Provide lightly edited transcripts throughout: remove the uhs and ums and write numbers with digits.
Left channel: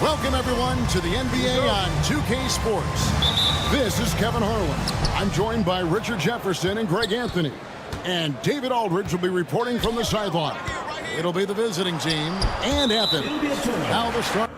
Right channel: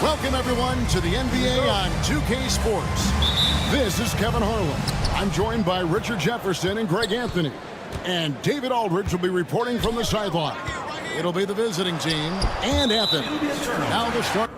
Welcome, everyone, to the NBA on 2K Sports. This is Kevin Harlan. I'm joined by Richard Jefferson and Greg Anthony. And David Aldridge will be reporting from the sideline. It'll be the visiting team and Athens. Now the start.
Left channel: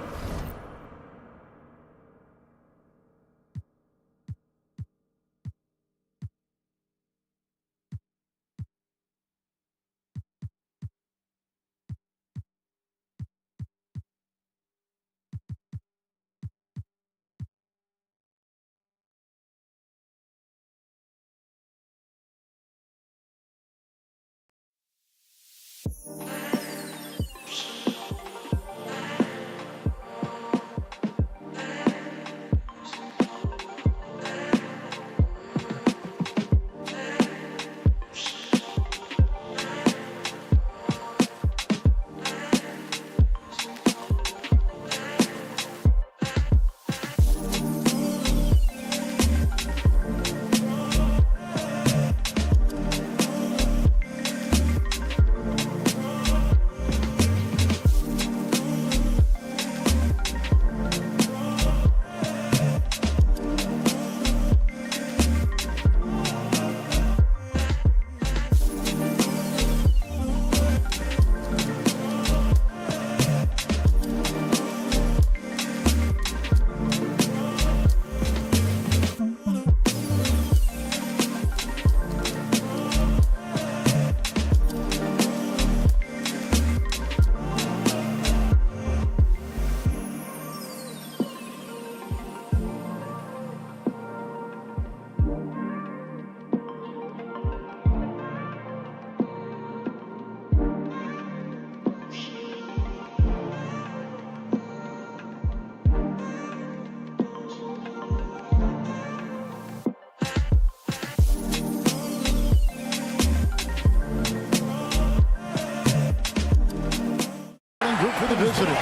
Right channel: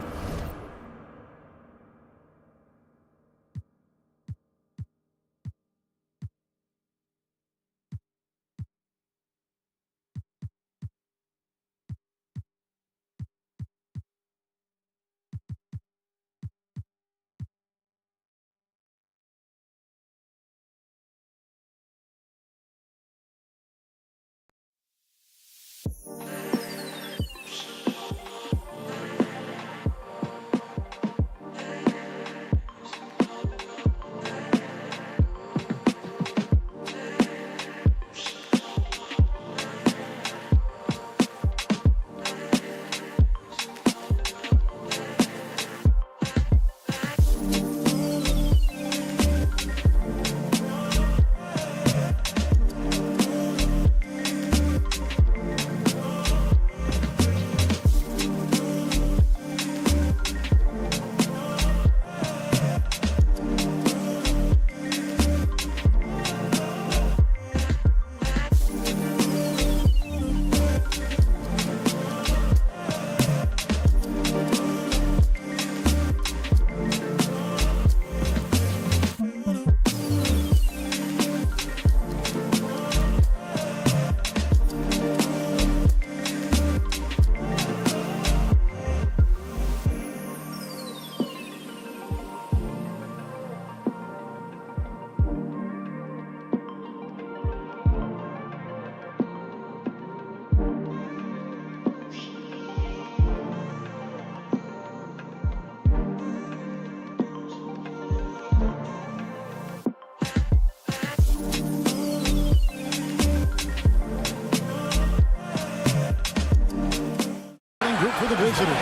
Group for the visitors.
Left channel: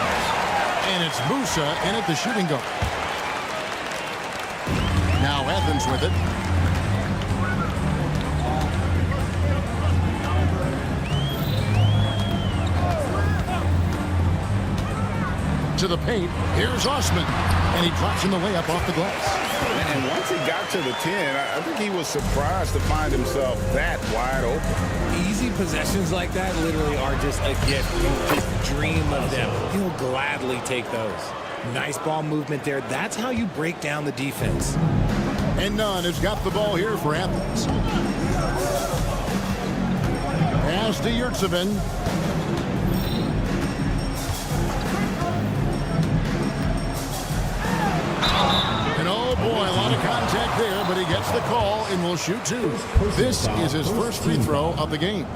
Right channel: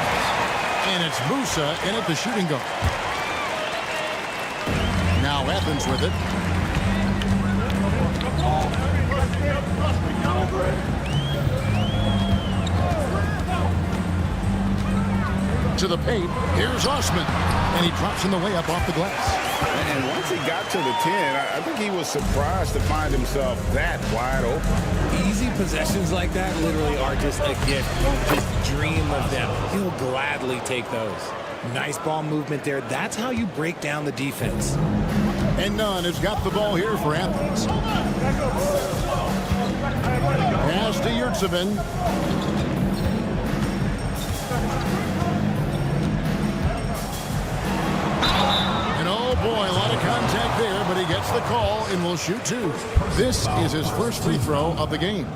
And it's Musa in at the shooting guard. Now Athens with it. To the paint. Here's Osman. And he drops in the layup off the glass. And once he got to the 10, I think he was surprised to find himself that wide open. Easy possessions like that literally are just a gift. You just dream of them. He'll gladly take those. Nice ball movement there. That's how you break down the defense. And Nunn has got the ball here for Athens. Pass to Yurtsevin. And oh boy, a lot of contact there, but he gets the call and will shoot two. This is his first free throw of the game.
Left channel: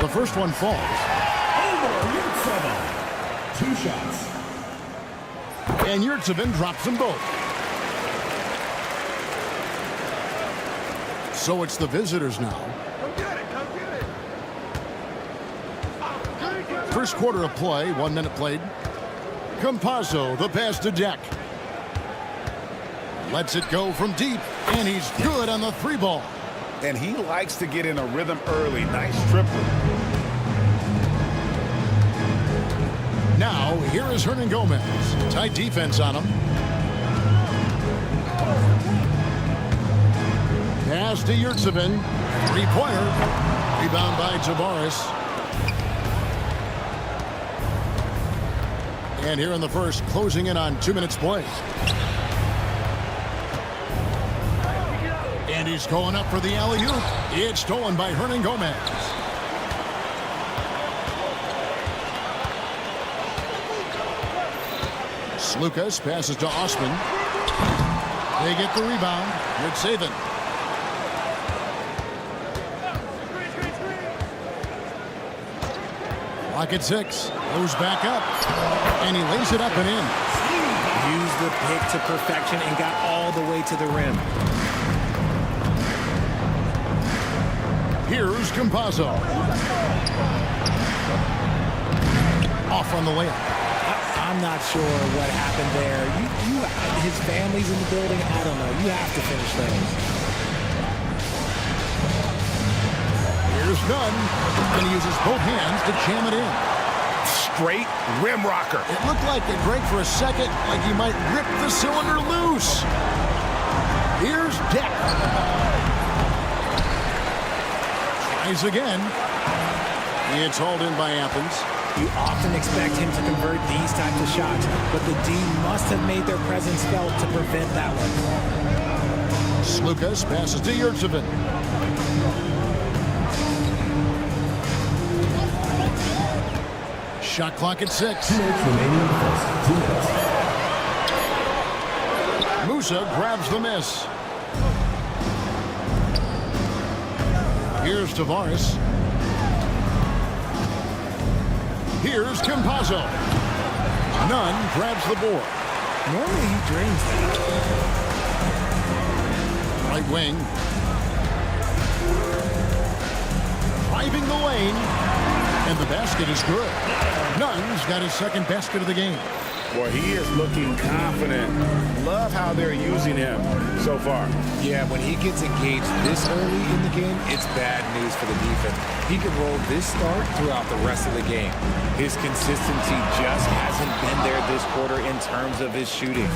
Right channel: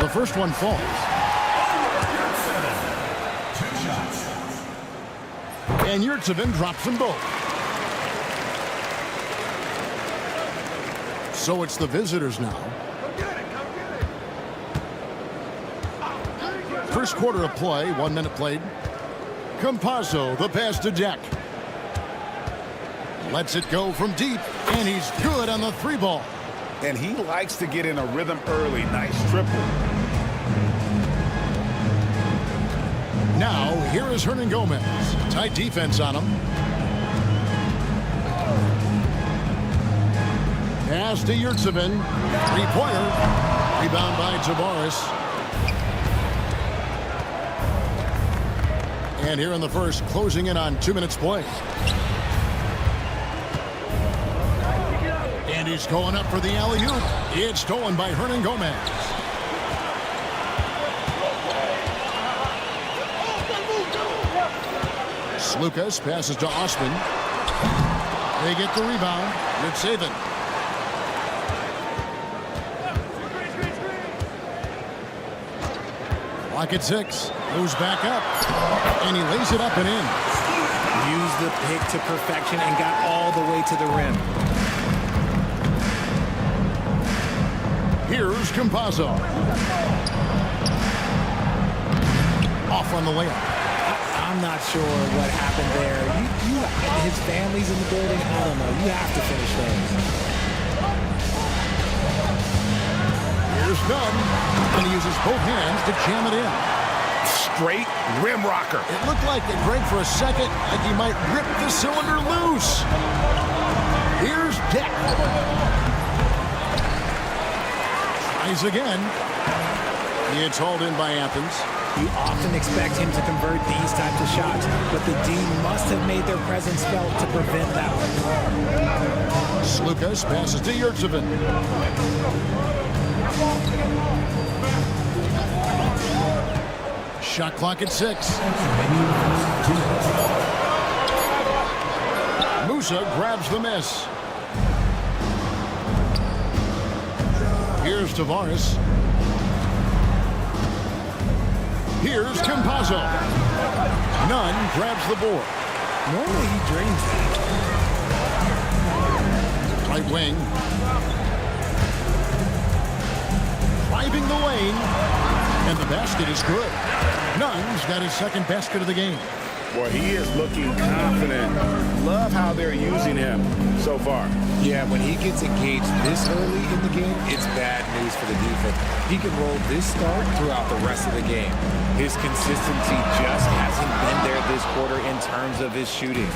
The first one falls. Two shots. And Yurtsevin drops them both. So it's the visitors now. Come get it, come get it. First quarter of play, 1 minute played. Campazzo, the pass to Deck. Lets it go from deep, and he's good on the three ball. And he likes to get in a rhythm early. Nice triple. Now, here is Hernan Gomez. Tight defense on him. Pass to Yurtsevin. Three-pointer. Rebound by Tavares. And here in the first, closing in on 2 minutes play. he's going up for the alley-oop. It's stolen by Hernan Gomez. Lucas passes to Osman. They get the rebound. Good saving. Clock at 6. Moves back up. And he lays it up and in. Used the pick to perfection and got all the way to the rim. Here's Campazzo. Off on the layup. I'm not sure what happened there. His family's in the building. I don't know. You have to finish those. Here's Nunn. And he uses both hands to jam it in. Straight rim rocker. It looked like it, Greg, for a second, like he might rip the cylinder loose. Here's Deck. Tries again. It's hauled in by Athens. You often expect him to convert these types of shots, but the D must have made their presence felt to prevent that one. Lucas passes to Yurtsevin. Shot clock at 6. Musa grabs the miss. Here's Tavares. Here's Campazzo. Nunn grabs the board. Normally he drains that. Right wing. Driving the lane. And the basket is good. Nunn's got his second basket of the game. Boy, he is looking confident. Love how they're using him so far. Yeah, when he gets engaged this early in the game, it's bad news for the defense. He can roll this start throughout the rest of the game. His consistency just hasn't been there this quarter in terms of his shooting.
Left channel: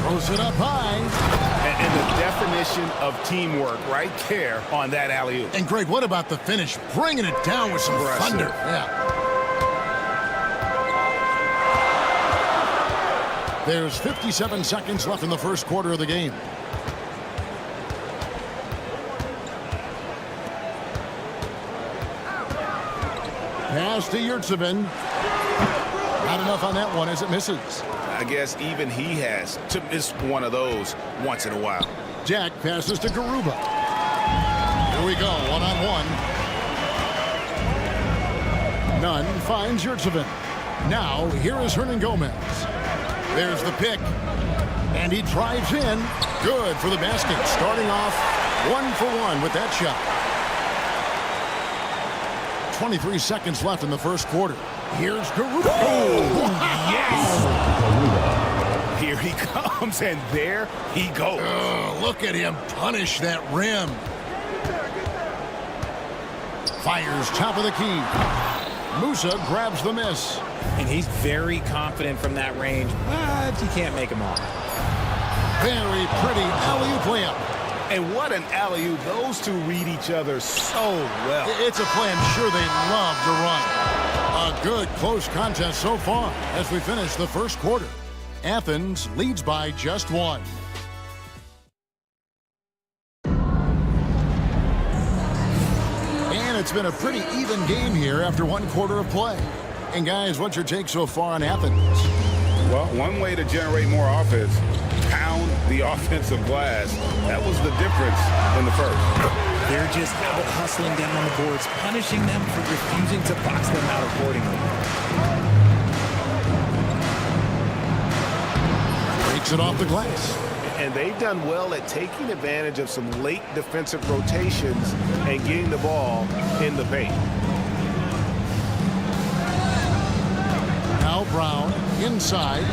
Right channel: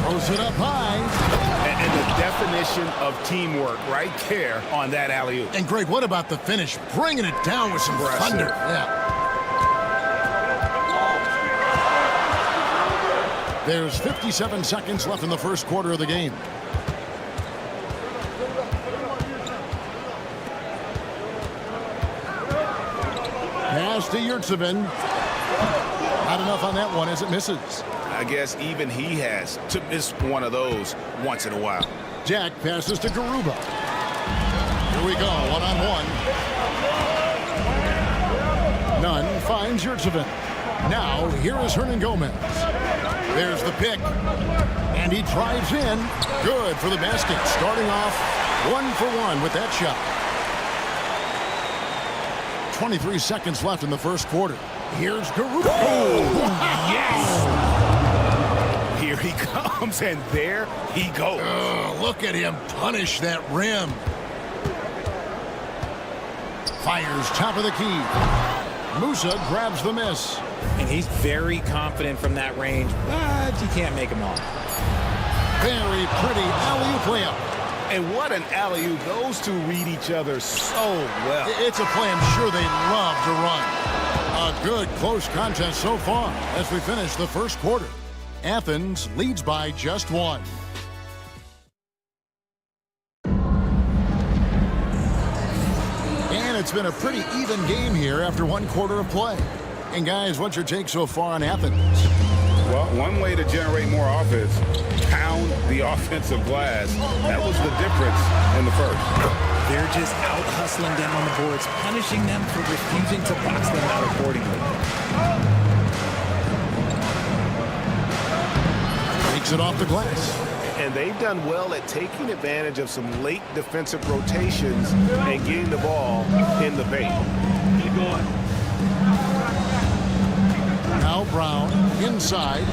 Throws it up high. And the definition of teamwork right there on that alley-oop. And Greg, what about the finish? Bringing it down with some thunder. Yeah. There's 57 seconds left in the first quarter of the game. Pass to Yurtsevin. Not enough on that one as it misses. I guess even he has to miss one of those once in a while. Jack passes to Garuba. Here we go, one-on-one. Nunn finds Yurtsevin. Now, here is Hernan Gomez. There's the pick. And he drives in. Good for the basket. Starting off 1 for 1 with that shot. 23 seconds left in the first quarter. Here's Garuba. Oh, wow. Yes! Here he comes, and there he goes. Look at him punish that rim. Fires top of the key. Musa grabs the miss. And he's very confident from that range, but he can't make them all. Very pretty alley-oop layup. And what an alley-oop. Those two read each other so well. It's a play I'm sure they love to run. A good close contest so far as we finish the first quarter. Athens leads by just 1. And it's been a pretty even game here after 1 quarter of play. And guys, what's your take so far on Athens? Well, one way to generate more offense, pound the offensive glass. That was the difference in the first. They're just out hustling them on the boards, punishing them for refusing to box them out accordingly. Breaks it off the glass. And they've done well at taking advantage of some late defensive rotations and getting the ball in the paint. Now Brown inside.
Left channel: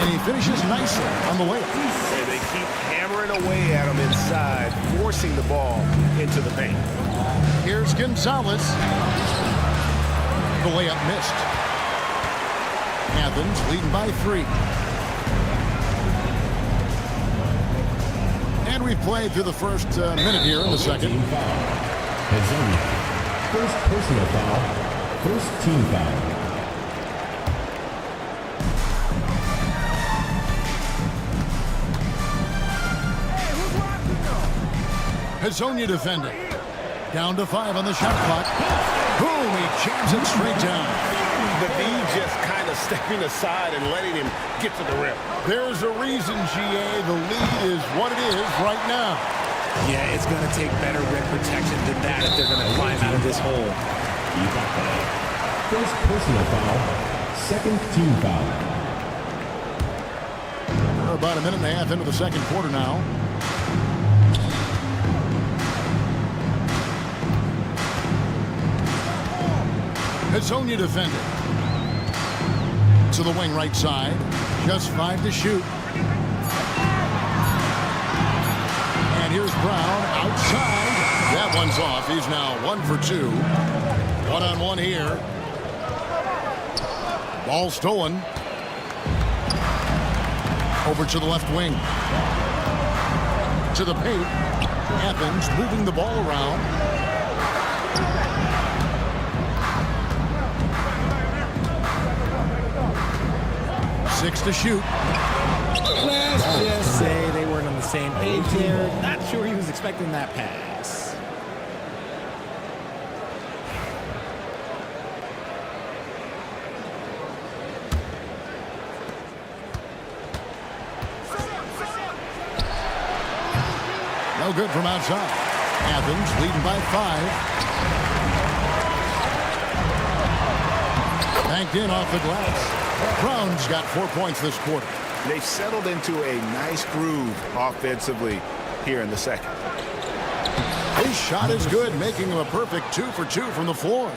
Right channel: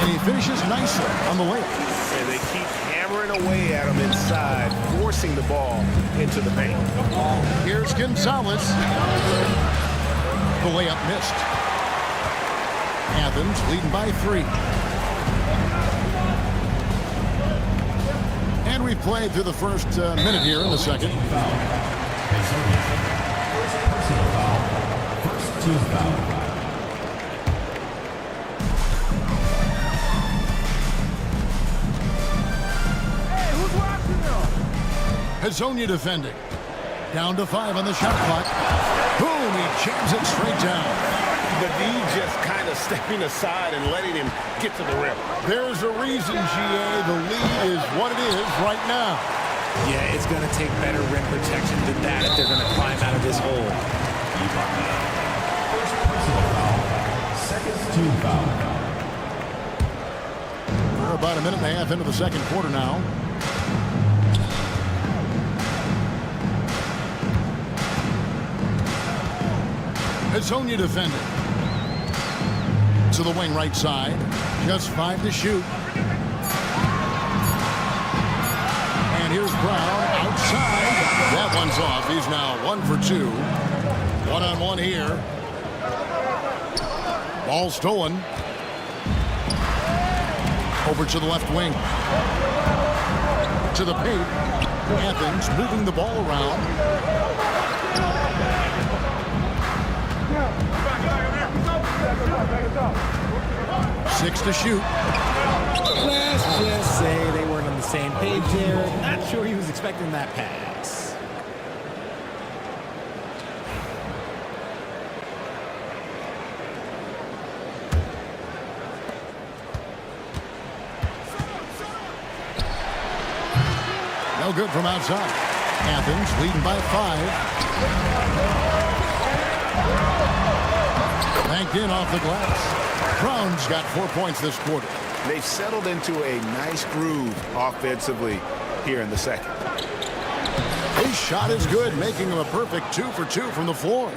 And he finishes nicely on the layup. And they keep hammering away at him inside, forcing the ball into the paint. Here's Gonzalez. The layup missed. Athens leading by 3. And we've played through the first minute here in the second. First personal foul. First team foul. Hazonia defending. Down to 5 on the shot clock. Boom, he jams it straight down. The D just kind of stepping aside and letting him get to the rim. There's a reason, GA, the lead is what it is right now. Yeah, it's going to take better rim protection than that if they're going to climb out of this hole. First personal foul. Second team foul. We're about a minute and a half into the second quarter now. Hazonia defended. To the wing right side. Just 5 to shoot. And here's Brown outside. That one's off. He's now 1 for 2. One-on-one here. Ball stolen. Over to the left wing. To the paint. Athens moving the ball around. Six to shoot. Let's just say they weren't on the same page there. Not sure he was expecting that pass. No good from outside. Athens leading by 5. Banked in off the glass. Brown's got 4 points this quarter. They've settled into a nice groove offensively here in the second. His shot is good, making him a perfect 2 for 2 from the floor.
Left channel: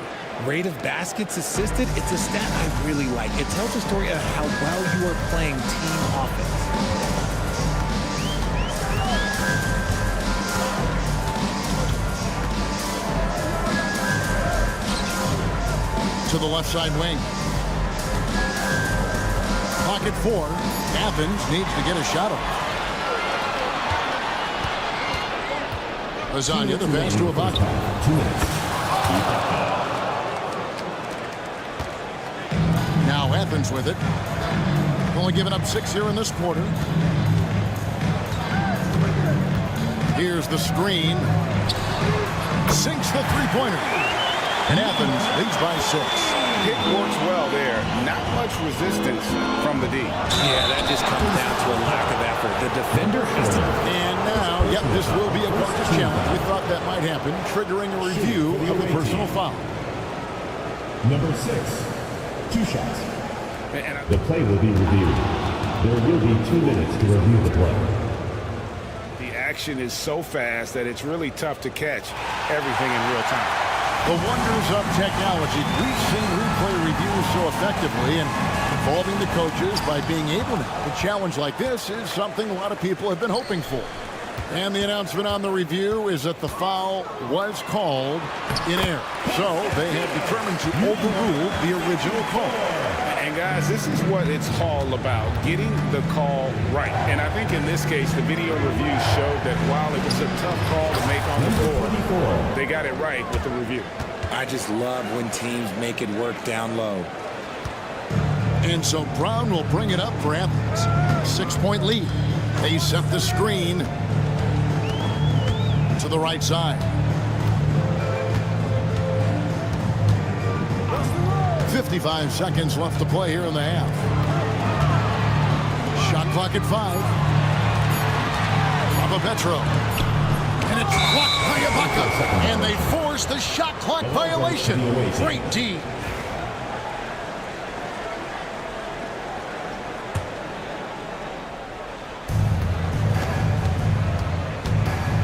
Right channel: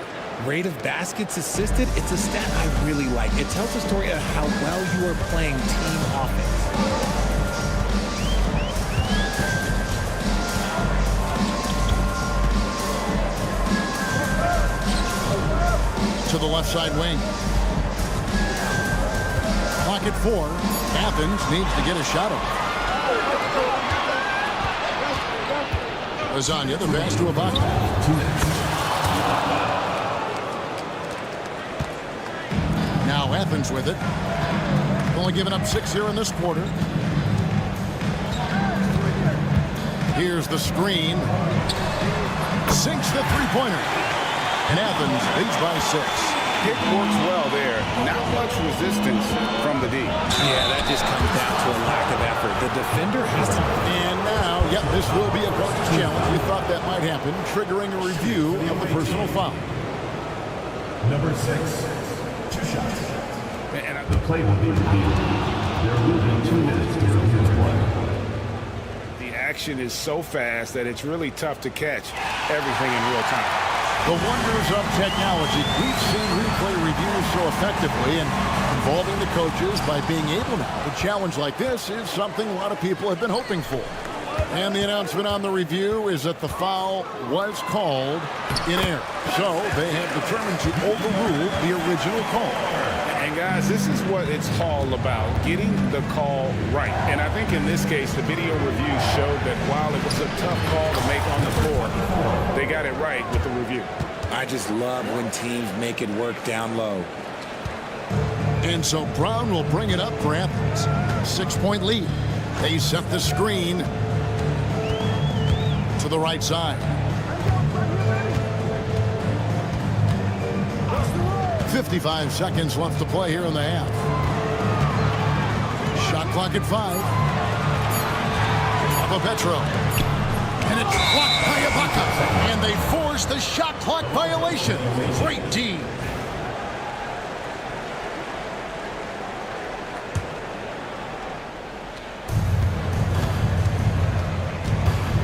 Rate of baskets assisted, it's a stat I really like. It tells a story of how well you are playing team offense. To the left side wing. Clock at 4. Athens needs to get a shot off. Lasagna, the pass to Ibaka. Now Athens with it. Only giving up 6 here in this quarter. Here's the screen. Sinks the three-pointer. And Athens leads by 6. Pick works well there. Not much resistance from the D. Yeah, that just comes down to a lack of effort. The defender has to... And now, yep, this will be a coach's challenge. We thought that might happen, triggering a review of the personal foul. Number 6. 2 shots. And The play will be reviewed. There will be 2 minutes to review the play. the action is so fast that it's really tough to catch everything in real time. The wonders of technology. We've seen replay reviews so effectively and involving the coaches by being able now. A challenge like this is something a lot of people have been hoping for. And the announcement on the review is that the foul was called in error. So they have determined to overrule the original call. And guys, this is what it's all about, getting the call right. And I think in this case, the video review showed that while it was a tough call to make on the floor, they got it right with the review. I just love when teams make it work down low. And so Brown will bring it up for Athens. 6-point lead. They set the screen to the right side. 55 seconds left to play here in the half. Shot clock at 5. Papa Petro. And it's blocked by Ibaka. And they force the shot clock violation. Great D.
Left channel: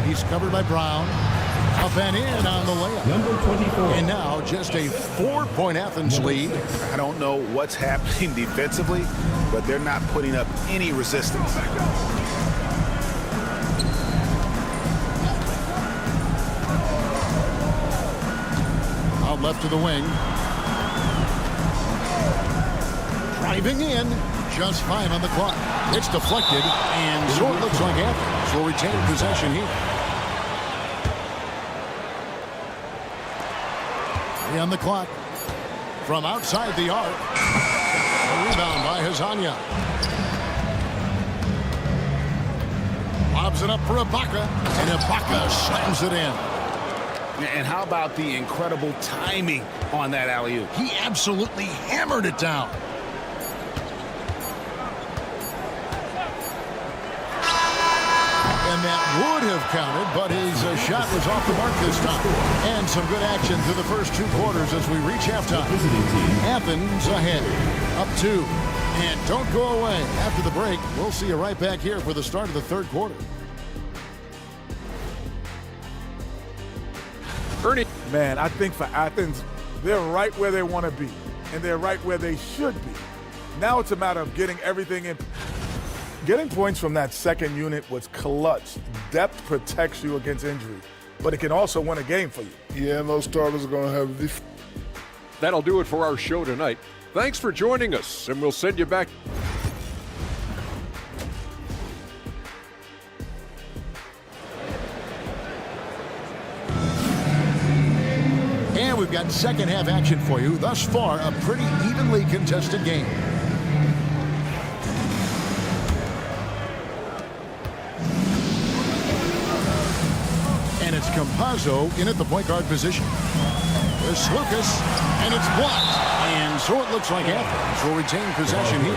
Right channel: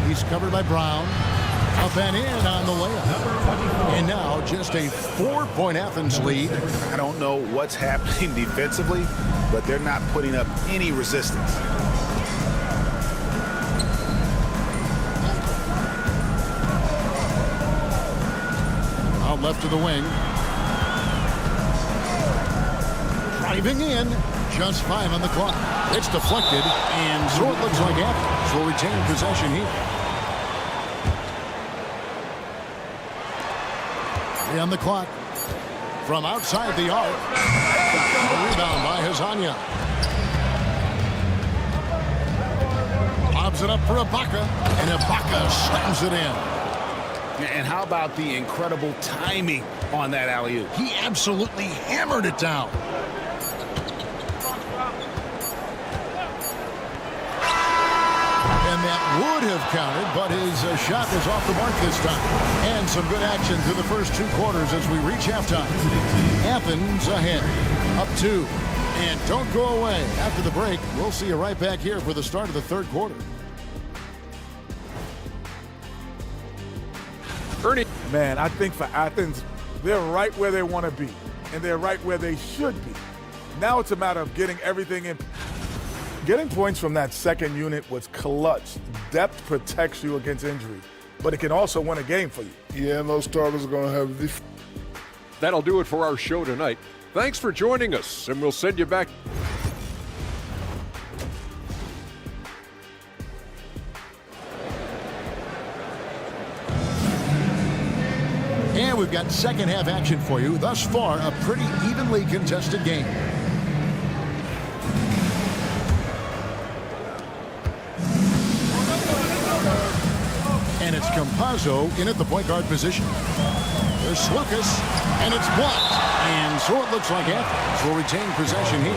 He's covered by Brown. Up and in on the layup. Number 24. And now just a 4-point Athens lead. I don't know what's happening defensively, but they're not putting up any resistance. Out left to the wing. Driving in. Just 5 on the clock. It's deflected, and so it looks like Athens will retain possession here. 3 on the clock. From outside the arc. A rebound by Hazonia. Lob Gives it up for Ibaka, and Ibaka slams it in. And how about the incredible timing on that alley-oop? He absolutely hammered it down. And that would have counted, but his shot was off the mark this time. And some good action through the first 2 quarters as we reach halftime. Athens ahead, up 2. And don't go away. After the break, we'll see you right back here for the start of the 3rd quarter. Ernie. Man, I think for Athens, they're right where they want to be, and they're right where they should be. Now it's a matter of getting everything in. Getting points from that second unit was clutch. Depth protects you against injury, but it can also win a game for you. Yeah, and those starters are going to have this. That'll do it for our show tonight. Thanks for joining us, and we'll send you back. And we've got second half action for you. Thus far, a pretty evenly contested game. And it's Campazzo in at the point guard position. There's Lucas, and it's blocked. And so it looks like Athens will retain possession here.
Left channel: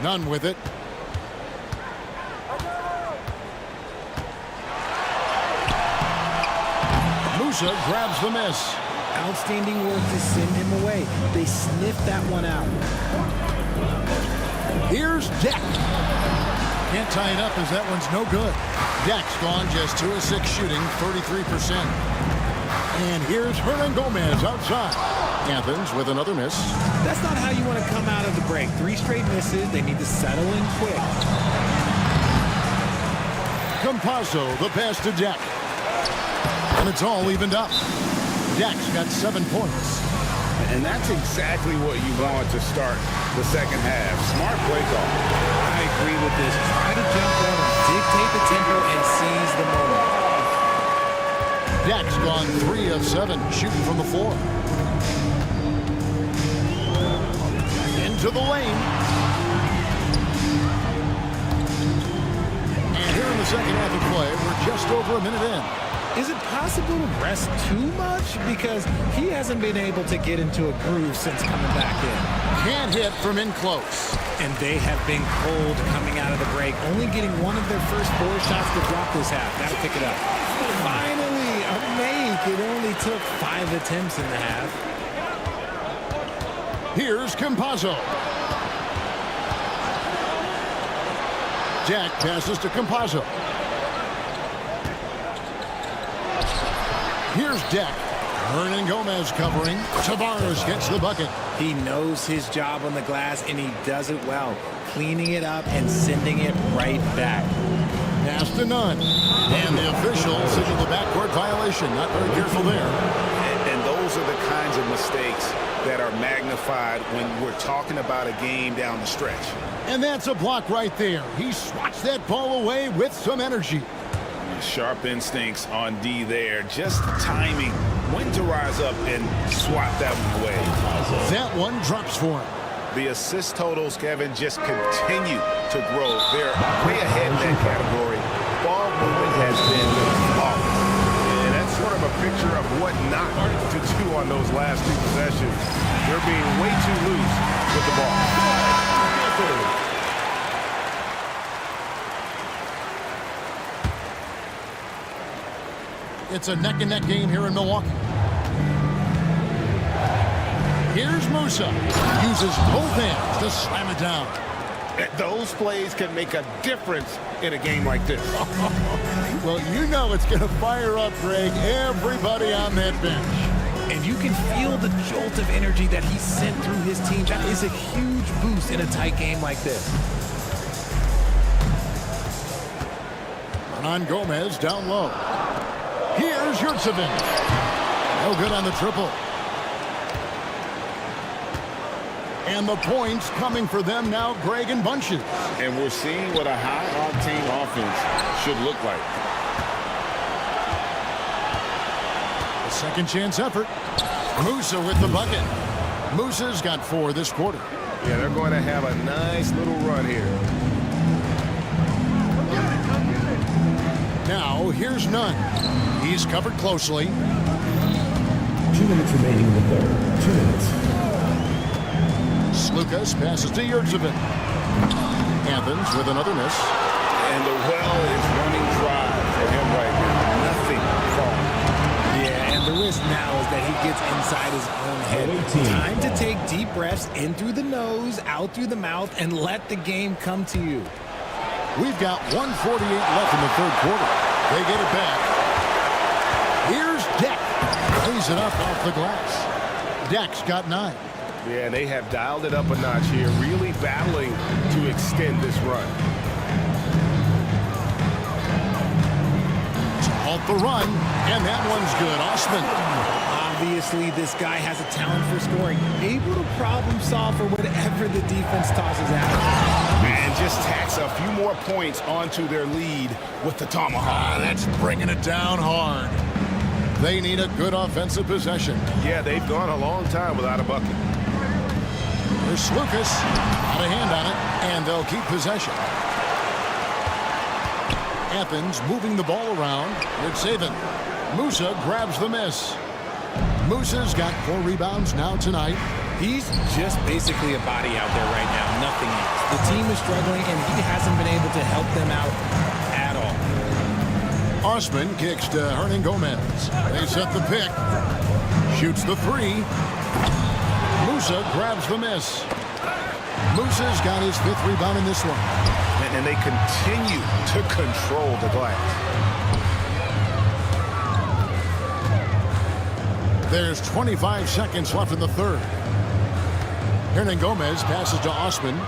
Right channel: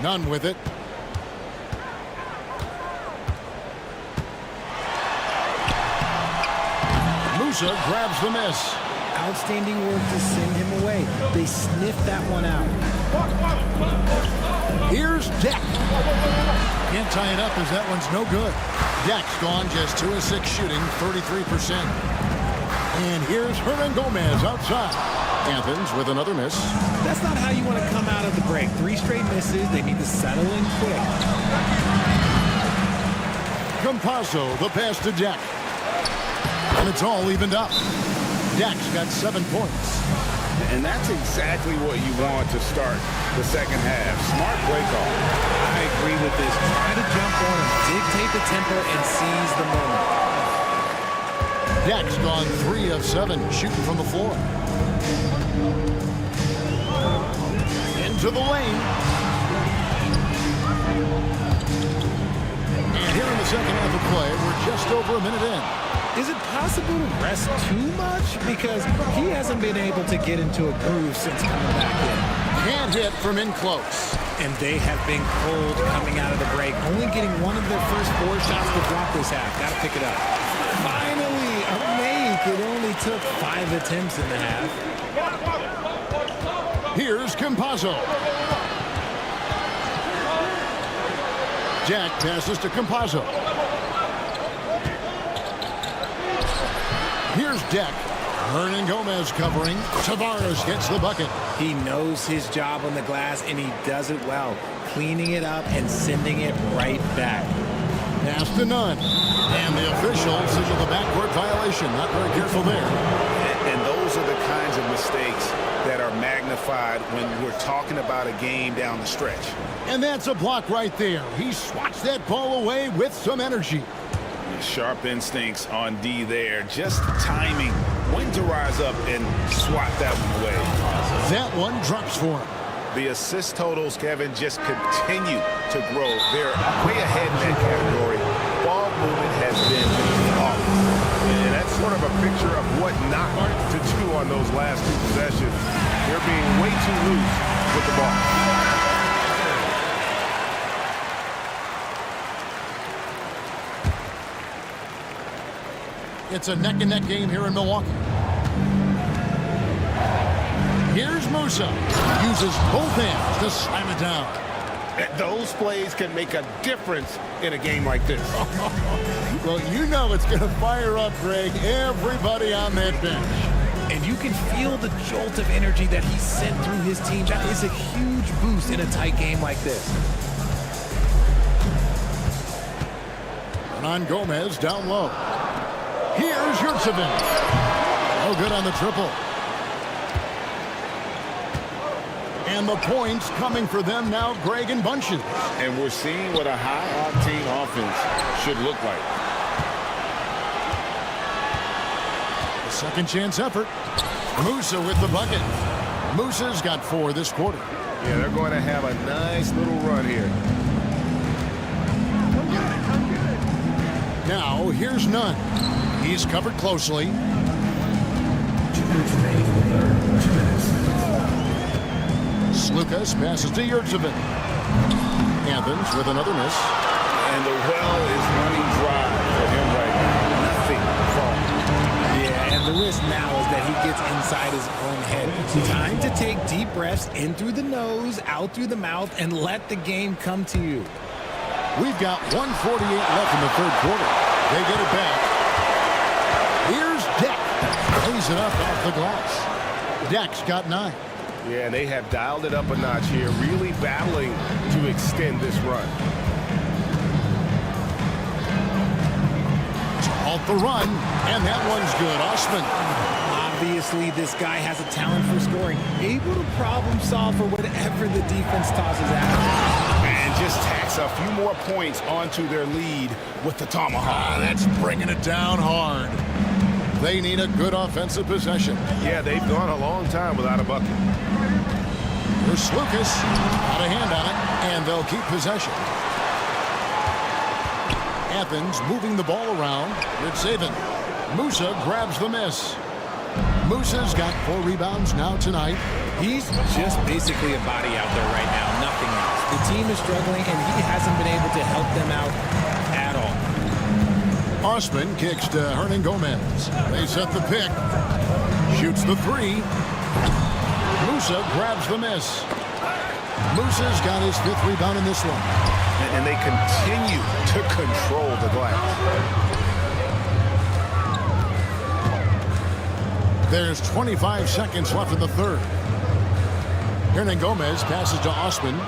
None with it. Musa grabs the miss. Outstanding work to send him away. They sniffed that one out. Here's Deck. Can't tie it up as that one's no good. Deck's gone just 2 of 6 shooting, 33%. And here's Hernan Gomez outside. Athens with another miss. That's not how you want to come out of the break. 3 straight misses. They need to settle in quick. Campazzo, the pass to Deck. And it's all evened up. Deck's got 7 points. And that's exactly what you want to start the second half. Smart play call. I agree with this. Try to jump on him, dictate the tempo, and seize the moment. Deck's gone 3 of 7 shooting from the floor. Into the lane. And here in the second half of play, we're just over a minute in. Is it possible to rest too much? Because he hasn't been able to get into a groove since coming back in. Can't hit from in close. And they have been cold coming out of the break. Only getting one of their first 4 shots to drop this half. Got to pick it up. Finally, a make. It only took 5 attempts in the half. Here's Campazzo. Jack passes to Campazzo. Here's Deck. Hernan Gomez covering. Tavares gets the bucket. He knows his job on the glass, and he does it well. Cleaning it up and sending it right back. Pass to none. And the official signaled the backcourt violation. Not very careful there. And those are the kinds of mistakes that are magnified when we're talking about a game down the stretch. And that's a block right there. He swats that ball away with some energy. Sharp instincts on D there. Just timing when to rise up and swat that one away. That one drops for him. The assist totals, Kevin, just continue to grow. They're way ahead in that category. Ball movement has been off. And that's sort of a picture of what not to do on those last 2 possessions. They're being way too loose with the ball. It's a neck-and-neck game here in Milwaukee. Here's Musa. Uses both hands to slam it down. Those plays can make a difference in a game like this. Well, you know it's going to fire up, Greg, everybody on that bench. And you can feel the jolt of energy that he sent through his team. That is a huge boost in a tight game like this. Hernan Gomez down low. Here's Yurtsevin. No good on the triple. And the points coming for them now, Greg, in bunches. And we're seeing what a high-octane offense should look like. A second chance effort. Musa with the bucket. Musa's got 4 this quarter. Yeah, they're going to have a nice little run here. Now, here's Nunn. He's covered closely. 2 minutes remaining in the third. 2 minutes. Slukas passes to Yurtsevin. Athens with another miss. And the well is running dry for him right now. Nothing falling. Yeah, and the risk now is that he gets inside his own head. Time to take deep breaths in through the nose, out through the mouth, and let the game come to you. We've got 1:48 left in the third quarter. They get it back. Here's Deck. Lays it up off the glass. Deck's got 9. Yeah, they have dialed it up a notch here, really battling to extend this run. To halt the run, and that one's good. Osman. Obviously, this guy has a talent for scoring, able to problem solve for whatever the defense tosses at him. And just tacks a few more points onto their lead with the tomahawk. That's bringing it down hard. They need a good offensive possession. Yeah, they've gone a long time without a bucket. Here's Slukas. Got a hand on it, and they'll keep possession. Athens moving the ball around. Yurtsevin. Musa grabs the miss. Musa's got 4 rebounds now tonight. He's just basically a body out there right now, nothing else. The team is struggling, and he hasn't been able to help them out at all. Osman kicks to Hernan Gomez. They set the pick. Shoots the 3. Musa grabs the miss. Musa's got his 5th rebound in this one. And they continue to control the glass. There's 25 seconds left in the third. Hernan Gomez passes to Osman.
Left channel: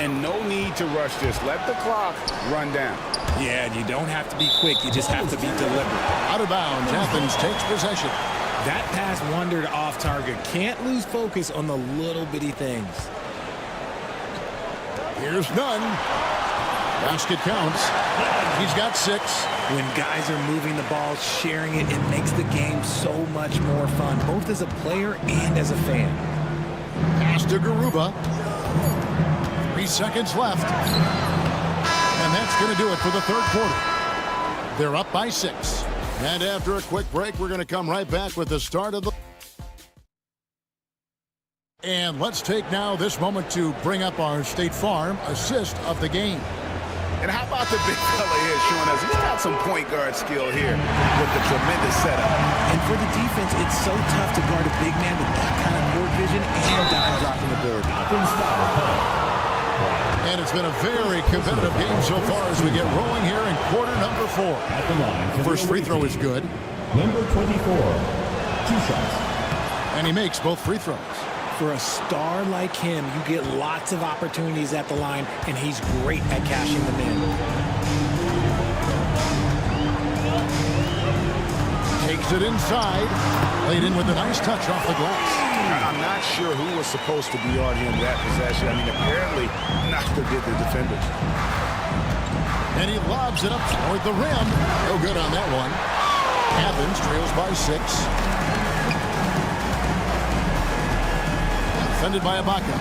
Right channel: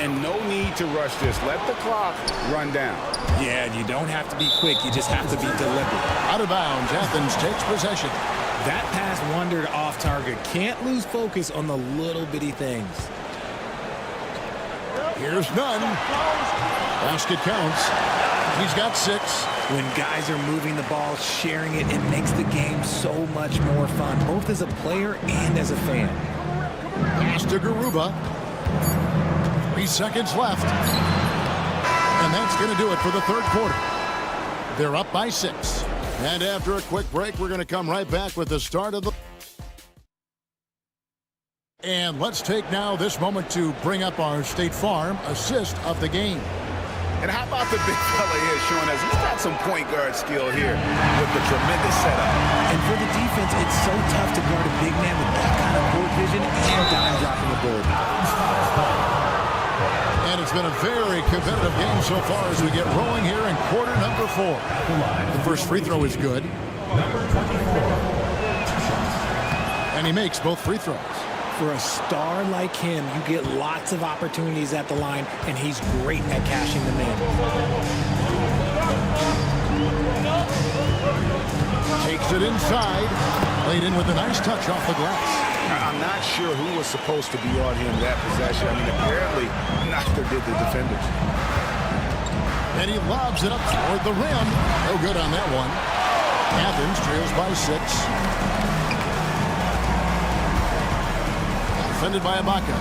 And no need to rush this. Let the clock run down. Yeah, you don't have to be quick. You just have to be deliberate. Out of bounds, Athens takes possession. That pass wandered off target. Can't lose focus on the little bitty things. Here's Nunn. Basket counts. He's got 6. When guys are moving the ball, sharing it, it makes the game so much more fun, both as a player and as a fan. Pass to Garuba. 3 seconds left. And that's going to do it for the third quarter. They're up by 6. And after a quick break, we're going to come right back with the start of the... And let's take now this moment to bring up our State Farm assist of the game. And how about the big fella here showing us he's got some point guard skill here with the tremendous setup. And for the defense, it's so tough to guard a big man with that kind of court vision and dime-dropping ability. And it's been a very competitive game so far as we get rolling here in quarter number 4. The first free throw is good. Number 24. 2 shots. And he makes both free throws. For a star like him, you get lots of opportunities at the line, and he's great at cashing them in. Takes it inside. Laid in with a nice touch off the glass. I'm not sure who was supposed to be on him that possession. I mean, apparently neither did the defenders. And he lobs it up toward the rim. No good on that one. Athens trails by 6. Defended by Ibaka.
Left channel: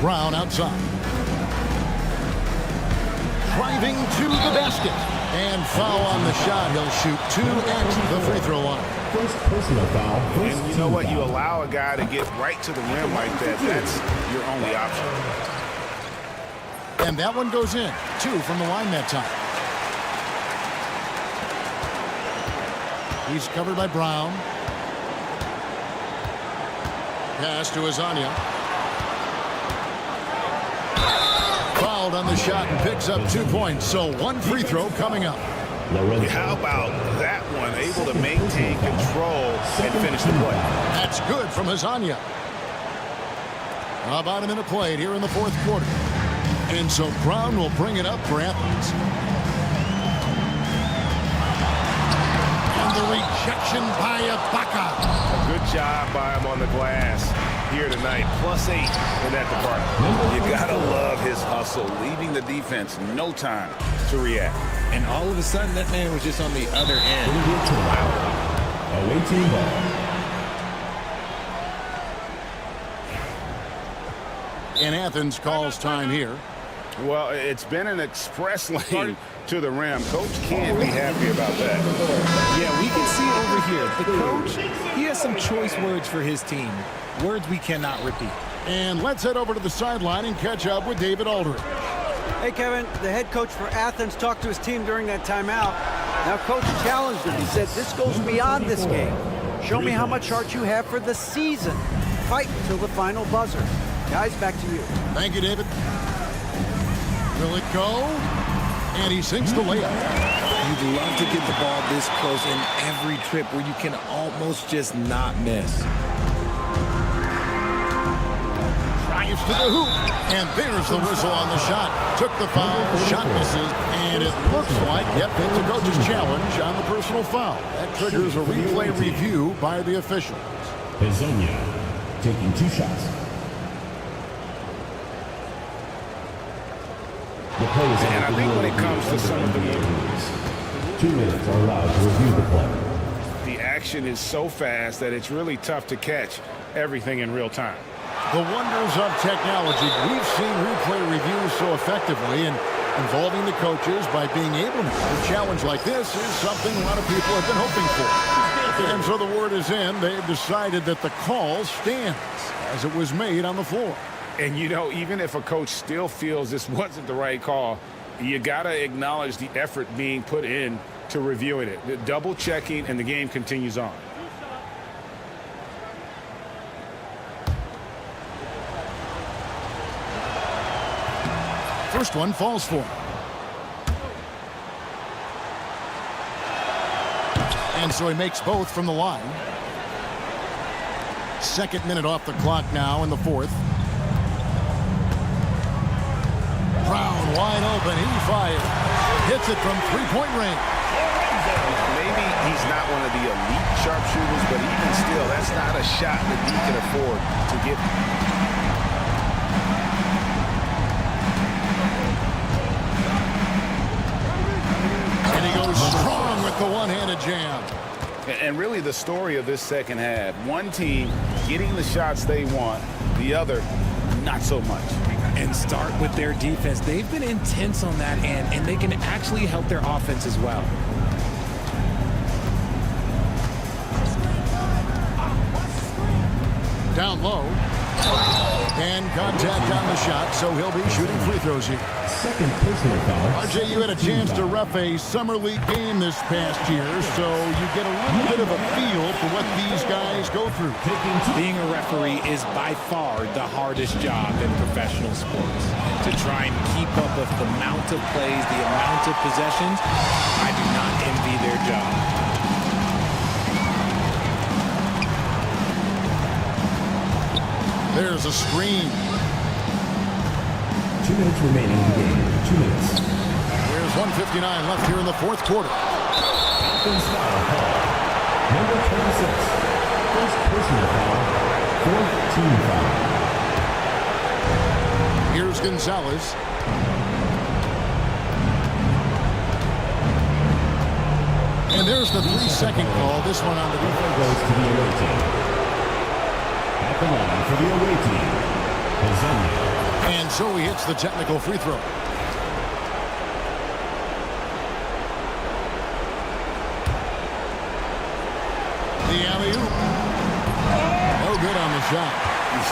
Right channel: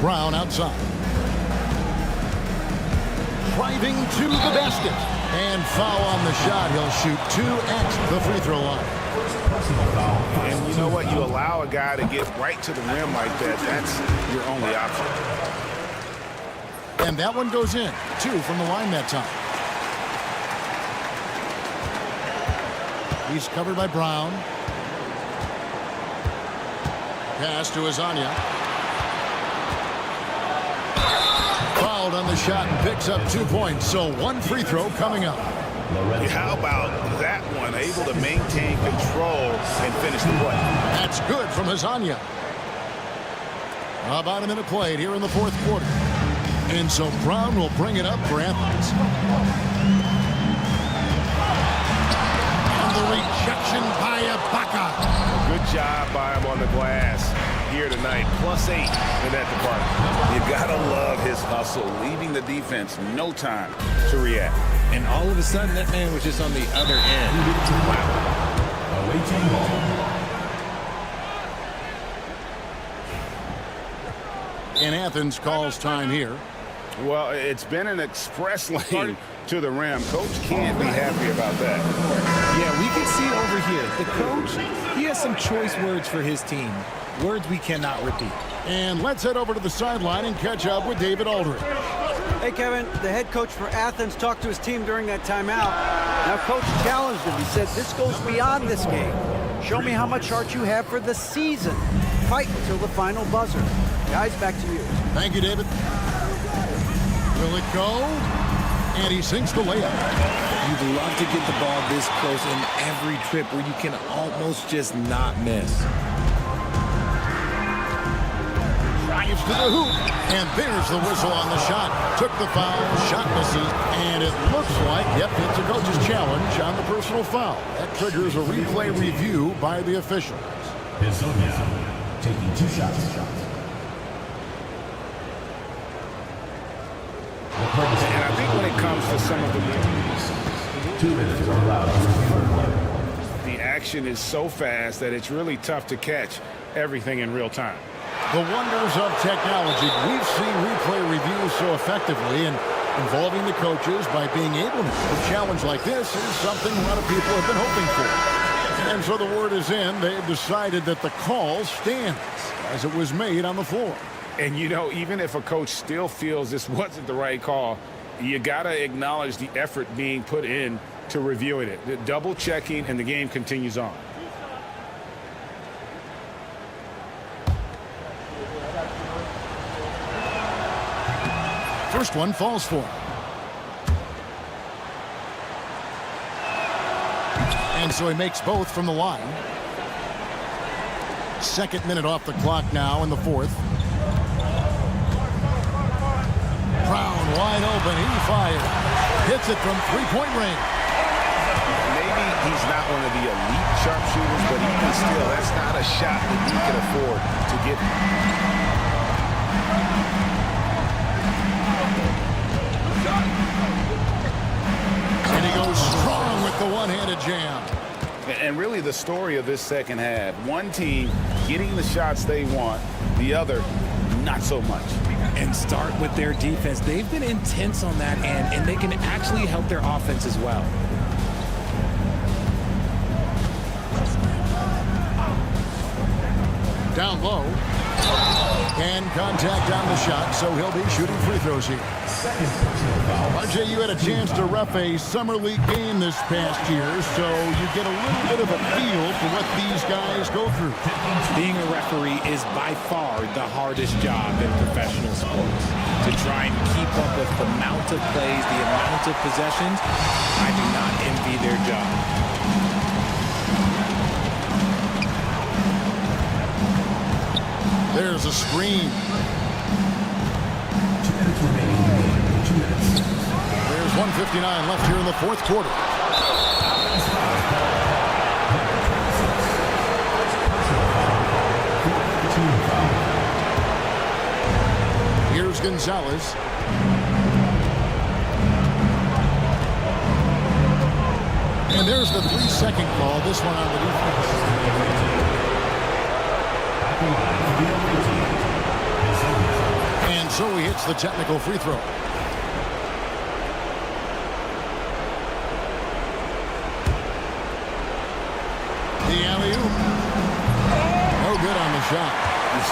Brown outside. Driving to the basket. And foul on the shot. He'll shoot 2 at the free throw line. First personal foul. And you know what? You allow a guy to get right to the rim like that. That's your only option. And that one goes in. 2 from the line that time. He's covered by Brown. Pass to Azania. Fouled on the shot and picks up 2 points. So 1 free throw coming up. How about that one? Able to maintain control and finish the play. That's good from Azania. About a minute played here in the fourth quarter. And so Brown will bring it up for Athens. The rejection by Ibaka. A good job by him on the glass here tonight. +8 in that department. You gotta love his hustle, leaving the defense no time to react. And all of a sudden, that man was just on the other end. Wow. Away team ball. And Athens calls time here. Well, it's been an express lane to the rim. Coach can't be happy about that. Yeah, we can see over here, the coach, he has some choice words for his team. Words we cannot repeat. And let's head over to the sideline and catch up with David Aldridge. Hey, Kevin, the head coach for Athens talked to his team during that timeout. Now, coach challenged him. He said, this goes beyond this game. Show me how much heart you have for the season. Fight until the final buzzer. Guys, back to you. Thank you, David. Will it go? And he sinks the layup. You'd love to get the ball this close in every trip where you can almost just not miss. Drives to the hoop. And there's the whistle on the shot. Took the foul, shot misses, and it looks like, yep, it's a coach's challenge on the personal foul. That triggers a replay review by the officials. Bizonia taking 2 shots. And I think when it comes to some of the 2 minutes are allowed to review the play. the action is so fast that it's really tough to catch everything in real time. The wonders of technology. We've seen replay reviews so effectively, and involving the coaches by being able to have a challenge like this is something a lot of people have been hoping for. And so the word is in. They've decided that the call stands as it was made on the floor. And, you know, even if a coach still feels this wasn't the right call, you got to acknowledge the effort being put in to reviewing it. Double checking, and the game continues on. First one falls for him. And so he makes both from the line. Second minute off the clock now in the fourth. Brown wide open. He fires. Hits it from three-point range. Maybe he's not one of the elite sharpshooters, but even still, that's not a shot that he can afford to get. And he goes strong with the one-handed jam. And really the story of this second half, one team getting the shots they want, the other not so much. And start with their defense. They've been intense on that end, and they can actually help their offense as well. Down low. And contact on the shot, so he'll be shooting free throws here. Second personal foul. RJ, you had a chance to ref a summer league game this past year, so you get a little bit of a feel for what these guys go through. Being a referee is by far the hardest job in professional sports. To try and keep up with the amount of plays, the amount of possessions, I do not envy their job. There's a screen. 2 minutes remaining in the game. 2 minutes. There's 1:59 left here in the fourth quarter. Athens foul call. Number 26. First personal foul. Fourth team foul. Here's Gonzalez. And there's the 3-second call. This one on the defense. Goes to the away team. At the line for the away team. Bizonia. And so he hits the technical free throw. The alley-oop. No good on the shot.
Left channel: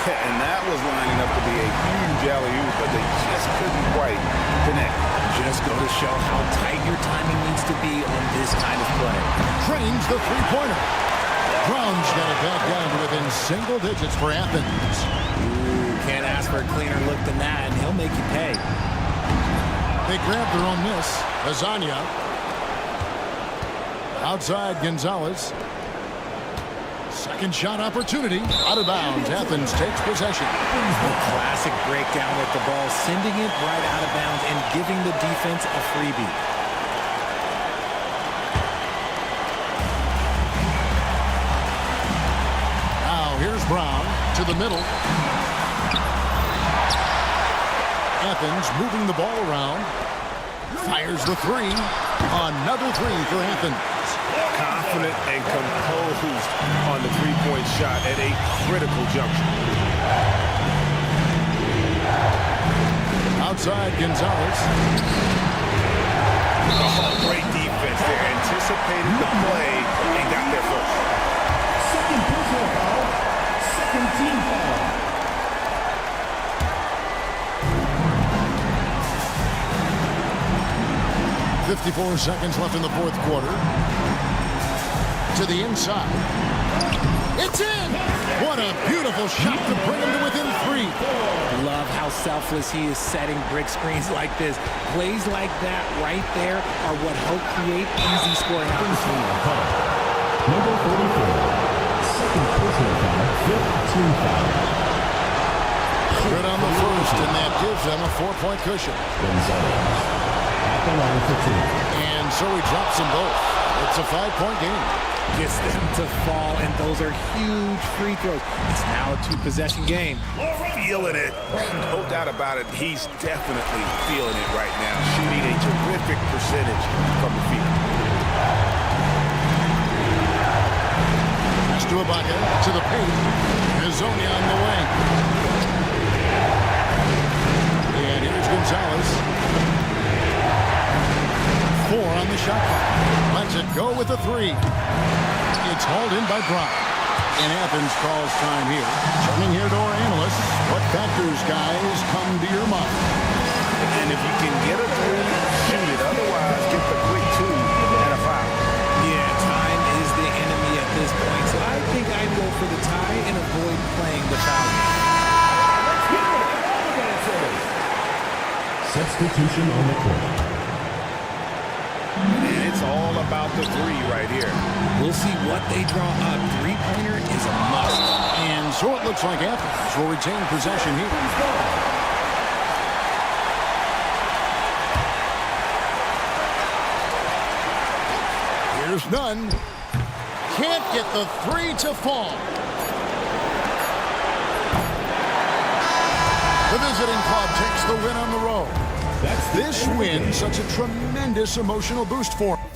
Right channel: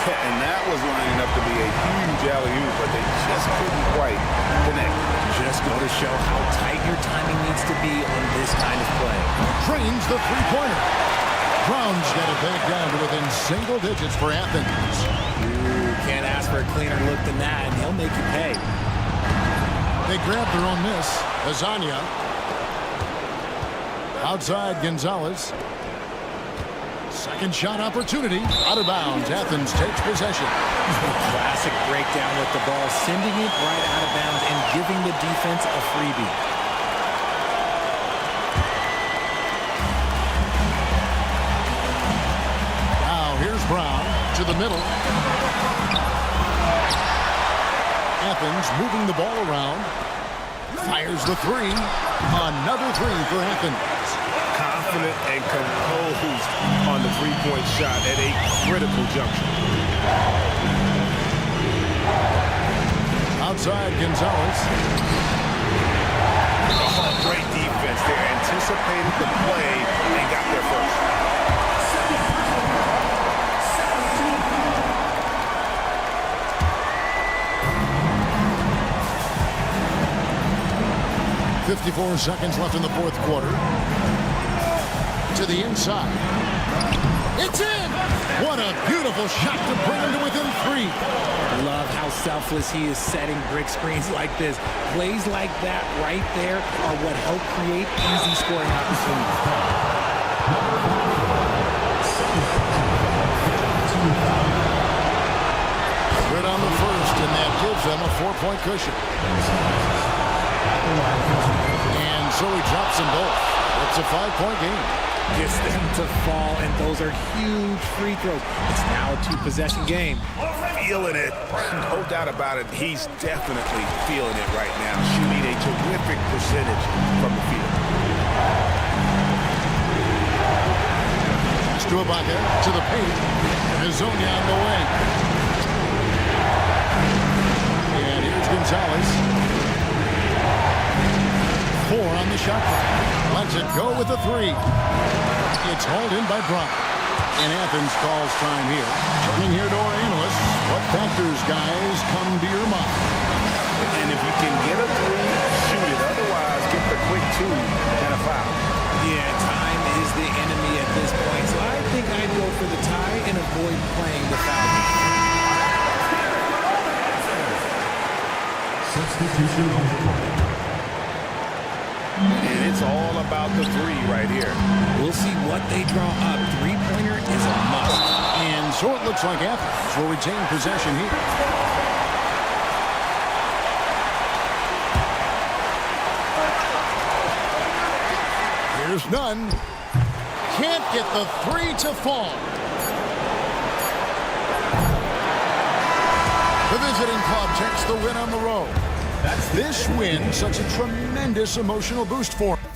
Yeah, and that was lining up to be a huge alley-oop, but they just couldn't quite connect. Just go to show how tight your timing needs to be on this kind of play. Trains the three-pointer. Brown's got it back down to within single digits for Athens. You can't ask for a cleaner look than that, and he'll make you pay. They grab their own miss. Lasagna. Outside Gonzalez. Second shot opportunity. Out of bounds. Athens takes possession. A classic breakdown with the ball, sending it right out of bounds and giving the defense a freebie. Now here's Brown to the middle. Athens moving the ball around. Fires the three. Another three for Athens. Confident and composed on the three-point shot at a critical juncture. Outside, Gonzalez. Oh, great defense there. Anticipated the play and got there first. Second personal foul. Second team foul. 54 seconds left in the fourth quarter. To the inside. It's in! What a beautiful shot to bring him to within three. Love how selfless he is setting brick screens like this. Plays like that right there are what help create easy scoring opportunities. Number 44. Second personal foul. Fifth team foul. Good on the first, and that gives them a 4-point cushion. At the line for two. And so he drops them both. It's a 5-point game. Gets them to fall, and those are huge free throws. It's now a two-possession game. Feeling it. No doubt about it. He's definitely feeling it right now. Shooting a terrific percentage from the field. Pass to Ibaka, to the paint. Hazonia on the wing. And here's Gonzalez. 4 on the shot clock. Lets it go with the three. It's hauled in by Brown. And Athens calls time here. Turning here to our analysts. What factors, guys, come to your mind? And if you can get a three, shoot it. Otherwise, get the quick two and a foul. Yeah, time is the enemy at this point, so I think I'd go for the tie and avoid playing the foul game. Substitution on the court. And it's all about the three right here. We'll see what they draw up. Three-pointer is a must. And so it looks like Athens will retain possession here. Here's Nunn. Can't get the three to fall. The visiting club takes the win on the road. This win, such a tremendous emotional boost for him.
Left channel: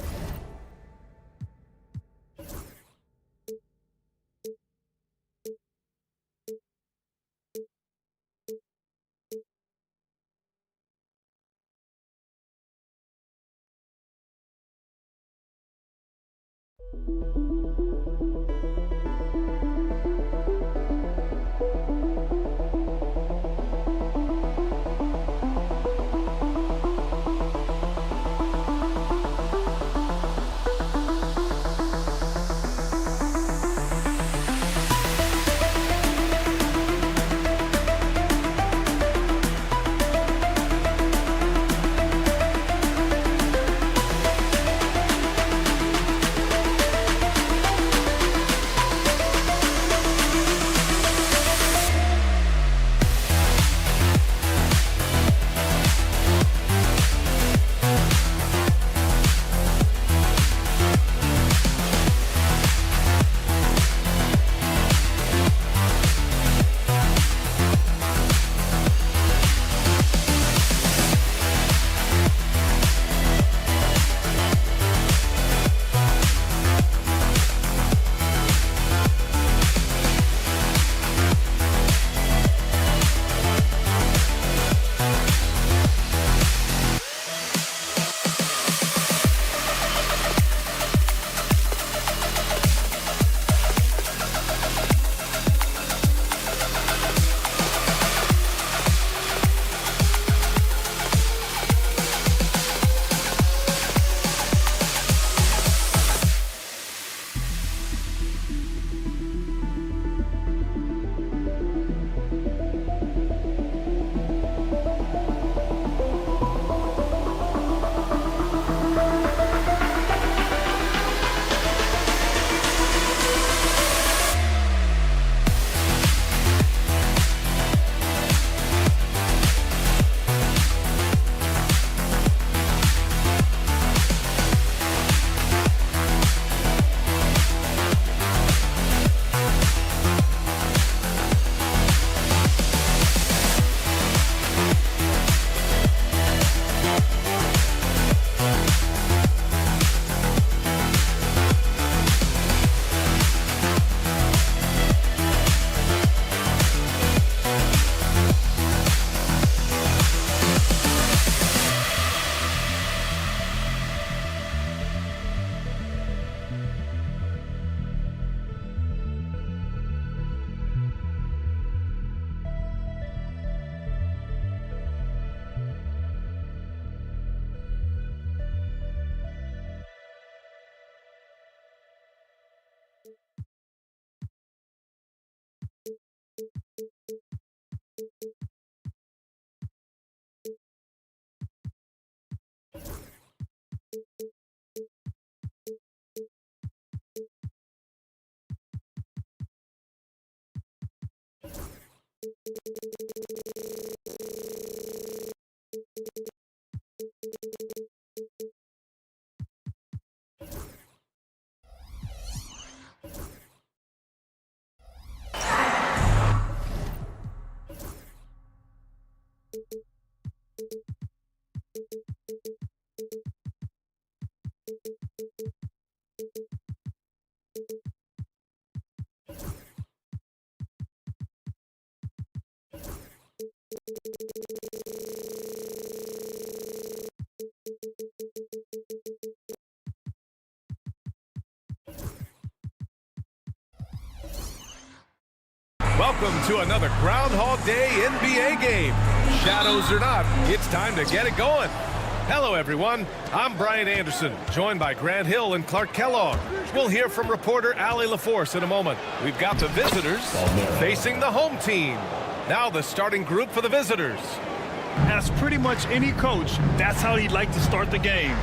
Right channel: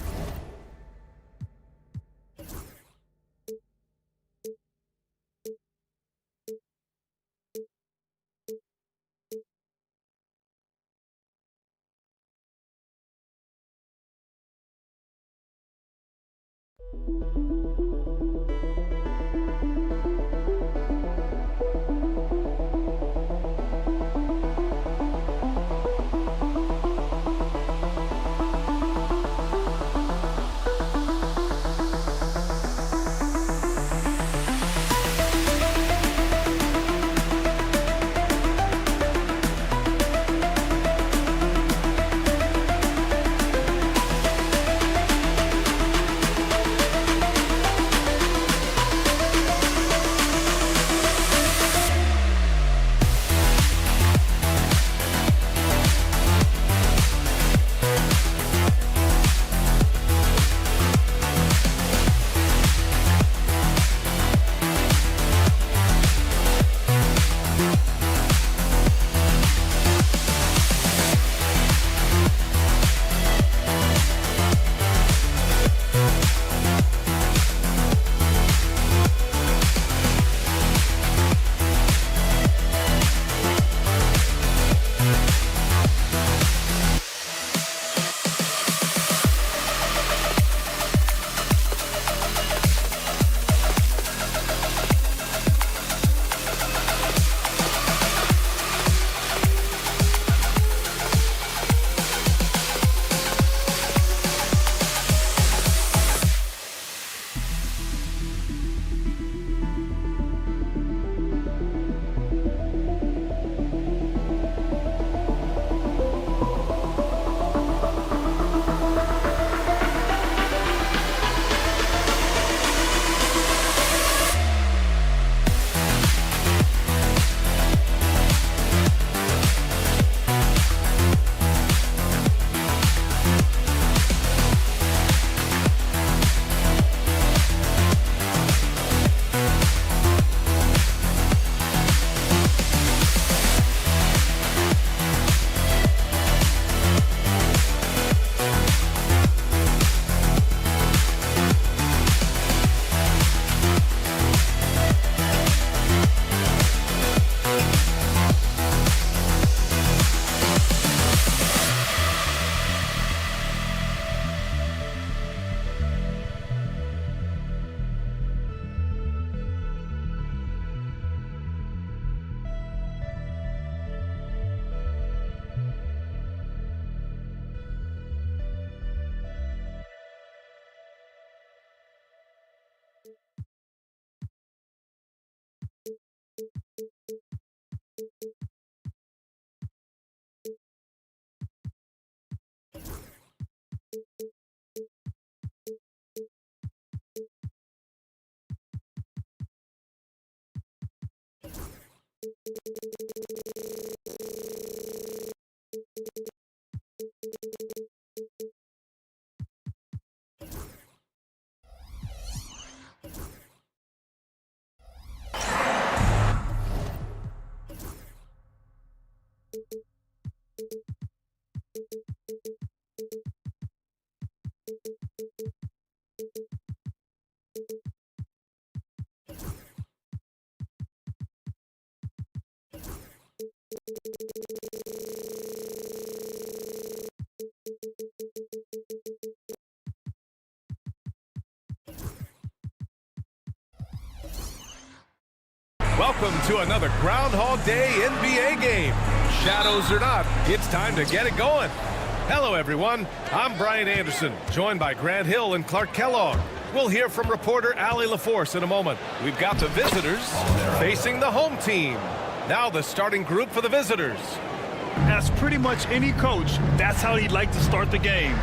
Welcome to another Groundhog Day NBA game. Shadows or not, it's time to get it going. Hello, everyone. I'm Brian Anderson, joined by Grant Hill and Clark Kellogg. We'll hear from reporter Allie LaForce in a moment. We've got the visitors facing the home team. Now the starting group for the visitors. As pretty much any coach, that's how he'd like to start the game.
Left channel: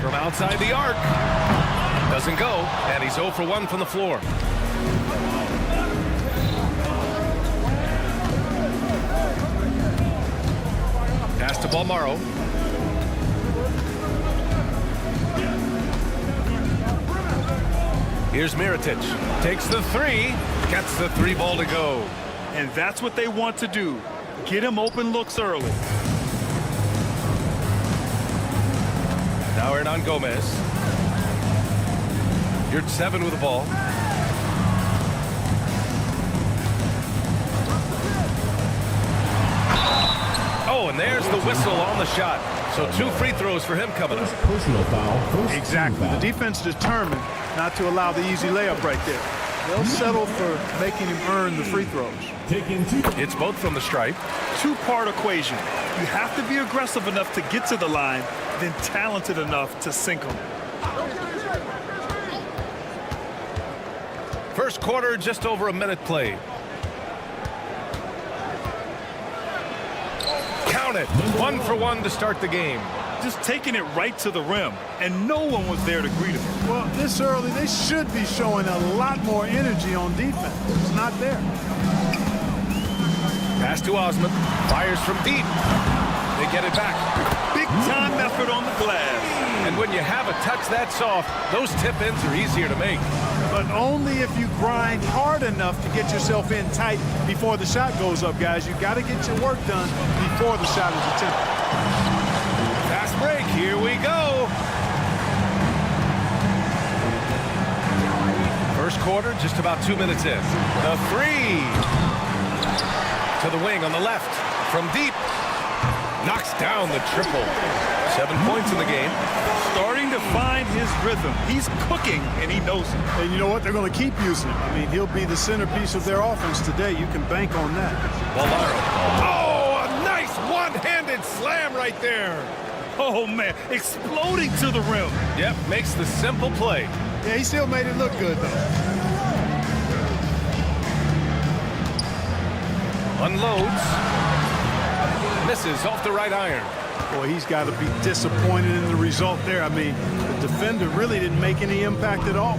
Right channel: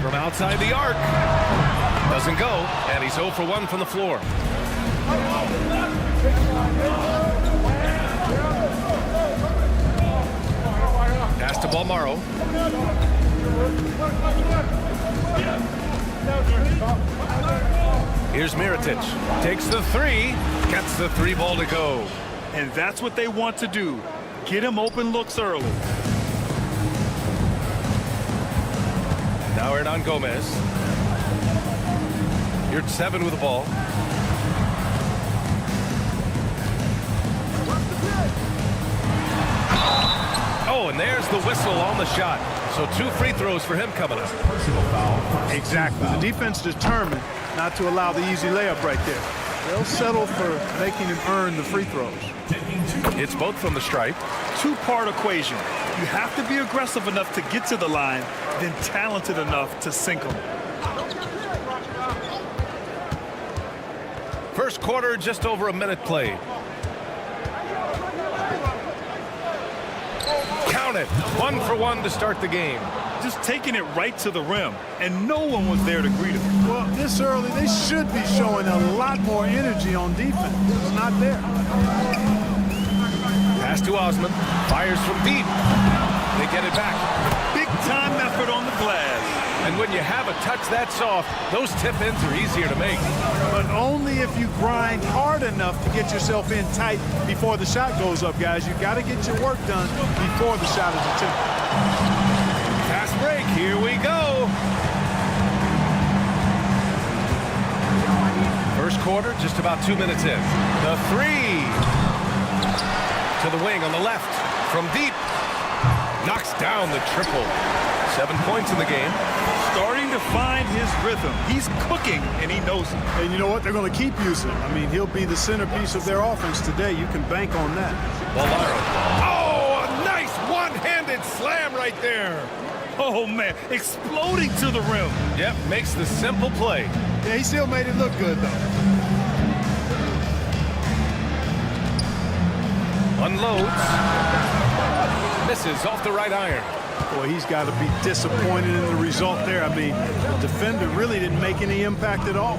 From outside the arc. Doesn't go, and he's 0 for 1 from the floor. Pass to Balmaro. Here's Mirotic. Takes the three. Gets the three ball to go. And that's what they want to do. Get him open looks early. Now Hernan Gomez. You're 7 with the ball. Oh, and there's the whistle on the shot. So 2 free throws for him coming up. Personal foul. Exactly. The defense determined not to allow the easy layup right there. They'll settle for making him earn the free throws. It's both from the stripe. Two-part equation. You have to be aggressive enough to get to the line, then talented enough to sink them. First quarter, just over a minute played. Count it. 1 for 1 to start the game. Just taking it right to the rim, and no one was there to greet him. Well, this early, they should be showing a lot more energy on defense. It's not there. Pass to Osman. Fires from deep. They get it back. Big-time effort on the glass. And when you have a touch that soft, those tip-ins are easier to make. But only if you grind hard enough to get yourself in tight before the shot goes up, guys. You got to get your work done before the shot is attempted. Fast break. Here we go. First quarter, just about 2 minutes in. The three. To the wing on the left. From deep. Knocks down the triple. 7 points in the game. Starting to find his rhythm. He's cooking, and he knows it. And you know what? They're going to keep using him. I mean, he'll be the centerpiece of their offense today. You can bank on that. Balmaro. Oh, a nice one-handed slam right there. Oh, man. Exploding to the rim. Yep, makes the simple play. Yeah, he still made it look good, though. Unloads. Misses off the right iron. Boy, he's got to be disappointed in the result there. I mean, the defender really didn't make any impact at all.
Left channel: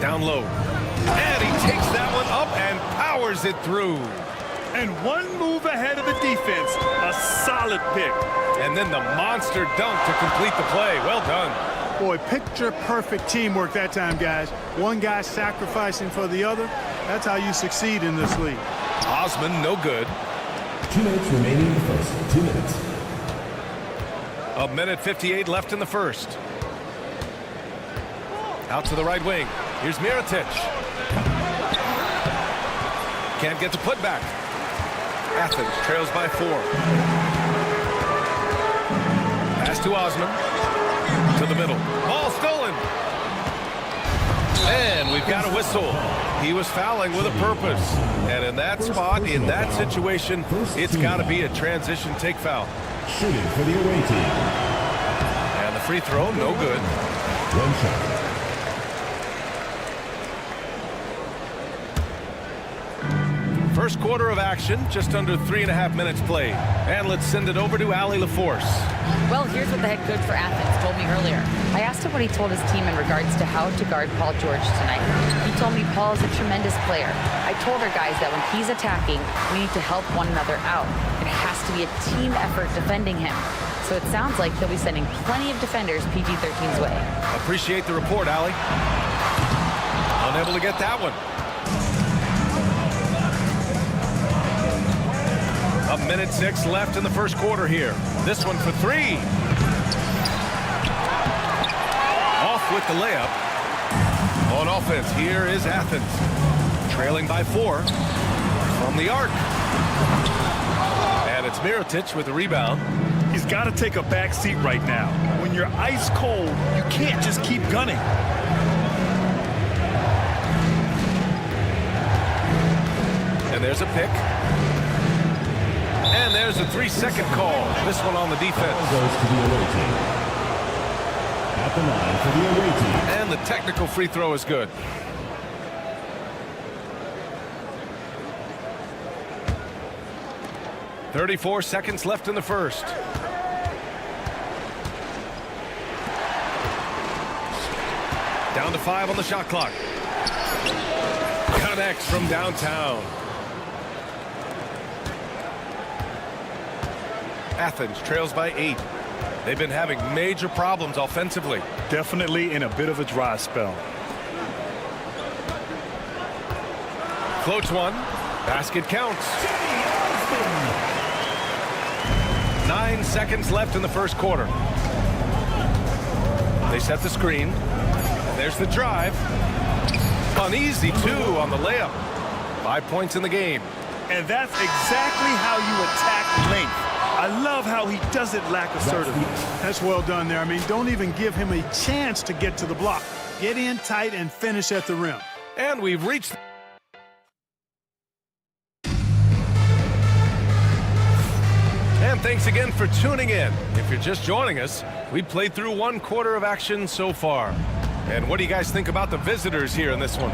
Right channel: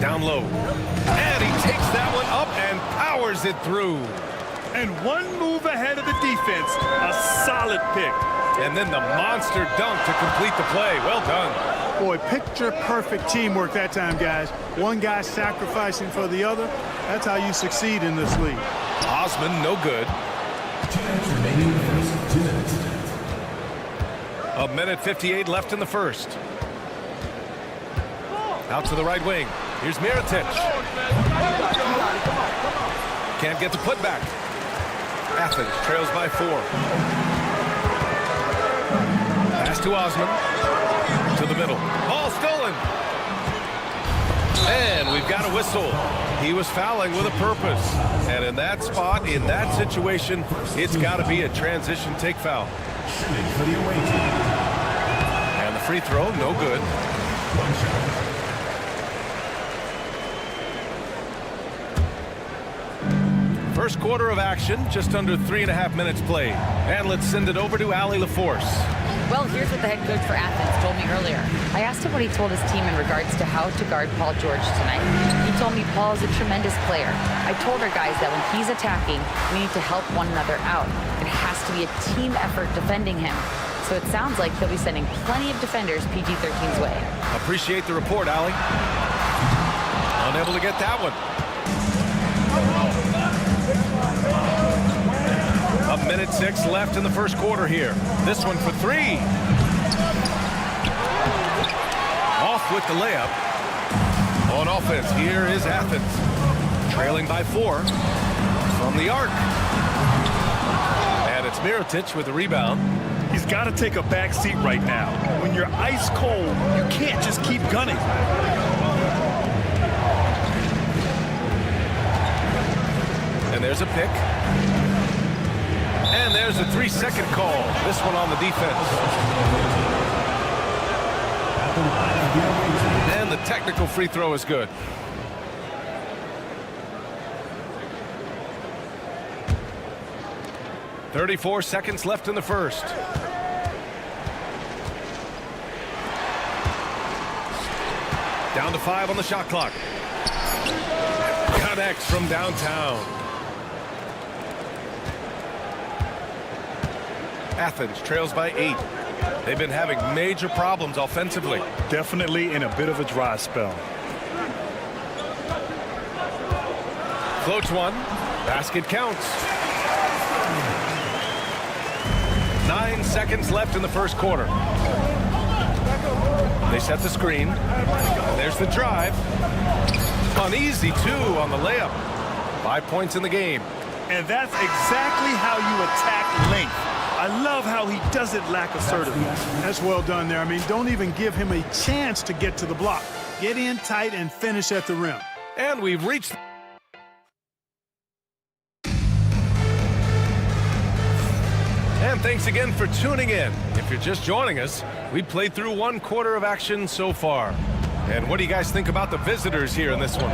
Down low. And he takes that one up and powers it through. And one move ahead of the defense. A solid pick. And then the monster dunk to complete the play. Well done. Boy, picture-perfect teamwork that time, guys. One guy sacrificing for the other. That's how you succeed in this league. Osman, no good. 2 minutes remaining in the first. 2 minutes. A minute 58 left in the first. Out to the right wing. Here's Mirotic. Can't get the putback. Athens trails by 4. Pass to Osman. To the middle. Ball stolen. And we've got a whistle. He was fouling with a purpose. And in that spot, in that situation, it's got to be a transition take foul. Shooting for the away team. And the free throw, no good. One shot. First quarter of action, just under 3.5 minutes played. And let's send it over to Allie LaForce. Well, here's what the head coach for Athens told me earlier. I asked him what he told his team in regards to how to guard Paul George tonight. He told me Paul is a tremendous player. I told our guys that when he's attacking, we need to help one another out. It has to be a team effort defending him. So it sounds like he'll be sending plenty of defenders PG-13's way. Appreciate the report, Allie. Unable to get that one. A minute 6 left in the first quarter here. This one for 3. Off with the layup. On offense, here is Athens. Trailing by 4 from the arc. And it's Mirotic with the rebound. He's got to take a back seat right now. When you're ice cold, you can't just keep gunning. And there's a pick. And there's a 3-second call. This one on the defense. Goes to the away team. At the line for the away team. And the technical free throw is good. .34 seconds left in the first. Down to 5 on the shot clock. Connects from downtown. Athens trails by 8. They've been having major problems offensively. Definitely in a bit of a dry spell. Floats one. Basket counts. 9 seconds left in the first quarter. They set the screen. And there's the drive. Uneasy 2 on the layup. 5 points in the game. And that's exactly how you attack length. I love how he doesn't lack assertiveness. That's well done there. I mean, don't even give him a chance to get to the block. Get in tight and finish at the rim. And we've reached... And thanks again for tuning in. If you're just joining us, we played through 1 quarter of action so far. And what do you guys think about the visitors here in this one?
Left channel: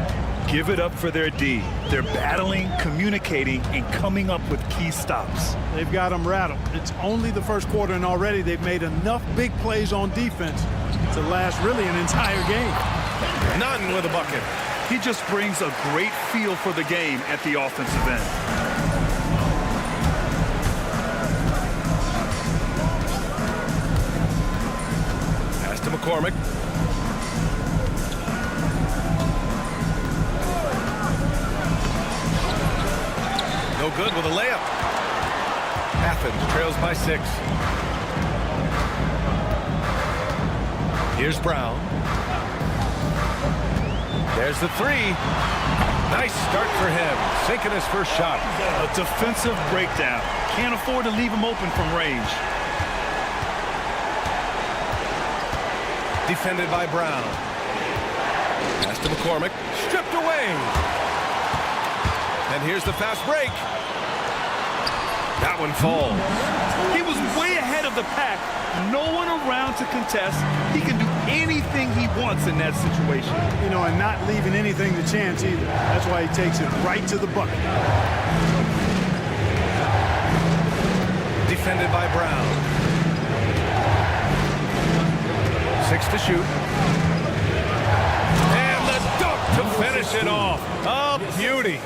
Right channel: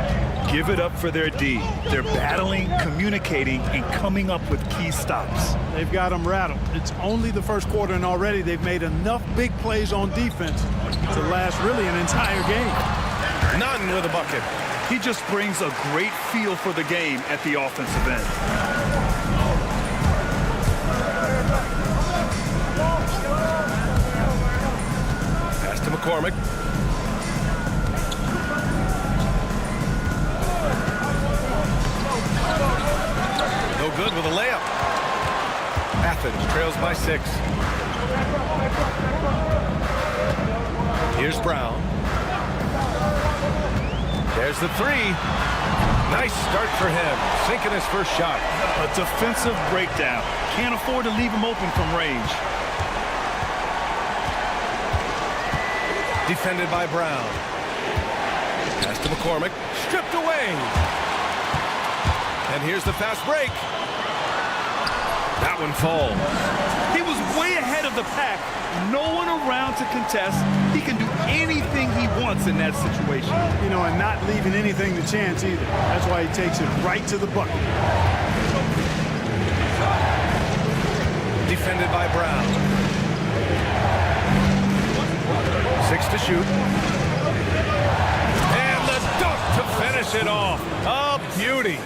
Give it up for their D. They're battling, communicating, and coming up with key stops. They've got them rattled. It's only the first quarter, and already they've made enough big plays on defense to last really an entire game. None with a bucket. He just brings a great feel for the game at the offensive end. Pass to McCormick. No good with a layup. Athens trails by 6. Here's Brown. There's the 3. Nice start for him. Sinking his first shot. A defensive breakdown. Can't afford to leave him open from range. Defended by Brown. Pass to McCormick. Stripped away. And here's the fast break. That one falls. He was way ahead of the pack. No one around to contest. He can do anything he wants in that situation. You know, and not leaving anything to chance either. That's why he takes it right to the bucket. Defended by Brown. 6 to shoot. And the dunk to finish it off. A beauty.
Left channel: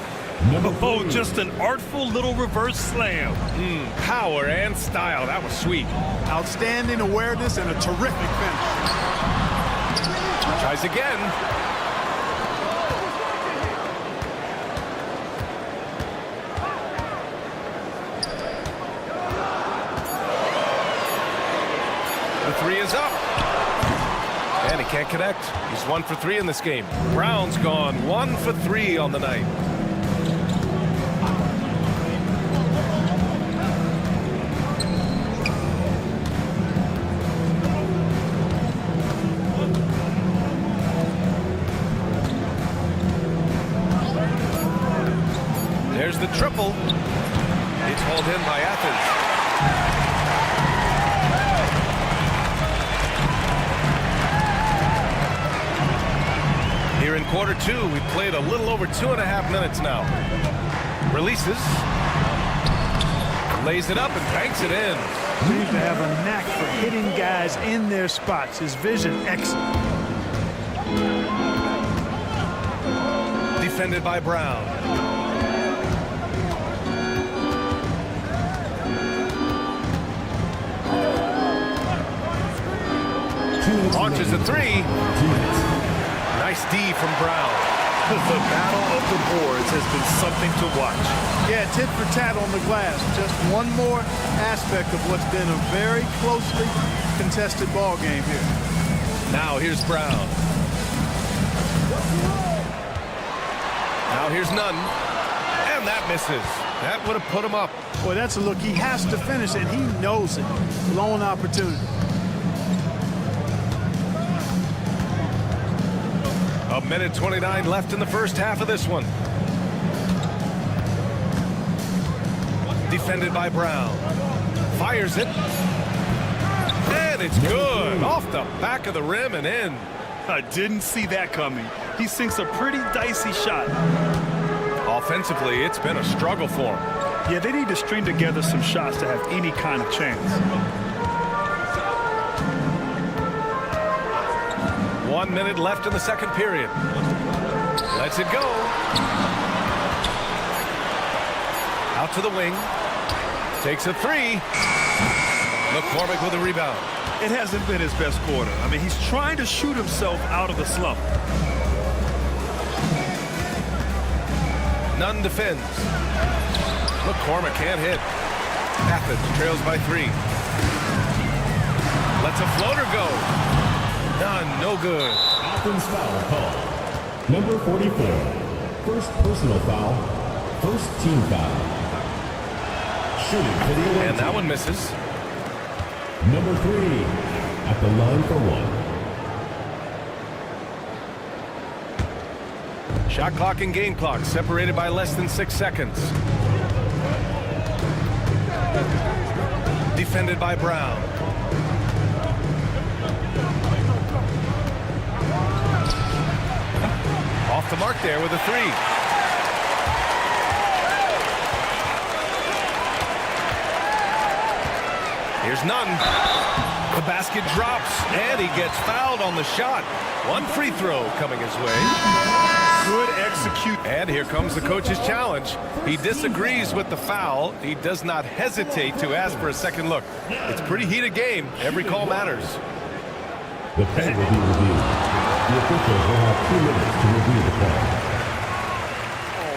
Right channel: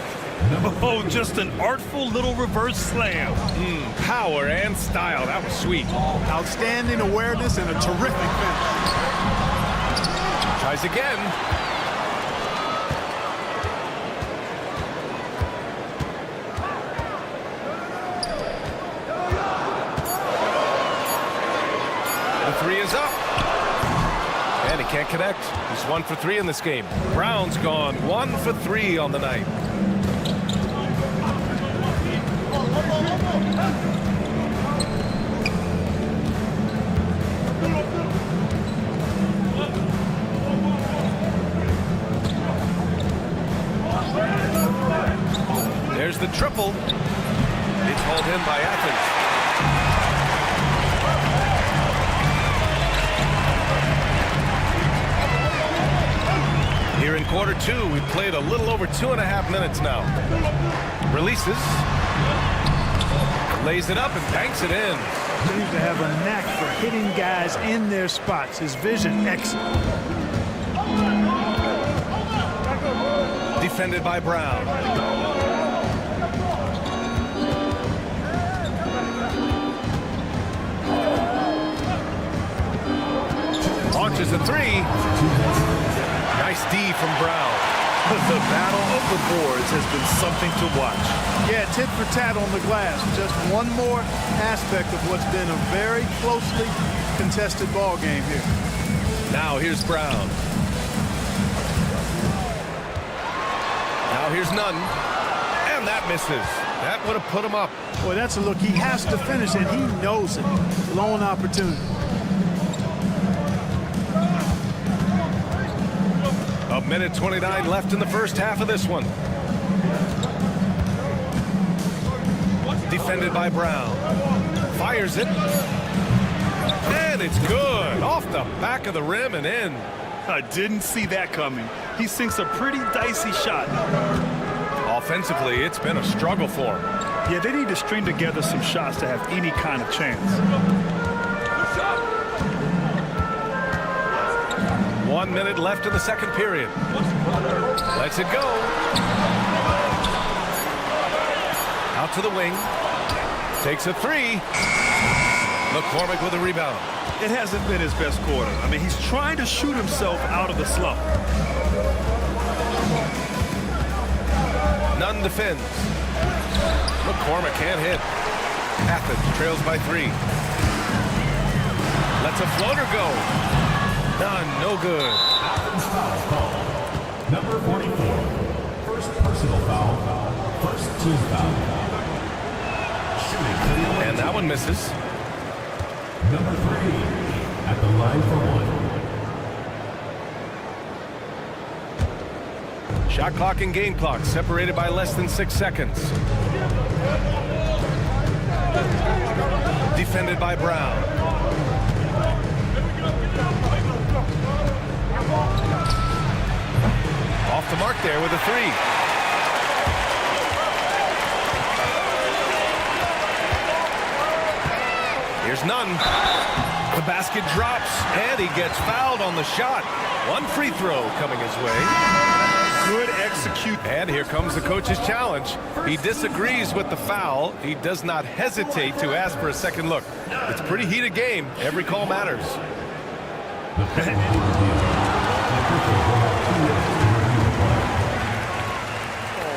Oh, just an artful little reverse slam. Power and style. That was sweet. Outstanding awareness and a terrific finish. Tries again. The 3 is up. And he can't connect. He's 1 for 3 in this game. Brown's gone 1 for 3 on the night. There's the triple. It's hauled in by Athens. Here in quarter two, we've played a little over 2.5 minutes now. Releases. Lays it up and banks it in. Seems to have a knack for hitting guys in their spots. His vision excellent. Defended by Brown. Launches a three. Nice D from Brown. The battle of the boards has been something to watch. Yeah, tit for tat on the glass. Just one more aspect of what's been a very closely contested ball game here. Now here's Brown. Now here's Nunn. And that misses. That would have put him up. Boy, that's a look. He has to finish, and he knows it. Blown opportunity. A minute 29 left in the first half of this one. Defended by Brown. Fires it. And it's good. Off the back of the rim and in. I didn't see that coming. He sinks a pretty dicey shot. Offensively, it's been a struggle for him. Yeah, they need to string together some shots to have any kind of chance. 1 minute left in the second period. Lets it go. Out to the wing. Takes a three. McCormick with a rebound. It hasn't been his best quarter. I mean, he's trying to shoot himself out of the slump. Nunn defends. McCormick can't hit. Athens trails by 3. Lets a floater go. Nunn, no good. Athens foul call. Number 44. First personal foul. First team foul. Shooting to the away and that team. one misses. Number 3 at the line for 1. Shot clock and game clock separated by less than 6 seconds. Defended by Brown. Off the mark there with a three. Here's Nunn. The basket drops, and he gets fouled on the shot. One free throw coming his way. Good execute. And here comes the coach's challenge. He disagrees with the foul. He does not hesitate to ask for a second look. It's a pretty heated game. Every call matters. The play will be reviewed. The officials will have 2 minutes to review the play.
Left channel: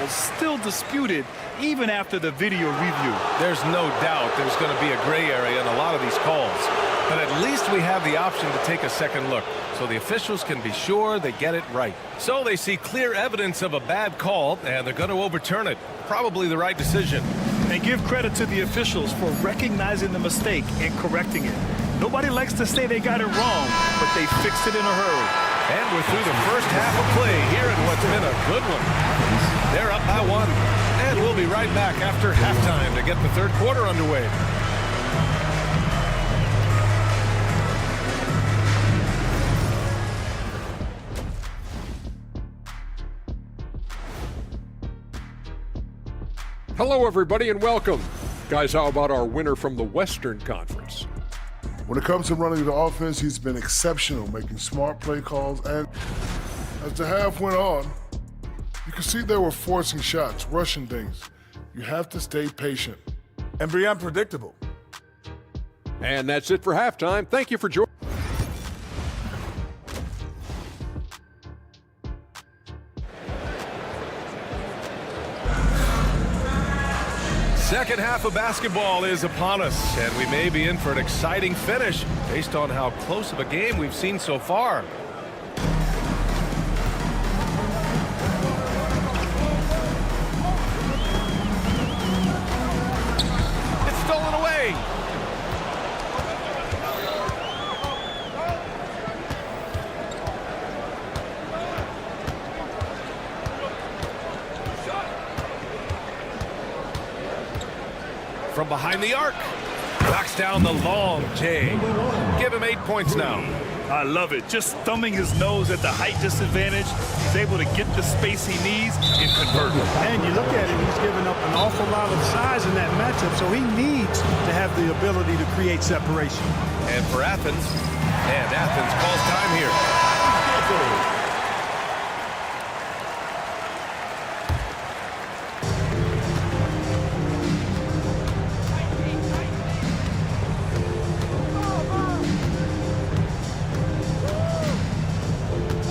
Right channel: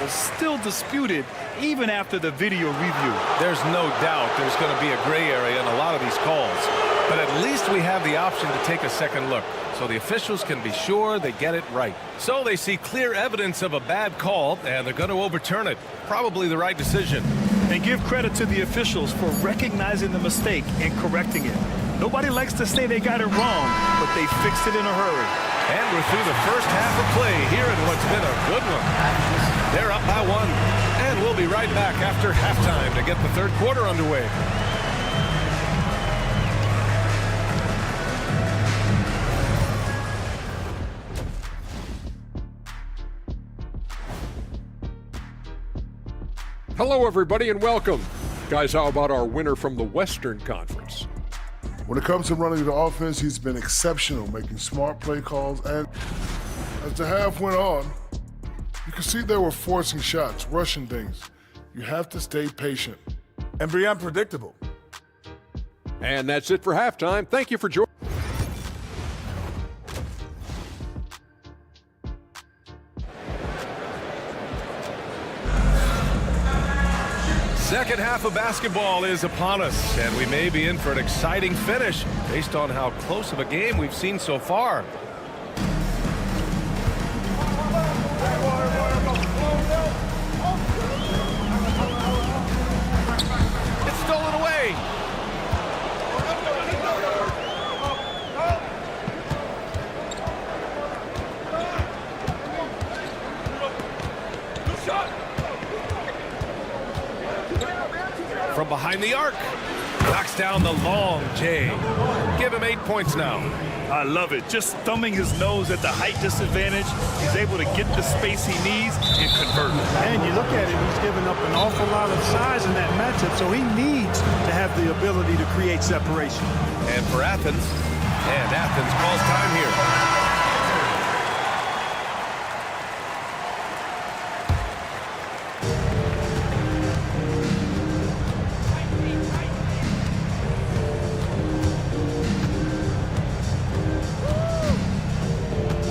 Still disputed even after the video review. There's no doubt there's going to be a gray area in a lot of these calls. But at least we have the option to take a second look, so the officials can be sure they get it right. So they see clear evidence of a bad call, and they're going to overturn it. Probably the right decision. And give credit to the officials for recognizing the mistake and correcting it. Nobody likes to say they got it wrong, but they fixed it in a hurry. And we're through the first half of play here in what's been a good one. They're up by 1, and we'll be right back after halftime to get the third quarter underway. Hello, everybody, and welcome. Guys, how about our winner from the Western Conference? When it comes to running the offense, he's been exceptional, making smart play calls. And as the half went on, you could see they were forcing shots, rushing things. You have to stay patient. And be unpredictable. And that's it for halftime. Thank you for joining. Second half of basketball is upon us, and we may be in for an exciting finish based on how close of a game we've seen so far. It's stolen away. From behind the arc, knocks down the long J. Give him 8 points now. I love it. Just thumbing his nose at the height disadvantage, he's able to get the space he needs and convert. And you look at him, he's given up an awful lot of size in that matchup, so he needs to have the ability to create separation. And for Athens, and Athens calls time here.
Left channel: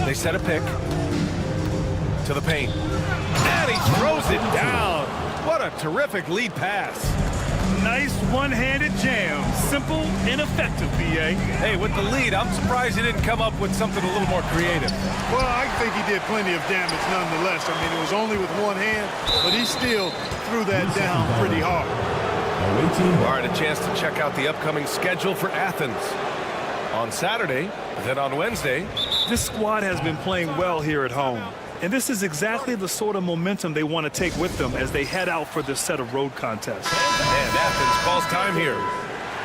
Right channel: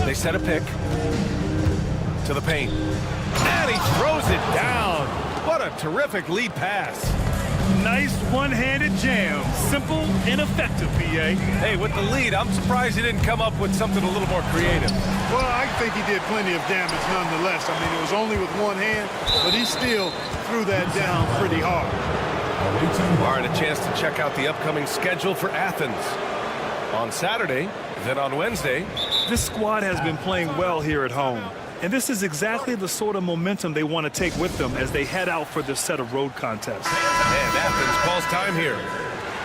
They set a pick to the paint. And he throws it down. What a terrific lead pass. Nice one-handed jam. Simple and effective, BA. Hey, with the lead, I'm surprised he didn't come up with something a little more creative. Well, I think he did plenty of damage nonetheless. I mean, it was only with one hand, but he still threw that down pretty hard. All right, a chance to check out the upcoming schedule for Athens. On Saturday, then on Wednesday. This squad has been playing well here at home. And this is exactly the sort of momentum they want to take with them as they head out for this set of road contests. And Athens calls time here.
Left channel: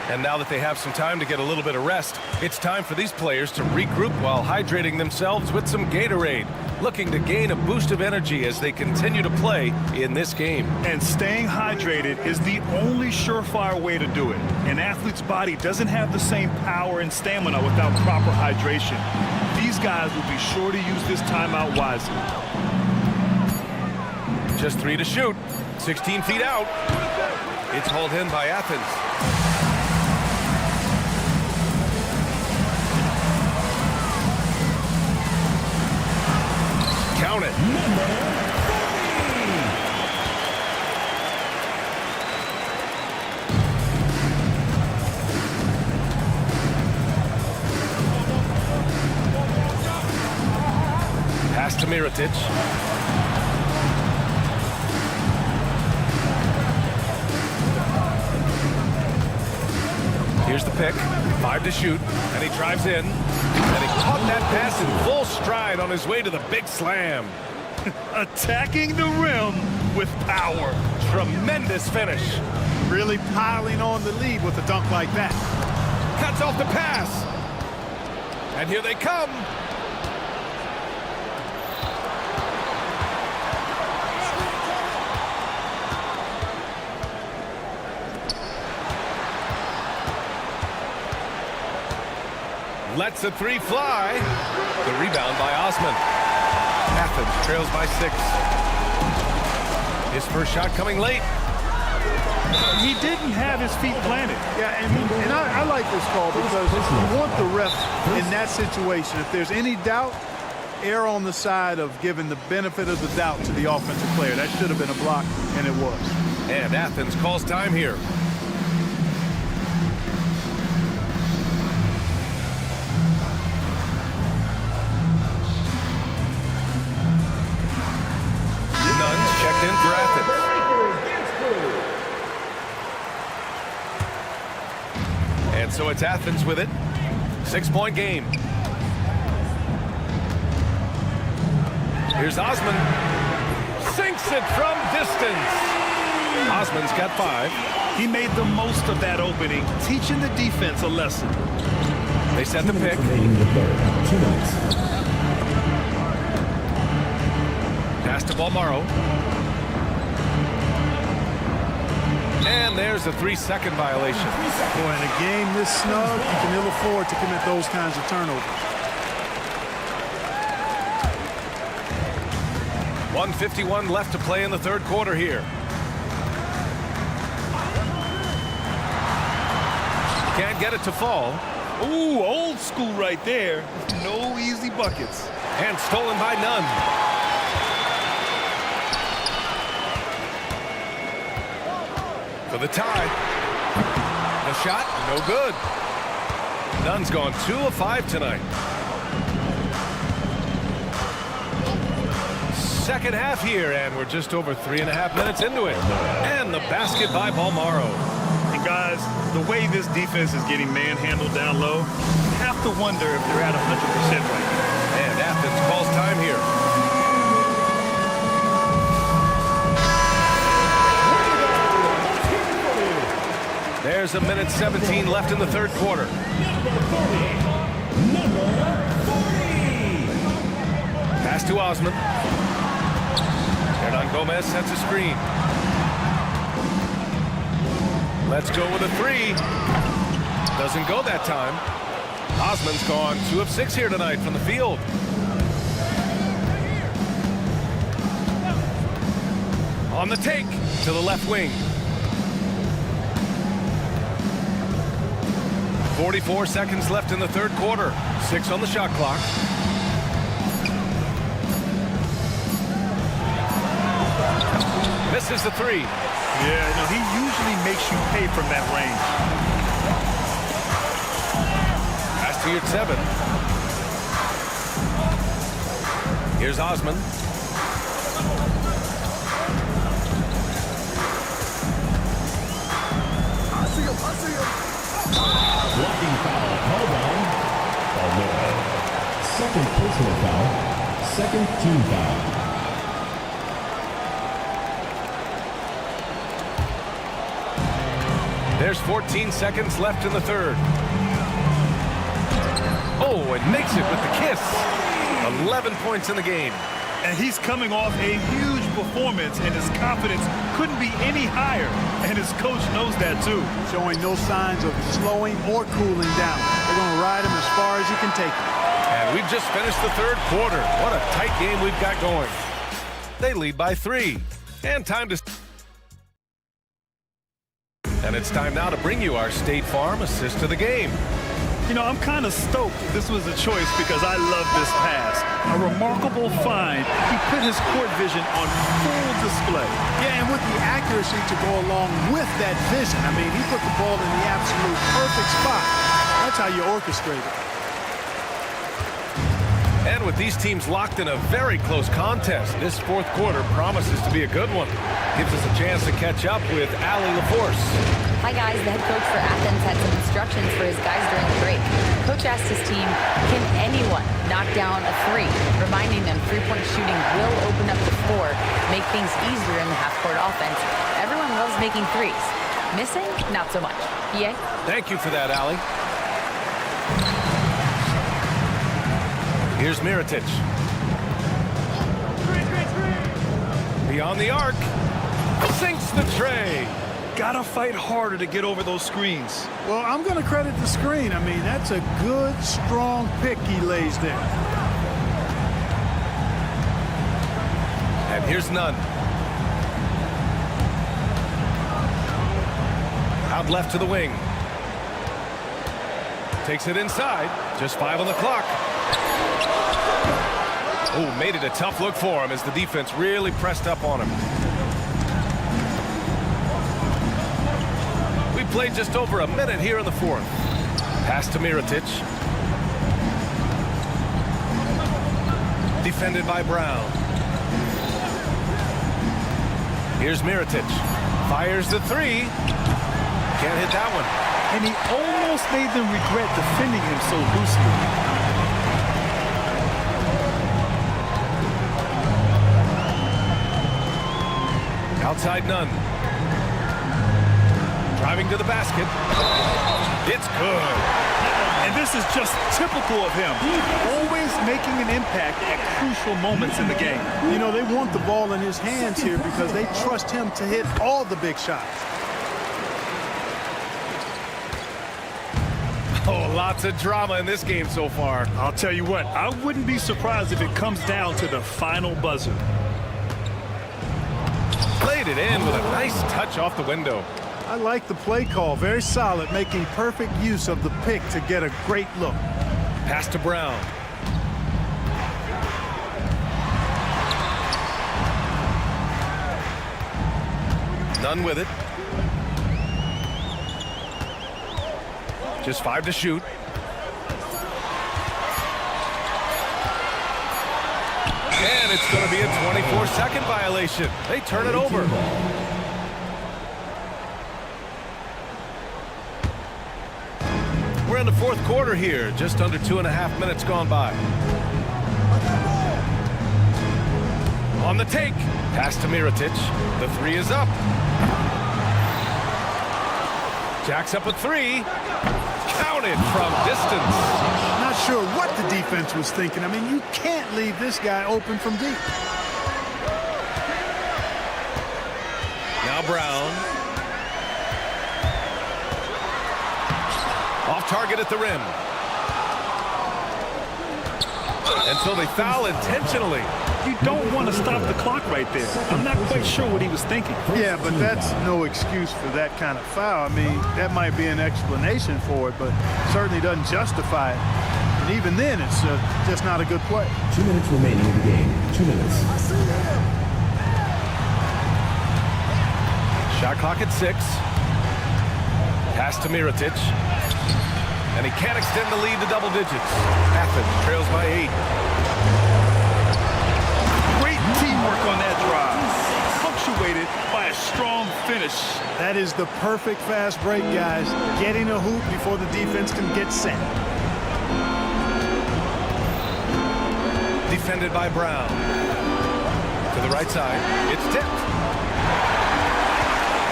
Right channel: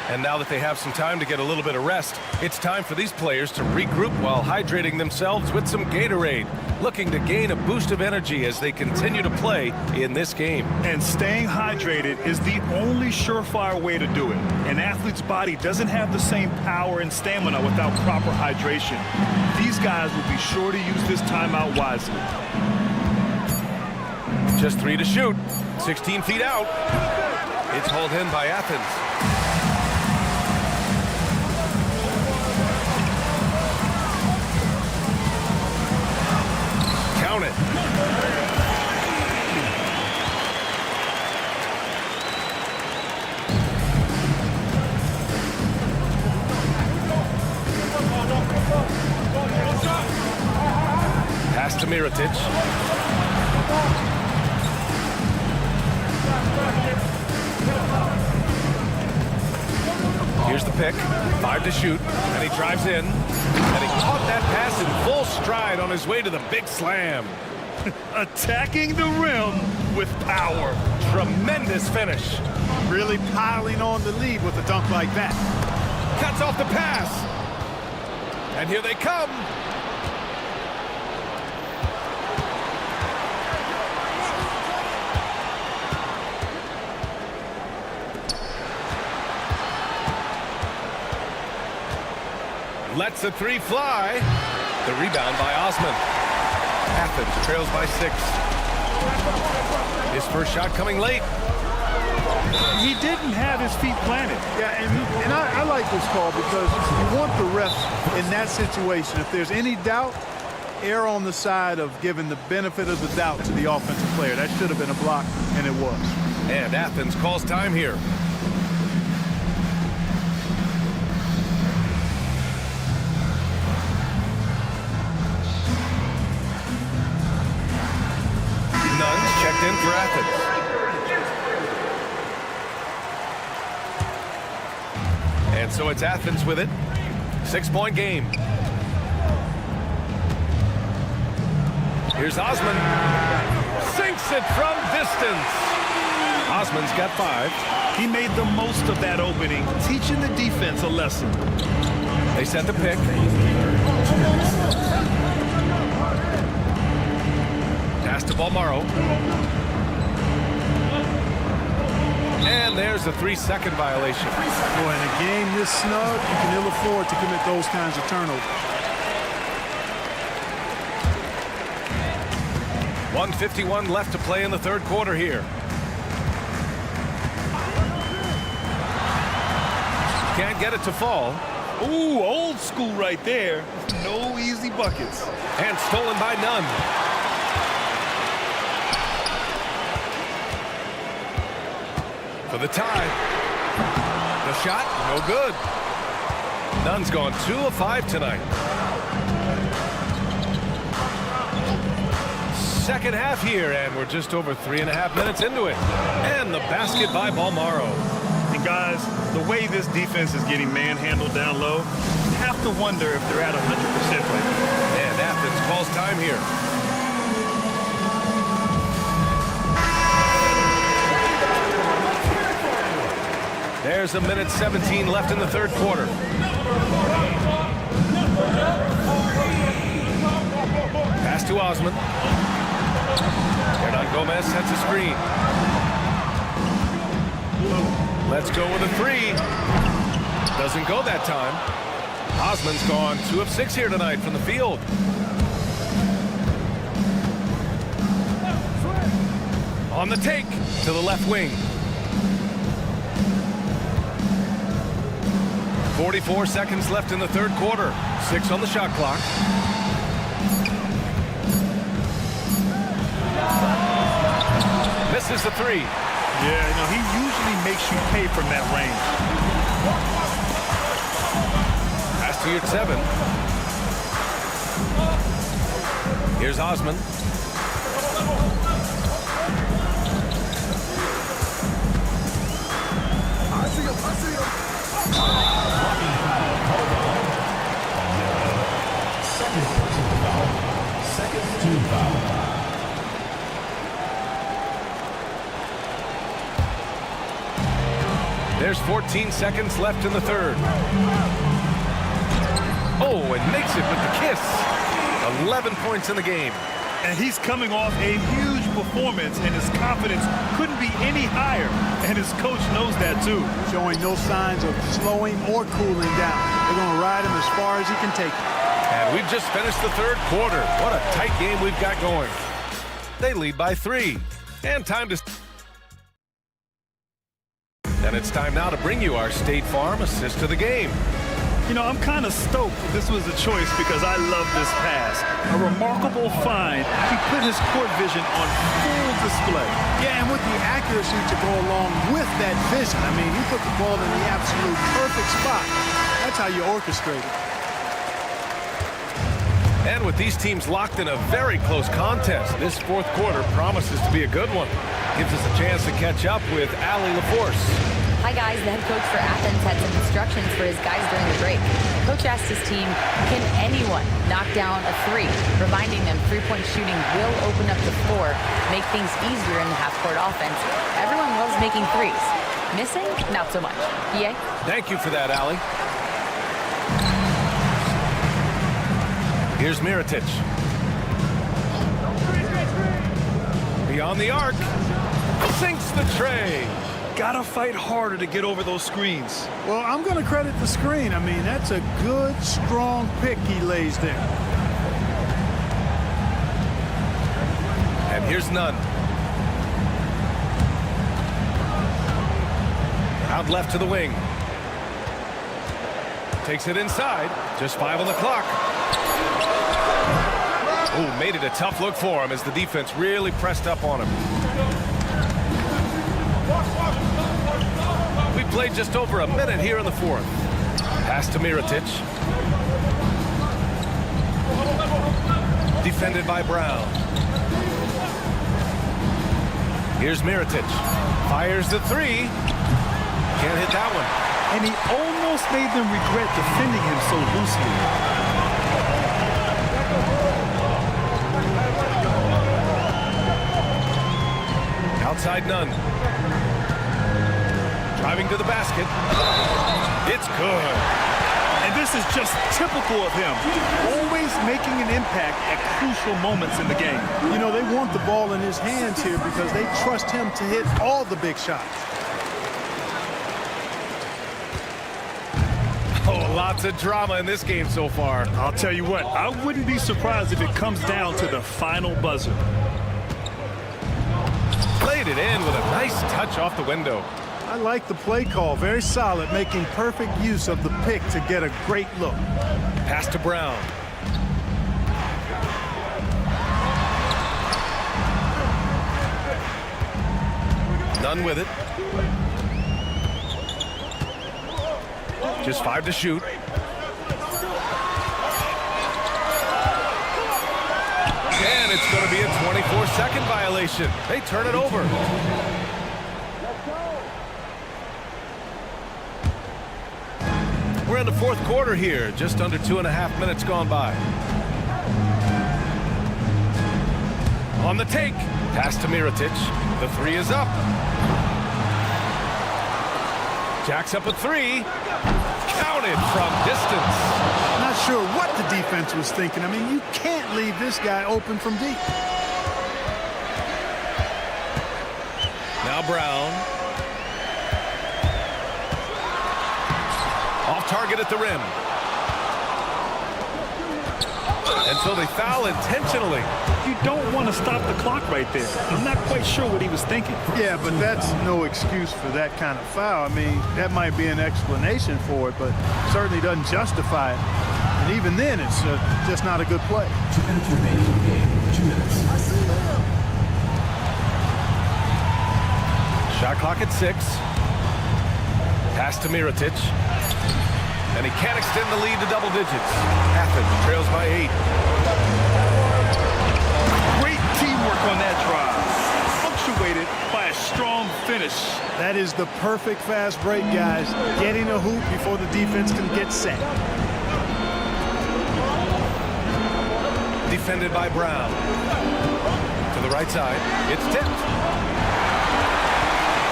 And now that they have some time to get a little bit of rest, it's time for these players to regroup while hydrating themselves with some Gatorade, looking to gain a boost of energy as they continue to play in this game. And staying hydrated is the only surefire way to do it. An athlete's body doesn't have the same power and stamina without proper hydration. These guys will be sure to use this timeout wisely. Just 3 to shoot. 16 feet out. It's hauled in by Athens. Count it. Pass to Mirotic. Here's the pick. 5 to shoot. And he drives in. And he caught that pass in full stride on his way to the big slam. Attacking the rim with power. Tremendous finish. Really piling on the lead with a dunk like that. Cuts off the pass. And here they come. Lets a 3 fly. The rebound by Osman. Athens trails by 6. His first shot coming late. He didn't have his feet planted. Yeah, and I like this call because you want the refs in that situation. If there's any doubt, err on the side of giving the benefit of the doubt to the offensive player. That should have been a block, and it was. And Athens calls time here. Nuns checked in for Athens. And so it's Athens with it. 6-point game. Here's Osman. Sinks it from distance. Osman's got 5. He made the most of that opening, teaching the defense a lesson. They set the pick. Pass to Balmaro. And there's a 3-second violation. Boy, in a game this snug, you can ill afford to commit those kinds of turnovers. 1:51 left to play in the third quarter here. Can't get it to fall. Ooh, old school right there. No easy buckets. And stolen by Nunn. For the tie. The shot, no good. Nunn's gone 2 of 5 tonight. Second half here, and we're just over 3.5 minutes into it. And the basket by Balmaro. And guys, the way this defense is getting manhandled down low, you have to wonder if they're at 100% right now. And Athens calls time here. There's 1:17 left in the third quarter. to Osman. Hernan Gomez sets a screen. Let's go with a three. Doesn't go that time. Osman's gone 2 of 6 here tonight from the field. On the take to the left wing. 44 seconds left in the third quarter. 6 on the shot clock. Misses the three. Yeah, no, he usually makes you pay from that range. Pass to Yurtseven. Here's Osman. Blocking foul called on Milan. Second personal foul. Second team foul. There's 14 seconds left in the third. Oh, and makes it with the kiss. 11 points in the game. And he's coming off a huge performance, and his confidence couldn't be any higher. And his coach knows that, too. Showing no signs of slowing or cooling down. They're going to ride him as far as he can take it. And we've just finished the third quarter. What a tight game we've got going. They lead by 3. And time to... And it's time now to bring you our State Farm assist of the game. You know, I'm kind of stoked this was a choice because I love this pass. A remarkable find. He put his court vision on full display. Yeah, and with the accuracy to go along with that vision. I mean, he put the ball in the absolute perfect spot. That's how you orchestrate it. And with these teams locked in a very close contest, this fourth quarter promises to be a good one. Gives us a chance to catch up with Allie LaForce. Hi guys, the head coach for Athens had some instructions for his guys during the break. Coach asked his team, can anyone knock down a three? Reminding them three-point shooting will open up the floor, make things easier in the half-court offense. Everyone loves making threes. Missing? Not so much. Yay? Thank you for that, Allie. Here's Mirotic. Beyond the arc. Sinks the tray. Gotta fight harder to get over those screens. Well, I'm going to credit the screen. I mean, that's a good, strong pick he lays there. And here's Nunn. Out left to the wing. Takes it inside. Just 5 on the clock. Oh, made it a tough look for him as the defense really pressed up on him. We played just over a minute here in the fourth. Pass to Mirotic. Defended by Brown. Here's Mirotic. Fires the three. Can't hit that one. And he almost made them regret defending him so loosely. Outside Nunn. Driving to the basket. It's good. And this is just typical of him. Always making an impact at crucial moments in the game. You know, they want the ball in his hands here because they trust him to hit all the big shots. Oh, lots of drama in this game so far. I'll tell you what, I wouldn't be surprised if it comes down to the final buzzer. Played it in with a nice touch off the window. I like the play call. Very solid, making perfect use of the pick to get a great look. Pass to Brown. Nunn with it. Just 5 to shoot. And it's going to be a 24-second violation. They turn it over. We're in the fourth quarter here. Just under 2.5 minutes gone by. On the take. Pass to Mirotic. The three is up. Jacks up a three. Counted from distance. not sure what the defense was thinking. I mean, you can't leave this guy open from deep. Now Brown. Off target at the rim. And so they foul intentionally. You don't want to stop the clock right there. I'm not quite sure what he was thinking. Yeah, but that's no excuse for that kind of foul. I mean, that might be an explanation for it, but certainly doesn't justify it. And even then, it's just not a good play. 2 minutes remaining in the game. 2 minutes. I see him. Shot clock at 6. Pass to Mirotic. And he can't extend the lead to double digits. Athens trails by 8. Great teamwork on that drive, punctuated by a strong finish. That is the perfect fast break, guys. Getting a hoop before the defense can get set. Defended by Brown. To the right side. It's tipped.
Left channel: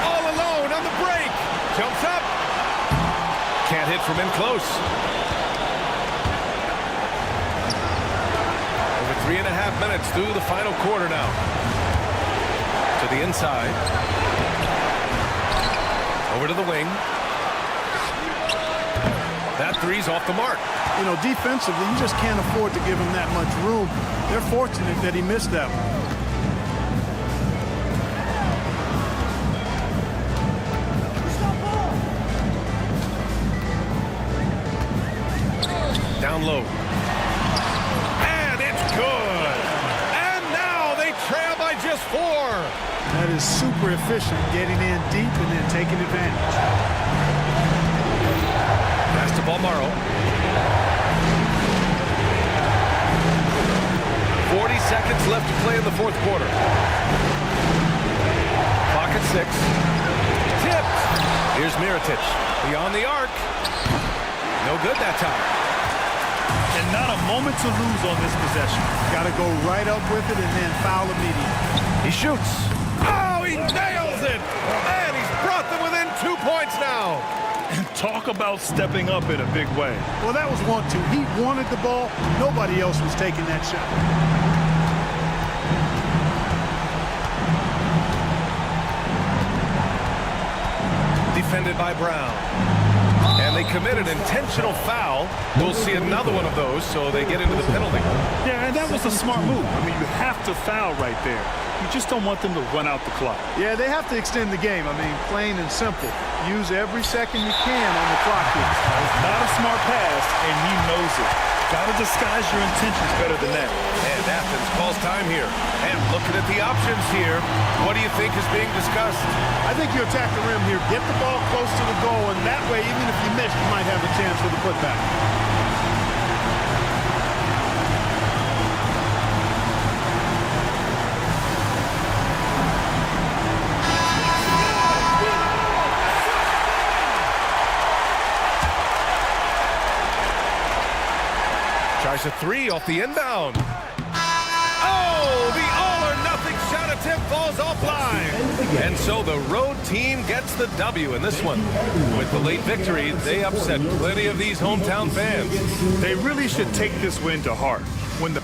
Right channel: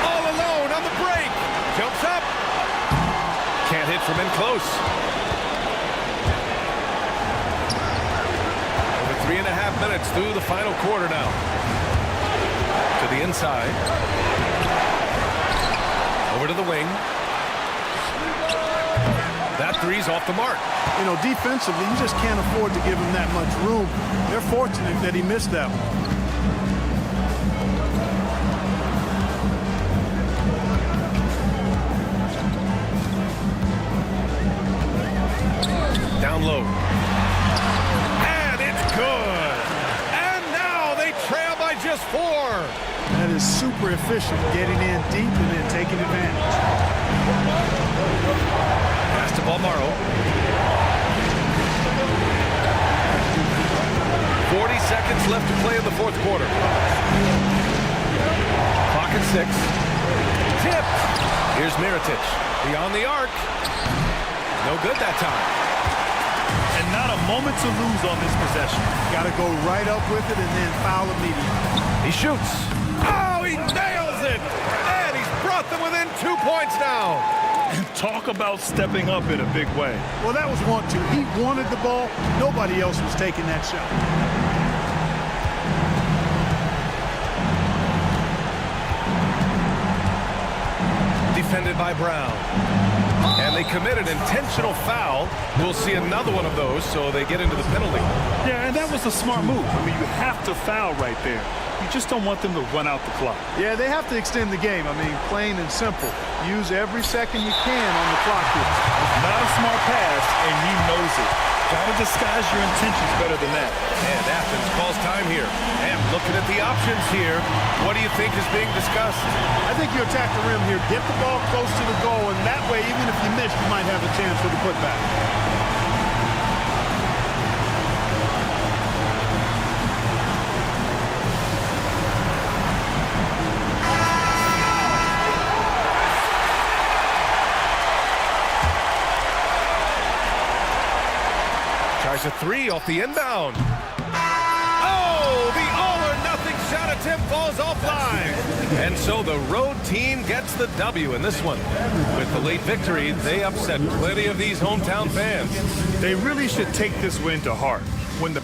All alone on the break. Jumps up. Can't hit from in close. Over 3.5 minutes through the final quarter now. To the inside. Over to the wing. That three's off the mark. You know, defensively, you just can't afford to give him that much room. They're fortunate that he missed that one. Down low. And it's good. And now they trail by just 4. That is super efficient, getting in deep and then taking advantage. Pass to Balmaro. 40 seconds left to play in the fourth quarter. Clock at 6. Tipped. Here's Mirotic. Beyond the arc. No good that time. And not a moment to lose on this possession. Got to go right up with it and then foul immediately. He shoots. Oh, he nails it. And he's brought them within 2 points now. And talk about stepping up in a big way. Well, that was want to. He wanted the ball. Nobody else was taking that shot. Defended by Brown. And they commit an intentional foul. We'll see another one of those, so they get into the penalty. Yeah, and that was a smart move. I mean, you have to foul right there. You just don't want them to run out the clock. Yeah, they have to extend the game. I mean, plain and simple. Use every second you can on the clock here. Not a smart pass, and he knows it. Got to disguise your intentions better than that. And Athens calls time here. And looking at the options here, what do you think is being discussed? I think you attack the rim here. Get the ball close to the goal, and that way, even if you miss, you might have a chance for the putback. Tries a 3 off the inbound. Oh, the all-or-nothing shot attempt falls offline. And so the road team gets the W in this one. With the late victory, they upset plenty of these hometown fans. They really should take this win to heart. When the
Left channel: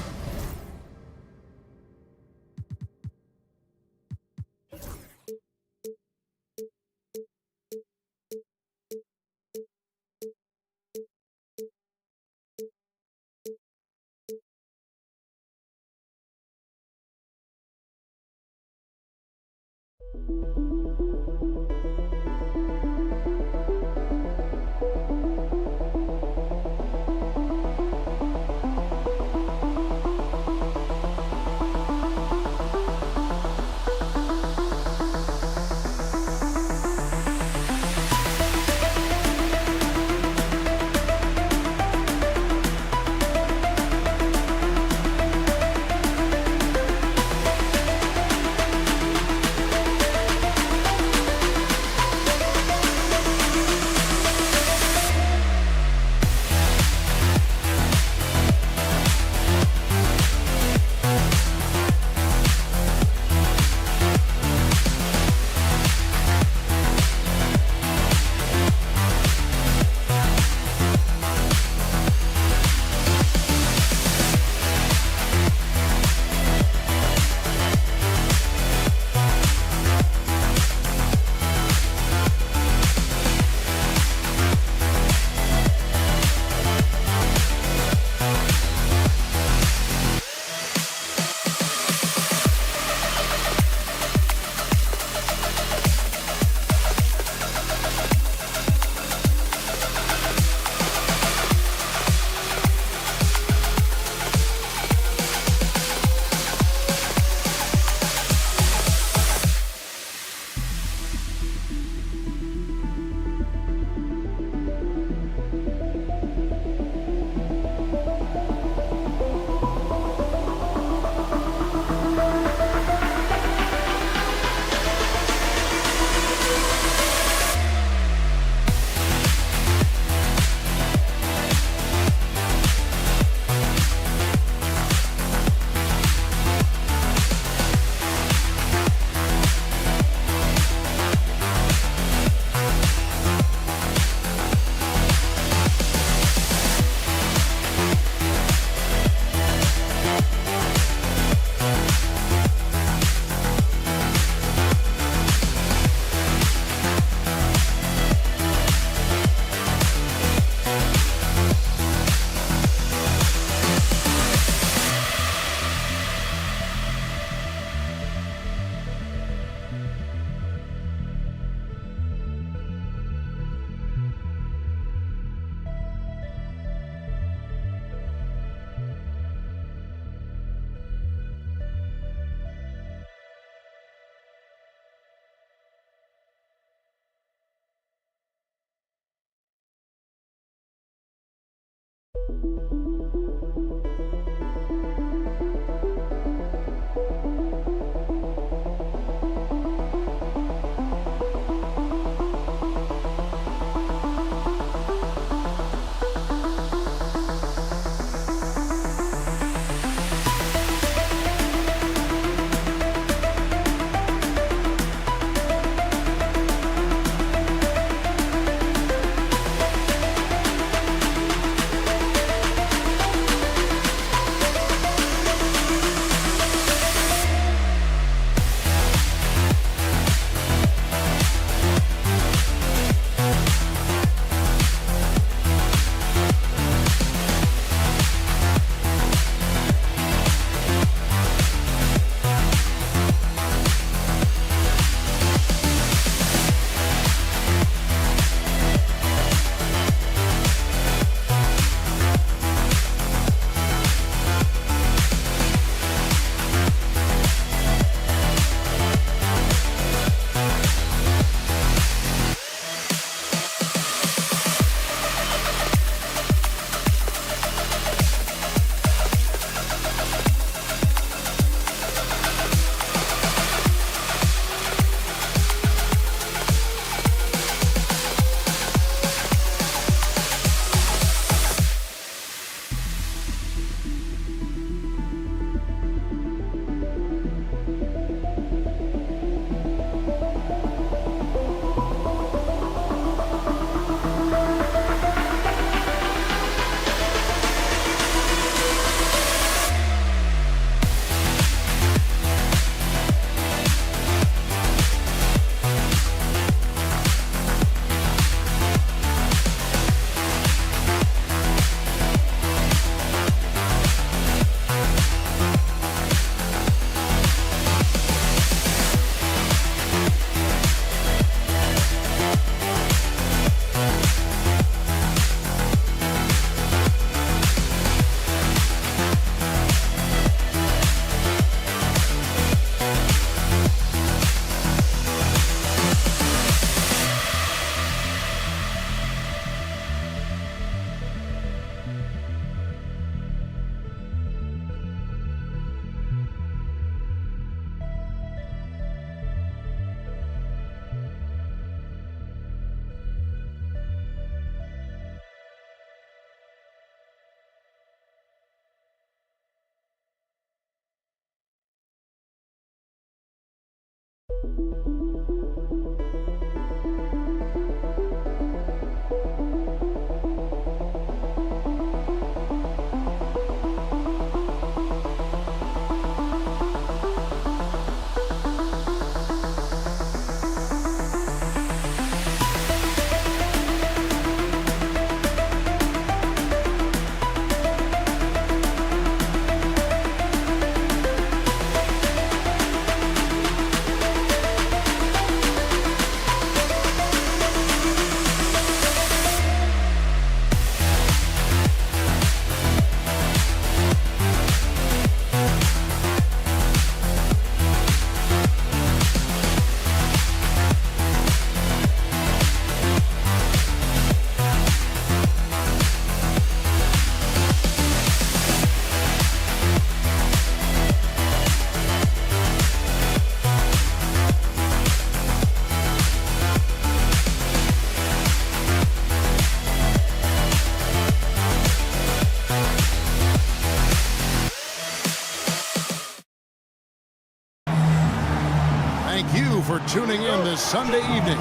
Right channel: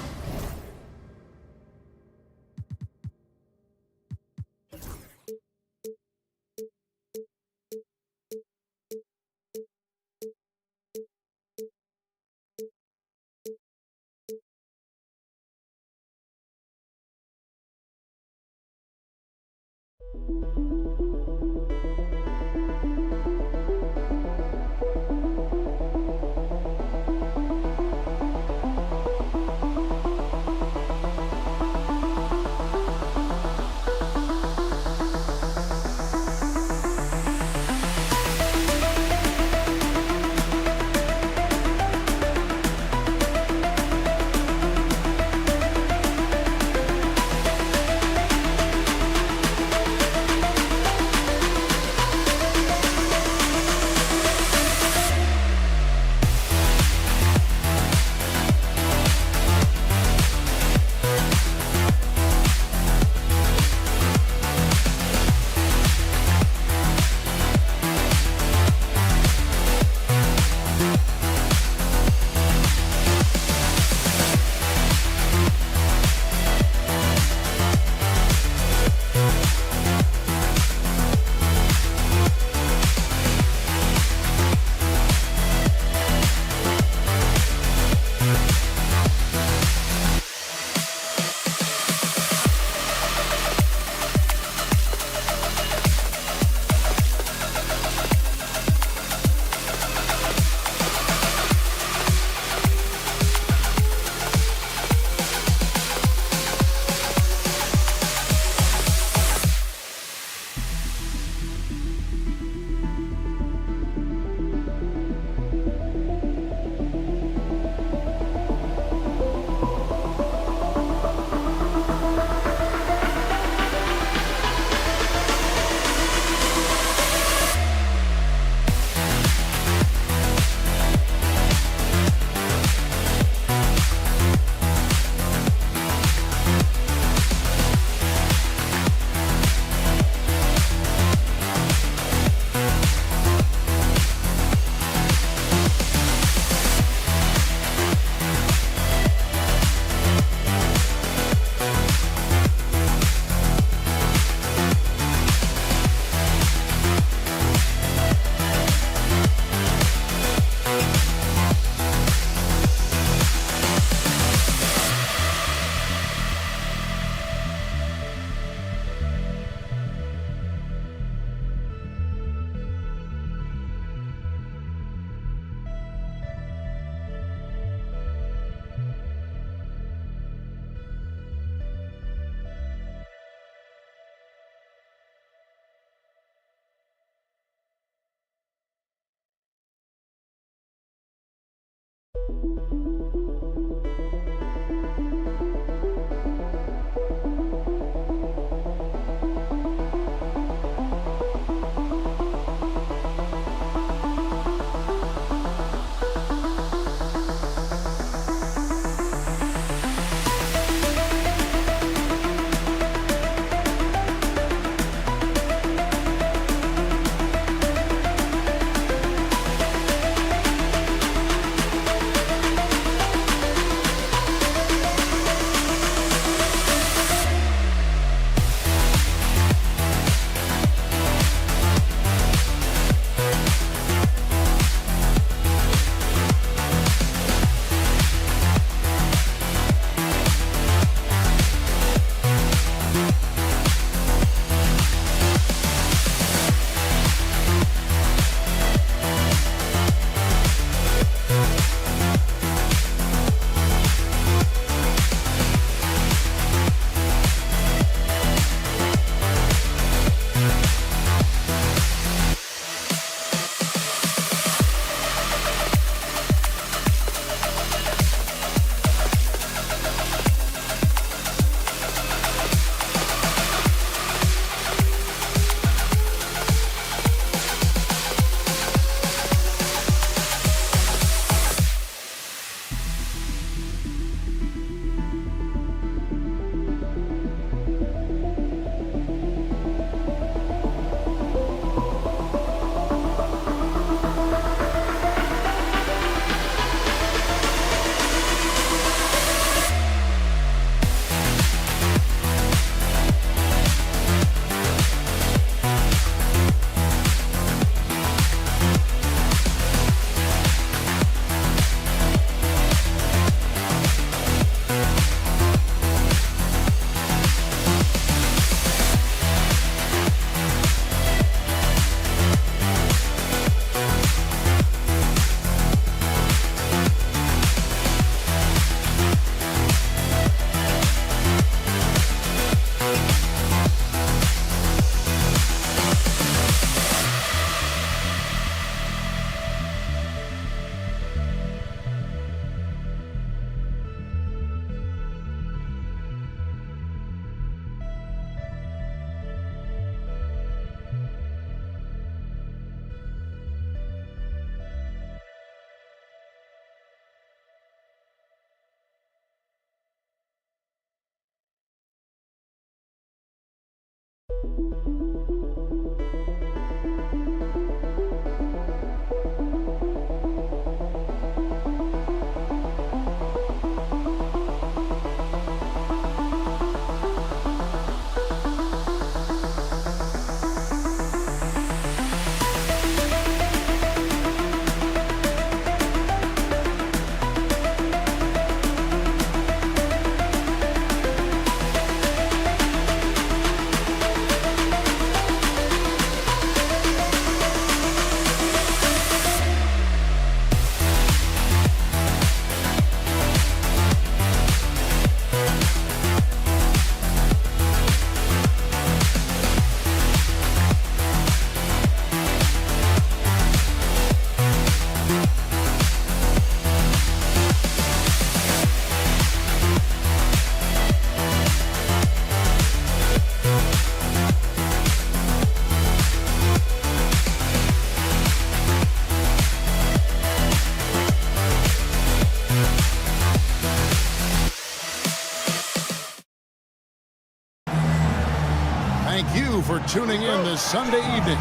Thank you for tuning in this Sunday evening.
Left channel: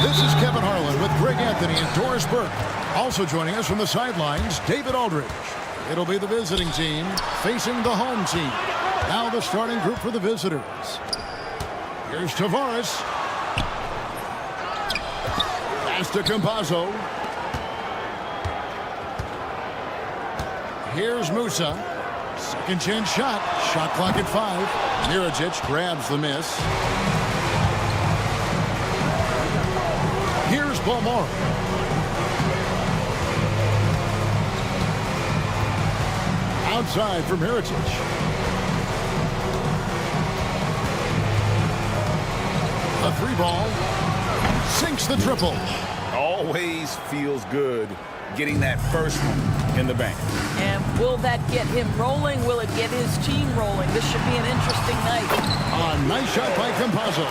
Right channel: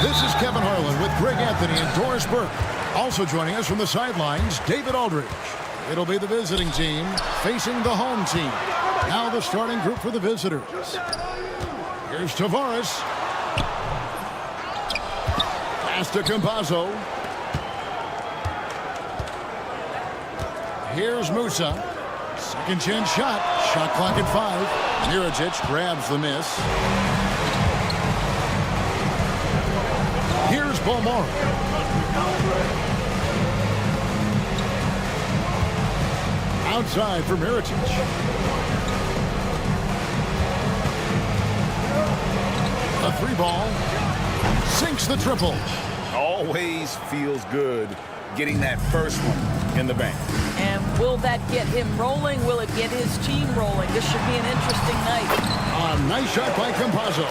This is Kevin Harlan with Greg Anthony and Doris Burke. Also joining us from the sidelines, David Aldridge. It'll be the visiting team facing the home team. Now the starting group for the visitors. Here's Tavares. Pass to Campazzo. Here's Musa. Second chance shot. Shot clock at 5. Mirajic grabs the miss. Here's Bomar. Outside for Mirajic. A 3-ball. Sinks the triple. Always feels good getting that first one. in the bank. And will that get him rolling? Will it get his team rolling? This should be an interesting night. A nice shot by Campazzo.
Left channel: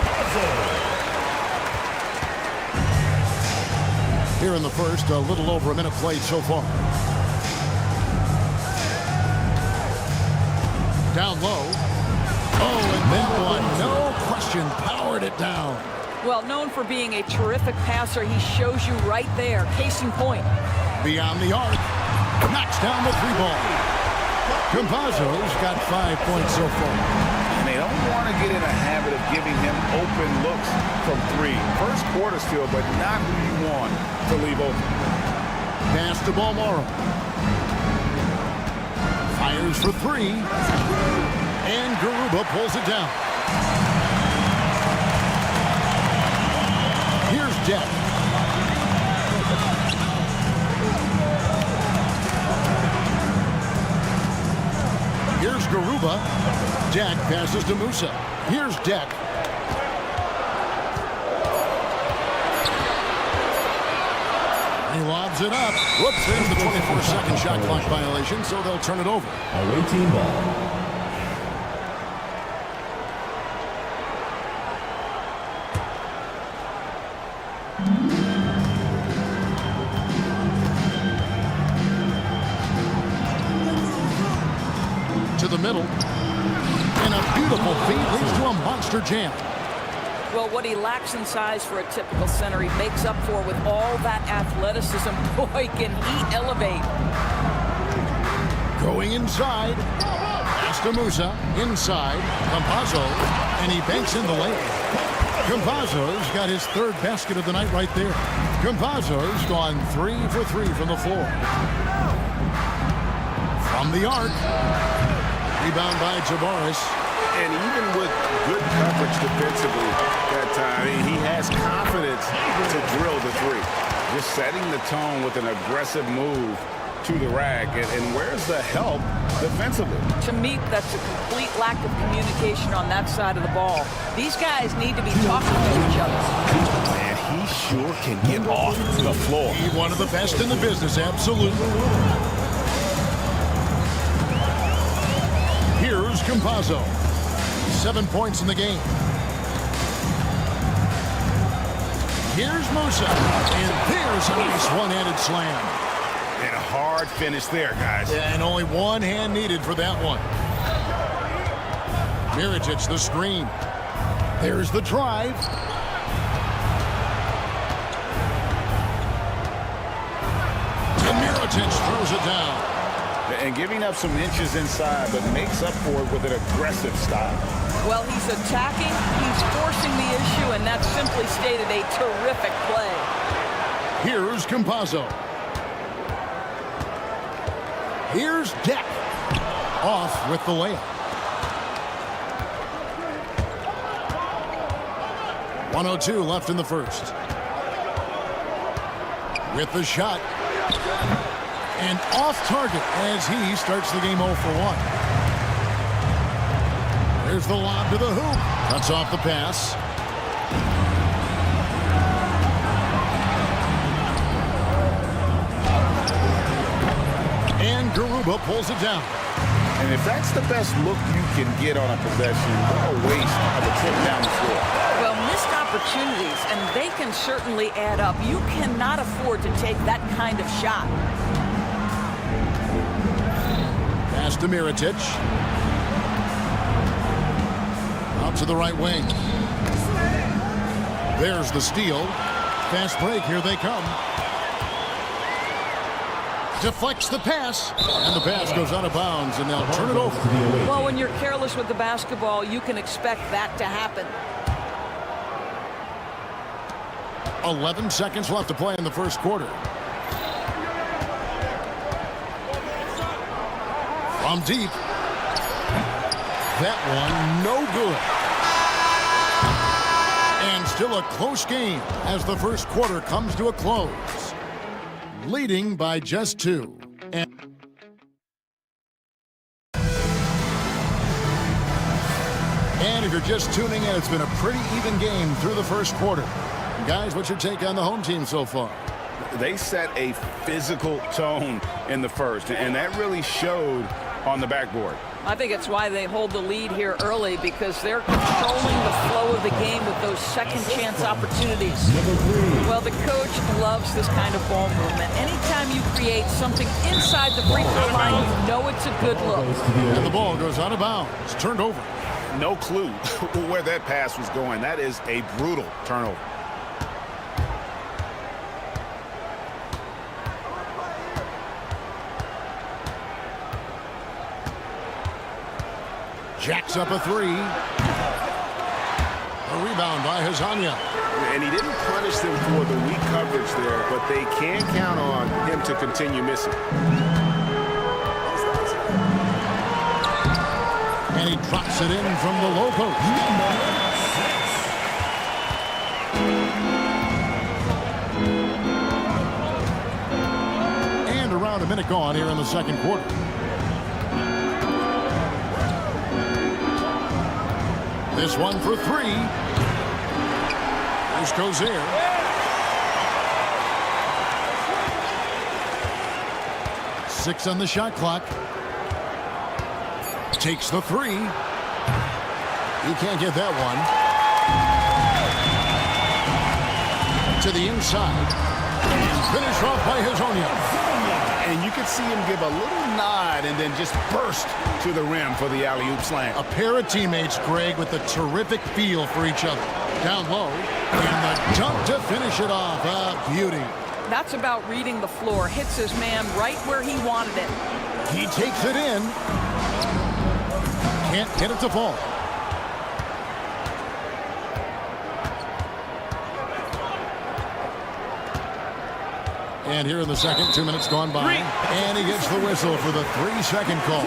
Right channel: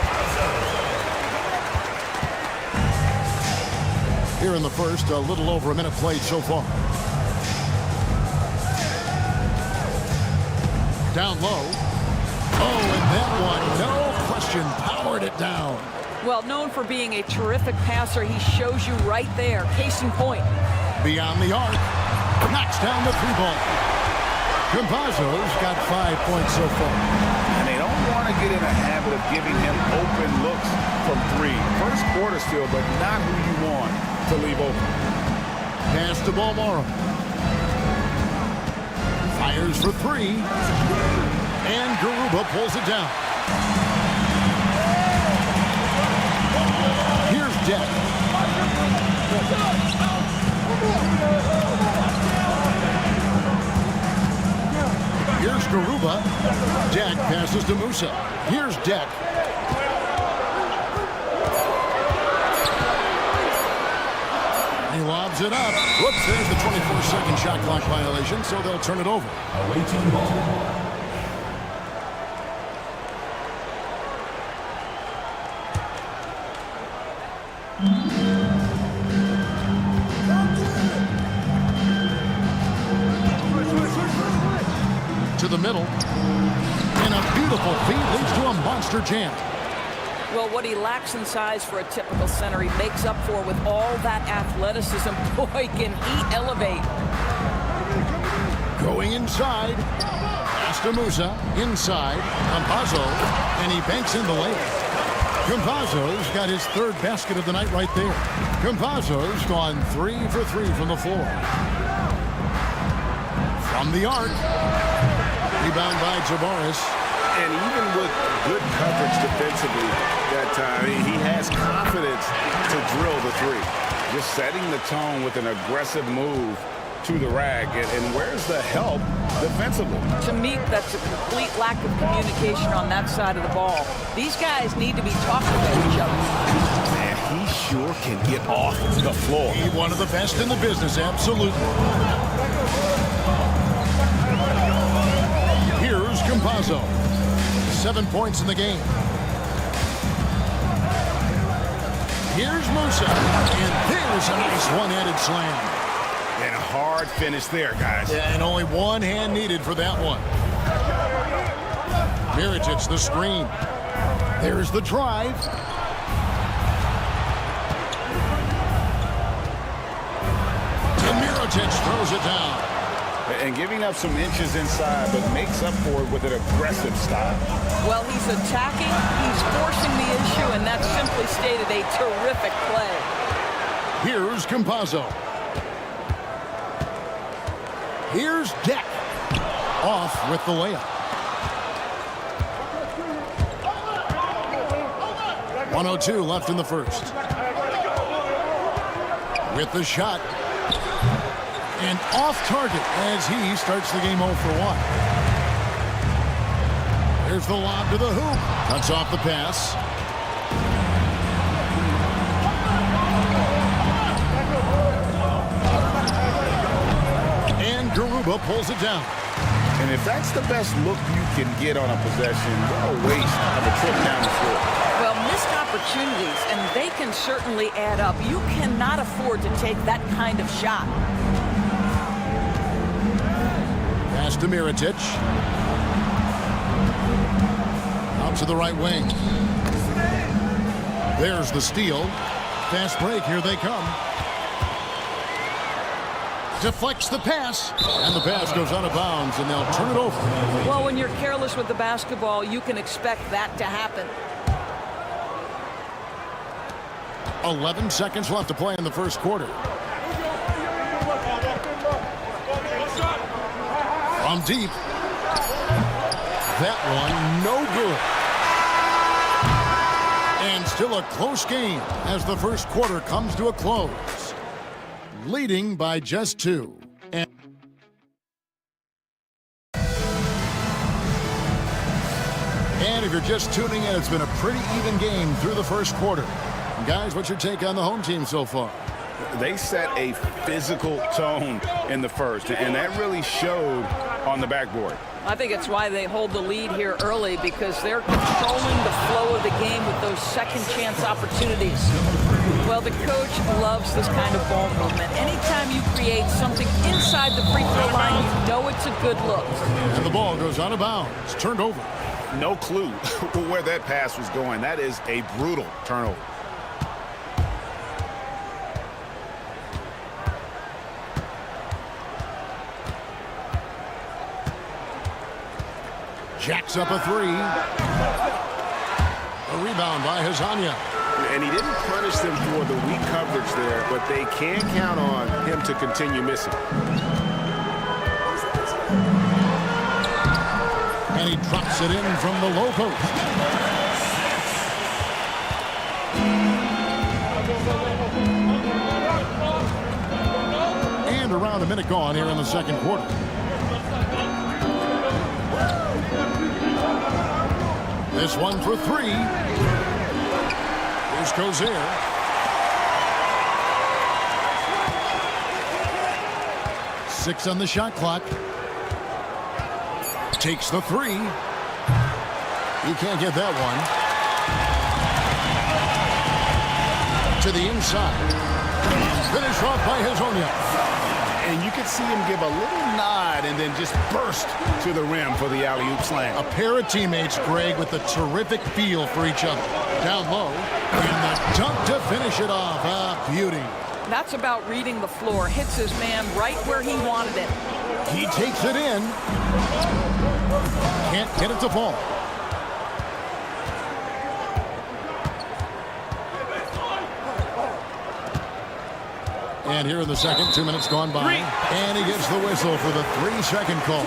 Here in the first, a little over a minute played so far. Down low. Oh, and that one, no question, powered it down. Well, known for being a terrific passer, he shows you right there. Case in point. Beyond the arc. Knocks down the three ball. Campazzo's got 5 points so far. And they don't want to get in a habit of giving him open looks from three. First quarter still, but not who you want to leave open. Pass to Balmoro. Fires for three. And Garuba pulls it down. Here's Deck. Here's Garuba. Deck passes to Musa. Here's Deck. He lobs it up. Whoops, there's the 24-second shot clock violation, so they'll turn it over. Away team ball. To the middle. And a beautiful feed leads to a monster jam. Well, what he lacks in size for a typical center, he makes up for with all that athleticism. Boy, can he elevate. Going inside. Pass to Musa. Inside. Campazzo. And he banks in the lane. Campazzo's got his third basket of the night right there. Campazzo's gone 3 for 3 from the floor. From the arc. Rebound by Javaris. And even with good coverage defensively that time, he has confidence to drill the three. Just setting the tone with an aggressive move to the rack. And where's the help defensively? To me, that's a complete lack of communication on that side of the ball. These guys need to be talking to each other. Man, he sure can get off the floor. He's one of the best in the business, absolutely. Here's Campazzo. 7 points in the game. Here's Musa. And there's a nice one-handed slam. And a hard finish there, guys. Yeah, and only one hand needed for that one. Mirotic, the screen. There's the drive. And Mirotic throws it down. And giving up some inches inside, but makes up for it with an aggressive style. Well, he's attacking, he's forcing the issue, and that's simply stated a terrific play. Here's Campazzo. Here's Deck. Off with the layup. 1:02 left in the first. With the shot. And off target as he starts the game 0 for 1. There's the lob to the hoop. Cuts off the pass. And Garuba pulls it down. And if that's the best look you can get on a possession, what a waste of a trip down the floor. Well, missed opportunities, and they can certainly add up. You cannot afford to take that kind of shot. Pass to Mirotic. Out to the right wing. There's the steal. Fast break, here they come. Deflects the pass, and the pass goes out of bounds, and they'll turn it over. Well, when you're careless with the basketball, you can expect that to happen. 11 seconds left to play in the first quarter. From deep. That one, no good. And still a close game as the first quarter comes to a close. Leading by just 2. And if you're just tuning in, it's been a pretty even game through the first quarter. Guys, what's your take on the home team so far? They set a physical tone in the first, and that really showed on the backboard. I think it's why they hold the lead here early, because they're controlling the flow of the game with those second chance opportunities. Well, the coach loves this kind of ball movement. Anytime you create something inside the free throw line, you know it's a good look. And the ball goes out of bounds. It's turned over. No clue where that pass was going. That is a brutal turnover. Jacks up a three. A rebound by Hazanya. And he didn't punish them for the weak coverage there, but they can count on him to continue missing. And he drops it in from the low post. And around a minute gone here in the second quarter. This one for three. Here's Cozier. Six on the shot clock. Takes the three. He can't get that one. To the inside. And finish off by Hazanya. And you could see him give a little nod and then just burst to the rim for the alley-oop slam. A pair of teammates, Greg, with a terrific feel for each other. Down low, and the dunk to finish it off. A beauty. That's about reading the floor. Hits his man right where he wanted it. He takes it in. Can't get it to fall. And here in the second, 2 minutes gone by. And he gets the whistle for the 3-second call.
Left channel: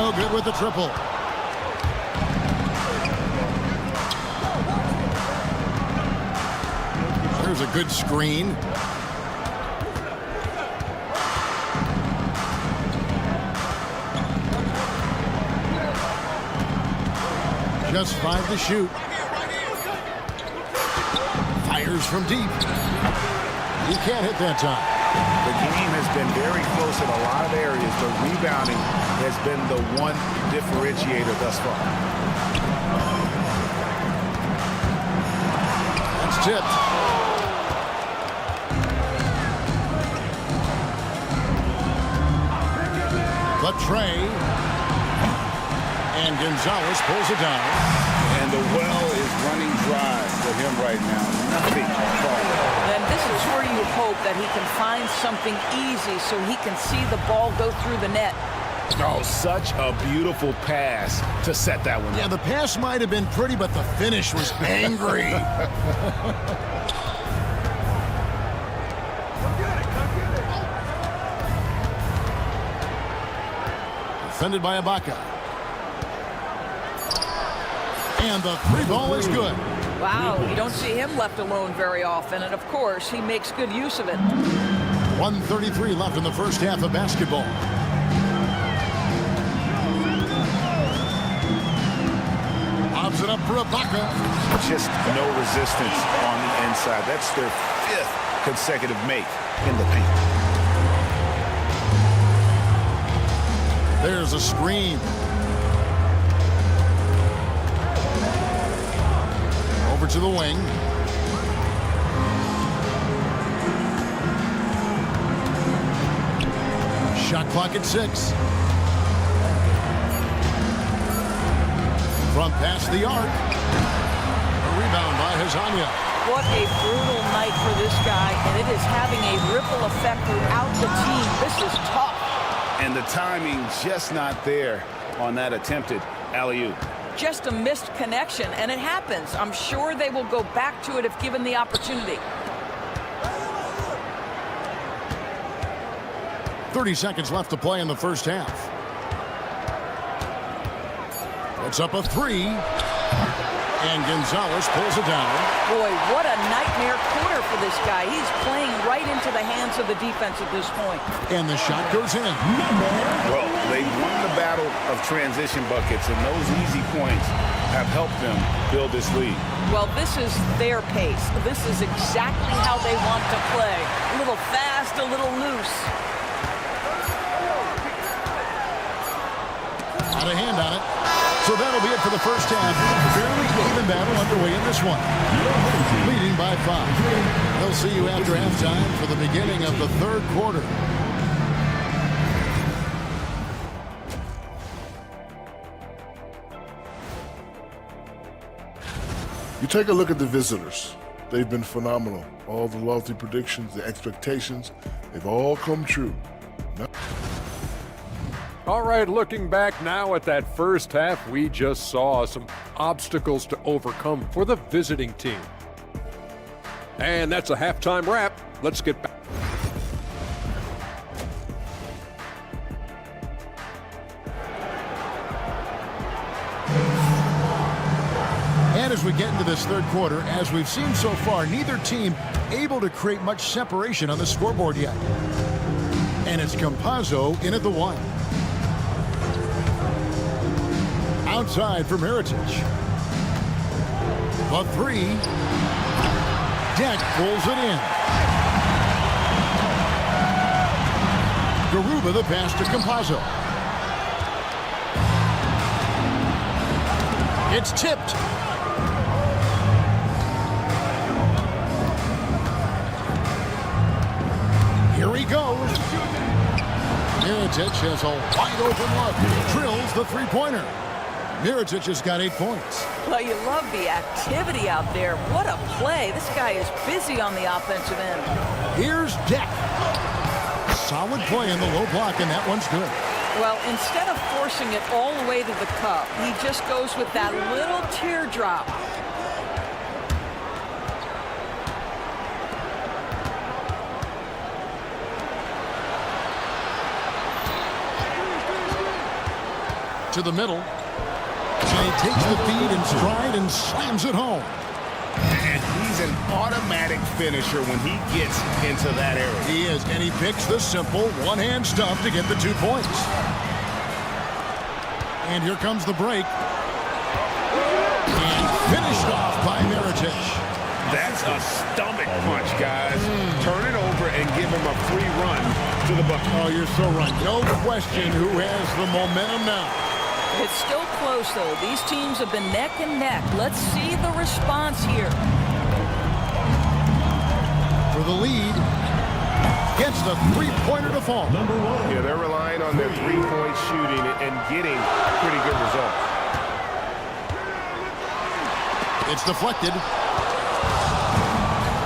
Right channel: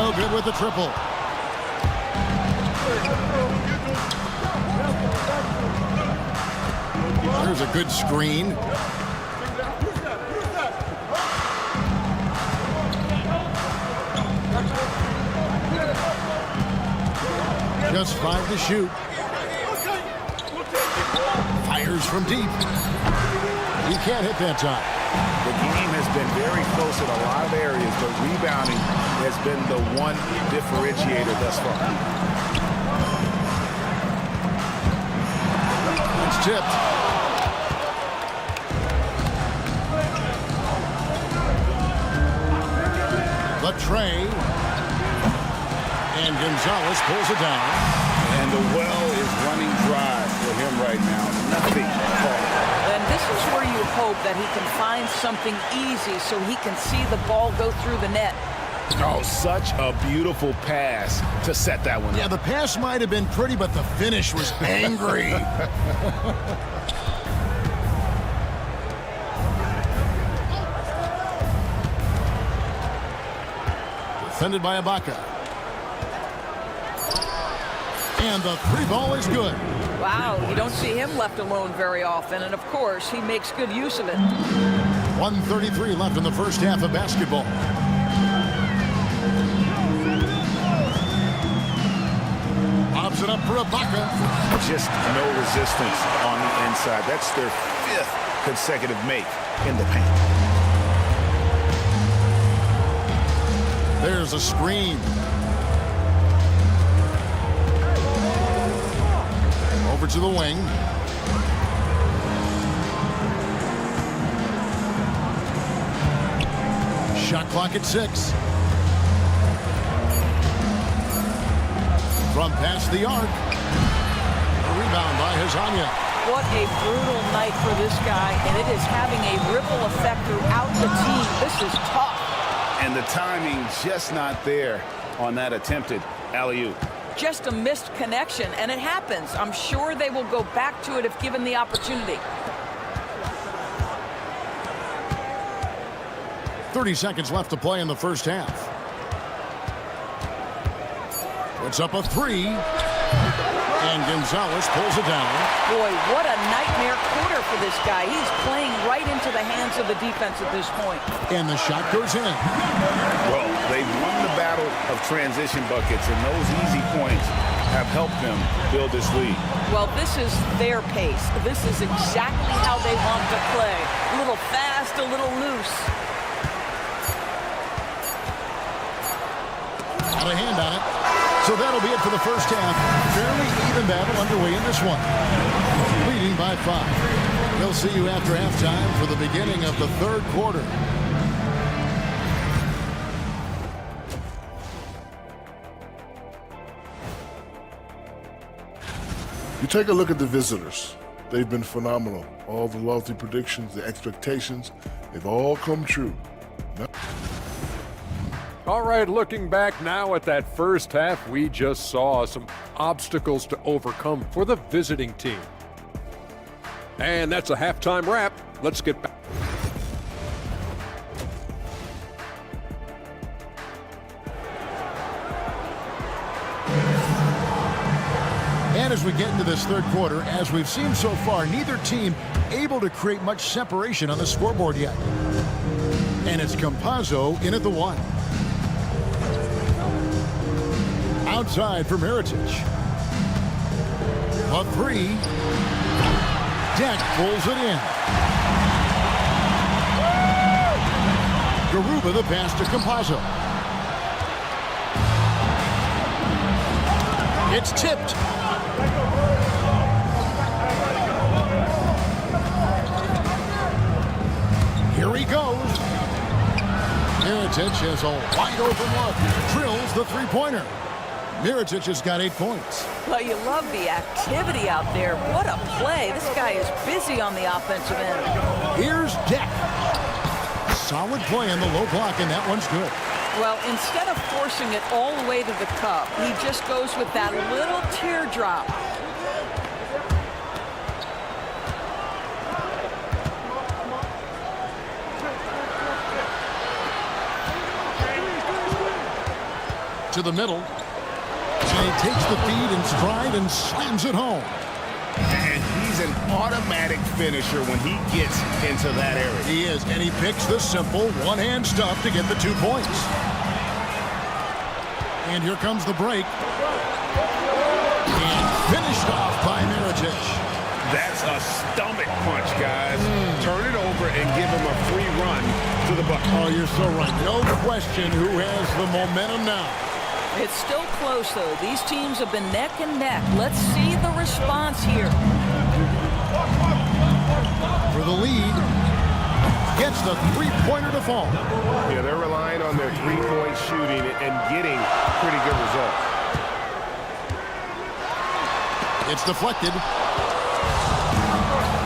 Oh, good with the triple. There's a good screen. Just 5 to shoot. Fires from deep. He can't hit that time. The game has been very close in a lot of areas, but rebounding has been the one differentiator thus far. That's tipped. The tray. And Gonzalez pulls it down. And the well is running dry for him right now. Nothing falling. Then this is where you hope that he can find something easy so he can see the ball go through the net. Oh, such a beautiful pass to set that one up. Yeah, the pass might have been pretty, but the finish was angry. Defended by Ibaka. And the three ball is good. Wow, you don't see him left alone very often, and of course, he makes good use of it. 1:33 left in the first half of basketball. Lobs it up for Ibaka. Just no resistance on the inside. That's their 5th consecutive make in the paint. There's a screen. Over to the wing. Shot clock at 6. From past the arc. A rebound by Hazanya. What a brutal night for this guy, and it is having a ripple effect throughout the team. This is tough. And the timing just not there on that attempted alley-oop. Just a missed connection, and it happens. I'm sure they will go back to it if given the opportunity. 30 seconds left to play in the first half. Puts up a 3. And Gonzalez pulls it down. Boy, what a nightmare quarter for this guy. He's playing right into the hands of the defense at this point. And the shot goes in. Well, they've won the battle of transition buckets, and those easy points have helped them build this lead. Well, this is their pace. This is exactly how they want to play. A little fast, a little loose. Out of hand on it. So that'll be it for the first half. Fairly even battle underway in this one. Leading by 5. We'll see you after halftime for the beginning of the third quarter. You take a look at the visitors. They've been phenomenal. All the lofty predictions, the expectations, they've all come true. All right, looking back now at that first half, we just saw some obstacles to overcome for the visiting team. And that's a halftime wrap. Let's get back. And as we get into this third quarter, as we've seen so far, neither team able to create much separation on the scoreboard yet. And it's Campazzo in at the 1. Outside for Mirotic. The 3. Deck pulls it in. Garuba the pass to Campazzo. It's tipped. Here he goes. Mirotic has a wide open look. Drills the three-pointer. Mirotic has got 8 points. Well, you love the activity out there. What a play. This guy is busy on the offensive end. Here's Deck. Solid play in the low block, and that one's good. Well, instead of forcing it all the way to the cup, he just goes with that little teardrop. To the middle. And he takes the feed in stride and slams it home. And he's an automatic finisher when he gets into that area. He is, and he picks the simple one-hand stuff to get the 2 points. And here comes the break. And finished off by Mirotic. That's a stomach punch, guys. Turn it over and give him a free run to the bucket. Oh, you're so right. No question who has the momentum now. It's still close, though. These teams have been neck and neck. Let's see the response here. For the lead, gets the three-pointer to fall. Yeah, they're relying on their three-point shooting and getting pretty good results. It's deflected.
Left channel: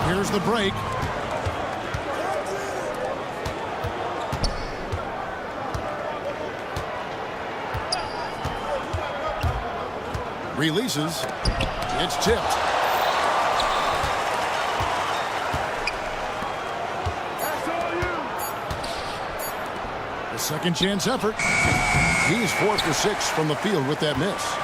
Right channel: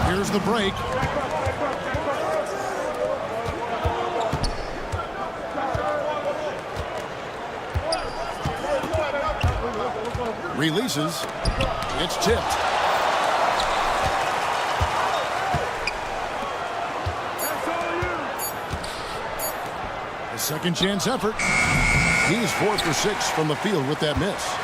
Here's the break. Releases. It's tipped. The second chance effort. He's 4 for 6 from the field with that miss.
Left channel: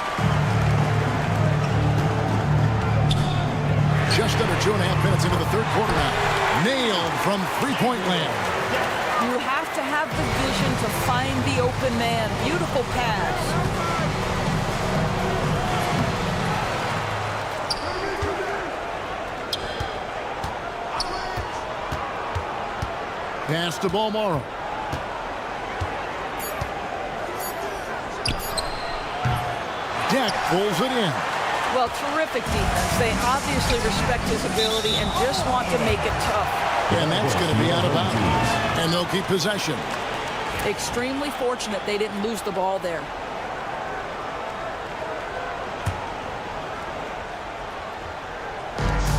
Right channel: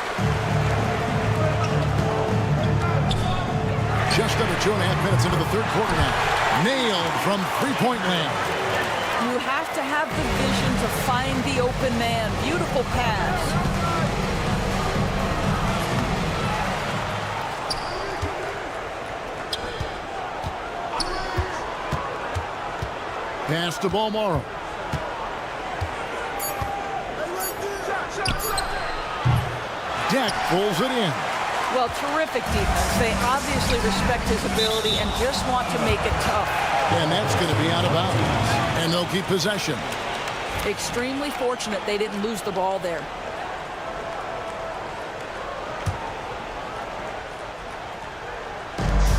Just under 2.5 minutes into the third quarter now. Nailed from three-point land. You have to have the vision to find the open man. Beautiful pass. Pass to Balmoro. Deck pulls it in. Well, terrific defense. They obviously respect his ability and just want to make it tough. And that's going to be out of bounds. And they'll keep possession. Extremely fortunate they didn't lose the ball there.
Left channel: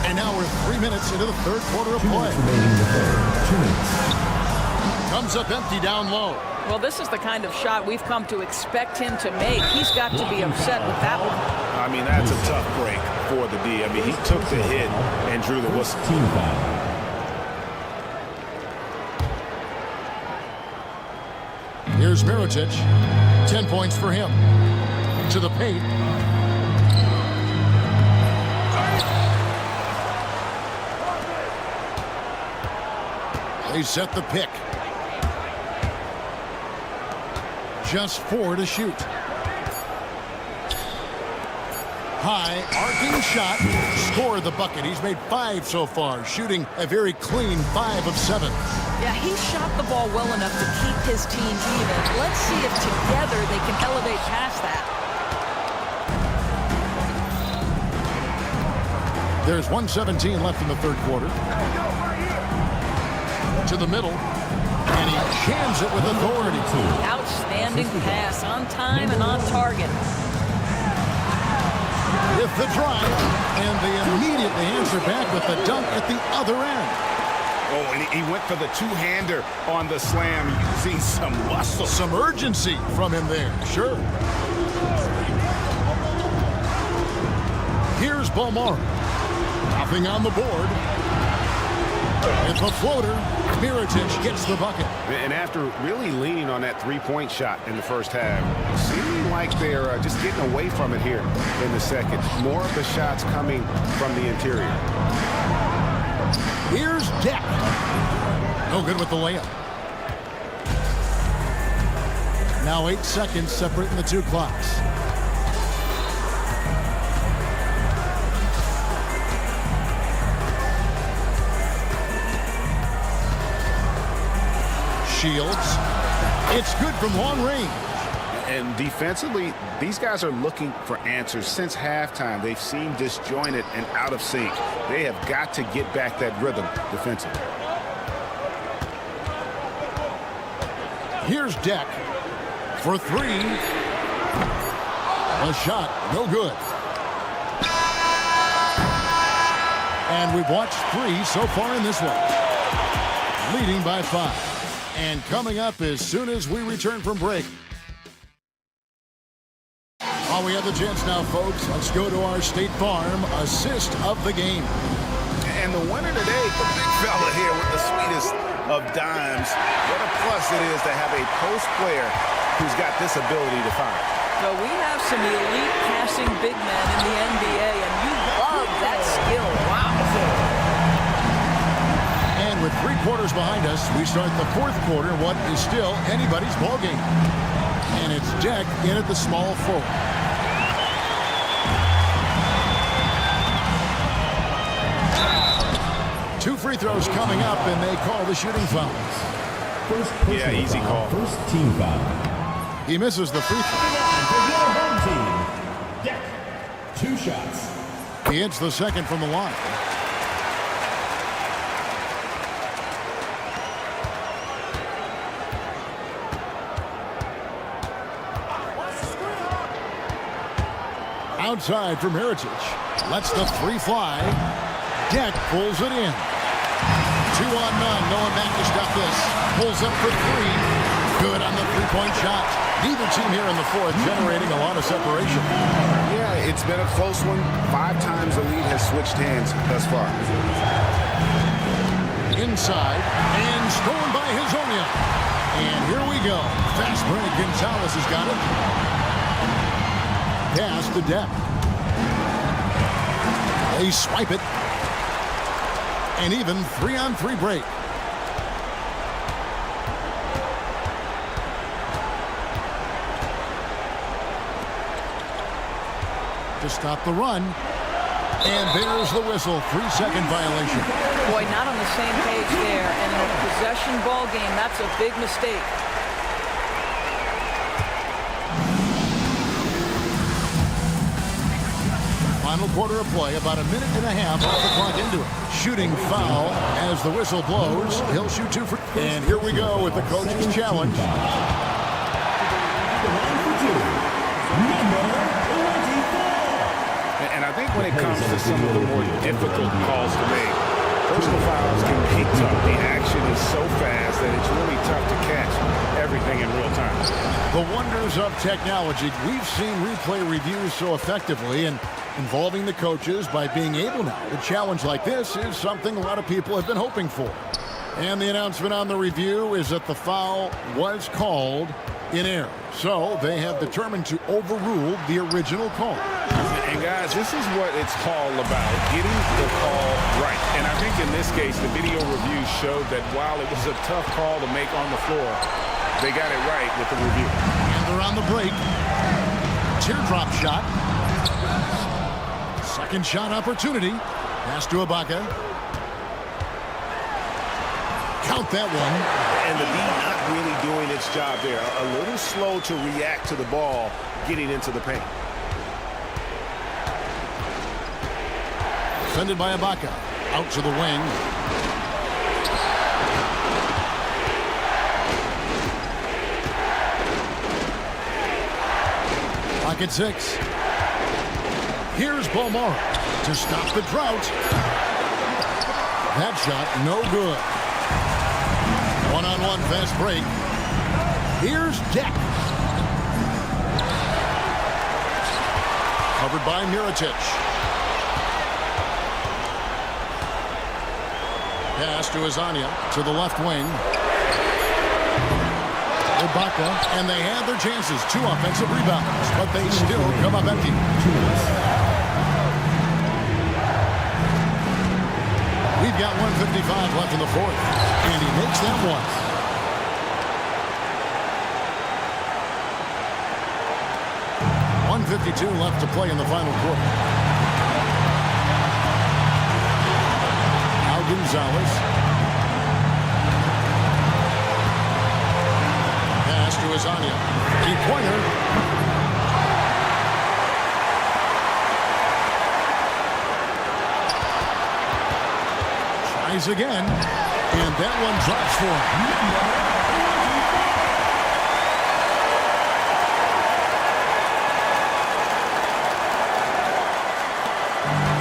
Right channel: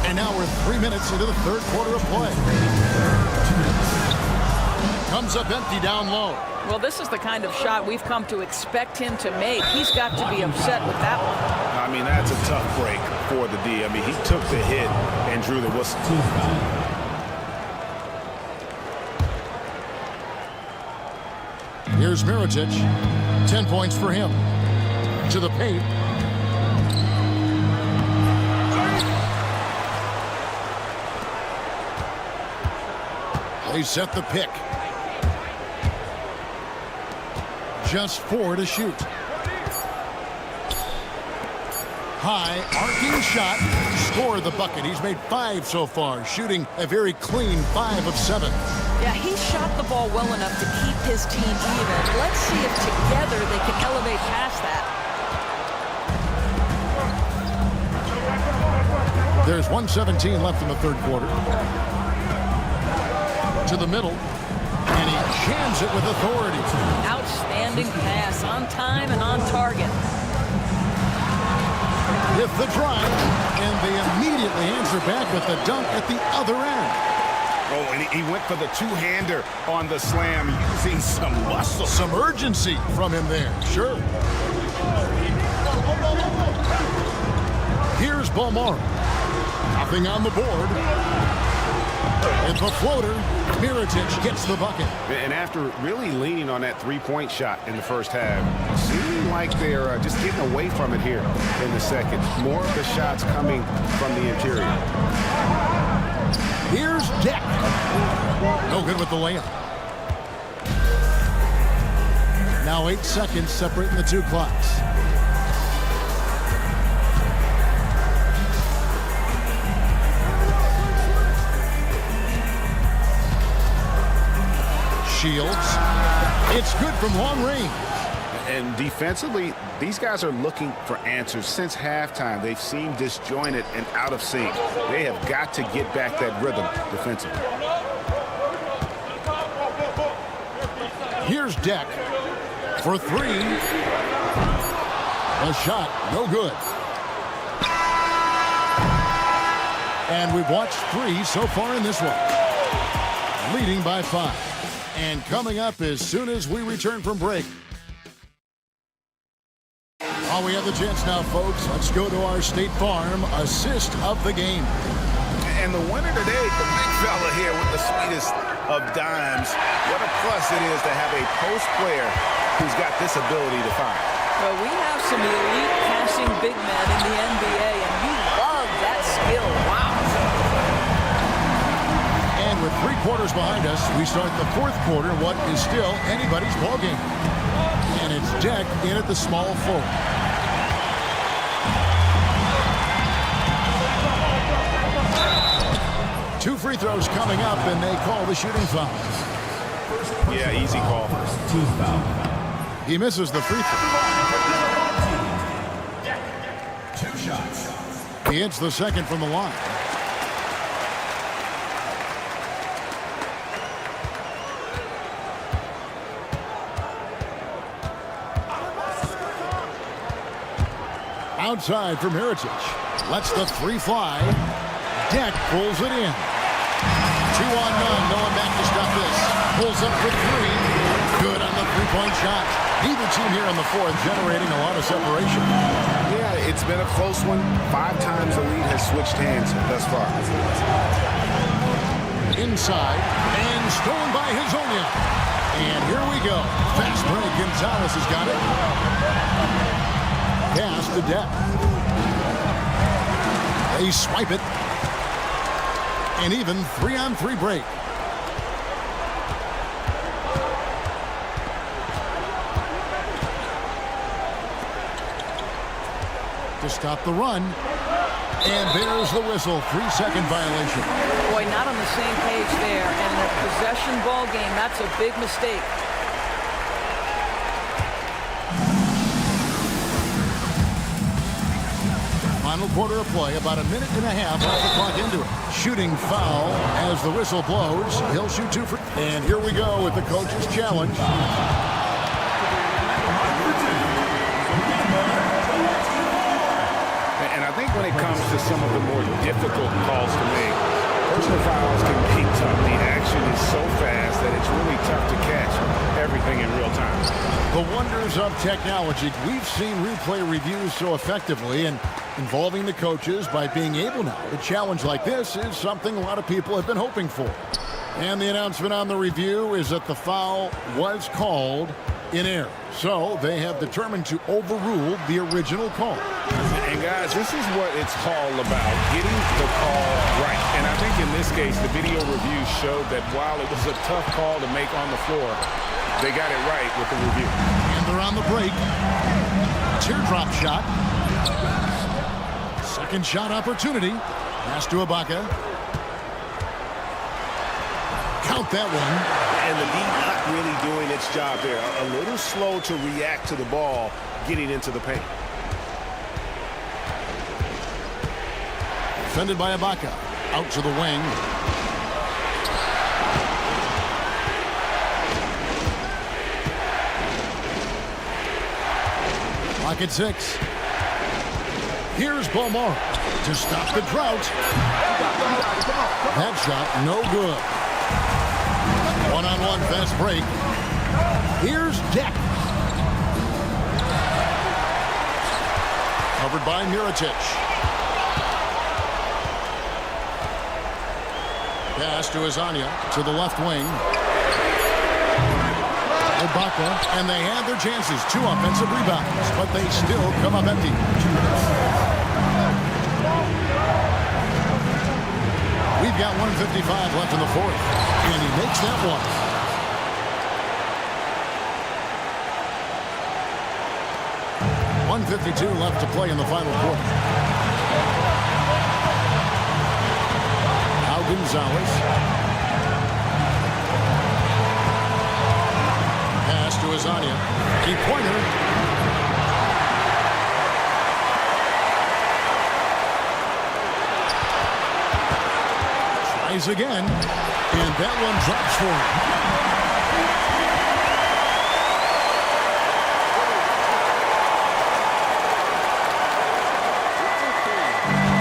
And now we're 3 minutes into the third quarter of play. Comes up empty down low. Well, this is the kind of shot we've come to expect him to make. He's got to be upset with that one. I mean, that's a tough break for the D. I mean, he took the hit and drew the whistle. Team foul. Here's Mirotic. 10 points for him. To the paint. They set the pick. Just 4 to shoot. High, arcing shot. Scored the bucket. He's made 5 so far, shooting a very clean 5 of 7. Yeah, he shot the ball well enough to keep his team even. Let's see if together they can elevate past that. There's 1:17 left in the third quarter. To the middle. And he jams it with authority. Outstanding pass, on time and on target. With the drive, and they immediately answer back with the dunk at the other end. Oh, and he went for the two-hander on the slam, using some muscle. Some urgency from him there, sure. Here's Bomar. Nothing on the board. With the floater, Mirotic gets the bucket. And after really leaning on that three-point shot in the first half, seeming like they're just getting away from it here in the second. More of the shots coming from the interior. Here's Deck. No good with the layup. Now 8 seconds separating the two clocks. Shields. It's good from long range. And defensively, these guys are looking for answers. Since halftime, they've seemed disjointed and out of sync. They have got to get back that rhythm defensively. Here's Deck for 3. A shot, no good. And we've watched 3 so far in this one. Leading by 5. And coming up as soon as we return from break. While we have the chance now, folks, let's go to our State Farm assist of the game. And the winner today, the big fella here with the sweetest of dimes. What a plus it is to have a post player who's got this ability to fire. Well, we have some elite passing big men in the NBA, and you love that skill. Wow. And with 3 quarters behind us, we start the fourth quarter, what is still anybody's ball game. And it's Deck in at the small forward. Two free throws coming up, and they call the shooting foul. Yeah, easy call. First team foul. He misses the free throw. Deck. 2 shots. He hits the second from the line. Outside for Mirotic. Lets the 3 fly. Deck pulls it in. 2-on-none. Noah back to stop this. Pulls up for 3. Good on the 3-point shot. Neither team here in the fourth generating a lot of separation. Yeah, it's been a close one. 5 times the lead has switched hands thus far. Inside and stolen by Hazonia. And here we go. Fast break. Gonzalez has got it. Pass to Deck. They swipe it. And even 3-on-3 break. To stop the run. And there's the whistle. 3-second violation. Boy, not on the same page there. And in a possession ball game, that's a big mistake. Final quarter of play, about 1.5 minutes off the clock into it. Shooting foul as the whistle blows. He'll shoot 2 for. And here we go with the coach's challenge. And I think when it comes to some of the more difficult calls to make, personal fouls can be tough. The action is so fast that it's really tough to catch everything in real time. The wonders of technology. We've seen replay reviews so effectively, and involving the coaches by being able now to challenge like this is something a lot of people have been hoping for. And the announcement on the review is that the foul was called in error. So they have determined to overrule the original call. And guys, this is what it's all about, getting the call right. And I think in this case, the video review showed that while it was a tough call to make on the floor, they got it right with the review. And they're on the break. Teardrop shot. Second shot opportunity. Pass to Ibaka. Count that one. And the D not really doing its job there. A little slow to react to the ball getting into the paint. Defended by Ibaka. Out to the wing. Pocket 6. Here's Balmora to stop the drought. That shot no good. One-on-one fast break. Here's Deck. Covered by Mirotic. Pass to Azania to the left wing. Ibaka, and they had their chances. 2 offensive rebounds, but they still come up empty. We've got 1:55 left in the fourth, and he makes that one. .152 left to play in the final quarter. Now Gonzalez. Pass to Azania. Three-pointer. Tries again, and that one drops for him.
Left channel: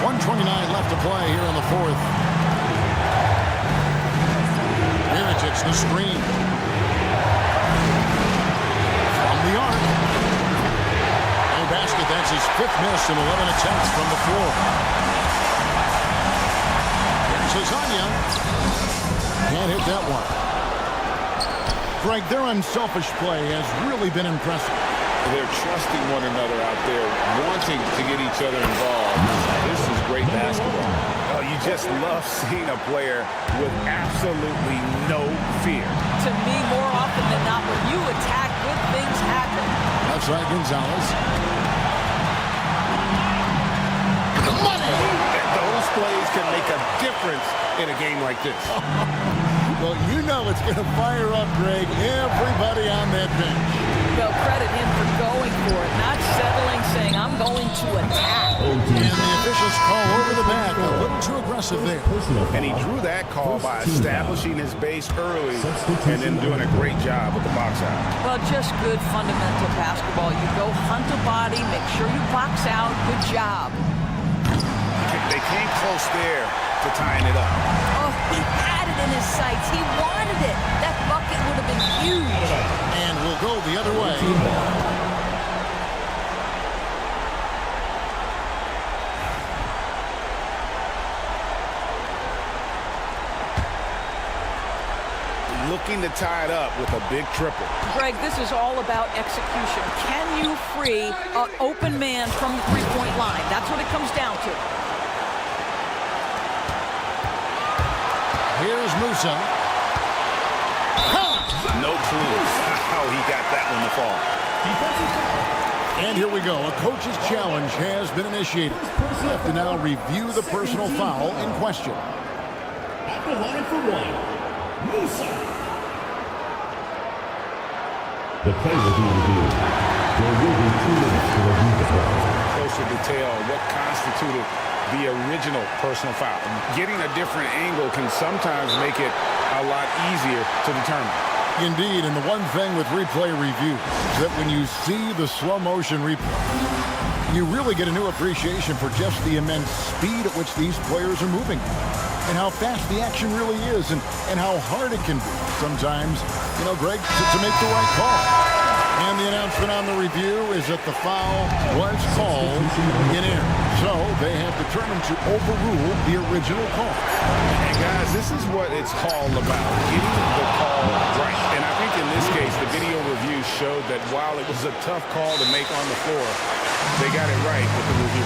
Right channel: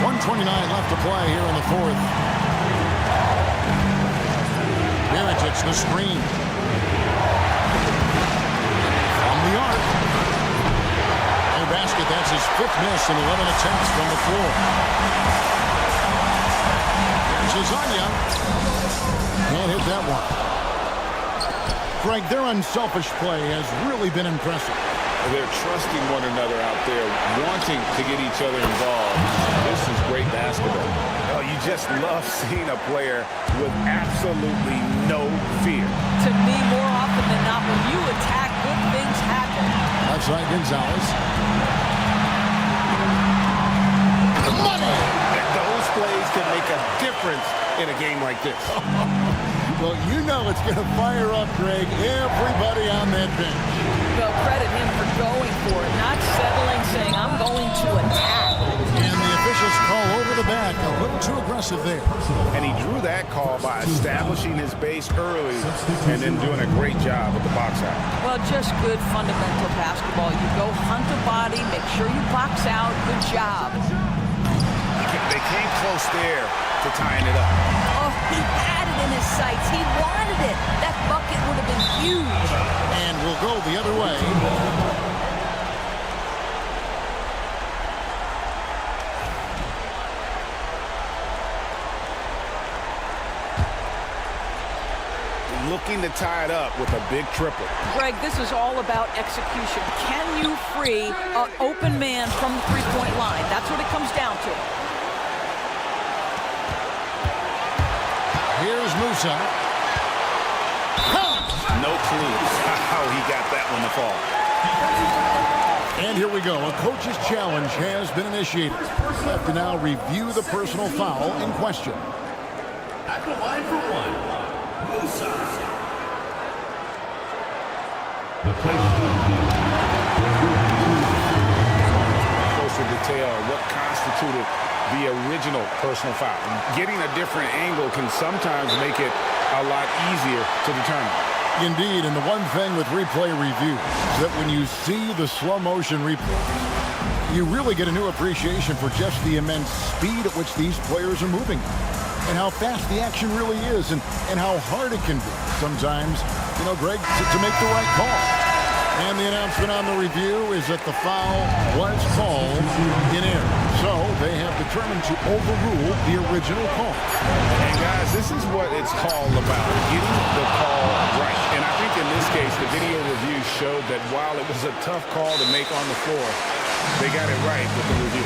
.129 left to play here in the fourth. Mirotic the screen. From the arc. No basket. That's his 5th miss in 11 attempts from the floor. Azania can't hit that one. Greg, their unselfish play has really been impressive. They're trusting one another out there, wanting to get each other involved. This is great basketball. Oh, you just love seeing a player with absolutely no fear. To me, more often than not, when you attack, good things happen. Left side, Gonzalez. Money! Those plays can make a difference in a game like this. Well, you know it's going to fire up, Greg, everybody on that bench. Well, credit him for going for it, not settling, saying, I'm going to attack. And the officials call over the back, a little too aggressive there. And he drew that call by establishing his base early and then doing a great job with the box out. Well, just good fundamental basketball. You go hunt a body, make sure you box out. Good job. They came close there to tying it up. Oh, he had it in his sights. He wanted it. That bucket would have been huge. And we'll go the other way. Looking to tie it up with a big triple. Greg, this is all about execution. Can you free an open man from the three-point line? That's what it comes down to. Here's Musa. No clue how he got that one to fall. And here we go. A coach's challenge has been initiated. We'll have to now review the personal foul in question. At the line for one, Musa. The play will be reviewed. There will be 2 minutes to review the ball. Closer detail what constituted the original personal foul. Getting a different angle can sometimes make it a lot easier to determine. Indeed, and the one thing with replay review is that when you see the slow motion replay, you really get a new appreciation for just the immense speed at which these players are moving and how fast the action really is and how hard it can be sometimes, you know, Greg, to make the right call. And the announcement on the review is that the foul was called in error. So they have determined to overrule the original call. And guys, this is what it's all about, getting the call right. And I think in this case, the video review showed that while it was a tough call to make on the floor, They got it right with the review.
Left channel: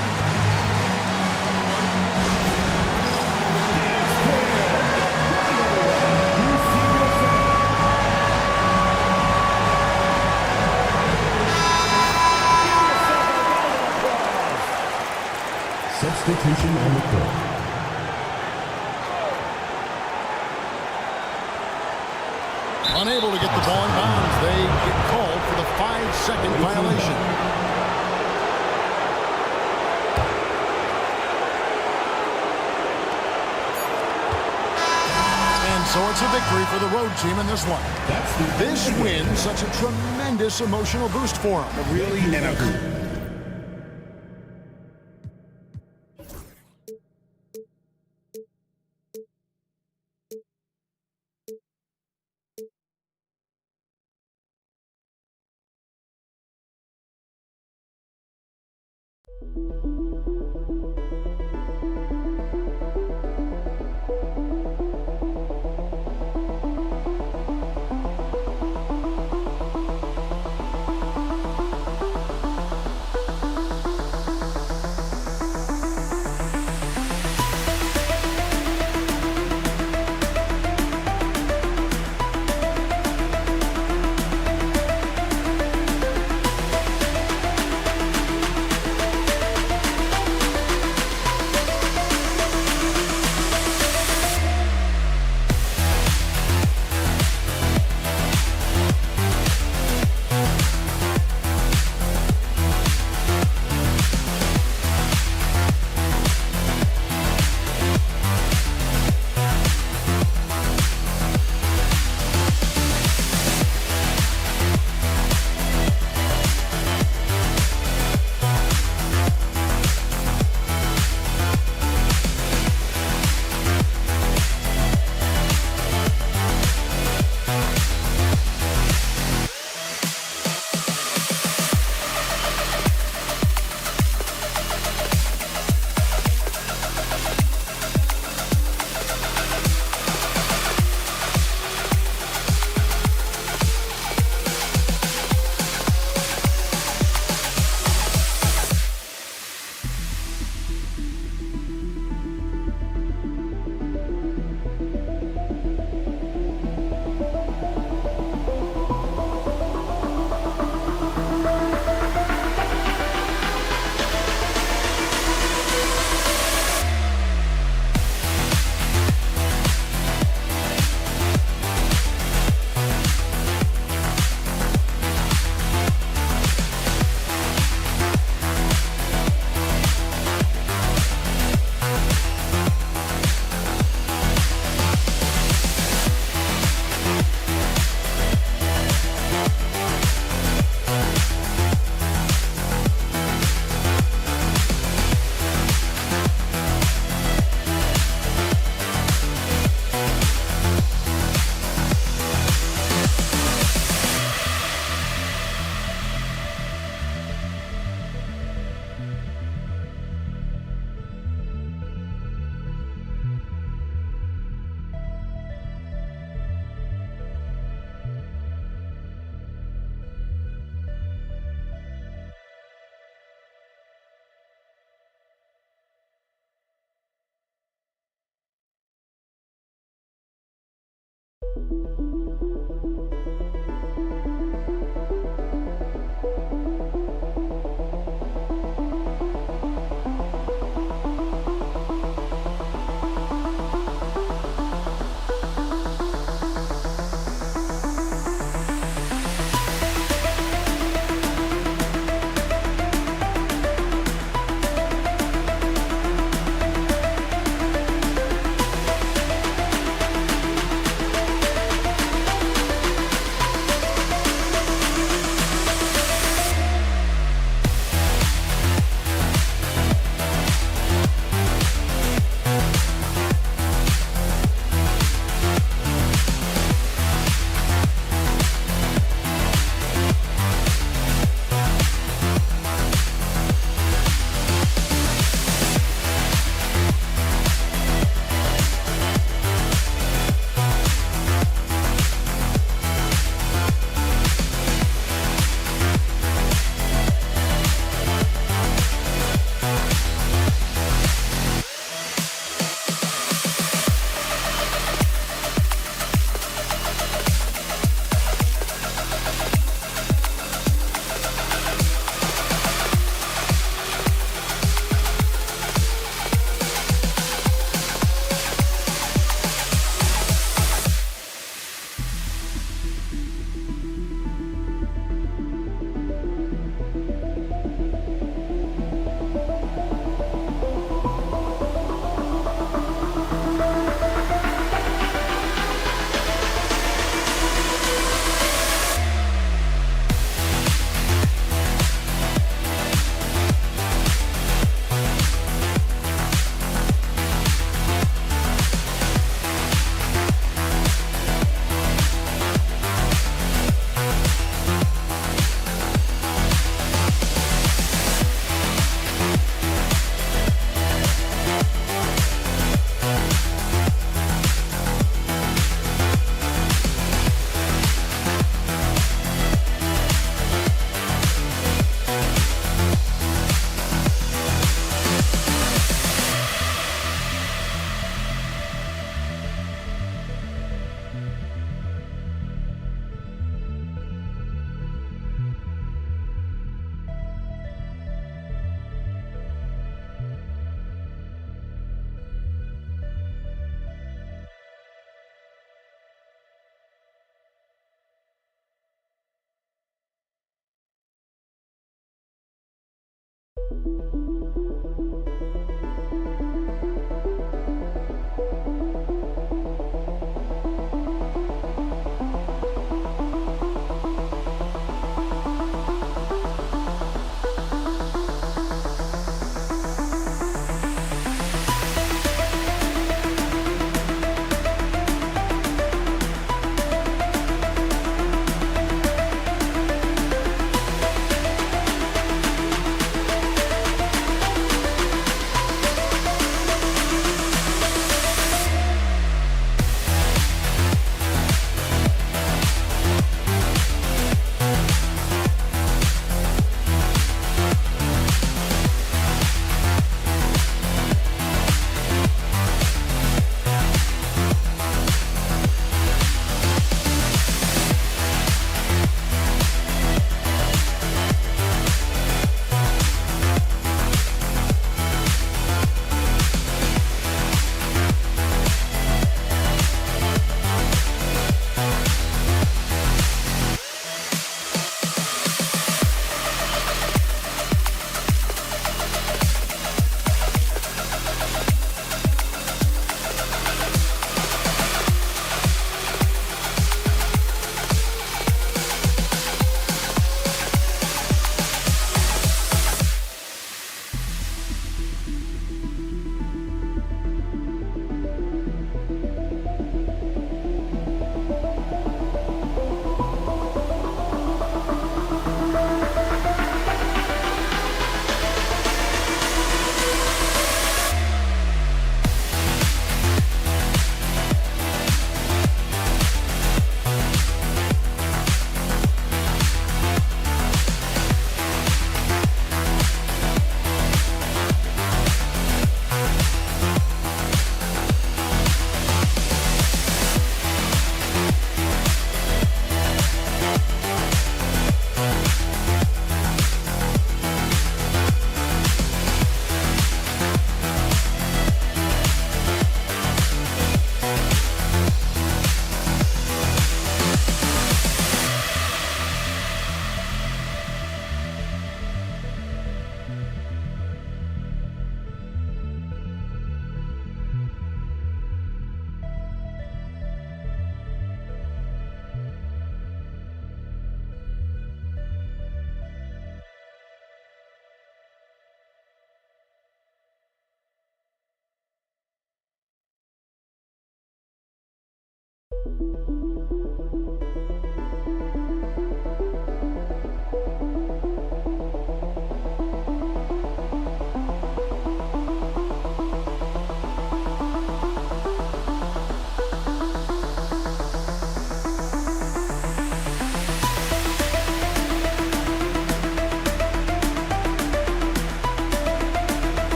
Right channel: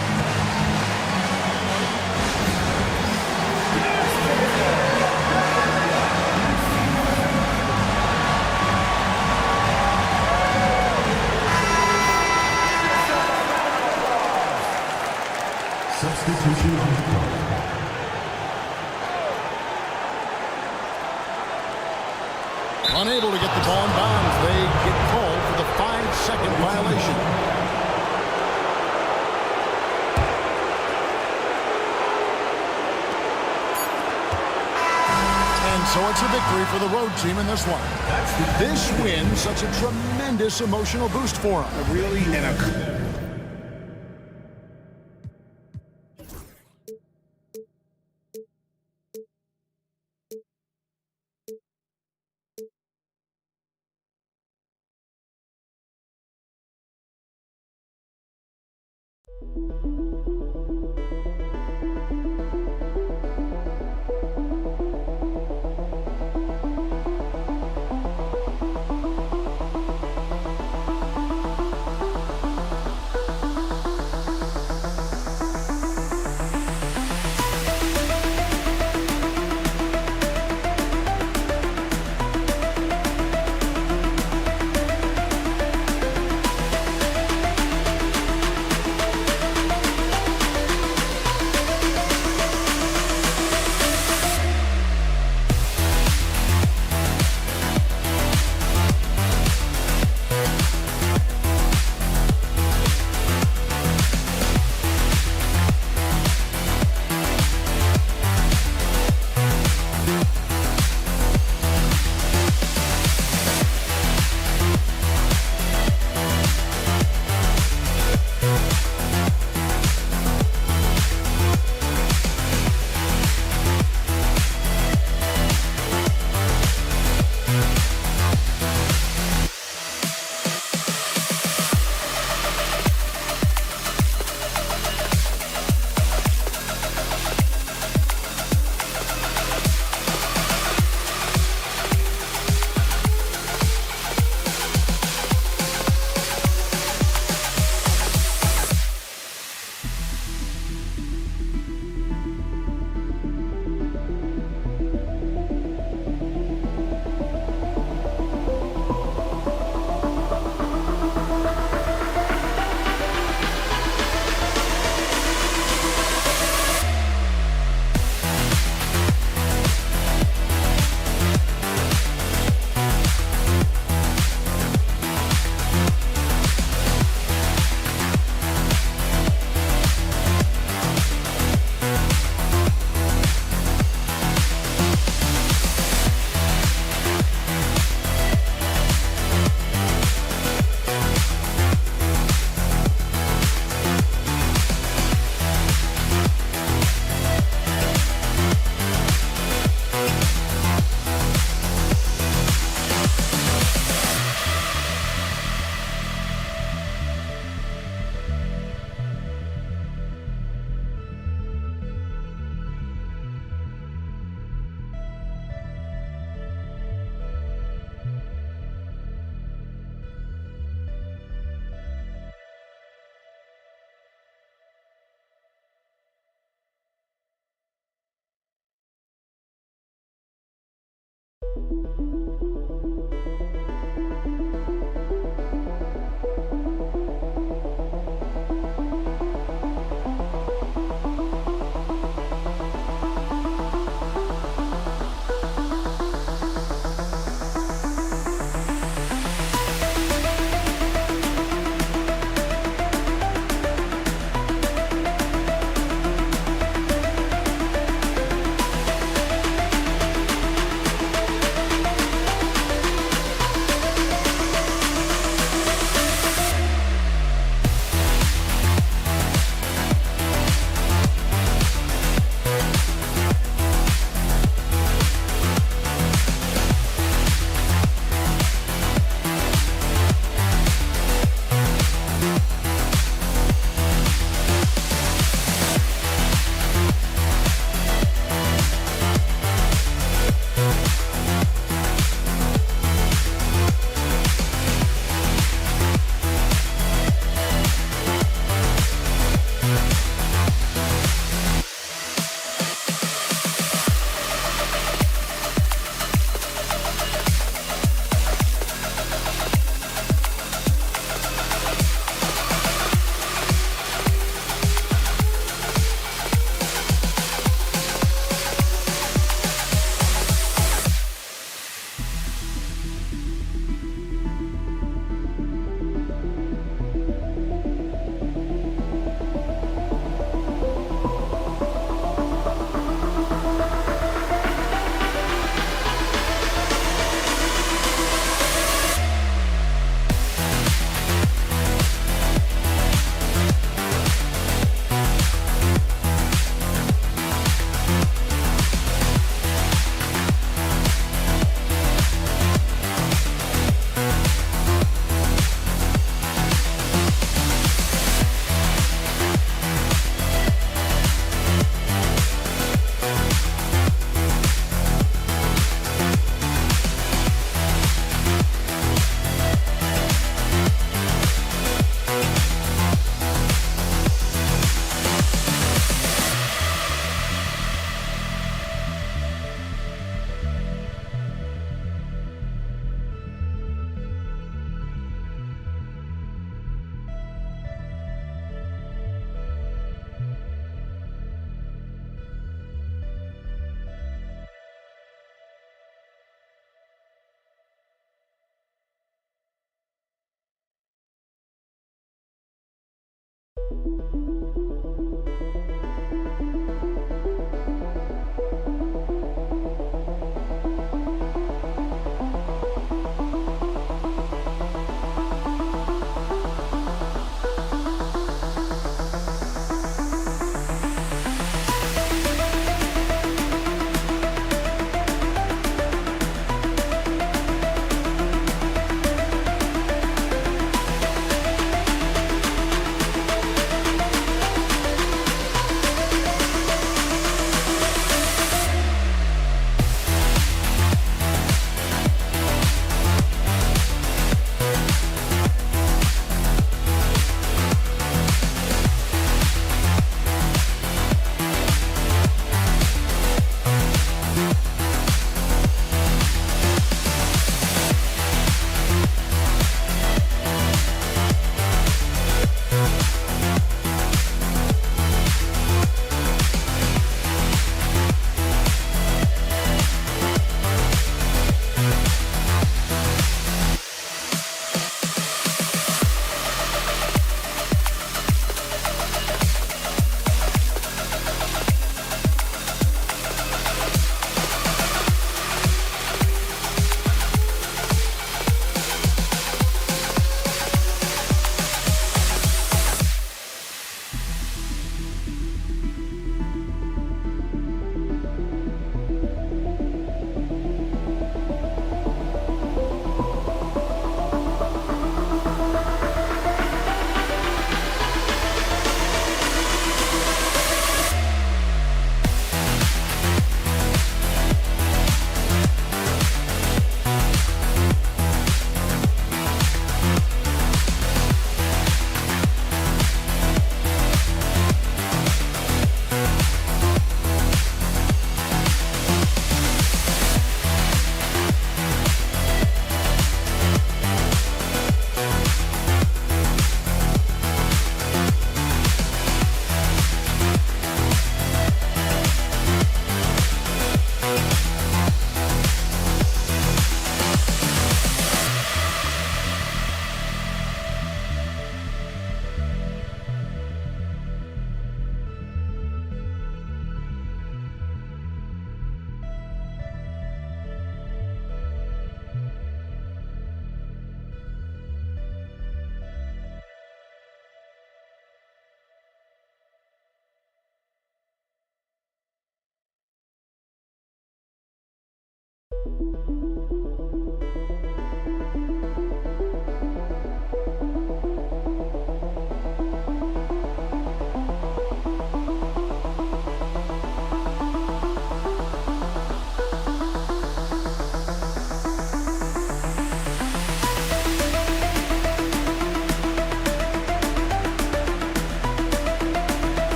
Substitution on the court. Unable to get the ball in bounds. They get called for the 5-second violation. And so it's a victory for the road team in this one. This win, such a tremendous emotional boost for them. Really, and a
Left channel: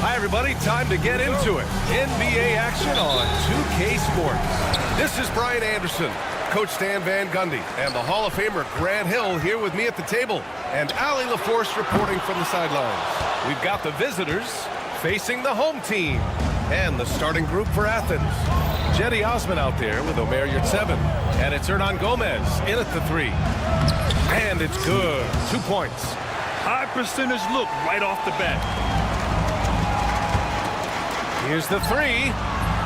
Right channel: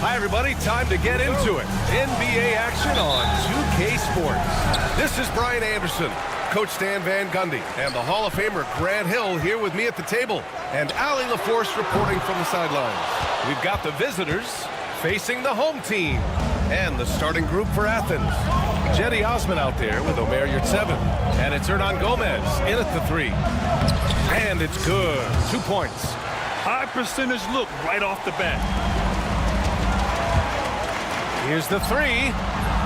Hi, everybody. Time to get into it. NBA action on 2K Sports. This is Brian Anderson, Coach Stan Van Gundy, and the Hall of Famer Grant Hill here with me at the table, and Allie LaForce reporting from the sidelines. We've got the visitors facing the home team, and the starting group for Athens. Jetty Osman out there with Omer Yurtseven, and it's Hernan Gomez in at the 3. And it's good. 2 points. High percentage look right off the bat. Here's the 3.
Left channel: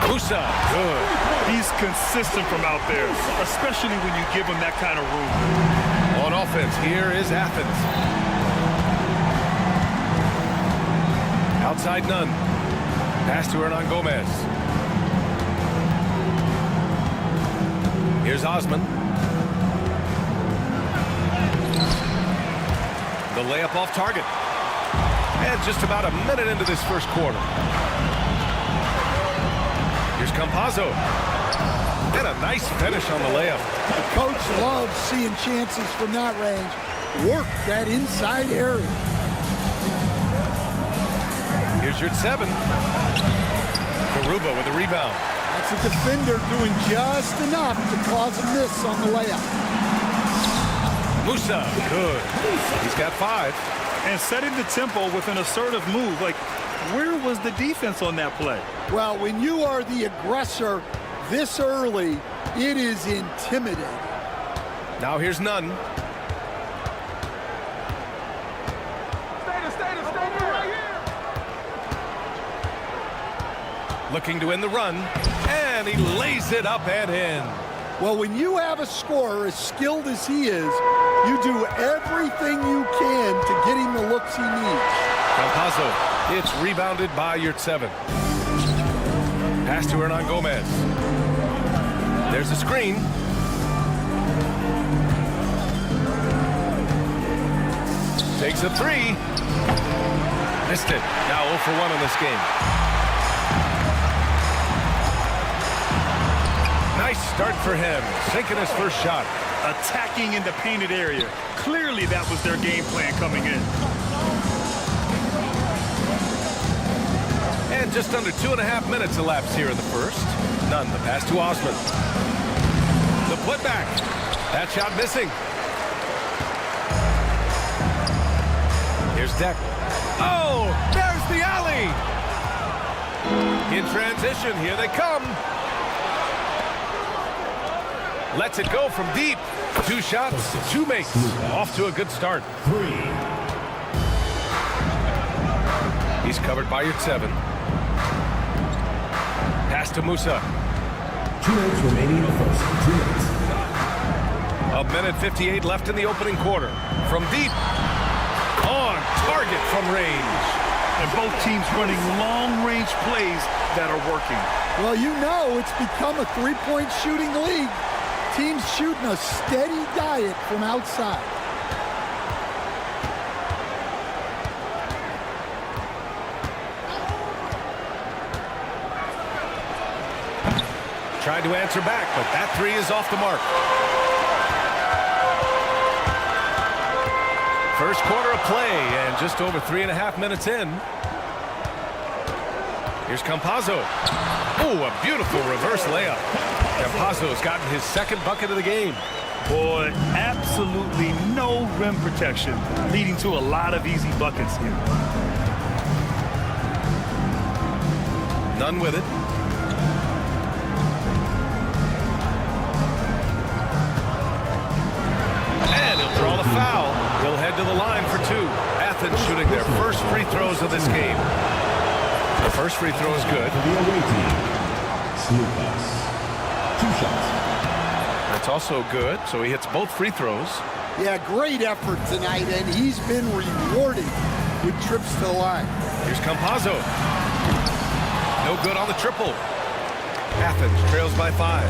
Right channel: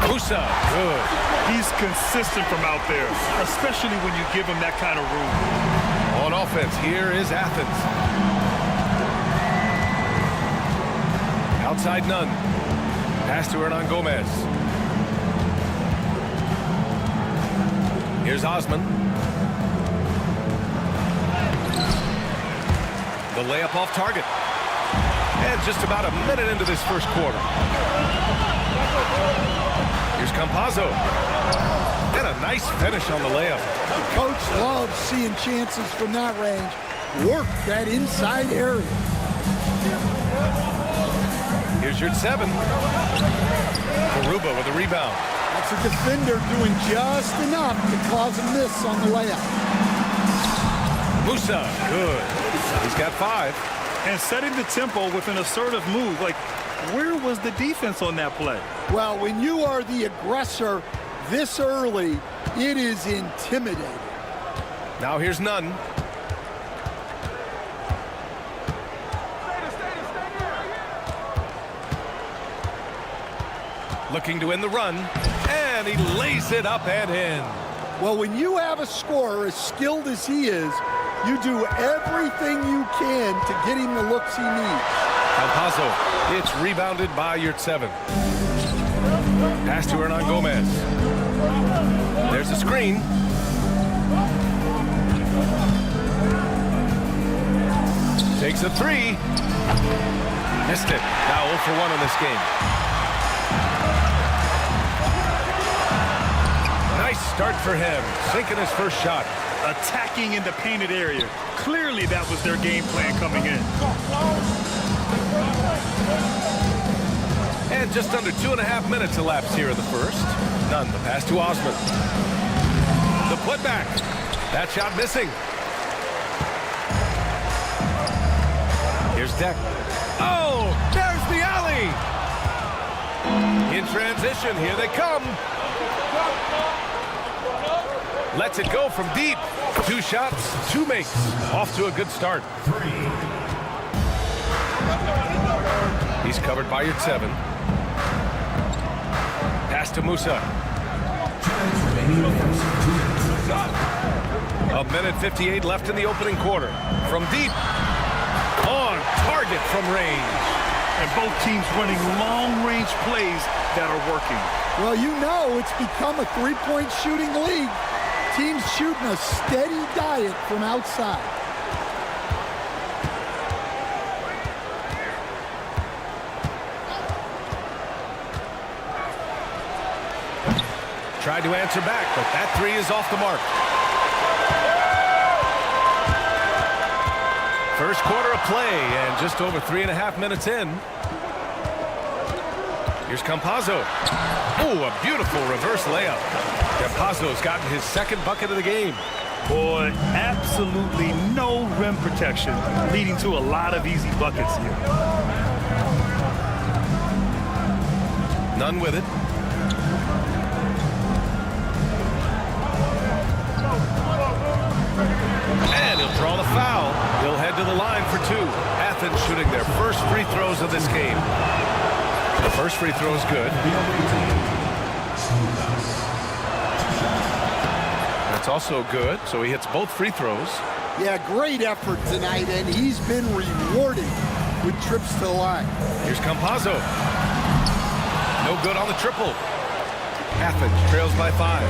Musa, good. He's consistent from out there, especially when you give him that kind of room. On offense, here is Athens. Outside none. Pass to Hernan Gomez. Here's Osman. The layup off target. And just about a minute into this first quarter. Here's Campazzo. And a nice finish on the layup. The coach loves seeing chances from that range. Work that inside area. Here's Yurtseven. Garuba with a rebound. That's a defender doing just enough to cause a miss on the layup. Musa, good. He's got 5. and setting the tempo with an assertive move. Like, where was the defense on that play? Well, when you are the aggressor this early, it is intimidating. Now here's Nunn. Looking to end the run, and he lays it up and in. Well, when you have a scorer as skilled as he is, you do everything you can to get him the looks he needs. Campazzo, it's rebounded by Yurtseven. Pass to Hernan Gomez. There's a screen. Takes a three. Missed it. Now 0 for 1 in this game. Nice start for him, sinking his first shot. Attacking in the painted area. Clearly that was their game plan coming in. And just under 2.5 minutes elapsed here in the first. Nunn, the pass to Osman. The putback. That shot missing. Here's Deck. Oh, there's the alley. In transition, here they come. Lets it go from deep. 2 shots, 2 makes. Off to a good start. 3. He's covered by Yurtseven. Pass to Musa. 2 minutes remaining in the first. 2 minutes. 1:58 left in the opening quarter. From deep. On target from range. And both teams running long-range plays that are working. Well, you know it's become a three-point shooting league. Teams shooting a steady diet from outside. Tried to answer back, but that three is off the mark. First quarter of play, and just over 3.5 minutes in. Here's Campazzo. Oh, a beautiful reverse layup. Campazzo's gotten his second bucket of the game. Boy, absolutely no rim protection, leading to a lot of easy buckets here. Nunn with it. And he'll draw the foul. He'll head to the line for 2. Athens shooting their first free throws of this game. The first free throw is good. That's also good, so he hits both free throws. Yeah, great effort tonight, and he's been rewarded with trips to the line. Here's Campazzo. No good on the triple. Athens trails by 5.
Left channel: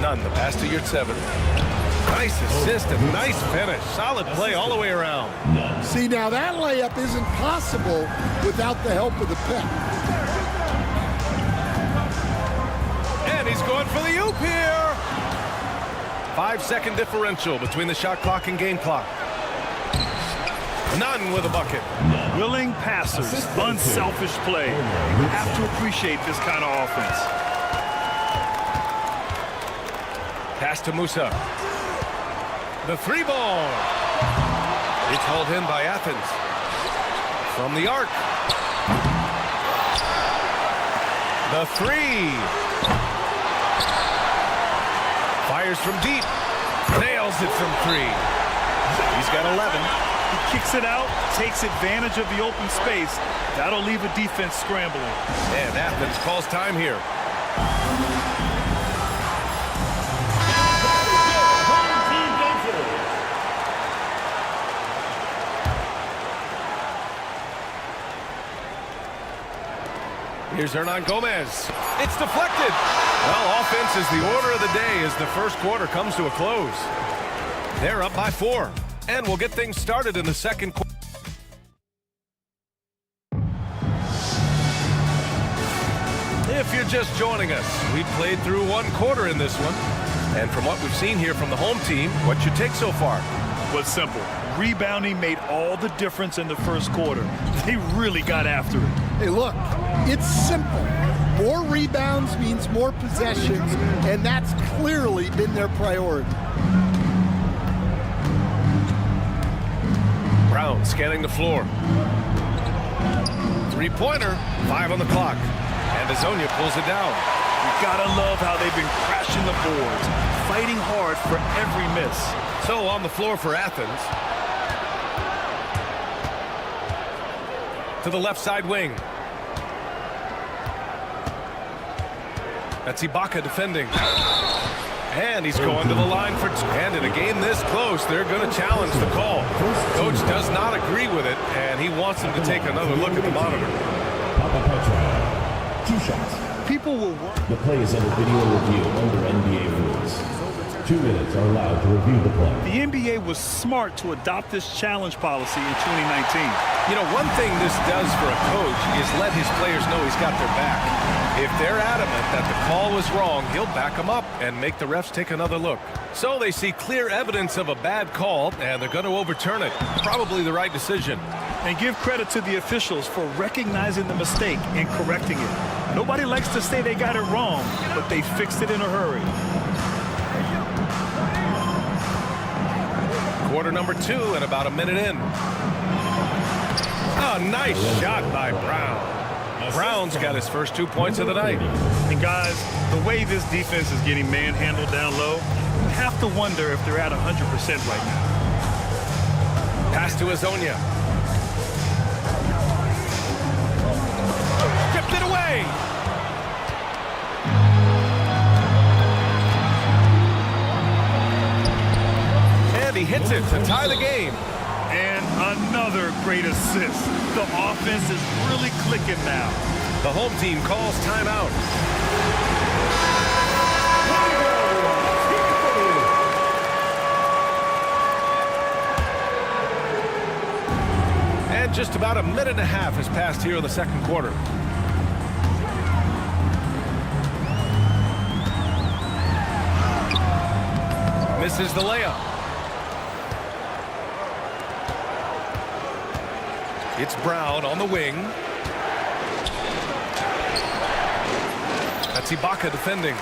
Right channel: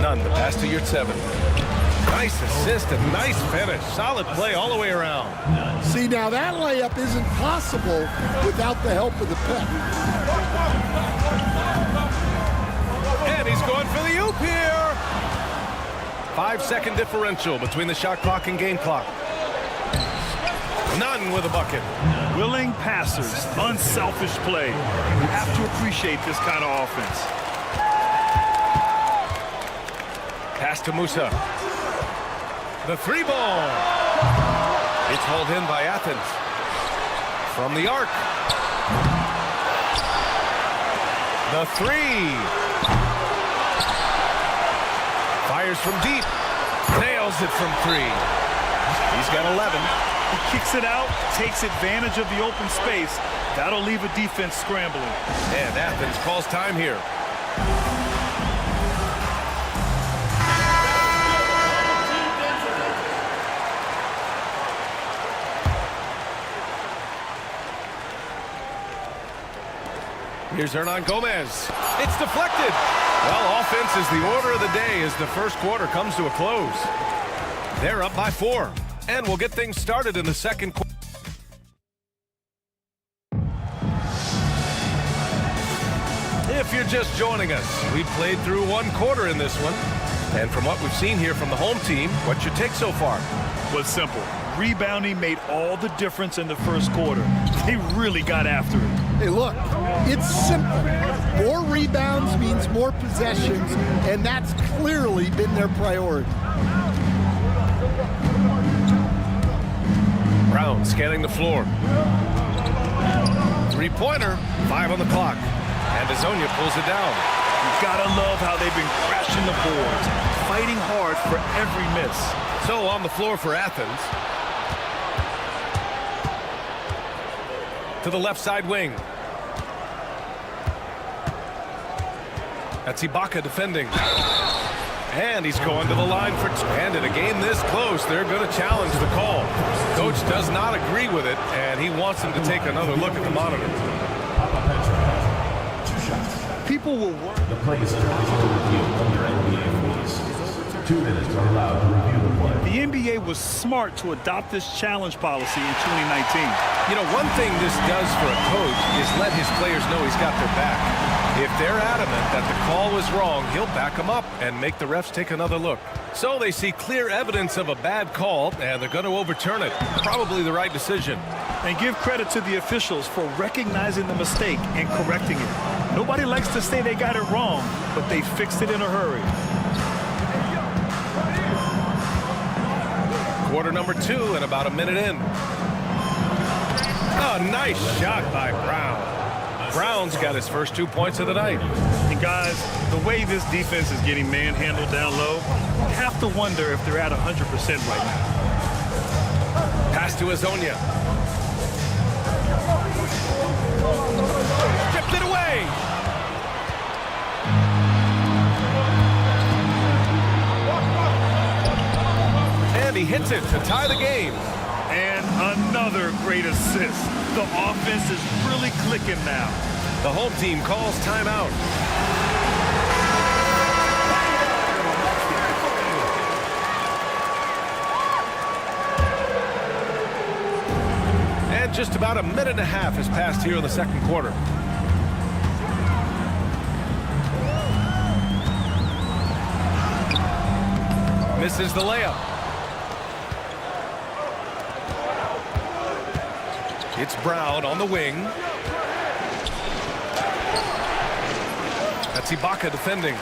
Nunn, the pass to Yurtseven. Nice assist and nice finish. Solid play all the way around. See, now that layup isn't possible without the help of the pick. And he's going for the oop here. 5-second differential between the shot clock and game clock. Nunn with a bucket. Willing passers, unselfish play. You have to appreciate this kind of offense. Pass to Musa. The 3 ball. It's hauled in by Athens. From the arc. The 3. Fires from deep. Nails it from 3. He's got 11. He kicks it out, takes advantage of the open space. That'll leave a defense scrambling. And Athens calls time here. Here's Hernan Gomez. It's deflected. Well, offense is the order of the day as the first quarter comes to a close. They're up by 4. And we'll get things started in the second quarter. If you're just joining us, we've played through 1 quarter in this one. And from what we've seen here from the home team, what's your take so far? Was simple. Rebounding made all the difference in the first quarter. They really got after it. Hey, look, it's simple. More rebounds means more possessions, and that's clearly been their priority. Brown scanning the floor. Three-pointer, 5 on the clock. And Azonia pulls it down. You gotta love how they've been crashing the boards, fighting hard for every miss. So on the floor for Athens. To the left side wing. That's Ibaka defending. And he's going to the line for two. And in a game this close, they're going to challenge the call. Coach does not agree with it, and he wants him to take another look at the monitor. Two shots. People will work. The play is under video review under NBA rules. 2 minutes are allowed to review the play. The NBA was smart to adopt this challenge policy in 2019. You know, one thing this does for a coach is let his players know he's got their back. If they're adamant that the call was wrong, he'll back them up and make the refs take another look. So they see clear evidence of a bad call, and they're going to overturn it. Probably the right decision. And give credit to the officials for recognizing the mistake and correcting it. Nobody likes to say they got it wrong, but they fixed it in a hurry. Quarter number 2 and about a minute in. Oh, nice shot by Brown. Brown's got his first 2 points of the night. And guys, the way this defense is getting manhandled down low, you have to wonder if they're at 100% right now. Pass to Azonia. Stripped it away. And he hits it to tie the game. And another great assist. The offense is really clicking now. The home team calls timeout. And just about a minute and a half has passed here in the second quarter. Misses the layup. It's Brown on the wing. That's Ibaka defending.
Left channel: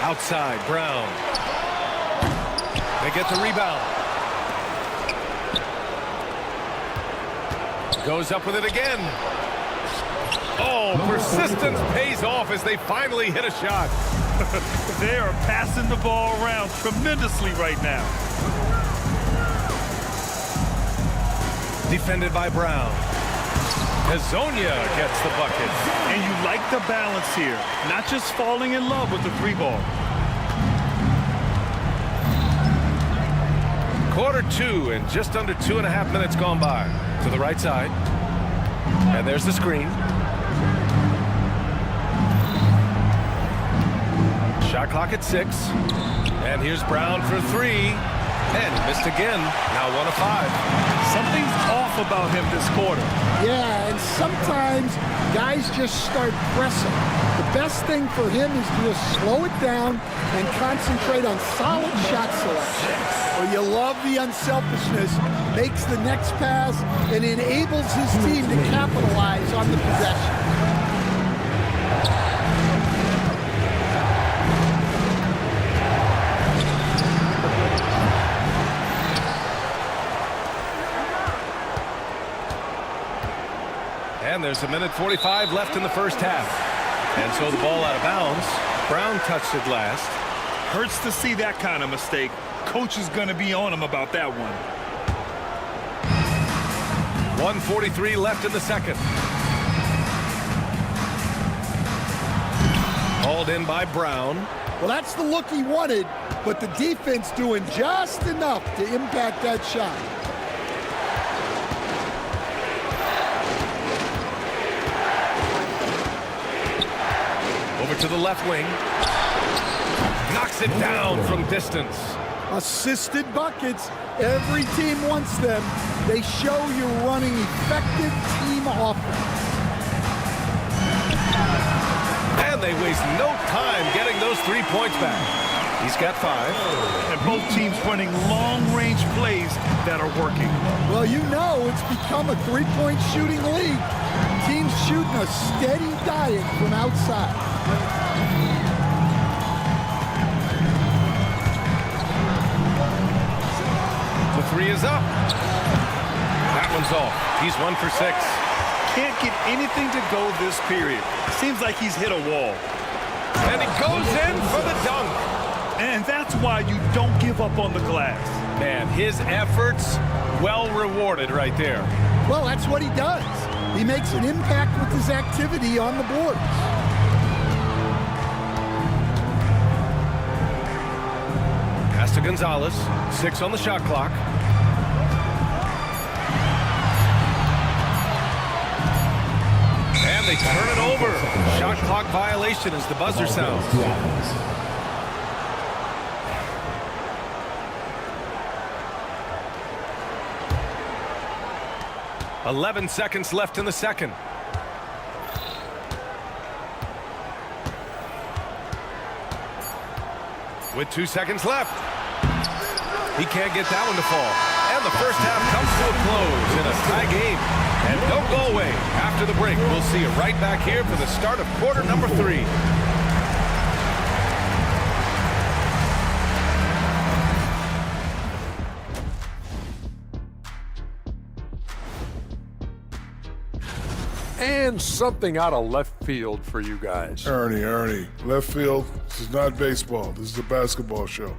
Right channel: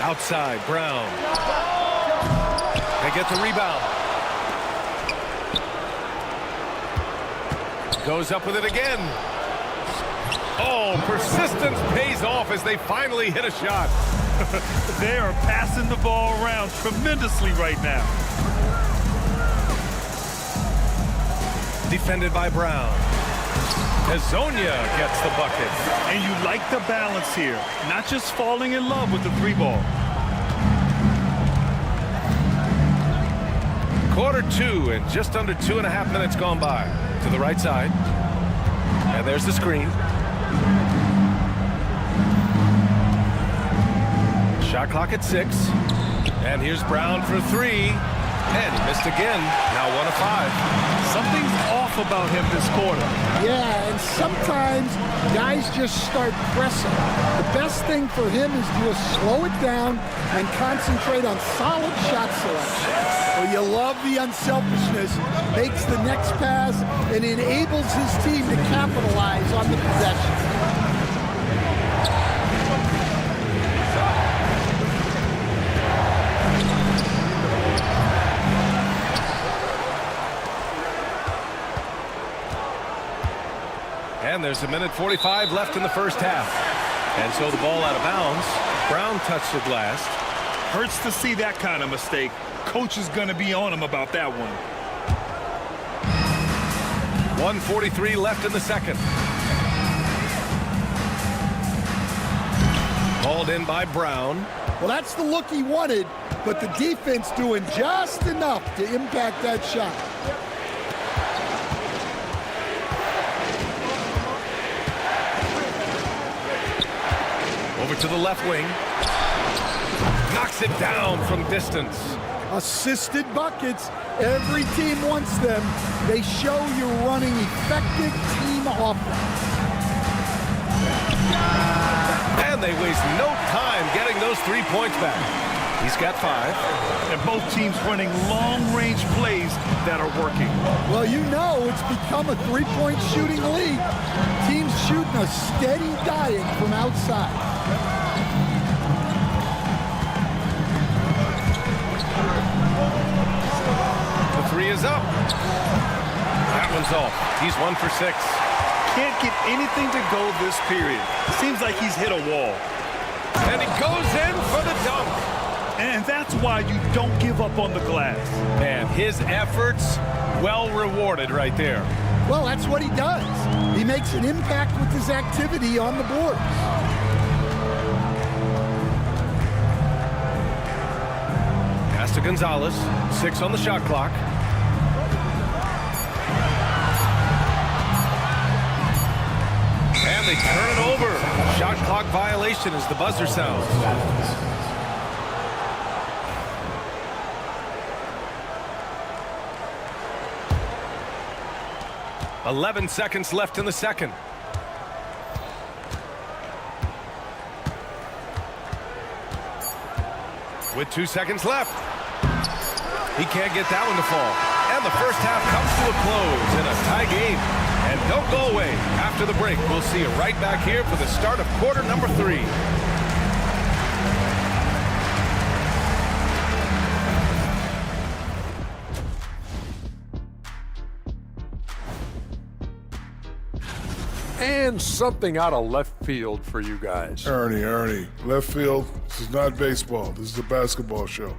Outside, Brown. They get the rebound. Goes up with it again. Oh, persistence pays off as they finally hit a shot. They are passing the ball around tremendously right now. Defended by Brown. Azonia gets the bucket. And you like the balance here. Not just falling in love with the 3-ball. Quarter 2 and just under 2.5 minutes gone by. To the right side. And there's the screen. Shot clock at 6. And here's Brown for 3. And he missed again. Now 1 of 5. Something's off about him this quarter. Yeah, and sometimes guys just start pressing. The best thing for him is to just slow it down and concentrate on solid shot selection. Well, you love the unselfishness, makes the next pass, and enables his team to capitalize on the possession. And there's a minute 45 left in the first half. And so the ball out of bounds. Brown touched it last. Hurts to see that kind of mistake. Coach is going to be on him about that one. 1:43 left in the second. Hauled in by Brown. Well, that's the look he wanted, but the defense doing just enough to impact that shot. Over to the left wing. Knocks it down from distance. Assisted buckets. Every team wants them. They show you're running effective team offense. And they waste no time getting those 3 points back. He's got 5. And both teams running long-range plays that are working. Well, you know it's become a 3-point shooting league. Teams shooting a steady diet from outside. The three is up. That one's off. He's 1 for 6. Can't get anything to go this period. Seems like he's hit a wall. And he goes in for the dunk. And that's why you don't give up on the glass. Man, his efforts well rewarded right there. Well, that's what he does. He makes an impact with his activity on the boards. Pass to Gonzalez. 6 on the shot clock. And they turn it over. Shot clock violation as the buzzer sounds. 11 seconds left in the second. With 2 seconds left. He can't get that one to fall. And the first half comes to a close in a tie game. And don't go away. After the break, we'll see you right back here for the start of quarter number 3. And something out of left field for you guys. Ernie, left field, this is not baseball. This is a basketball show.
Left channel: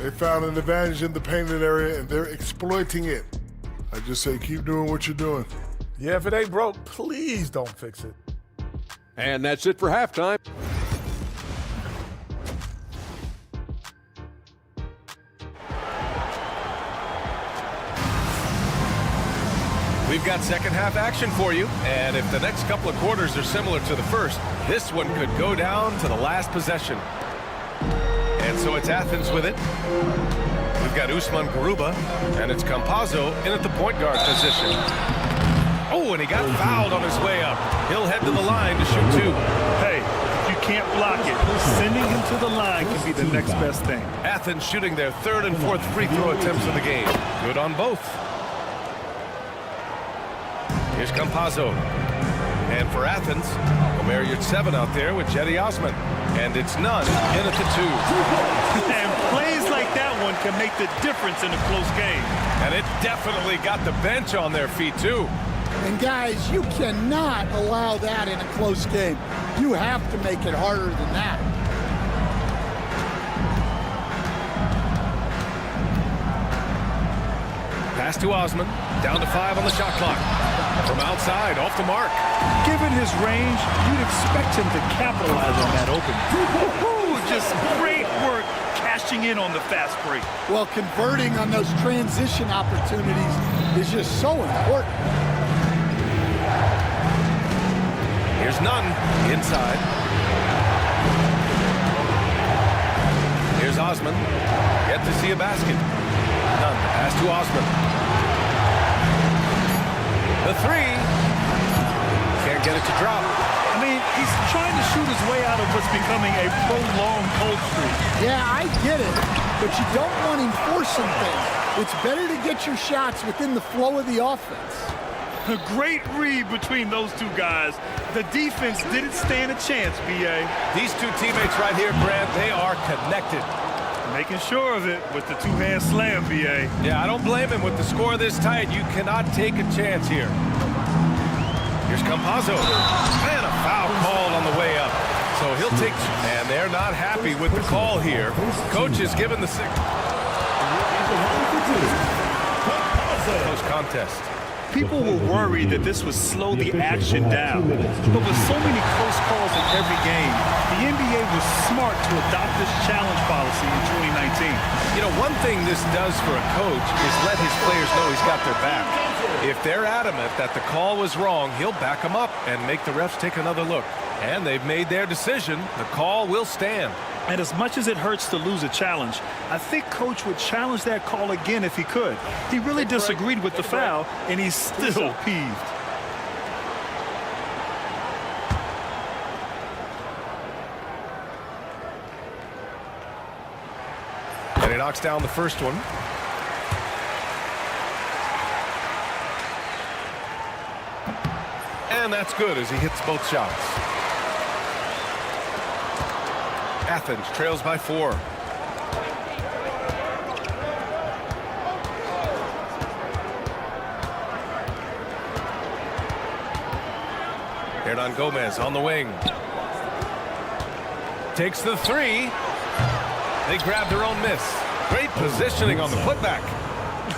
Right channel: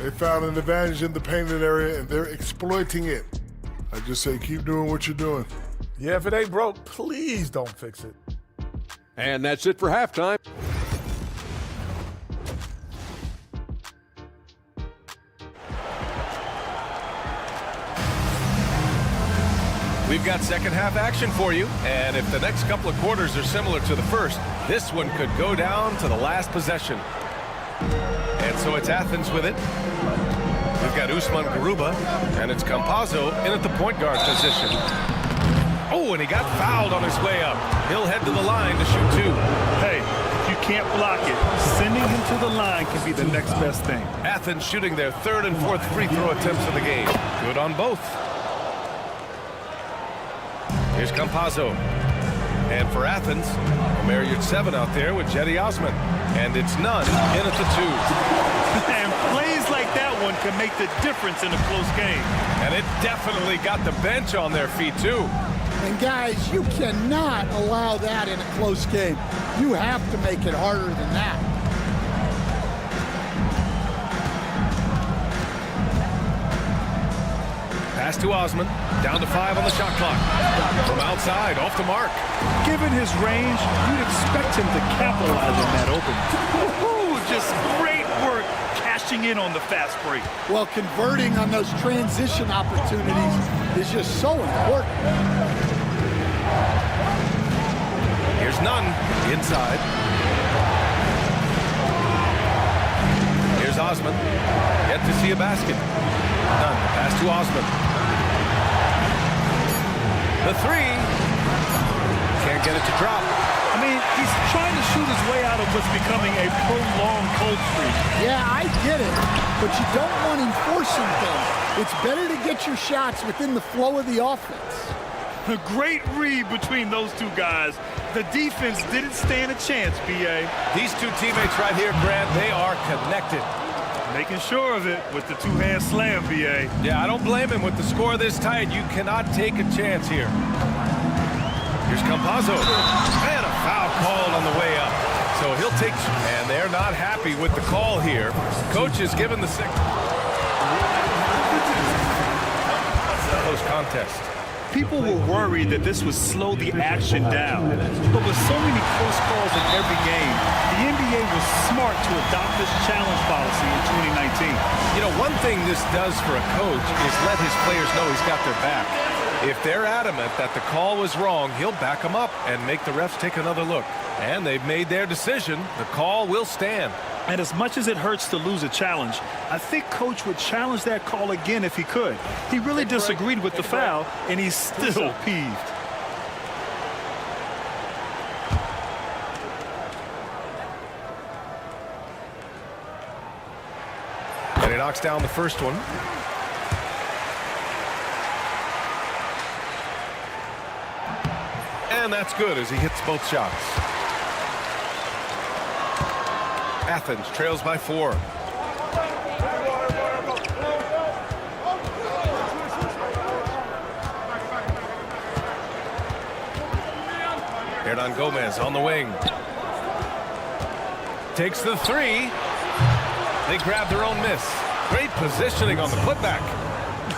They found an advantage in the painted area, and they're exploiting it. I just say keep doing what you're doing. Yeah, if it ain't broke, please don't fix it. And that's it for halftime. We've got second half action for you, and if the next couple of quarters are similar to the first, this one could go down to the last possession. And so it's Athens with it. We've got Usman Garuba, and it's Campazzo in at the point guard position. Oh, and he got fouled on his way up. He'll head to the line to shoot 2. Hey, if you can't block it, sending him to the line can be the next best thing. Athens shooting their 3rd and 4th free throw attempts of the game. Good on both. Here's Campazzo. And for Athens, Omer Yurtseven out there with Jetty Osman. And it's Nunn in at the 2. And plays like that one can make the difference in a close game. And it definitely got the bench on their feet, too. And guys, you cannot allow that in a close game. You have to make it harder than that. Pass to Osman. Down to 5 on the shot clock. From outside, off the mark. Given his range, you'd expect him to capitalize on that opening. Just great work cashing in on the fast break. Well, converting on those transition opportunities is just so important. Here's Nunn inside. Here's Osman. Yet to see a basket. Nunn, the pass to Osman. The 3. Can't get it to drop. I mean, he's trying to shoot his way out of what's becoming a prolonged cold streak. Yeah, I get it, but you don't want him forcing things. It's better to get your shots within the flow of the offense. A great read between those two guys. The defense didn't stand a chance, B.A. These two teammates right here, Grant, they are connected. Making sure of it with the two-hand slam, B.A. Yeah, I don't blame him. With the score this tight, you cannot take a chance here. Here's Campazzo. And a foul called on the way up. So he'll take... And they're not happy with the call here. Coach is given the 6. Close contest. People were worried that this would slow the action down. But with so many close calls in every game, the NBA was smart to adopt this challenge policy in 2019. You know, one thing this does for a coach is let his players know he's got their back. If they're adamant that the call was wrong, he'll back them up and make the refs take another look. And they've made their decision. The call will stand. And as much as it hurts to lose a challenge, I think Coach would challenge that call again if he could. He really disagreed with the foul, and he's still peeved. And he knocks down the first one. And that's good as he hits both shots. Athens trails by 4. Hernan Gomez on the wing. Takes the 3. They grab their own miss. Great positioning on the putback.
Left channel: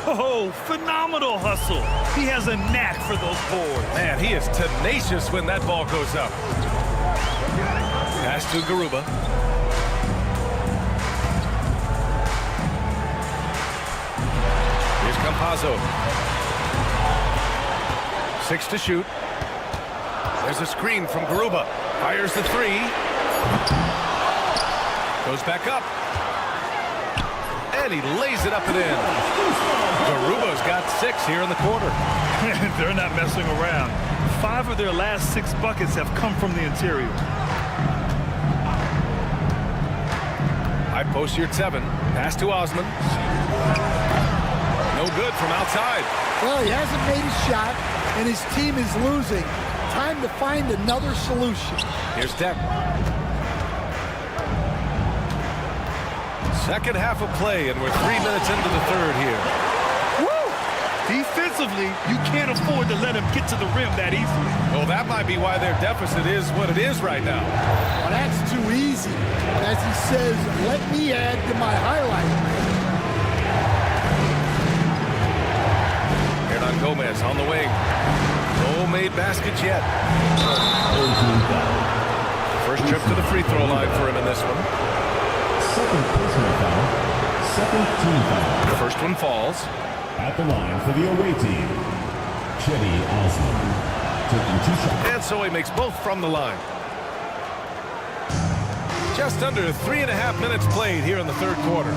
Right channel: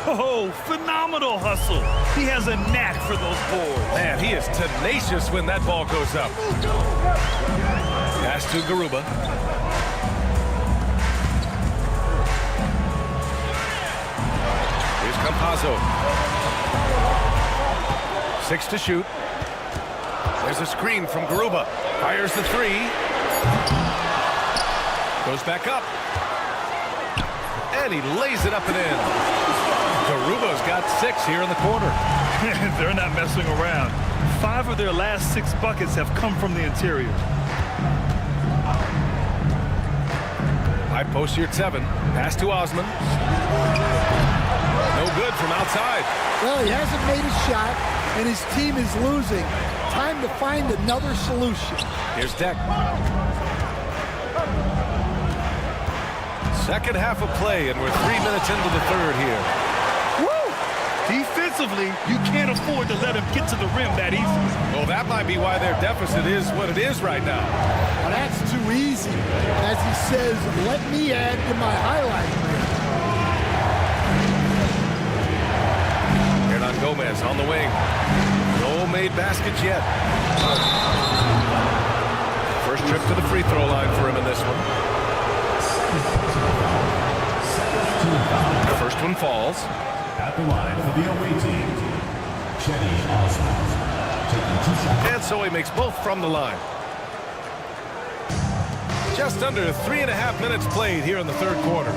Oh, phenomenal hustle. He has a knack for those boards. Man, he is tenacious when that ball goes up. Pass to Garuba. Here's Campazzo. 6 to shoot. There's a screen from Garuba. Fires the 3. Goes back up. And he lays it up and in. Garuba's got 6 here in the quarter. They're not messing around. 5 of their last 6 buckets have come from the interior. High post here at 7. Pass to Osman. No good from outside. Well, he hasn't made a shot, and his team is losing. Time to find another solution. Here's Deck. Second half of play, and we're 3 minutes into the third here. Woo! Defensively, you can't afford to let him get to the rim that easily. Well, that might be why their deficit is what it is right now. Well, that's too easy. As he says, let me add to my highlight reel. Hernan Gomez on the wing. No made baskets yet. First trip to the free throw line for him in this one. Second personal foul. Second team foul. The first one falls. At the line for the away team, Cedi Osman. Taking 2 shots. And so he makes both from the line. Just under 3.5 minutes played here in the third quarter.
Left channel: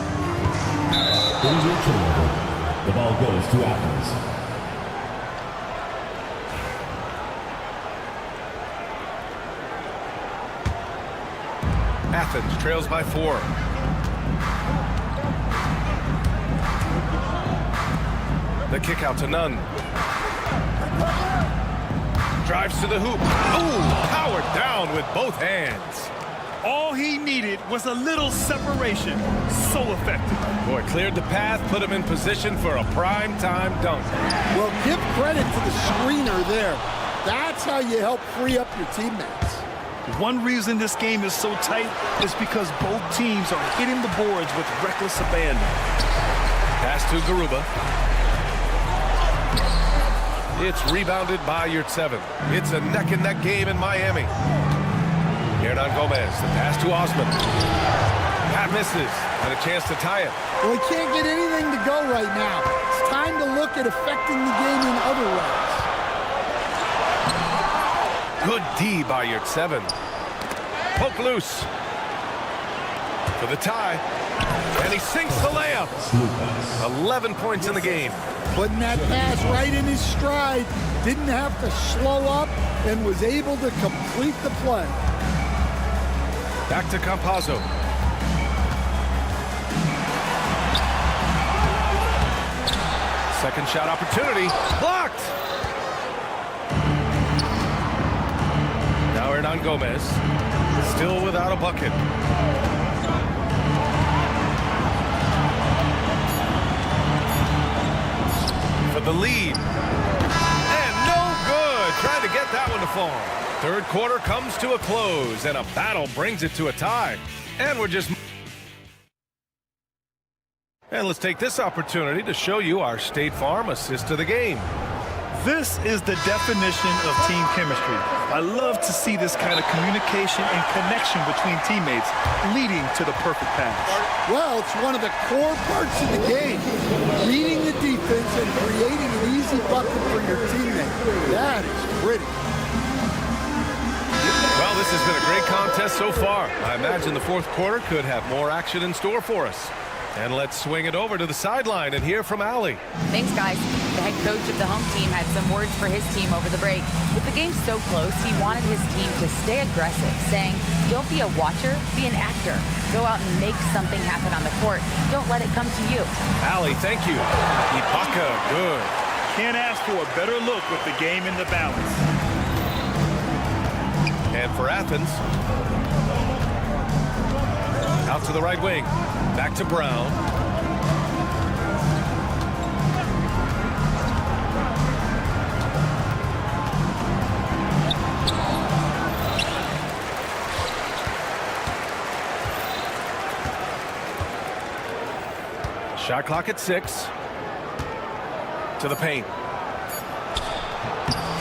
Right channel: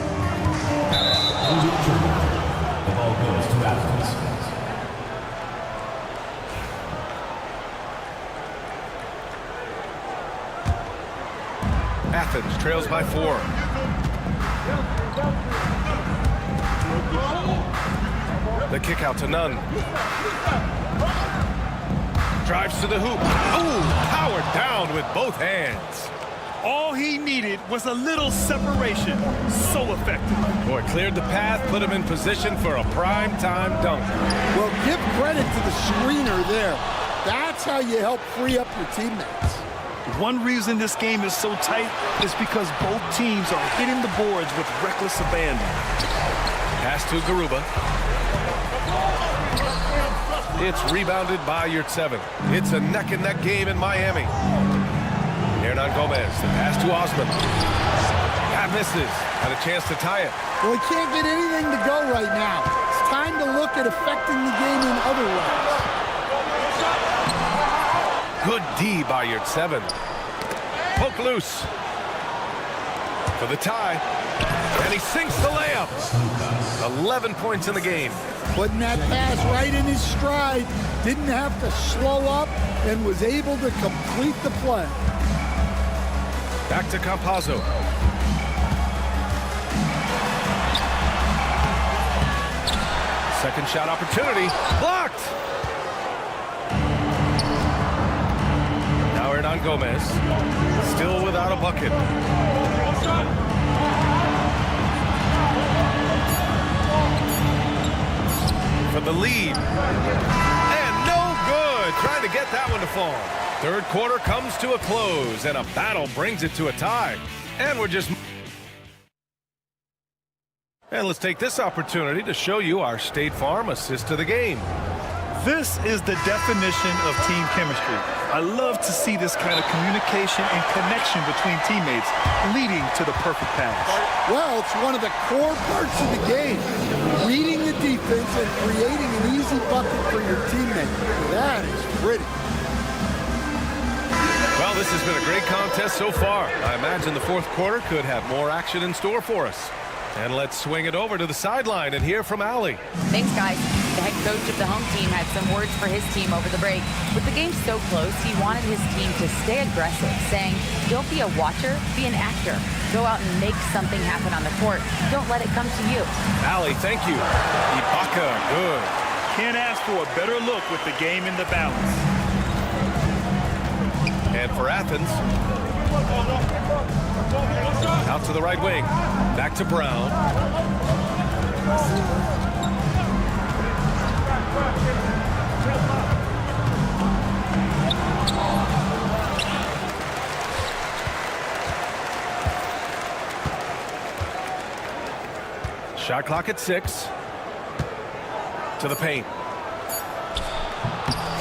The ball goes to Athens. Athens trails by 4. The kick out to Nunn. Drives to the hoop. Ooh, powered down with both hands. All he needed was a little separation. So effective. Boy, cleared the path, put him in position for a prime-time dunk. Well, give credit to the screener there. That's how you help free up your teammates. One reason this game is so tight is because both teams are hitting the boards with reckless abandon. Pass to Garuba. It's rebounded by Yurtseven. It's a neck-and-neck game in Miami. Hernan Gomez, the pass to Osman. That misses. Had a chance to tie it. Well, he can't get anything to go right now. It's time to look at affecting the game in other ways. Good D by Yurtseven. Poke loose. For the tie. And he sinks the layup. 11 points in the game. Putting that pass right in his stride. Didn't have to slow up and was able to complete the play. Back to Campazzo. Second shot opportunity. Blocked! Now Hernan Gomez. Still without a bucket. For the lead. And no good. Trying to get that one to fall. Third quarter comes to a close, and a battle brings it to a tie. And we're just... And let's take this opportunity to show you our State Farm assist to the game. This is the definition of team chemistry. I love to see this kind of communication and connection between teammates leading to the perfect pass. Well, it's one of the core parts of the game. Reading the defense and creating an easy bucket for your teammate. That is pretty. Well, this has been a great contest so far. I imagine the fourth quarter could have more action in store for us. And let's swing it over to the sideline and hear from Allie. Thanks, guys. The head coach of the home team had some words for his team over the break. With the game so close, he wanted his team to stay aggressive, saying, don't be a watcher, be an actor. Go out and make something happen on the court. Don't let it come to you. Allie, thank you. Ibaka, good. Can't ask for a better look with the game in the balance. And for Athens, Out to the right wing. Back to Brown. Shot clock at 6. To the paint.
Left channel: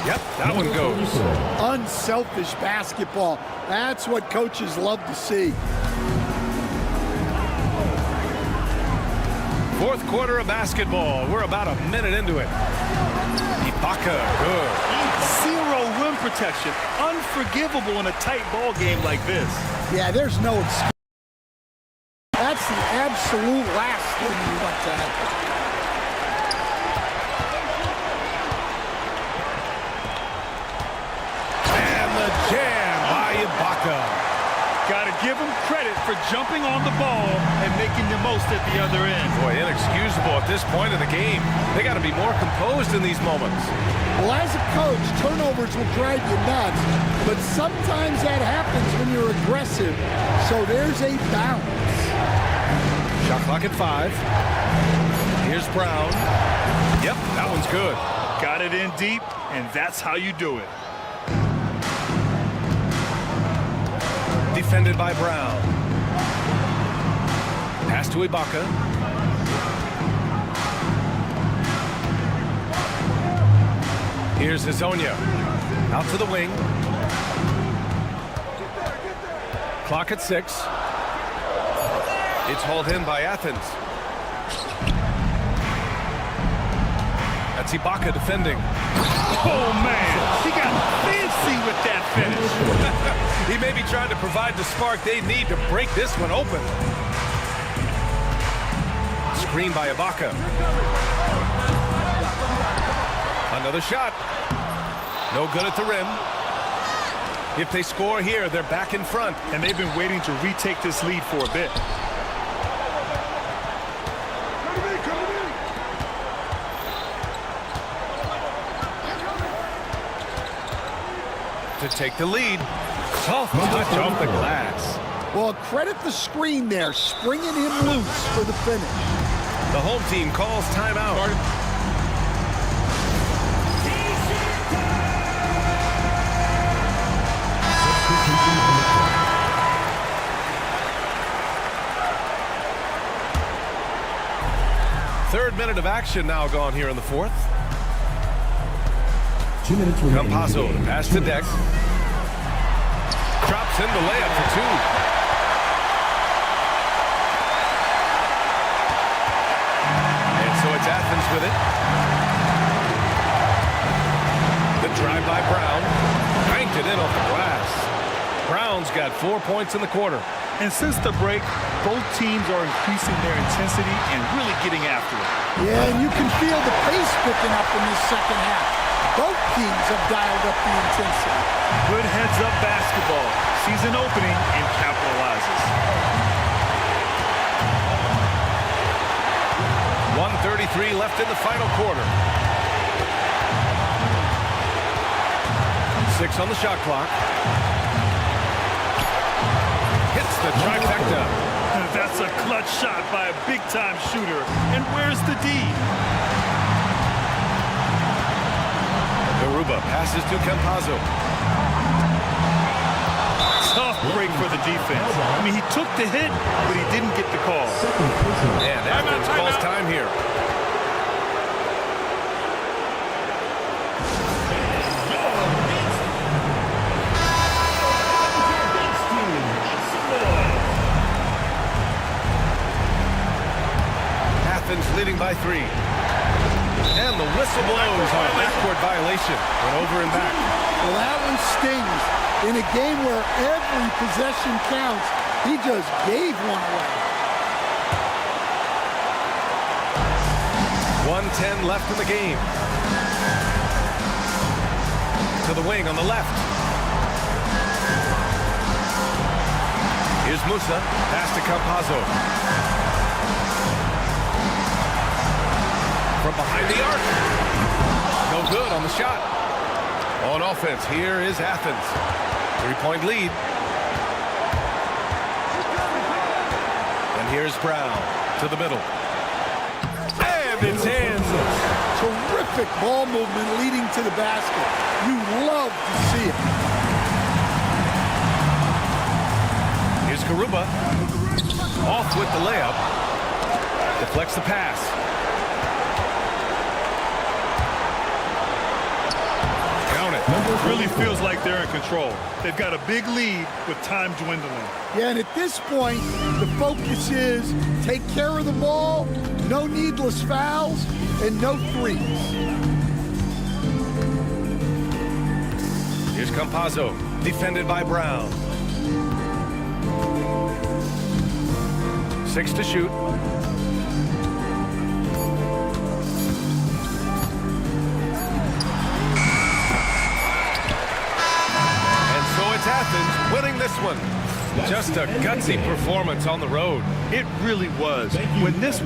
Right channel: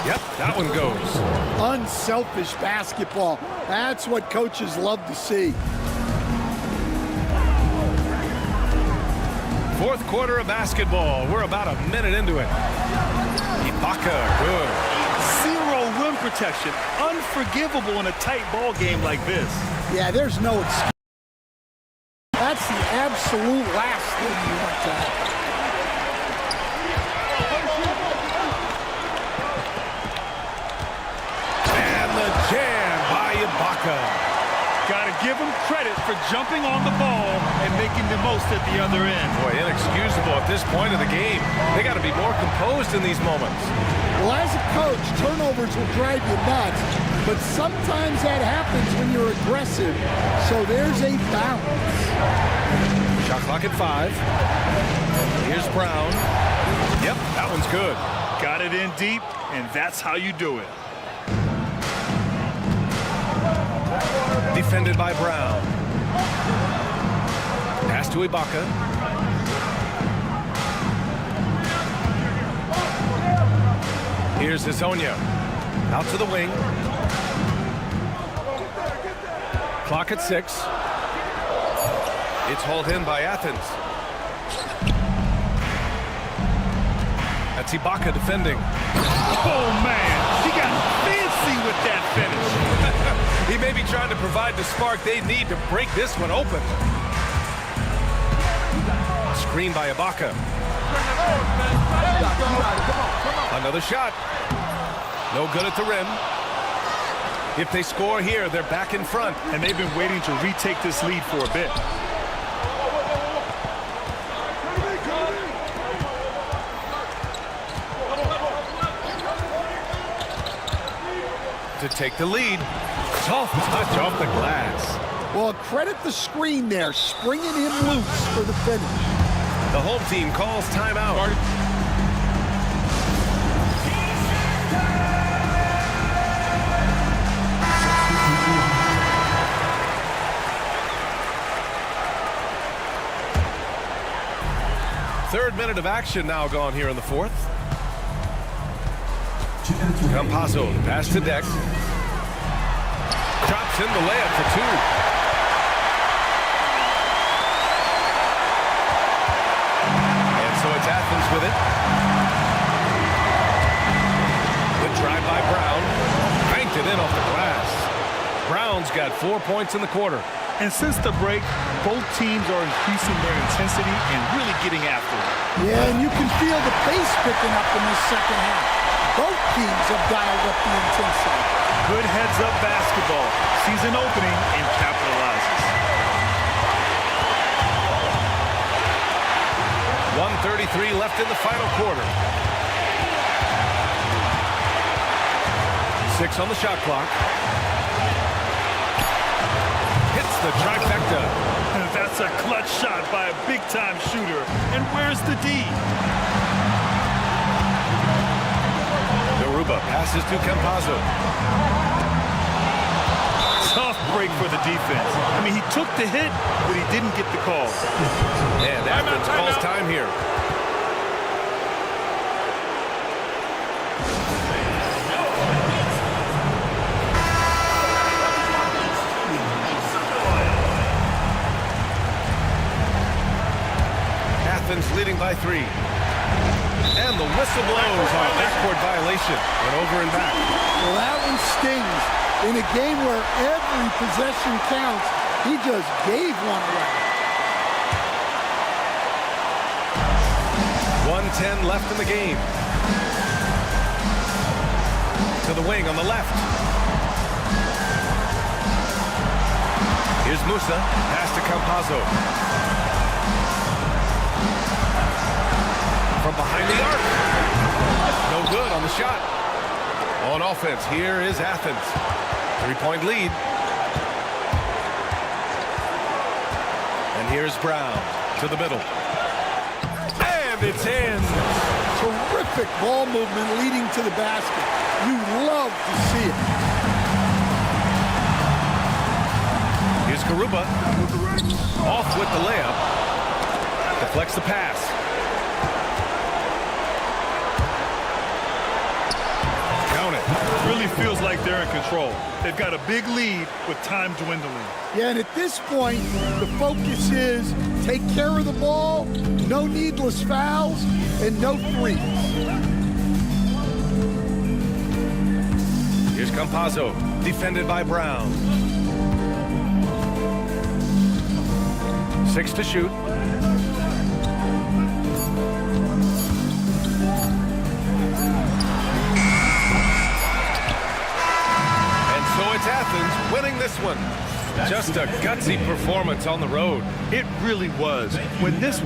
Yep, that one goes. Unselfish basketball. That's what coaches love to see. Fourth quarter of basketball. We're about a minute into it. Ibaka, good. Zero rim protection. Unforgivable in a tight ball game like this. Yeah, there's no excuse. That's the absolute last thing you want to happen. And the jam by Ibaka. Got to give him credit for jumping on the ball and making the most at the other end. Boy, inexcusable at this point of the game. They got to be more composed in these moments. Well, as a coach, turnovers will drive you nuts, but sometimes that happens when you're aggressive. So there's a balance. Shot clock at 5. Here's Brown. Yep, that one's good. Got it in deep, and that's how you do it. Defended by Brown. Pass to Ibaka. Here's Hazonia. Out to the wing. Clock at 6. It's hauled in by Athens. That's Ibaka defending. Oh, man. He got fancy with that finish. He may be trying to provide the spark they need to break this one open. Screen by Ibaka. Another shot. No good at the rim. If they score here, they're back in front. And they've been waiting to retake this lead for a bit. To take the lead. Soft touch off the glass. Well, credit the screen there, springing him loose for the finish. The home team calls timeout. Third minute of action now gone here in the fourth. 2 minutes remaining. Campazzo to pass to Deck. Drops in the layup for 2. And so it's Athens with it. The drive by Brown. Banked it in off the glass. Brown's got 4 points in the quarter. And since the break, both teams are increasing their intensity and really getting after it. Yeah, and you can feel the pace picking up in this second half. Both teams have dialed up the intensity. Good heads-up basketball. Sees an opening and capitalizes. 1:33 left in the final quarter. 6 on the shot clock. Hits the trifecta. That's a clutch shot by a big-time shooter. And where's the D? Garuba passes to Campazzo. Tough break for the defense. I mean, he took the hit, but he didn't get the call. And Athens calls time here. Athens leading by 3. And the whistle blows on a backcourt violation. Went over and back. Well, that one stings. In a game where every possession counts, he just gave one away. 1:10 left in the game. To the wing on the left. Here's Musa. Pass to Campazzo. From behind the arc. No good on the shot. On offense, here is Athens. 3-point lead. Here's Brown to the middle. And it's in. Terrific ball movement leading to the basket. You love to see it. Here's Garuba. Off with the layup. Deflects the pass. Count it. Really feels like they're in control. They've got a big lead with time dwindling. Yeah, and at this point, the focus is take care of the ball, no needless fouls, and no threes. Here's Campazzo, defended by Brown. 6 to shoot. And so it's Athens winning this one. Just a gutsy performance on the road. It really was. When this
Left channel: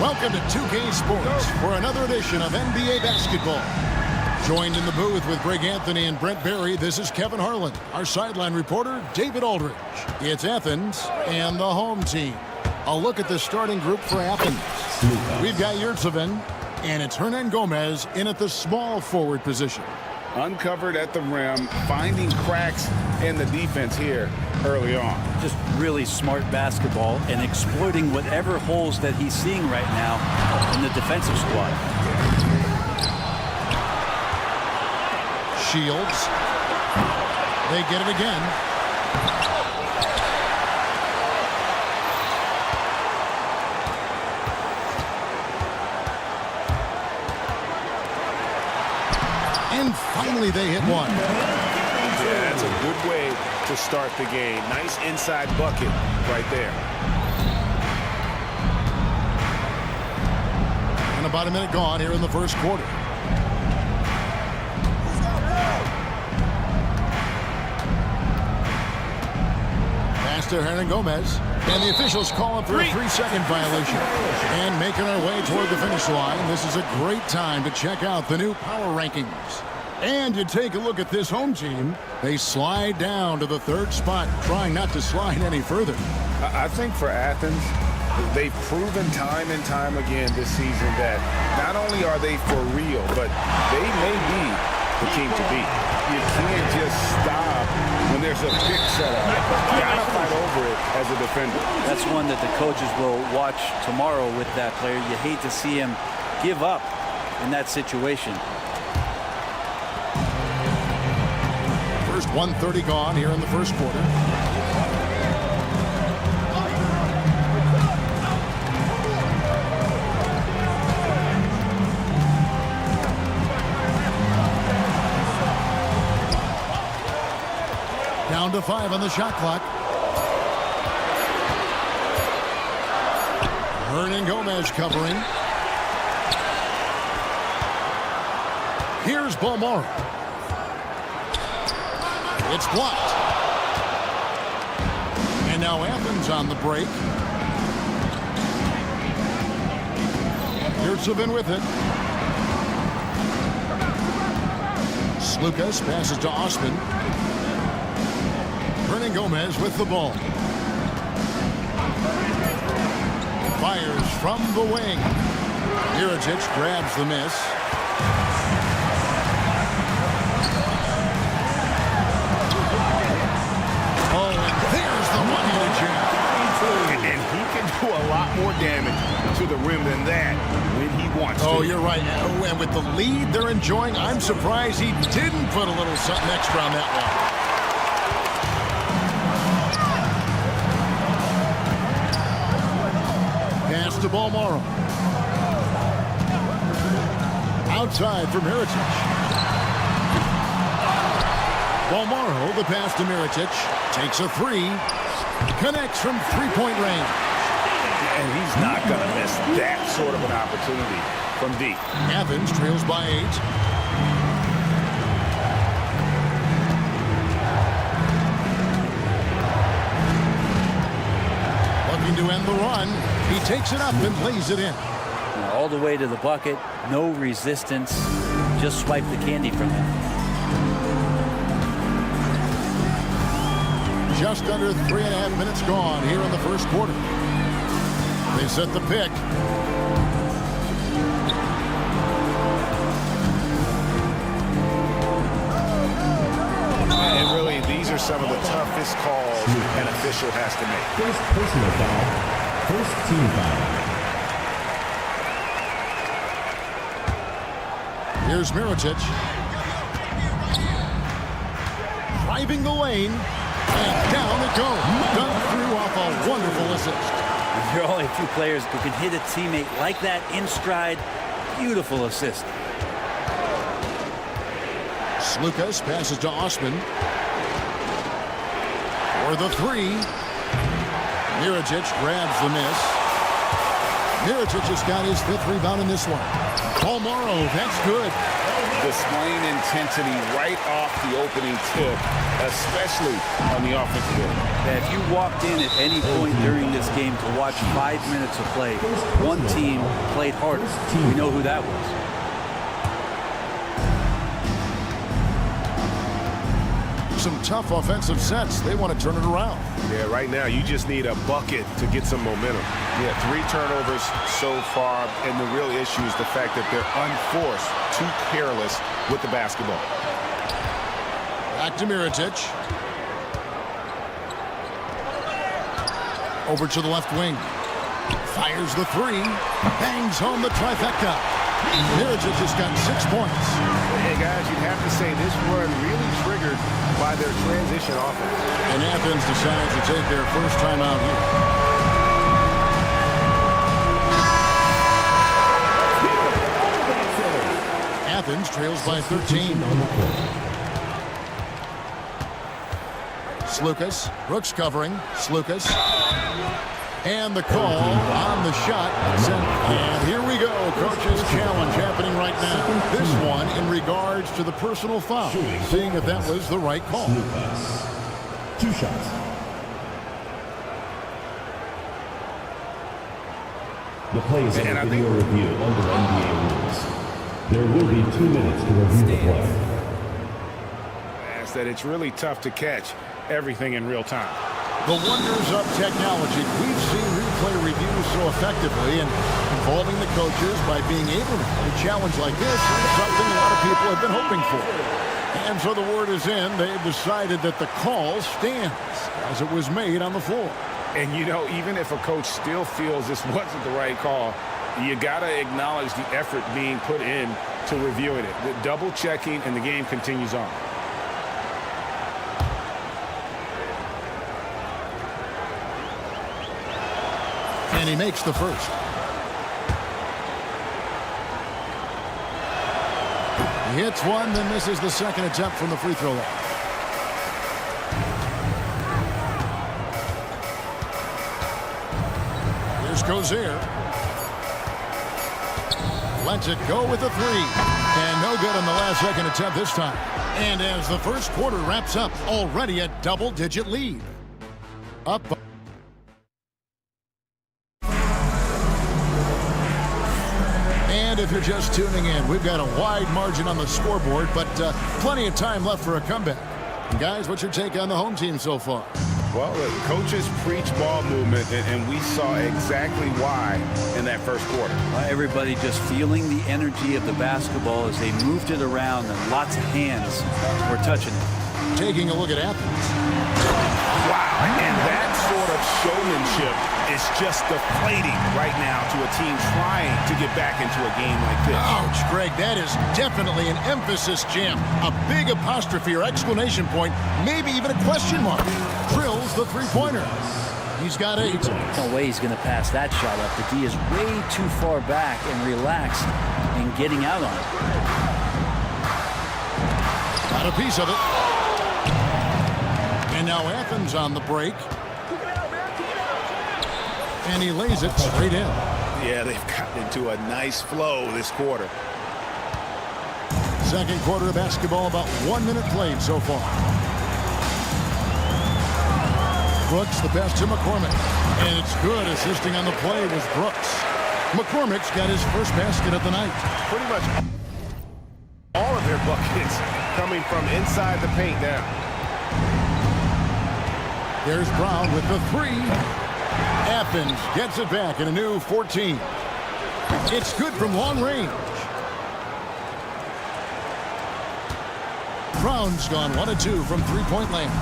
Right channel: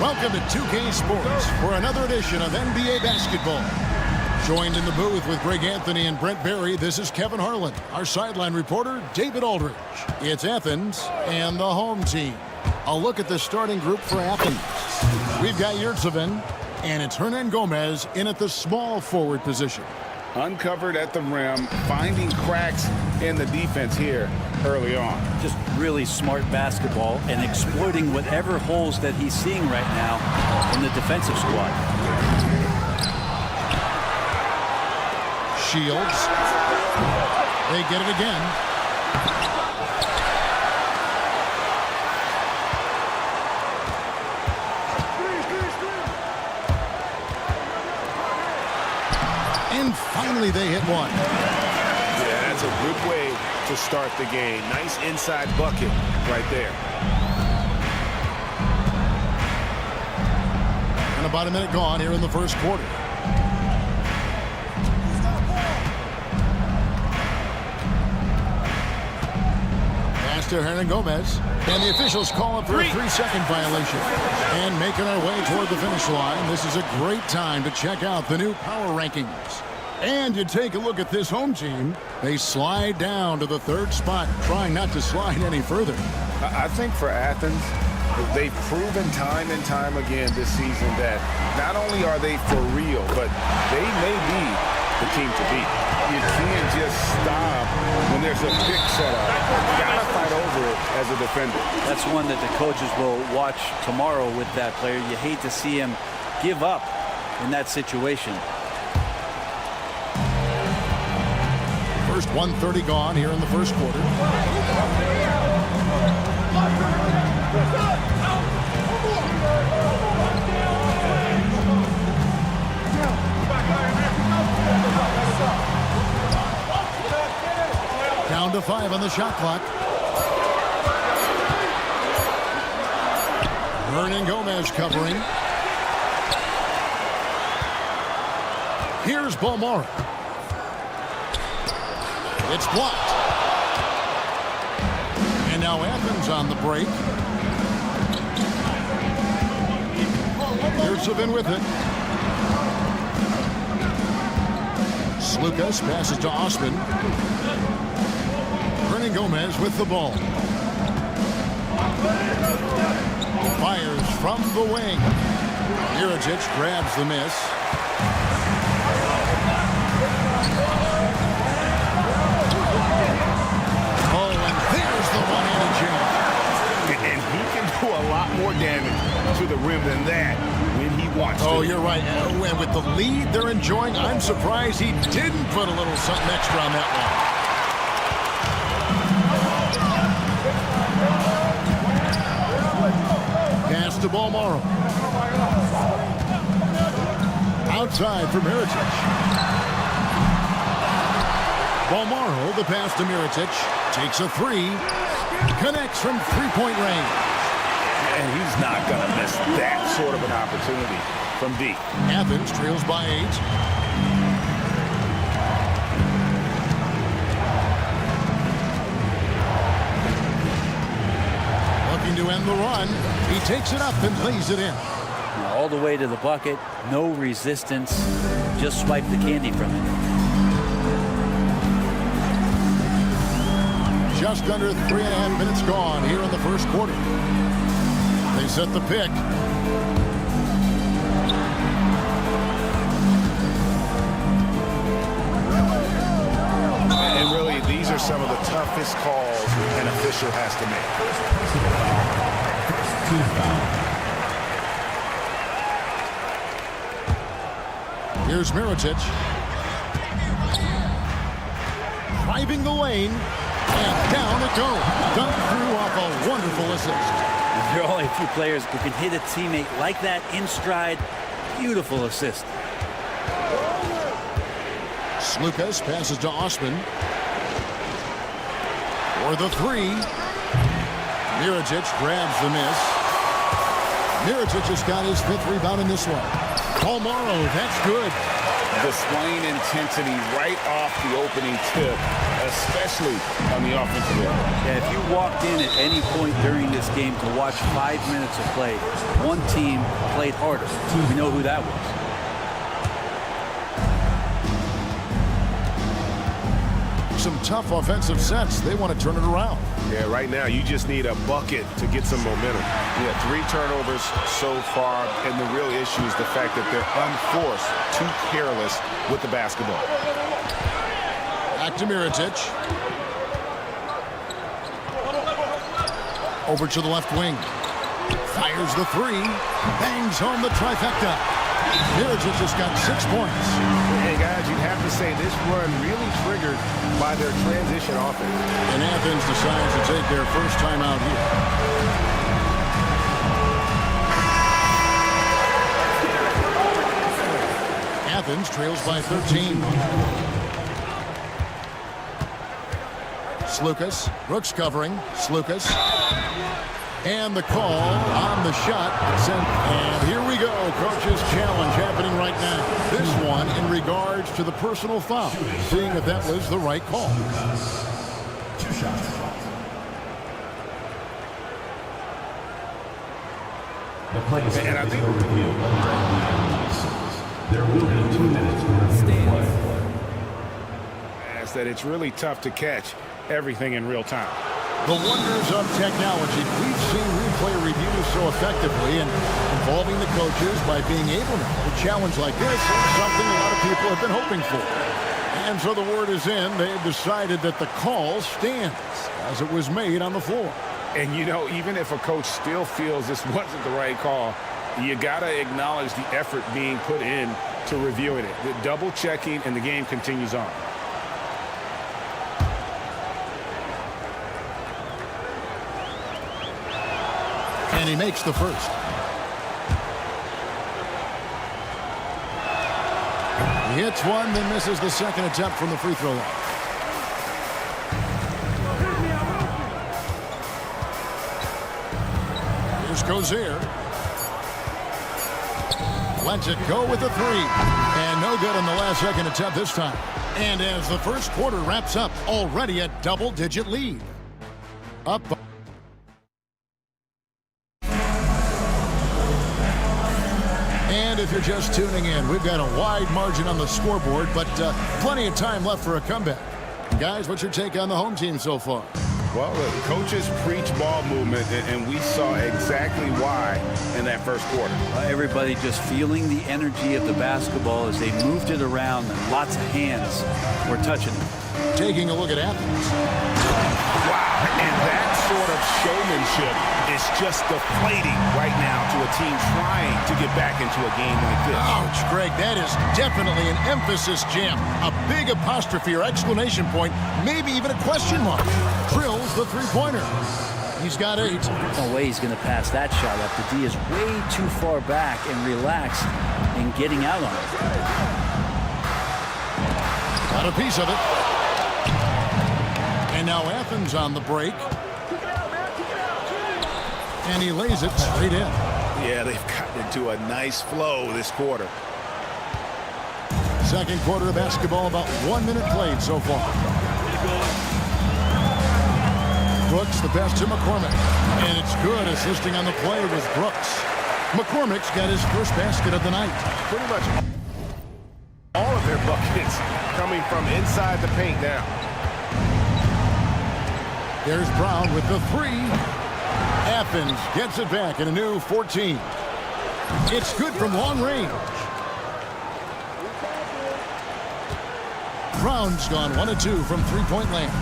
Welcome to 2K Sports for another edition of NBA basketball. Joined in the booth with Greg Anthony and Brent Barry, this is Kevin Harlan. Our sideline reporter, David Aldridge. It's Athens and the home team. A look at the starting group for Athens. We've got Yurtseven, and it's Hernan Gomez in at the small forward position. Uncovered at the rim, finding cracks in the defense here early on. Just really smart basketball and exploiting whatever holes that he's seeing right now in the defensive squad. Shields. They get it again. And finally they hit one. Yeah, that's a good way to start the game. Nice inside bucket right there. And about a minute gone here in the first quarter. Pass to Hernan Gomez. And the officials call up for a 3-second violation. And making our way toward the finish line, this is a great time to check out the new power rankings. And you take a look at this home team, they slide down to the third spot, trying not to slide any further. I think for Athens, they've proven time and time again this season that not only are they for real, but they may be the team to beat. You can't just stop when there's a pick set up. You gotta fight over it as a defender. That's one that the coaches will watch tomorrow with that player. You hate to see him give up in that situation. First 1:30 gone here in the first quarter. Down to 5 on the shot clock. Hernan Gomez covering. Here's Balmora. It's blocked. And now Athens on the break. Yurtsevin with it. Slukas passes to Osman. Hernan Gomez with the ball. Fires from the wing. Miričić grabs the miss. Oh, and there's the one-handed jam. And he can do a lot more damage to the rim than that when he wants to. Oh, you're right. And with the lead they're enjoying, I'm surprised he didn't put a little something extra on that one. Pass to Bolmaro. Outside for Miričić. Bolmaro, the pass to Miričić. Takes a three. Connects from three-point range. And he's not going to miss that sort of an opportunity from deep. Athens trails by 8. Looking to end the run. He takes it up and lays it in. All the way to the bucket. No resistance. Just swipe the candy from it. Just under 3.5 minutes gone here in the first quarter. They set the pick. And really, these are some of the toughest calls an official has to make. First personal foul. First team foul. Here's Miričić. Driving the lane. And down it goes. Dunked through off a wonderful assist. There are only a few players who can hit a teammate like that in stride. Beautiful assist. Slukas passes to Osman. For the three. Miričić grabs the miss. Miričić has got his 5th rebound in this one. Bolmaro, that's good. Displaying intensity right off the opening tip, especially on the offensive end. Yeah, if you walked in at any point during this game to watch 5 minutes of play, one team played harder. We know who that was. Some tough offensive sets. They want to turn it around. Yeah, right now you just need a bucket to get some momentum. Yeah, 3 turnovers so far, and the real issue is the fact that they're unforced, too careless with the basketball. Back to Miričić. Over to the left wing. Fires the three. Bangs home the trifecta. Miričić has got 6 points. Hey, guys, you'd have to say this run really triggered by their transition offense. And Athens decides to take their first time out here. Athens trails by 13. Slukas. Brooks covering. Slukas. And the call on the shot. And here we go. Coach's challenge happening right now. This one in regards to the personal foul. Seeing if that was the right call. 2 shots. The play is under video review under NBA rules. There will be 2 minutes to review the play. That it's really tough to catch everything in real time. The wonders of technology. We've seen replay reviews so effectively, and involving the coaches by being able to have a challenge like this is something a lot of people have been hoping for. And so the word is in. They've decided that the call stands as it was made on the floor. And, you know, even if a coach still feels this wasn't the right call, you got to acknowledge the effort being put in to reviewing it. The double checking, and the game continues on. And he makes the first. He hits one, then misses the second attempt from the free throw line. Here's Cozier. Lets it go with a three. And no good on the last second attempt this time. And as the first quarter wraps up, already a double-digit lead. Up. And if you're just tuning in, we've got a wide margin on the scoreboard, but plenty of time left for a comeback. Guys, what's your take on the home team so far? Well, the coaches preach ball movement, and we saw exactly why in that first quarter. Everybody just feeling the energy of the basketball as they moved it around, and lots of hands were touching it. Taking a look at Athens. Wow, and that sort of showmanship is just deflating right now to a team trying to get back into a game like this. Ouch, Greg, that is definitely an emphasis jam. A big apostrophe or exclamation point, maybe even a question mark. Drills the three-pointer. He's got 8. No way he's going to pass that shot up. The D is way too far back and relaxed in getting out on it. Got a piece of it. And now Athens on the break. And he lays it straight in. Yeah, they've gotten into a nice flow this quarter. Second quarter of basketball, about 1 minute played so far. Brooks, the pass to McCormick. And it's good. Assisting on the play was Brooks. McCormick's got his first basket of the night. Pretty much all of their buckets coming from inside the paint now. There's Brown with the 3. Athens gets it back in a new 14. It's good from long range. Brown's gone 1 of 2 from three-point land.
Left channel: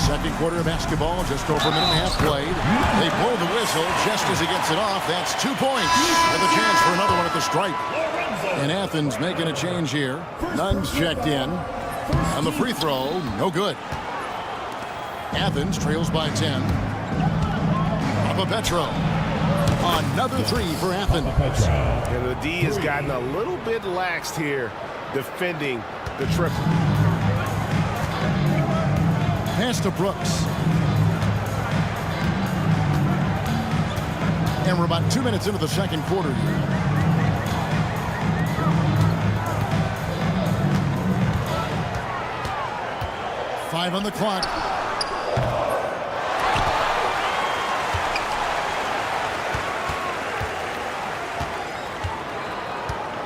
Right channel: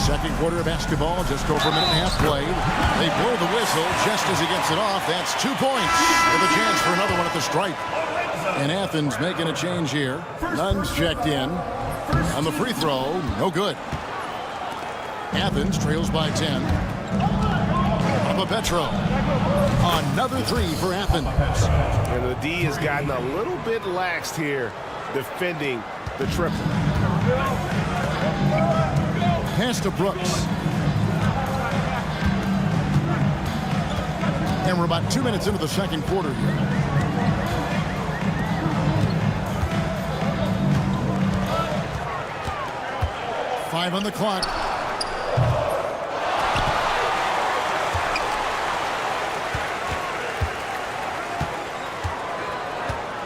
Second quarter of basketball, just over a minute and a half played. They blow the whistle just as he gets it off. That's 2 points with a chance for another one at the stripe. And Athens making a change here. Nunn's checked in. On the free throw, no good. Athens trails by 10. Petro. Another 3 for Athens. And the D has gotten a little bit laxed here defending the triple. Pass to Brooks. And we're about 2 minutes into the second quarter here. Five on the clock.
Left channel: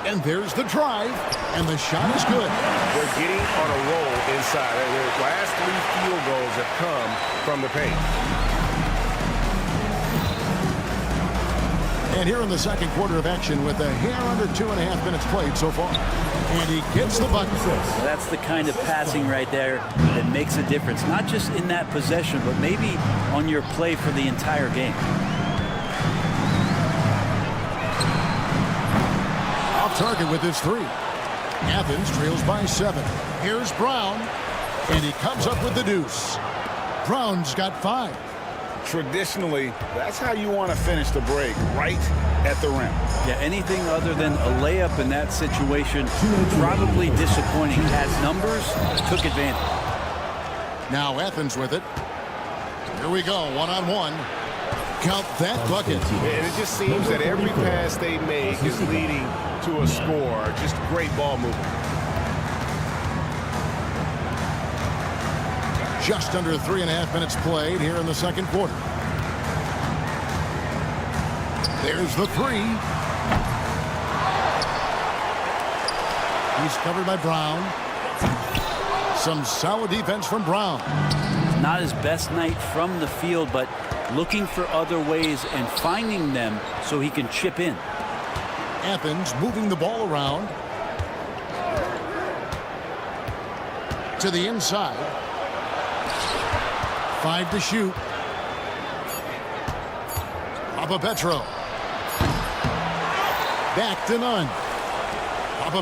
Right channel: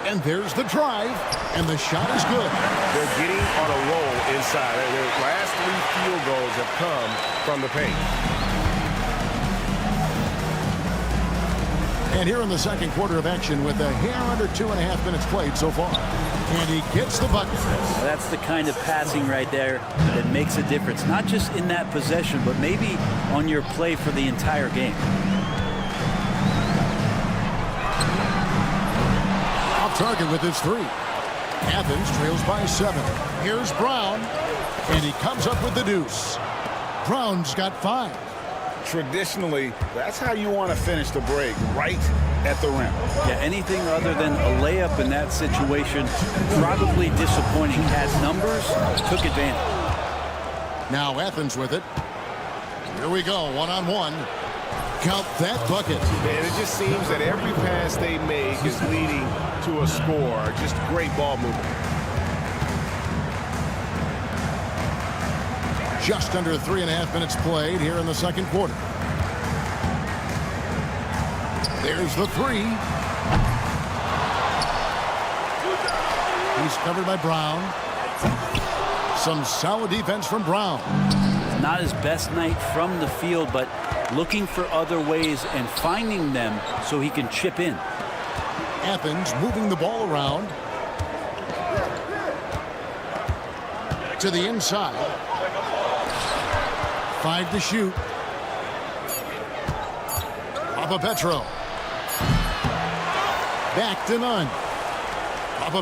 And there's the drive, and the shot is good. They're getting on a roll inside. Their last 3 field goals have come from the paint. And here in the second quarter of action with a hair under 2.5 minutes played so far. And he gets the bucket. That's the kind of passing right there that makes a difference. Not just in that possession, but maybe on your play for the entire game. Off target with his 3. Athens trails by 7. Here's Brown. And he comes up with the deuce. Brown's got 5. Traditionally, that's how you want to finish the break, right at the rim. Yeah, anything other than a layup in that situation, probably disappointing. Had numbers, took advantage. Now Athens with it. Here we go, one-on-one. Count that bucket. And it just seems that every pass they make is leading to a score. Just great ball movement. Just under 3.5 minutes played here in the second quarter. There's the 3. He's covered by Brown. Some solid defense from Brown. Not his best night from the field, but looking for other ways and finding them so he can chip in. Athens moving the ball around. To the inside. 5 to shoot. Petro. Back to Nunn.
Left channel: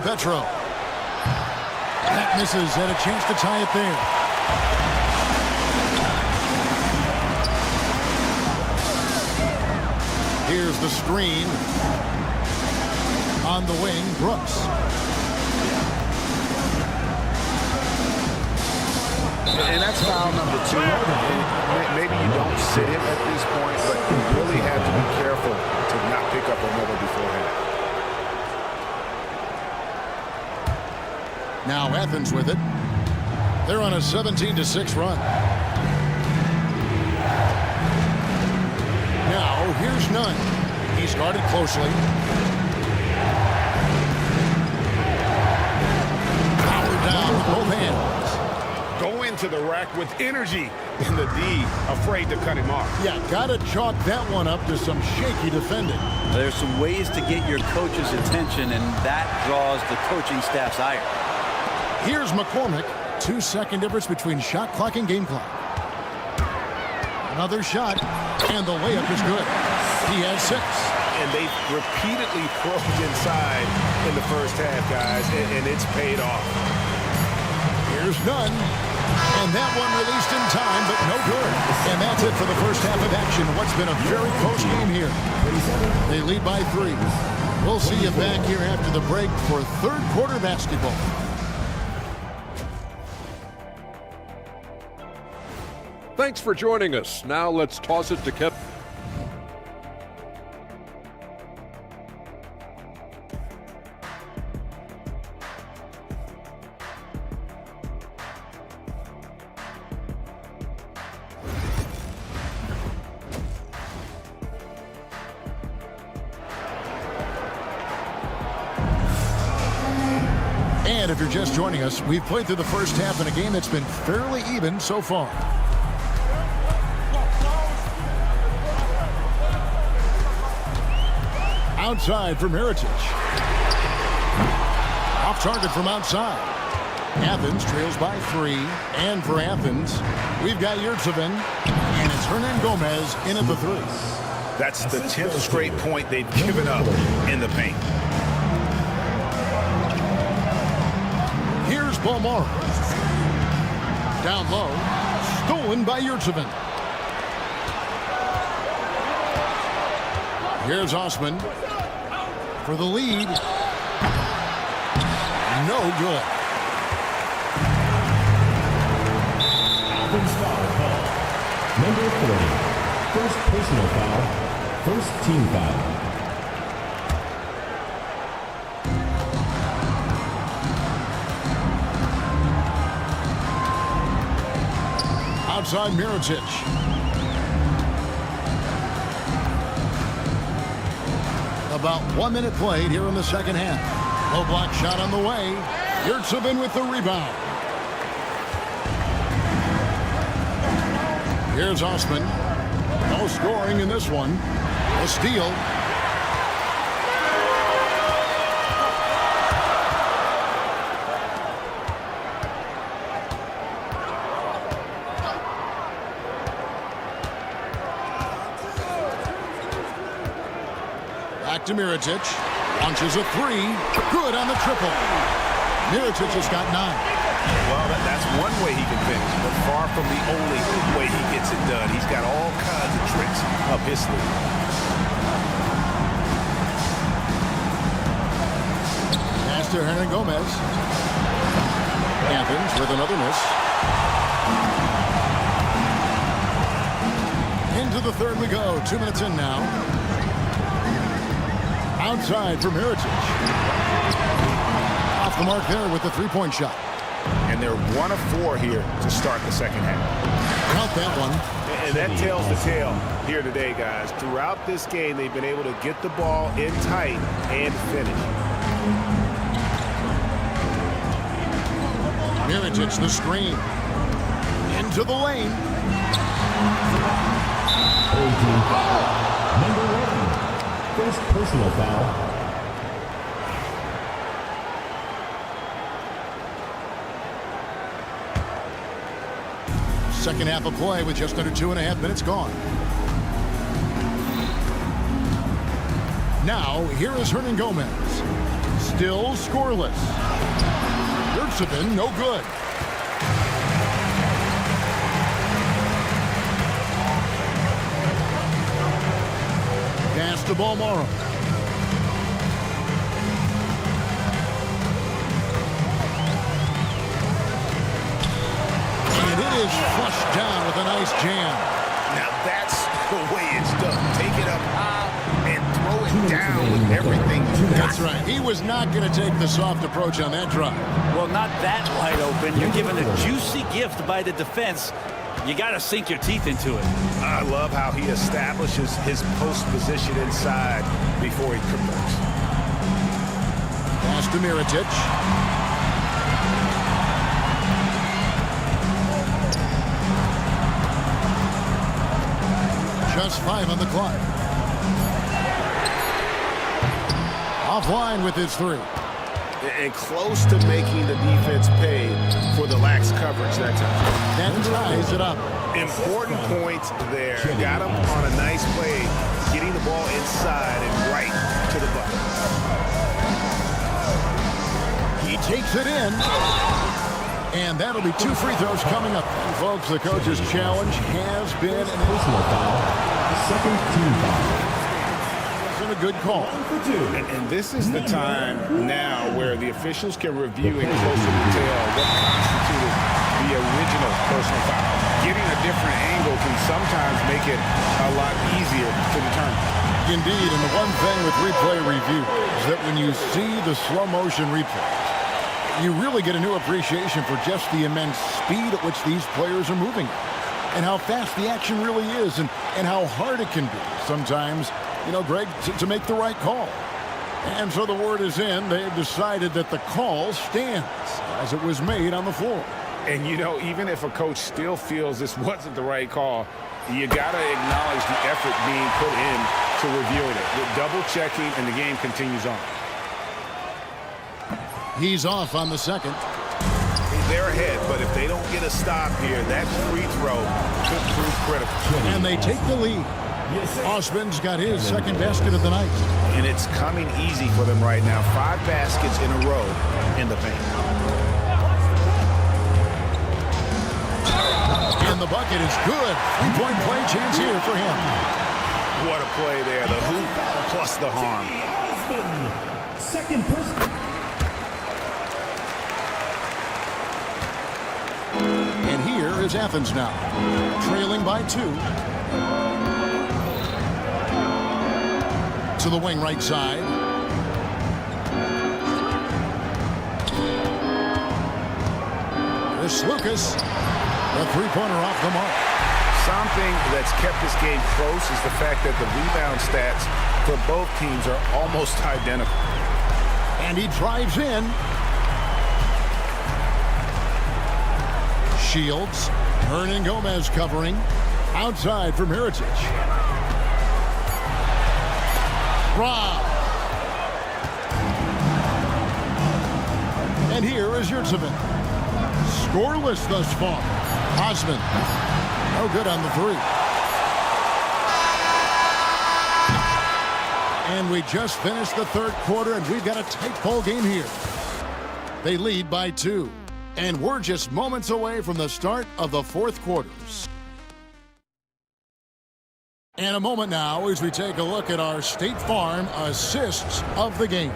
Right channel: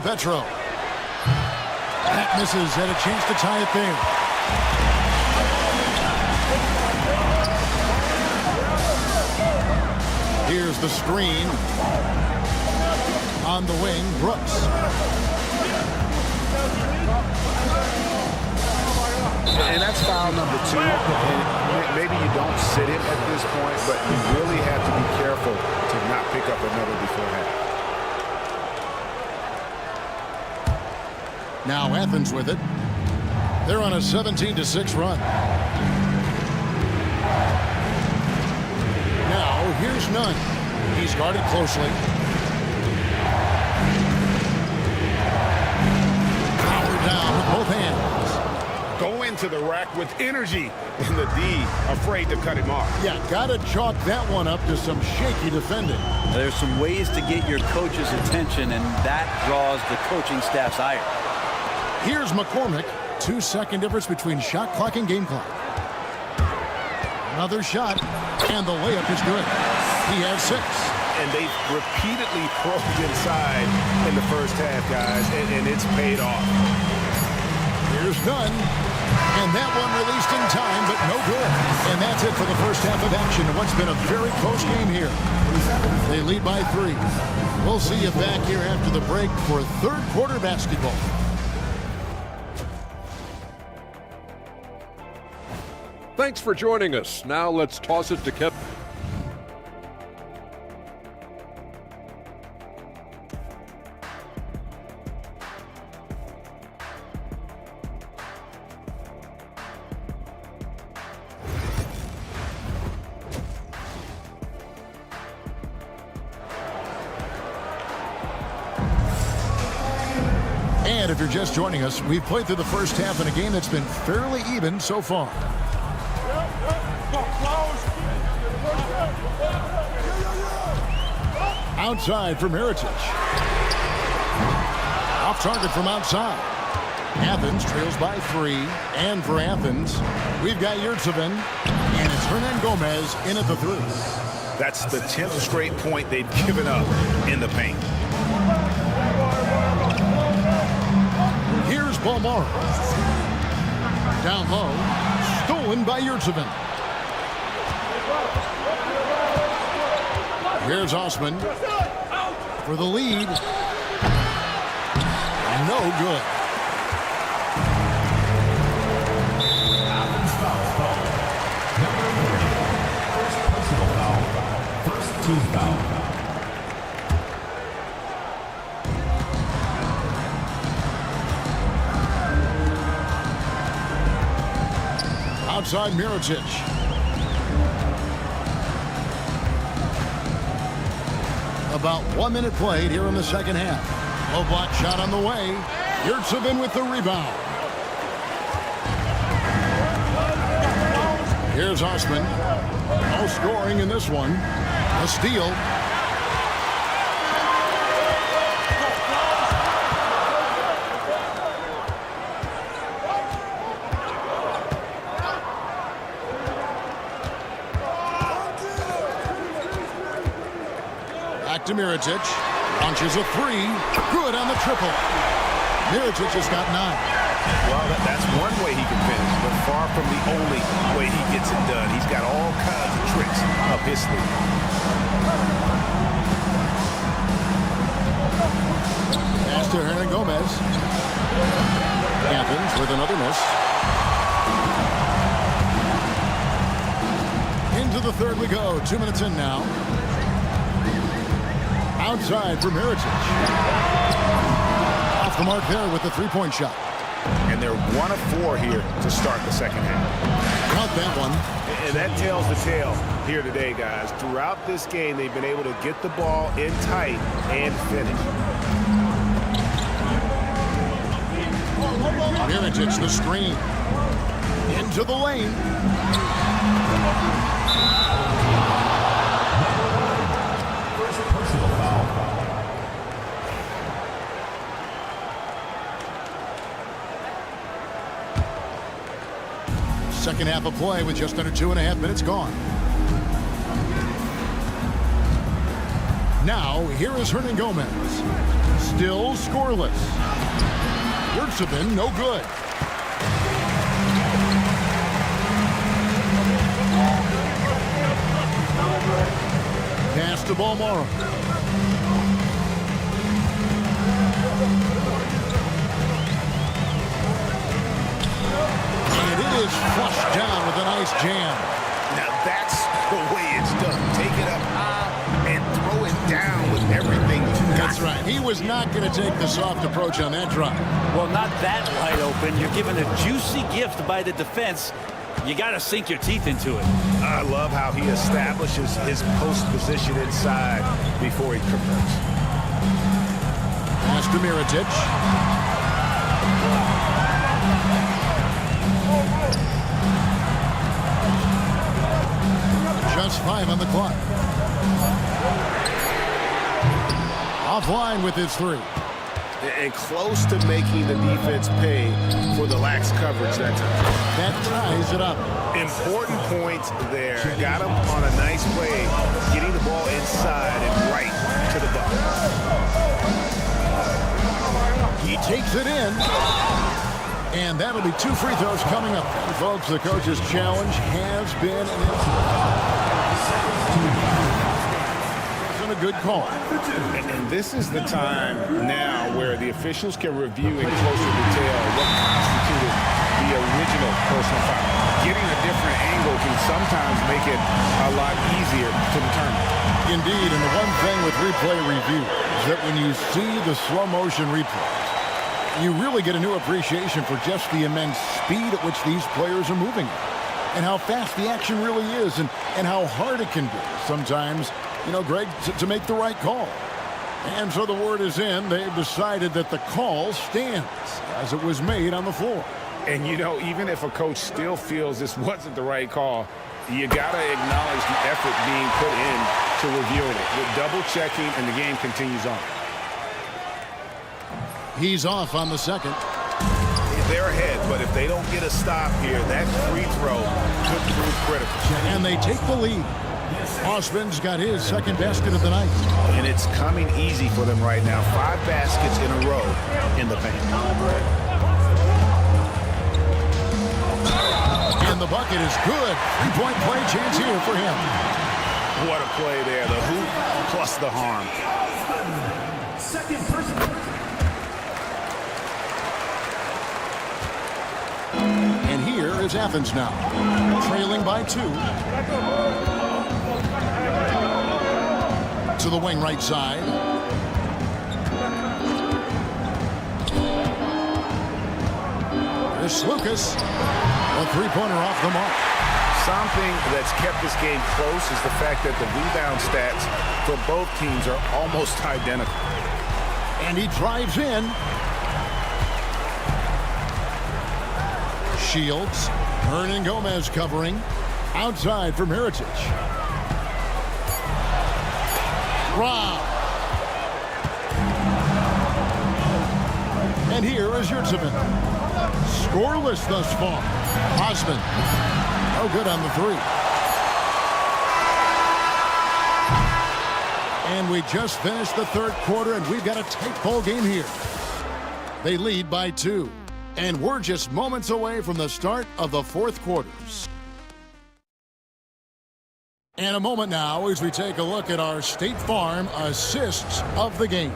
Petro. That misses. Had a chance to tie it there. Here's the screen. On the wing, Brooks. And that's foul number 2. And maybe you don't sit him at this point, but you really have to be careful to not pick up another beforehand. Now Athens with it. They're on a 17-6 run. Now here's Nunn. He's guarded closely. Power down with both hands. Go into the rack with energy, and the D afraid to cut him off. Yeah, gotta chalk that one up to some shaky defending. There's some ways to get your coach's attention, and that draws the coaching staff's ire. Here's McCormick. 2-second difference between shot clock and game clock. Another shot, and the layup is good. He has 6. And they've repeatedly probed inside in the first half, guys, and it's paid off. Here's Nunn. And that one released in time, but no good. And that's it for the first half of action. What's been a very close game here. They lead by 3. We'll see you back here after the break for third quarter basketball. Thanks for joining us. Now let's toss it to Kevin. And if you're just joining us, we've played through the first half in a game that's been fairly even so far. Outside from Mirotic. Off target from outside. Athens trails by 3. And for Athens, we've got Yurtsevin. And it's Hernan Gomez in at the 3. That's the 10th straight point they've given up in the paint. Here's Balmaro. Down low. Stolen by Yurtsevin. Here's Osman for the lead. No good. Athens foul call. Number 30. First personal foul. First team foul. Outside Mirotic. About 1 minute played here in the second half. Low block shot on the way. Yurtsevin with the rebound. Here's Osman. No scoring in this one. A steal. Back to Mirotic. Launches a 3. Good on the triple. Mirotic has got 9. Well, that's one way he can finish, but far from the only way he gets it done. He's got all kinds of tricks up his sleeve. Pass to Hernan Gomez. Athens with another miss. Into the third we go. 2 minutes in now. Outside for Mirotic. Off the mark there with the three-point shot. And they're 1 of 4 here to start the second half. Count that one. And that tells the tale here today, guys. Throughout this game, they've been able to get the ball in tight and finish. Mirotic the screen. Into the lane. Number 1. First personal foul. Second half of play with just under 2.5 minutes gone. Now, here is Hernan Gomez. Still scoreless. Yurtsevin, no good. Pass to Balmaro. And it is flushed down with a nice jam. Now that's the way it's done. Take it up high and throw it down with everything you got. That's right. He was not going to take the soft approach on that drive. Well, not that wide open. You're given a juicy gift by the defense. You got to sink your teeth into it. I love how he establishes his post position inside before he converts. Pass to Mirotic. Just 5 on the clock. Offline with his 3. And close to making the defense pay for the lax coverage that time. That ties it up. Important points there. Got him on a nice play, getting the ball inside and right to the bucket. He takes it in. And that'll be 2 free throws coming up. And folks, the coach's challenge has been an personal foul. Second team foul. Wasn't a good call. And this is the time now where the officials can review in closer detail what constituted the original personal foul. Getting a different angle can sometimes make it a lot easier to determine. Indeed, and the one thing with replay review is that when you see the slow motion replays, you really get a new appreciation for just the immense speed at which these players are moving and how fast the action really is and how hard it can be sometimes, you know, Greg, to make the right call. And so the word is in. They've decided that the call stands as it was made on the floor. And, you know, even if a coach still feels this wasn't the right call, you got to acknowledge the effort being put in to reviewing it. With double checking, and the game continues on. He's off on the second. They're ahead, but if they don't get a stop here, that free throw could prove critical. And they take the lead. Osman's got his second basket of the night. And it's coming easy for them right now. 5 baskets in a row in the paint. And the bucket is good. 3-point play chance here for him. What a play there. The hoop plus the harm. Second person. And here is Athens now, trailing by 2. To the wing right side. Here's Lucas. A 3-pointer off the mark. Something that's kept this game close is the fact that the rebound stats for both teams are almost identical. And he drives in. Shields. Hernan Gomez covering. Outside for Mirotic. Rob. And here is Yurtsevin. Scoreless thus far. Osman. No good on the 3. And we just finished the third quarter, and we've got a tight ball game here. They lead by 2. And we're just moments away from the start of the fourth quarters. And a moment now as we take a look at our State Farm assists of the game.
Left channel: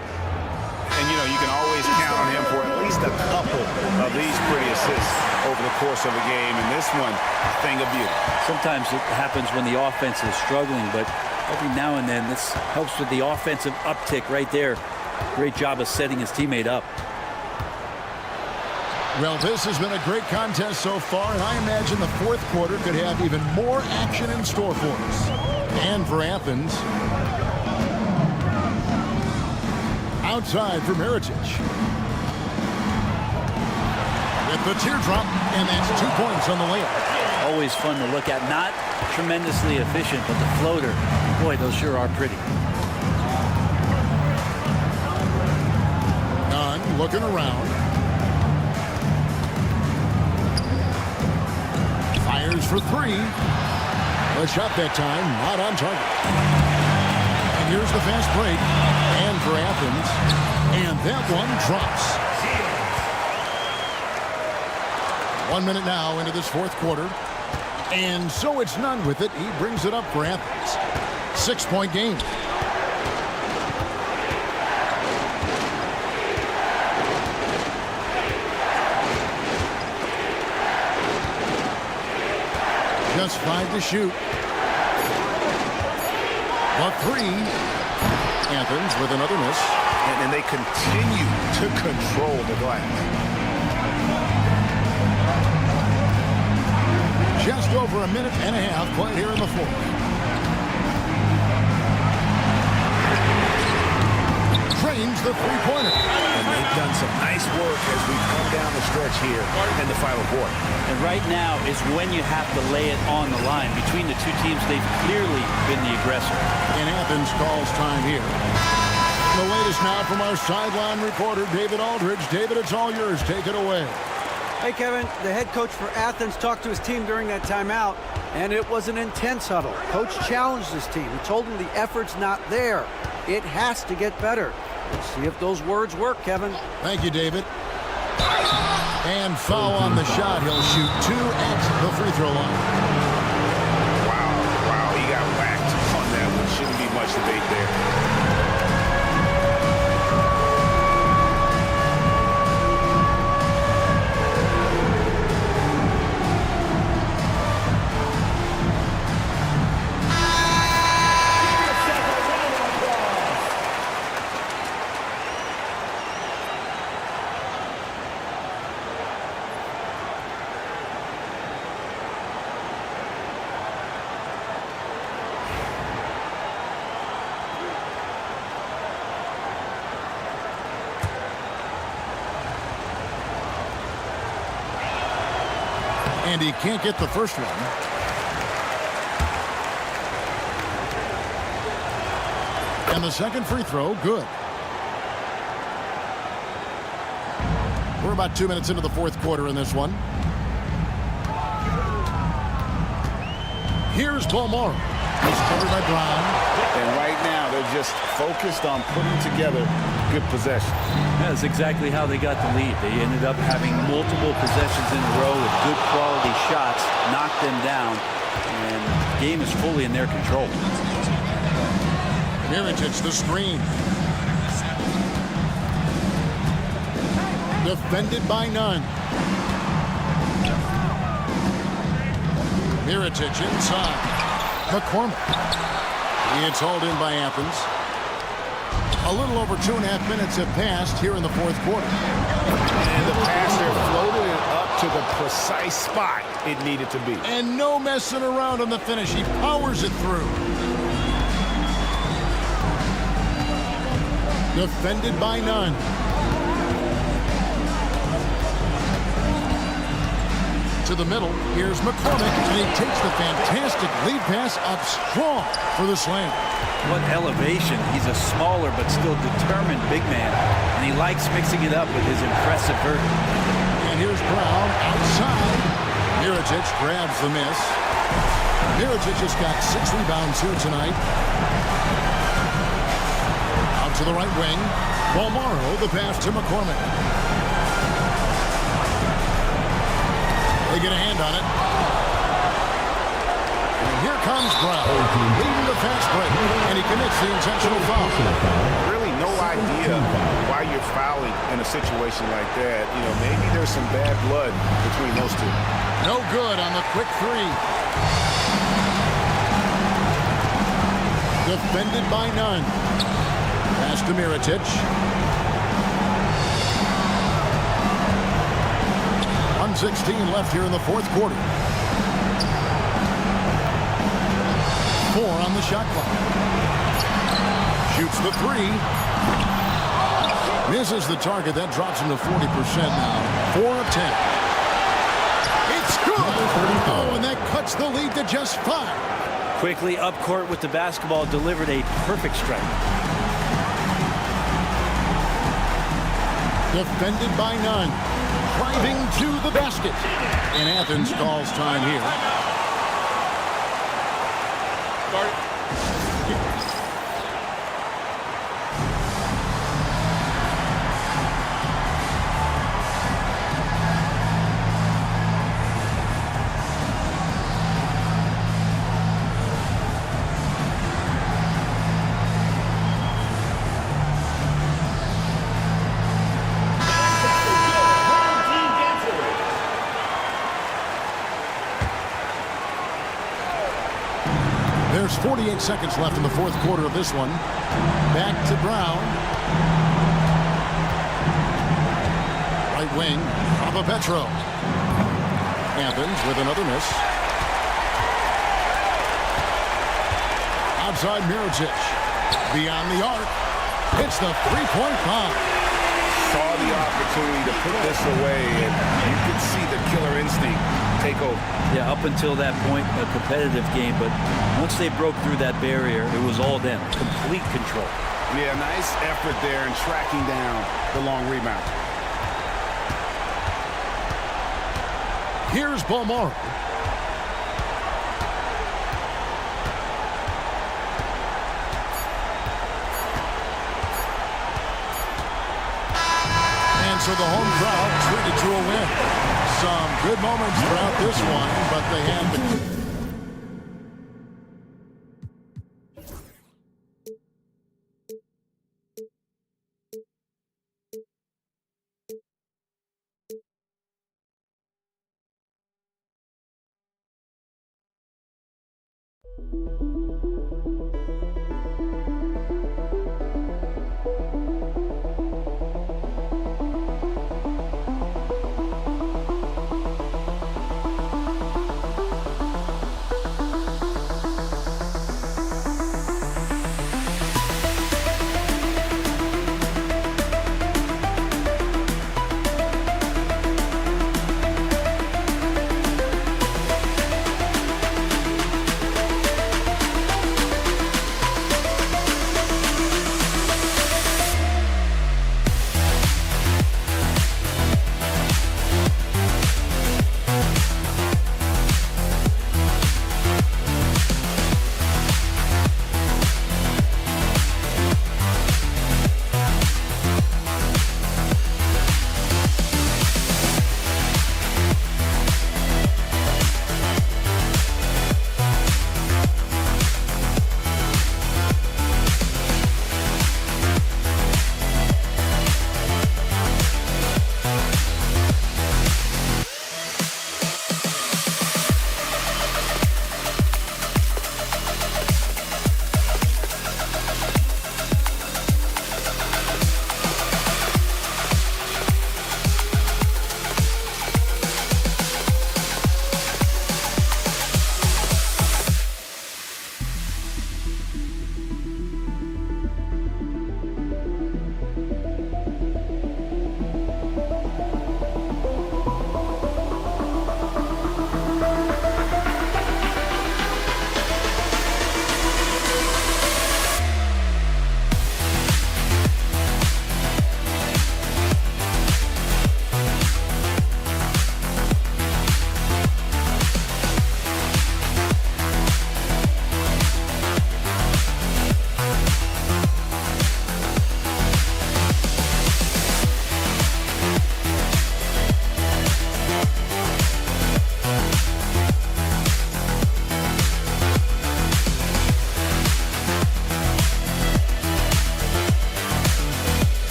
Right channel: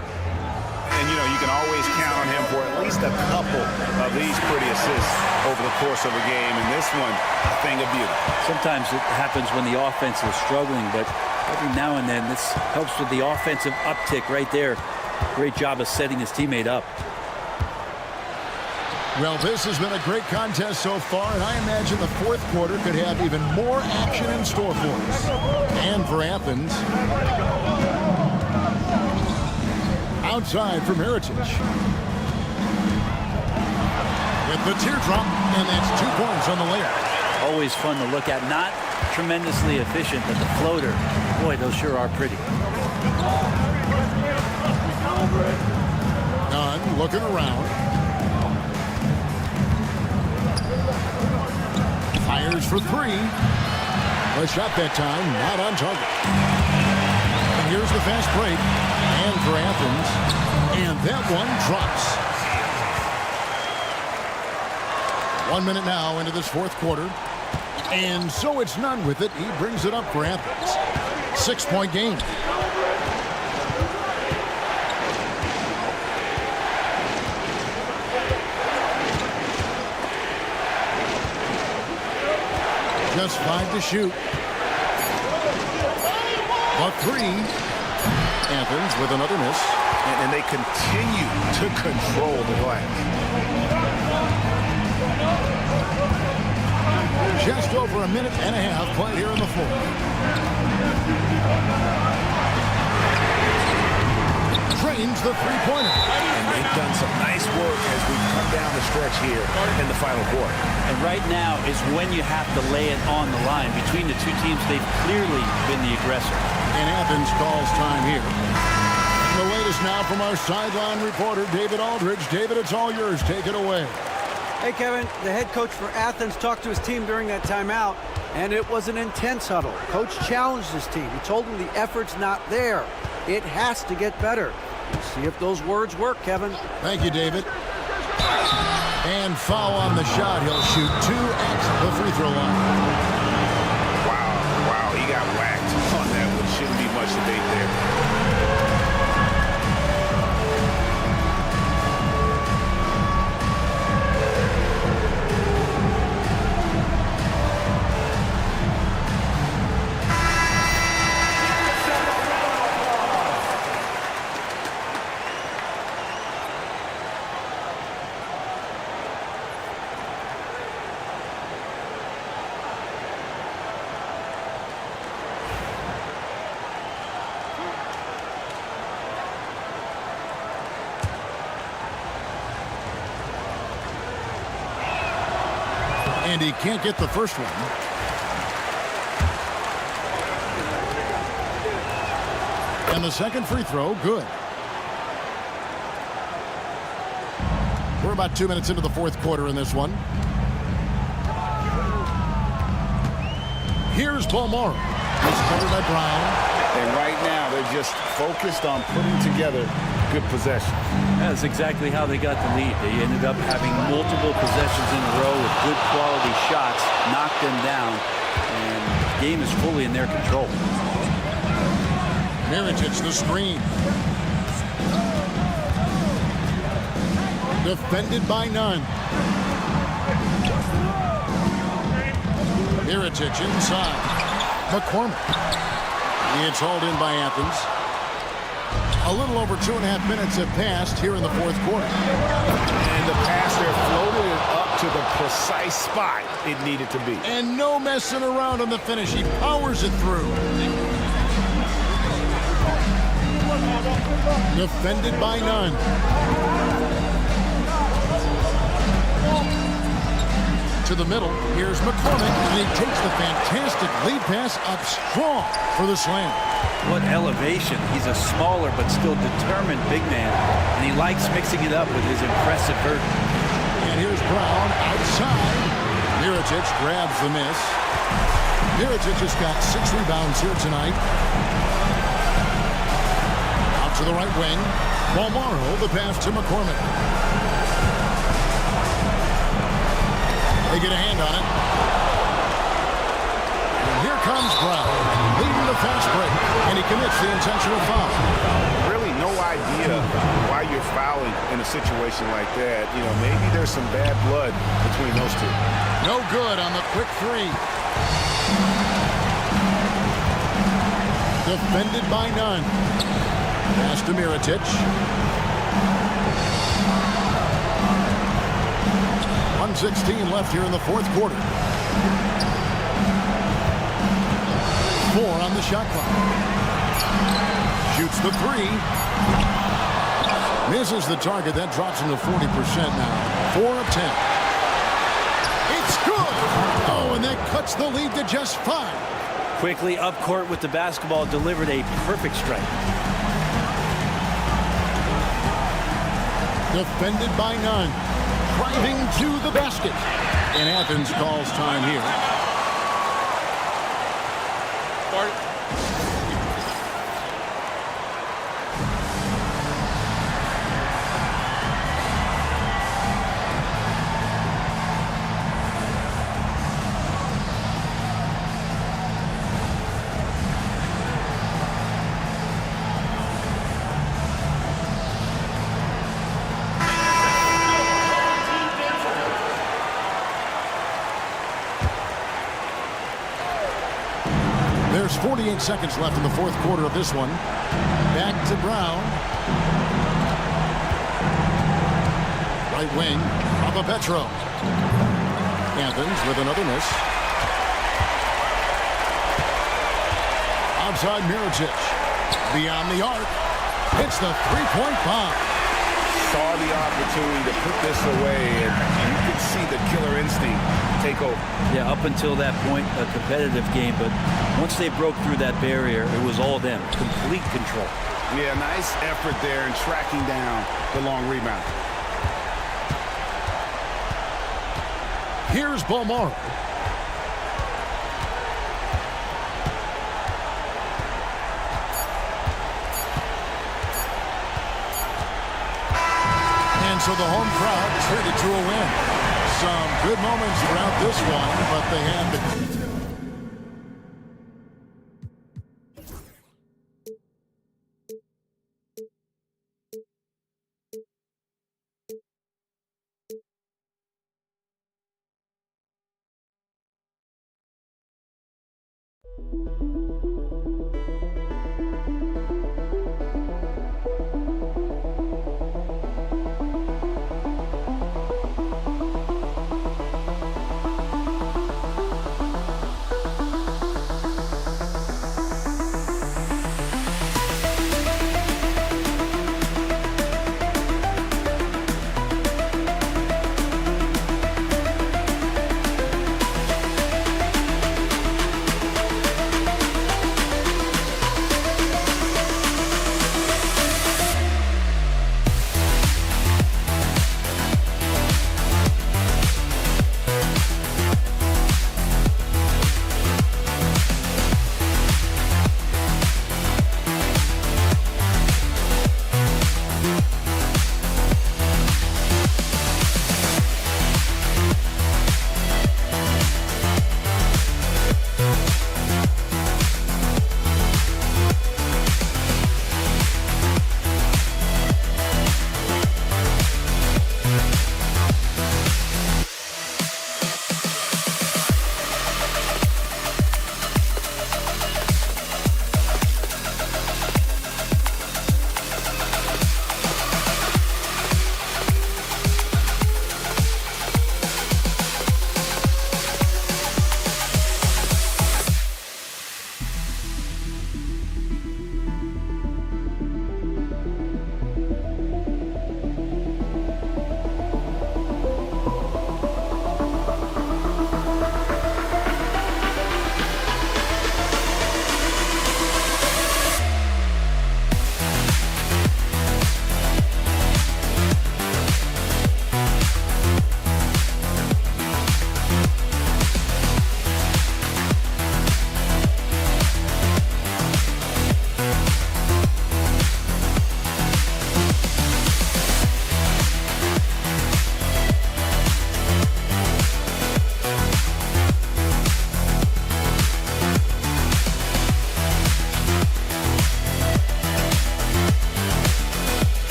And, you know, you can always count on him for at least a couple of these pretty assists over the course of a game. And this one, a thing of beauty. Sometimes it happens when the offense is struggling, but every now and then this helps with the offensive uptick right there. Great job of setting his teammate up. Well, this has been a great contest so far, and I imagine the fourth quarter could have even more action in store for us. And for Athens. Outside for Mirotic. With the teardrop, and that's 2 points on the layup. Always fun to look at. Not tremendously efficient, but the floater, boy, those sure are pretty. Nunn looking around. Fires for 3. A shot that time, not on target. And here's the fast break. And for Athens. And that one drops. 1 minute now into this fourth quarter. And so it's Nunn with it. He brings it up for Athens. 6-point game. Just 5 to shoot. The three. Athens with another miss. And they continue to control the glass. Just over a minute and a half played here in the fourth. Drains the three-pointer. And they've done some nice work as we've come down the stretch here in the final quarter. And right now is when you have to lay it on the line. Between the two teams, they've clearly been the aggressor. And Athens calls time here. The latest now from our sideline reporter, David Aldridge. David, it's all yours. Take it away. Hey, Kevin, the head coach for Athens talked to his team during that timeout, and it was an intense huddle. Coach challenged his team. He told them the effort's not there. It has to get better. We'll see if those words work, Kevin. Thank you, David. And foul on the shot. He'll shoot 2 at the free throw line. Wow, he got whacked on that one. Shouldn't be much debate there. And he can't get the first one. And the second free throw, good. We're about 2 minutes into the fourth quarter in this one. Here's Balmore. He's covered by Brown. And right now, they're just focused on putting together good possessions. That's exactly how they got the lead. They ended up having multiple possessions in a row with good quality shots, knocked them down, and the game is fully in their control. Miritich, the screen. Defended by none. Miritich inside. McCormick. It's hauled in by Athens. A little over 2.5 minutes have passed here in the fourth quarter. And the pass there floated it up to the precise spot it needed to be. And no messing around on the finish. He powers it through. Defended by none. To the middle, here's McCormick, and he takes the fantastic lead pass up strong for the slam. What elevation. He's a smaller but still determined big man, and he likes mixing it up with his impressive vert. And here's Brown outside. Miritich grabs the miss. Miritich has got 6 rebounds here tonight. Out to the right wing. Balmaro, the pass to McCormick. They get a hand on it. And here comes Brown, leading the fast break, and he commits the intentional foul. Really no idea why you're fouling in a situation like that. You know, maybe there's some bad blood between those two. No good on the quick three. Defended by none. Pass to Miritich. 1:16 left here in the fourth quarter. 4 on the shot clock. Shoots the 3. Misses the target. That drops him to 40% now. 4 of 10. It's good. Oh, and that cuts the lead to just 5. Quickly up court with the basketball, delivered a perfect strike. Defended by none. Driving to the basket. And Athens calls time here. Start it. There's 48 seconds left in the fourth quarter of this one. Back to Brown. Right wing, Petro. Athens with another miss. Outside Mirotic. Beyond the arc. Hits the three-point bomb. Saw the opportunity to put this away, and you could see the killer instinct take over. Yeah, up until that point, a competitive game, but once they broke through that barrier, it was all them. Complete control. Yeah, nice effort there in tracking down the long rebound. Here's Balmora. And so the home crowd treated to a win. Some good moments throughout this one, but they had the...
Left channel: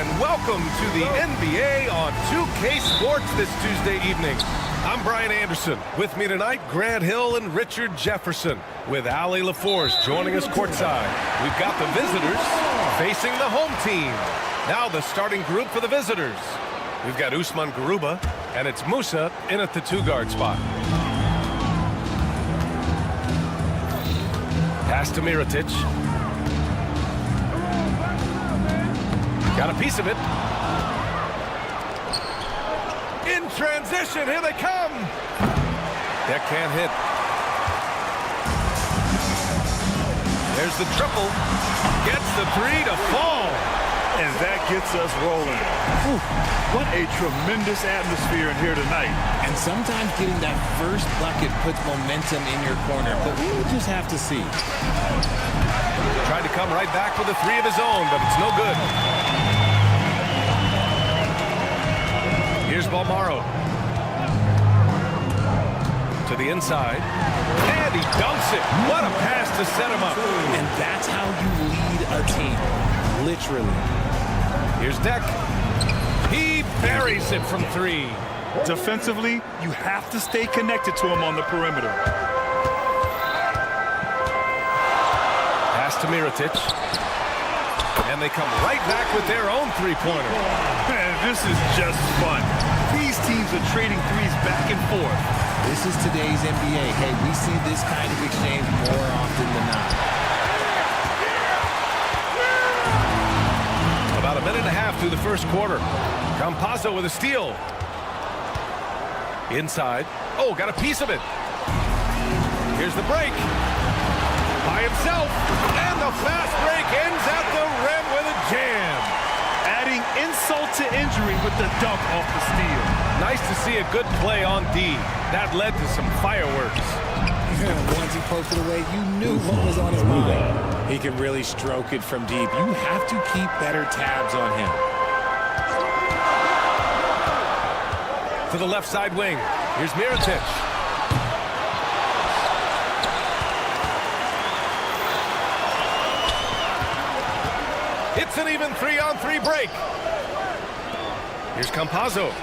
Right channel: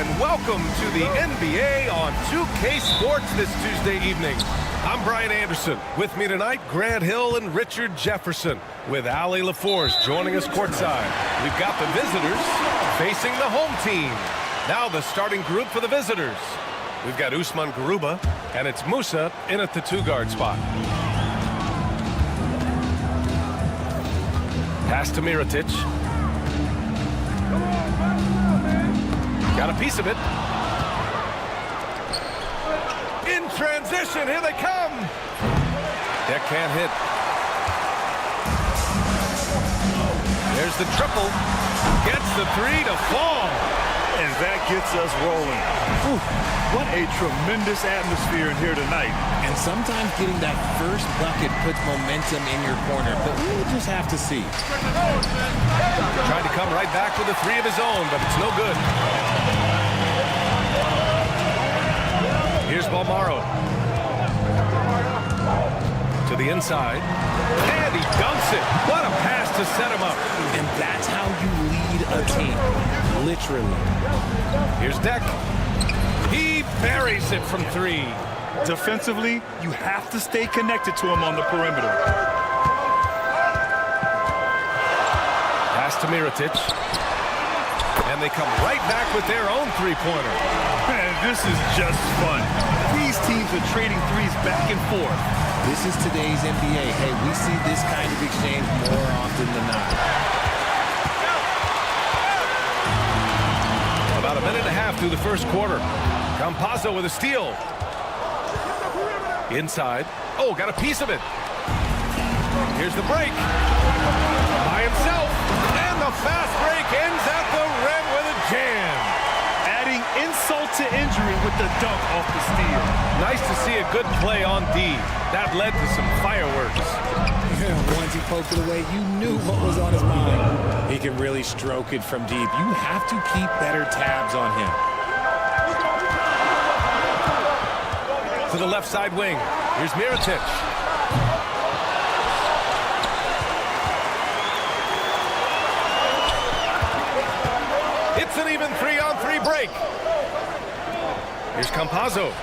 and welcome to the NBA on 2K Sports this Tuesday evening. I'm Brian Anderson. With me tonight, Grant Hill and Richard Jefferson, with Ali LaForce joining us courtside. We've got the visitors facing the home team. Now the starting group for the visitors. We've got Usman Garuba, and it's Musa in at the 2-guard spot. Pass to Mirotic. Got a piece of it. In transition, here they come. That can't hit. There's the triple. Gets the 3 to fall. And that gets us rolling. Whew, what a tremendous atmosphere in here tonight. And sometimes getting that first bucket puts momentum in your corner, but we'll just have to see. Tried to come right back with a 3 of his own, but it's no good. Here's Balmaro. To the inside. And he dunks it. What a pass to set him up. And that's how you lead a team. Literally. Here's Deck. He buries it from 3. Defensively, you have to stay connected to him on the perimeter. Pass to Mirotic. And they come right back with their own 3-pointer. Man, this is just fun. These teams are trading threes back and forth. This is today's NBA. Hey, we see this kind of exchange more often than not. About a minute and a half through the first quarter. Campazzo with a steal. Inside. Oh, got a piece of it. Here's the break. By himself. And the fast break ends at the rim with a jam. Adding insult to injury with the dunk off the steal. Nice to see a good play on D. That led to some fireworks. Yeah, once he poked it away, you knew what was on his mind. He can really stroke it from deep. You have to keep better tabs on him. To the left side wing. Here's Mirotic. It's an even 3-on-3 break. Here's Campazzo.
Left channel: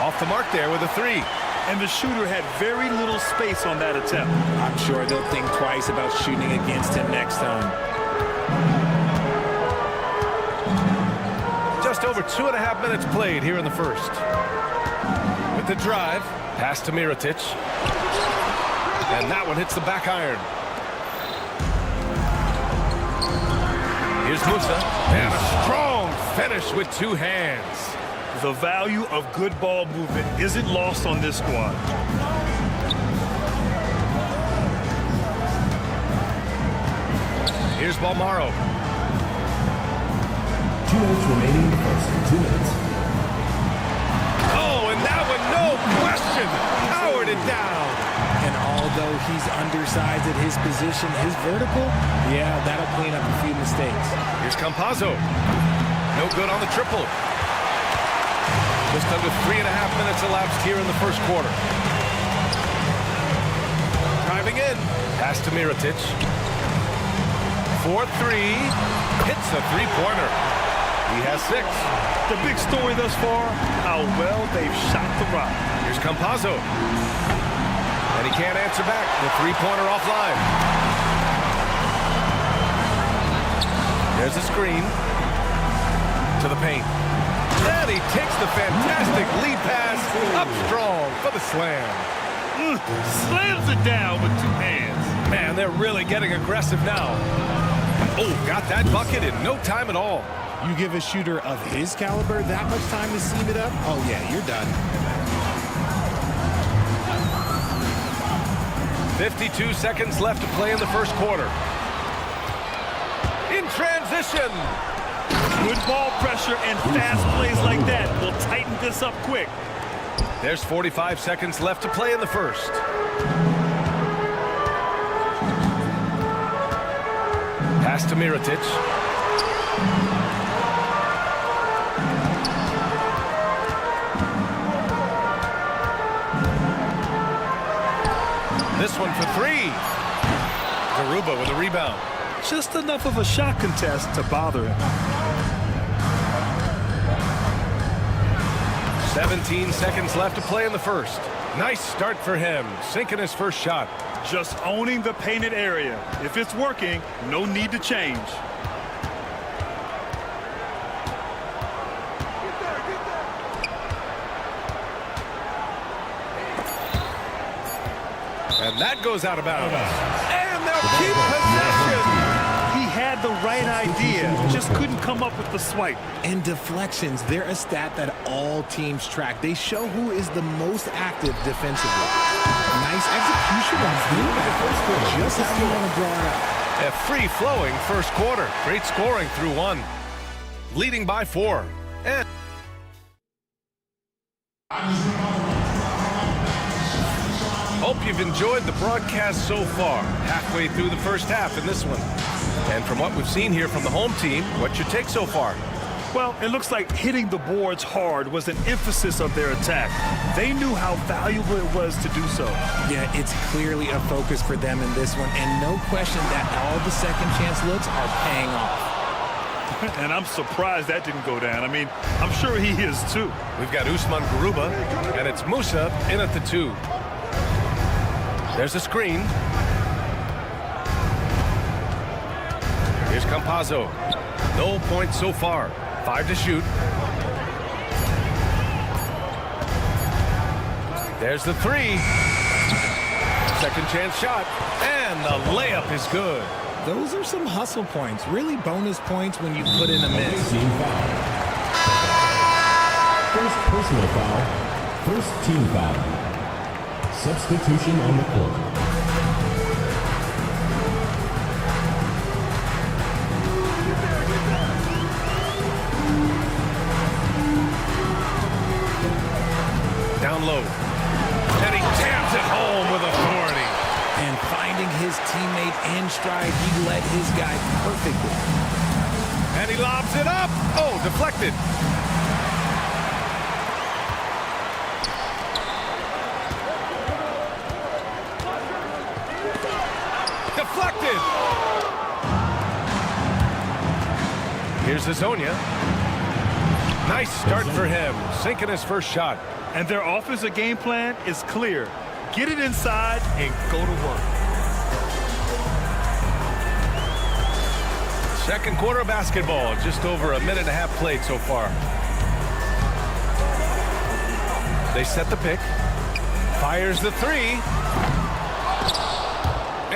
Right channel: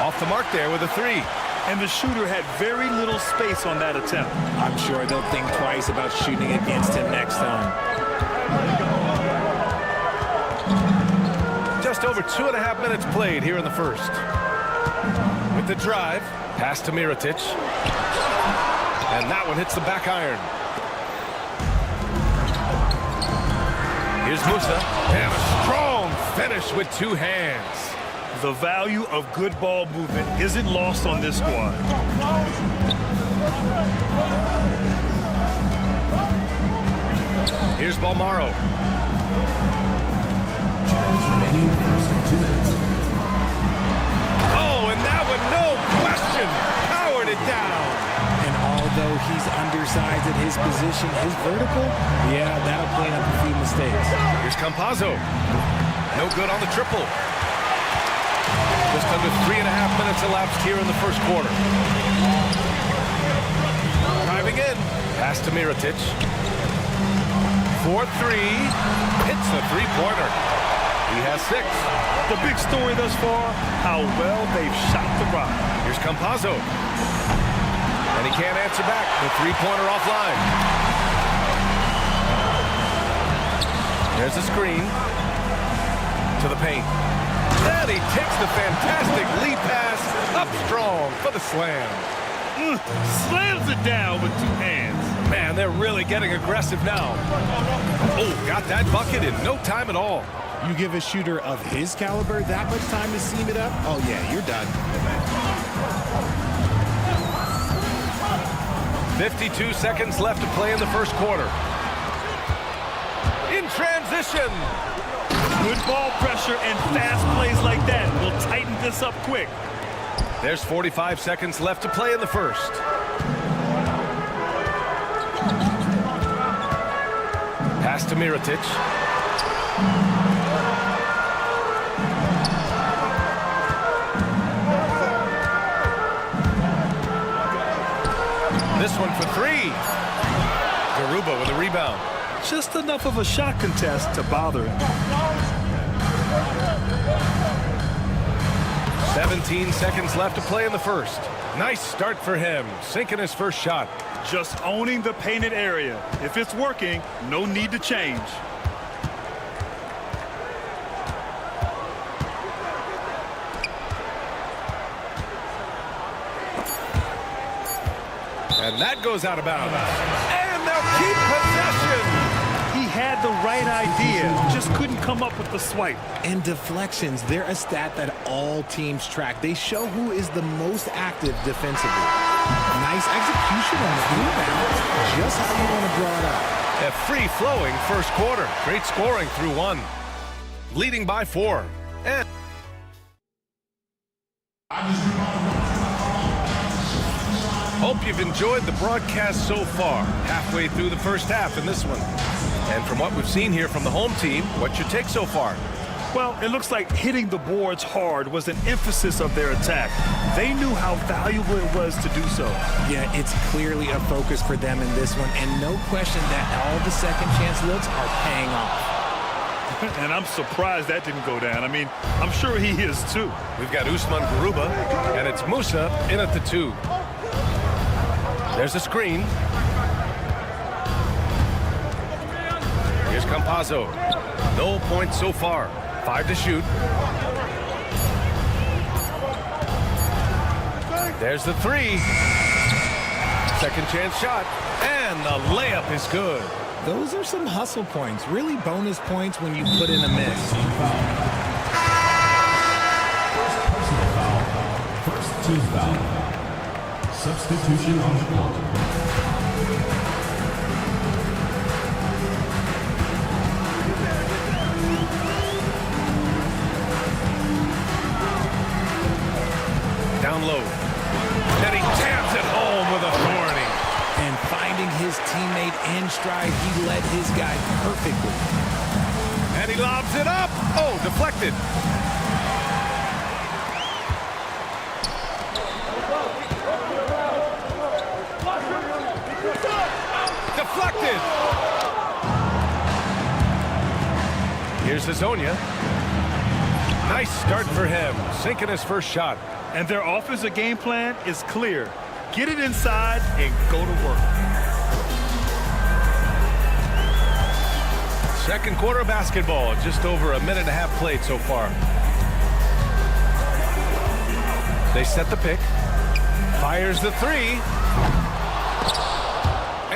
Off the mark there with a 3. And the shooter had very little space on that attempt. I'm sure they'll think twice about shooting against him next time. Just over 2.5 minutes played here in the first. With the drive, pass to Mirotic. And that one hits the back iron. Here's Musa. And a strong finish with 2 hands. The value of good ball movement isn't lost on this squad. Here's Balmaro. 2 minutes remaining in the first. 2 minutes. Oh, and that one, no question, powered it down. And although he's undersized at his position, his vertical, yeah, that'll clean up a few mistakes. Here's Campazzo. No good on the triple. Just under 3.5 minutes elapsed here in the first quarter. Driving in. Pass to Mirotic. 4-3. Hits the 3-pointer. He has 6. The big story thus far, how well they've shot the rock. Here's Campazzo. And he can't answer back. The 3-pointer offline. There's a screen. To the paint. And he takes the fantastic lead pass up strong for the slam. Slams it down with 2 hands. Man, they're really getting aggressive now. Oh, got that bucket in no time at all. You give a shooter of his caliber that much time to seam it up? Oh, yeah, you're done. 52 seconds left to play in the first quarter. In transition. Good ball pressure and fast plays like that will tighten this up quick. There's 45 seconds left to play in the first. Pass to Mirotic. This one for 3. Garuba with a rebound. Just enough of a shot contest to bother him. 17 seconds left to play in the first. Nice start for him, sinking his first shot. Just owning the painted area. If it's working, no need to change. And that goes out of bounds. And they'll keep possession. He had the right idea, just couldn't come up with the swipe. And deflections, they're a stat that all teams track. They show who is the most active defensively. Nice execution on inbounds. Just how you want to draw it out. A free-flowing first quarter. Great scoring through one. Leading by 4. And hope you've enjoyed the broadcast so far. Halfway through the first half in this one. And from what we've seen here from the home team, what's your take so far? Well, it looks like hitting the boards hard was an emphasis of their attack. They knew how valuable it was to do so. Yeah, it's clearly a focus for them in this one, and no question that all the second chance looks are paying off. And I'm surprised that didn't go down. I mean, I'm sure he is too. We've got Usman Garuba, and it's Musa in at the 2. There's a screen. Here's Campazzo. No points so far. 5 to shoot. There's the 3. Second chance shot. And the layup is good. Those are some hustle points. Really bonus points when you put in a miss. Team foul. First personal foul. First team foul. Substitution on the court. Down low. And he jams it home with authority. And finding his teammate in stride, he led his guy perfectly. And he lobs it up. Oh, deflected. Deflected. Here's Hazonia. Nice start for him, sinking his first shot. And their offensive game plan is clear. Get it inside and go to work. Second quarter of basketball, just over a minute and a half played so far. They set the pick. Fires the 3.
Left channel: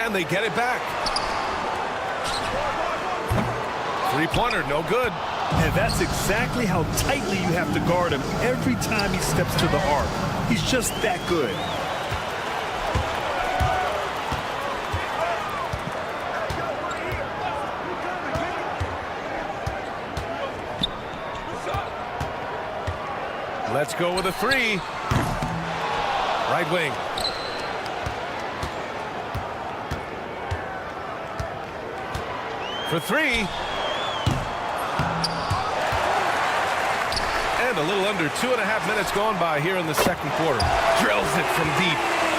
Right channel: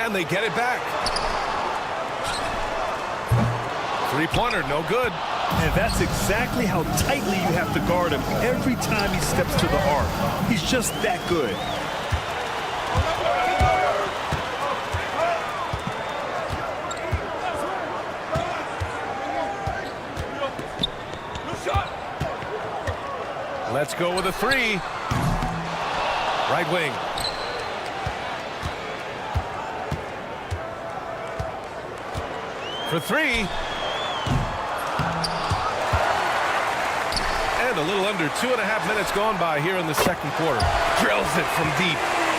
And they get it back. Three-pointer, no good. And that's exactly how tightly you have to guard him every time he steps to the arc. He's just that good. Let's go with a 3. Right wing. For 3. And a little under 2.5 minutes gone by here in the second quarter. Drills it from deep.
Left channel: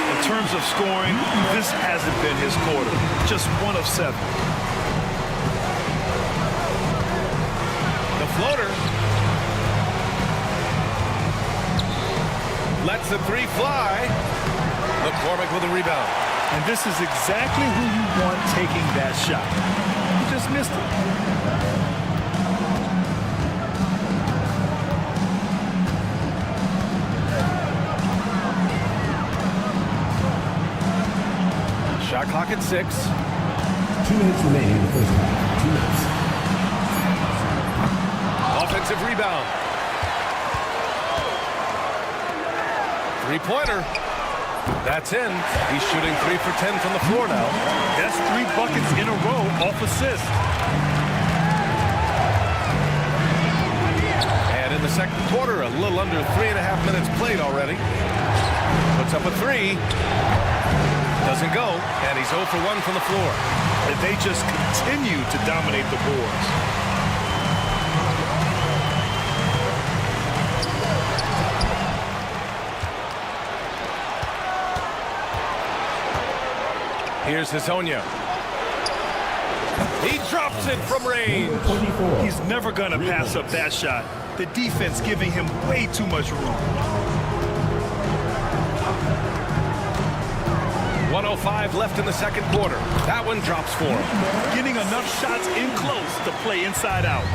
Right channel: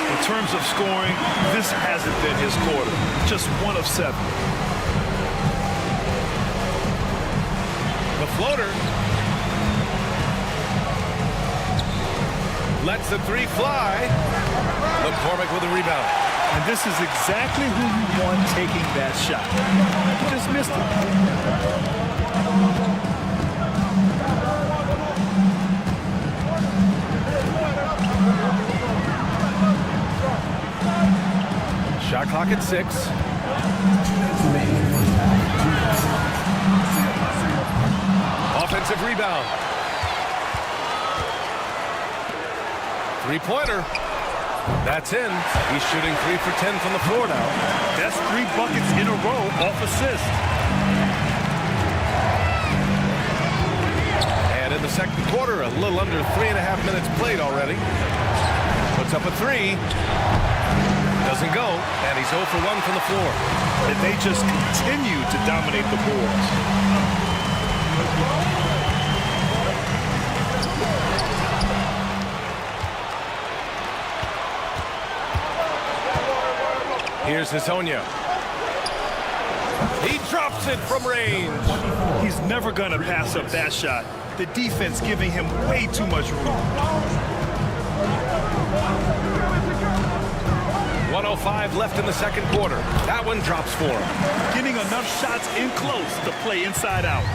In terms of scoring, this hasn't been his quarter. Just 1 of 7. The floater. Lets the 3 fly. McCormick with a rebound. And this is exactly who you want taking that shot. He just missed it. Shot clock at 6. 2 minutes remaining in the first half. 2 minutes. Offensive rebound. Three-pointer. That's in. He's shooting 3 for 10 from the floor now. That's 3 buckets in a row off assist. And in the second quarter, a little under 3.5 minutes played already. Puts up a 3. Doesn't go, and he's 0 for 1 from the floor. And they just continue to dominate the boards. Here's Hazonia. He drops it from range. He's never going to pass up that shot. The defense giving him way too much room. 1:05 left in the second quarter. That one drops for him. Getting enough shots in close to play inside out.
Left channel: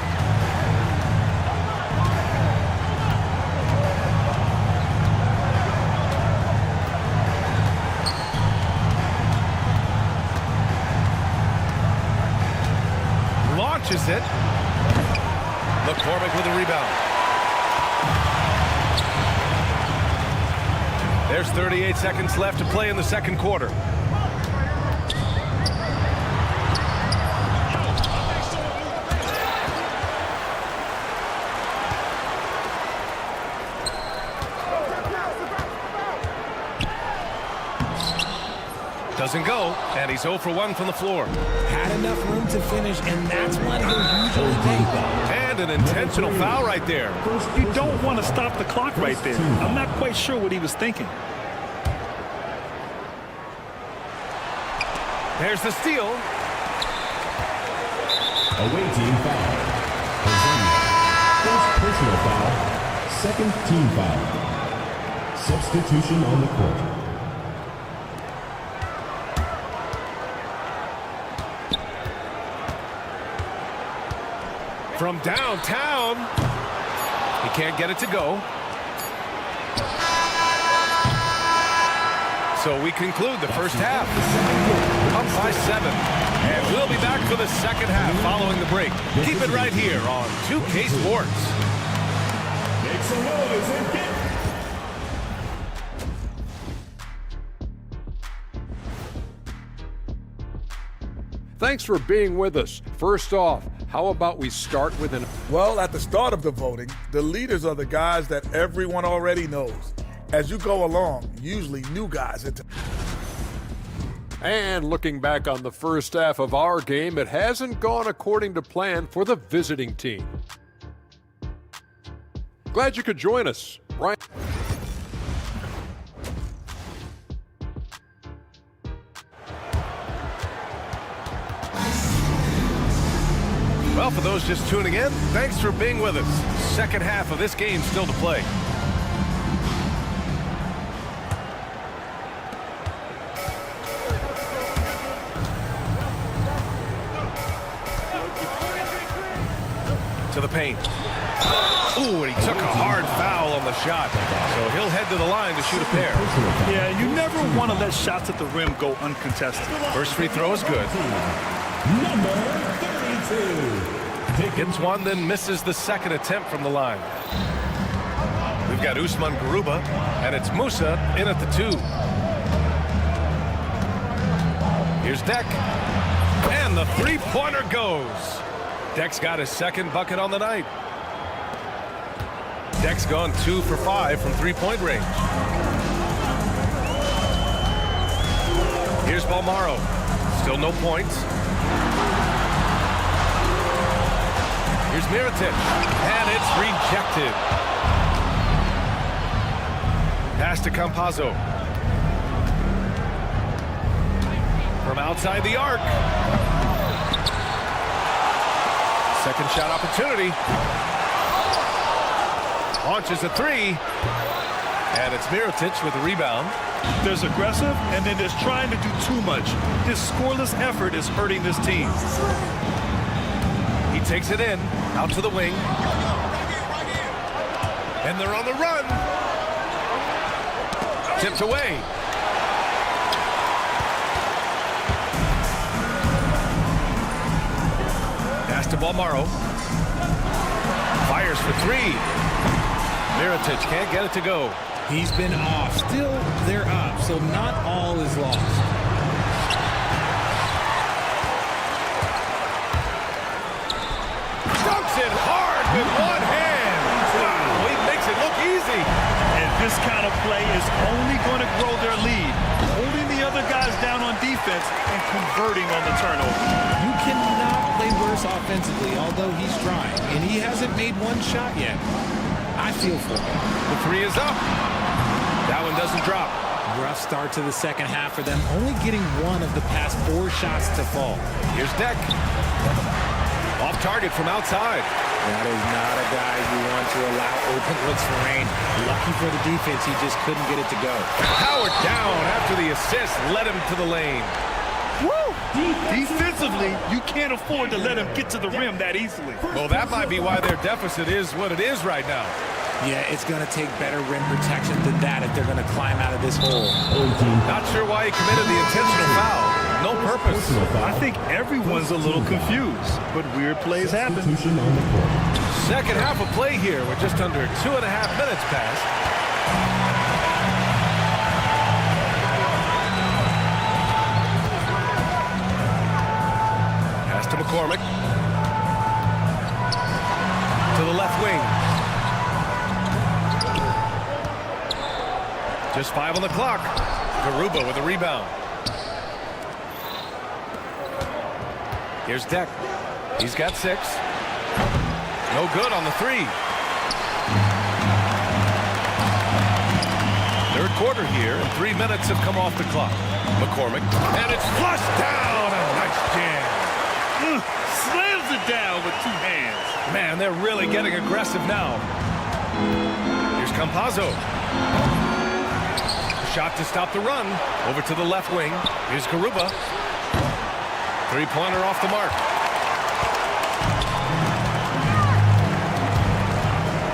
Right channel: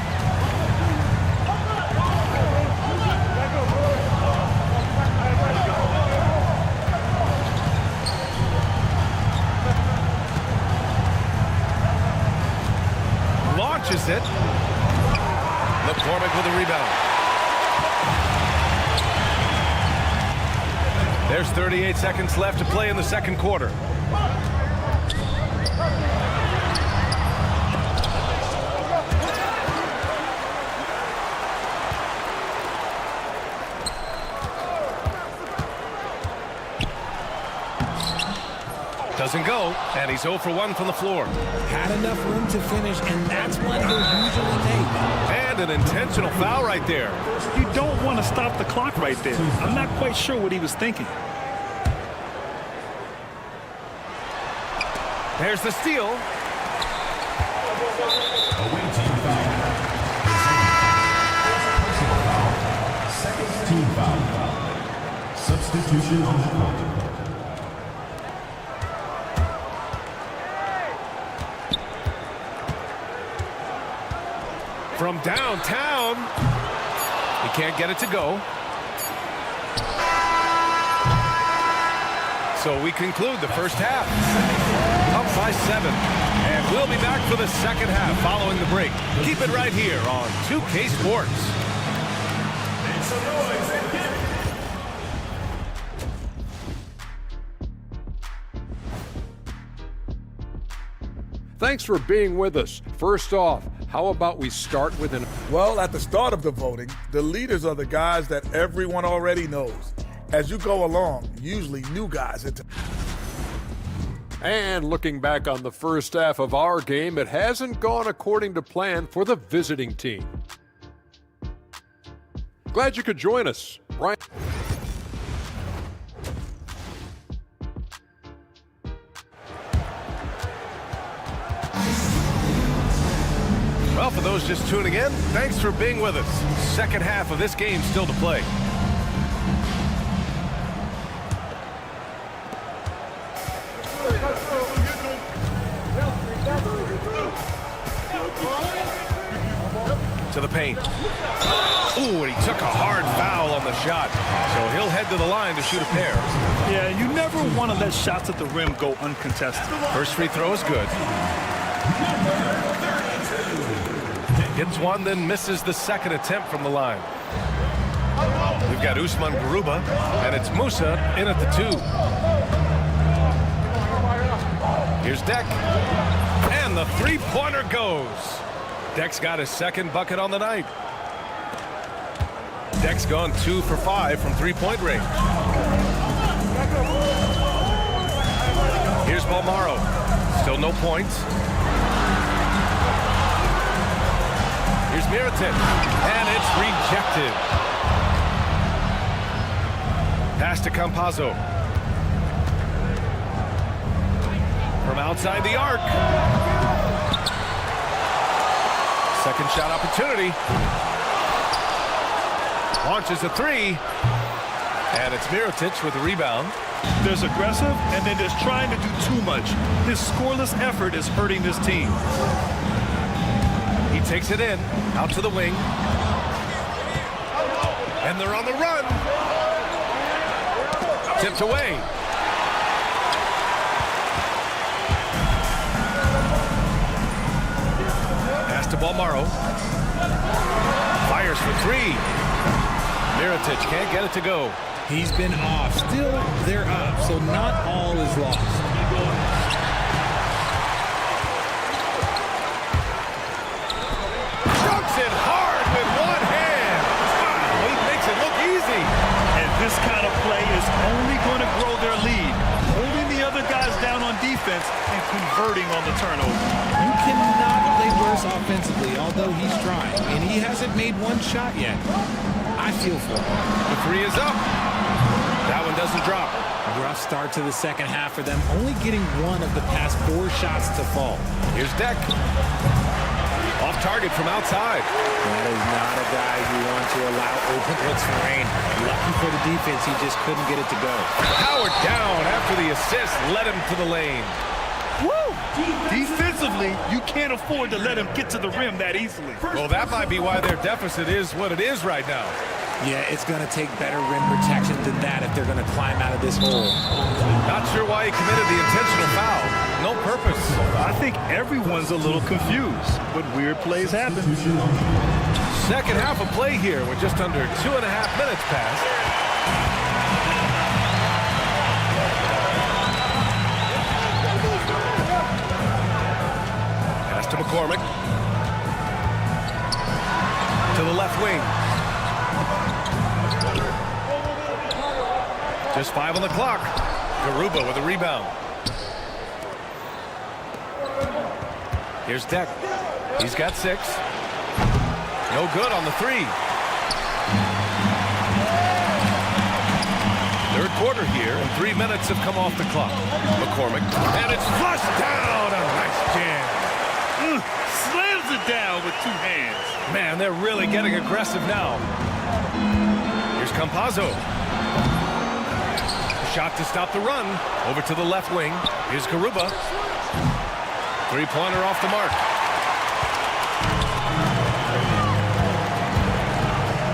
Launches it. McCormick with a rebound. There's 38 seconds left to play in the second quarter. Doesn't go, and he's 0 for 1 from the floor. Had enough room to finish, and that's one he'll usually make. And an intentional foul right there. You don't want to stop the clock right there. I'm not quite sure what he was thinking. There's the steal. Away team foul. First personal foul. Second team foul. Substitution on the court. From downtown. He can't get it to go. So we conclude the first half. Up by 7. And we'll be back for the second half following the break. Keep it right here on 2K Sports. Make some noise and get... Thanks for being with us. First off, how about we start with an... Well, at the start of the voting, the leaders are the guys that everyone already knows. As you go along, usually new guys enter. And looking back on the first half of our game, it hasn't gone according to plan for the visiting team. Glad you could join us. Brian. Well, for those just tuning in, thanks for being with us. Second half of this game still to play. To the paint. Ooh, and he took a hard foul on the shot. So he'll head to the line to shoot a pair. Yeah, you never want to let shots at the rim go uncontested. First free throw is good. Number 32. Gets one, then misses the second attempt from the line. We've got Usman Garuba, and it's Musa in at the 2. Here's Deck. And the three-pointer goes. Deck's got his second bucket on the night. Deck's gone 2 for 5 from three-point range. Here's Balmaro. Still no points. Here's Mirotic, and it's rejected. Pass to Campazzo. From outside the arc. Second shot opportunity. Launches a 3. And it's Mirotic with the rebound. There's aggressive, and then there's trying to do too much. His scoreless effort is hurting this team. He takes it in, out to the wing. And they're on the run. Tipped away. Pass to Balmaro. Fires for 3. Mirotic can't get it to go. He's been off. Still, they're up, so not all is lost. Dunks it hard with one hand. Wow, he makes it look easy. And this kind of play is only going to grow their lead, holding the other guys down on defense and converting on the turnover. You cannot play worse offensively, although he's trying, and he hasn't made one shot yet. I feel for him. The 3 is up. That one doesn't drop. Rough start to the second half for them, only getting one of the past 4 shots to fall. Here's Deck. Off target from outside. That is not a guy you want to allow open looks for rain. Lucky for the defense, he just couldn't get it to go. Howard down after the assist led him to the lane. Woo! Defensively, you can't afford to let him get to the rim that easily. Well, that might be why their deficit is what it is right now. Yeah, it's going to take better rim protection than that if they're going to climb out of this hole. Not sure why he committed the intentional foul. No purpose. I think everyone's a little confused, but weird plays happen. Second half of play here with just under 2.5 minutes passed. Pass to McCormick. To the left wing. Just 5 on the clock. Garuba with a rebound. Here's Deck. He's got 6. No good on the 3. Third quarter here, and 3 minutes have come off the clock. McCormick, and it's flushed down. A nice jam. Slams it down with 2 hands. Man, they're really getting aggressive now. Here's Campazzo. A shot to stop the run. Over to the left wing. Here's Garuba. Three-pointer off the mark.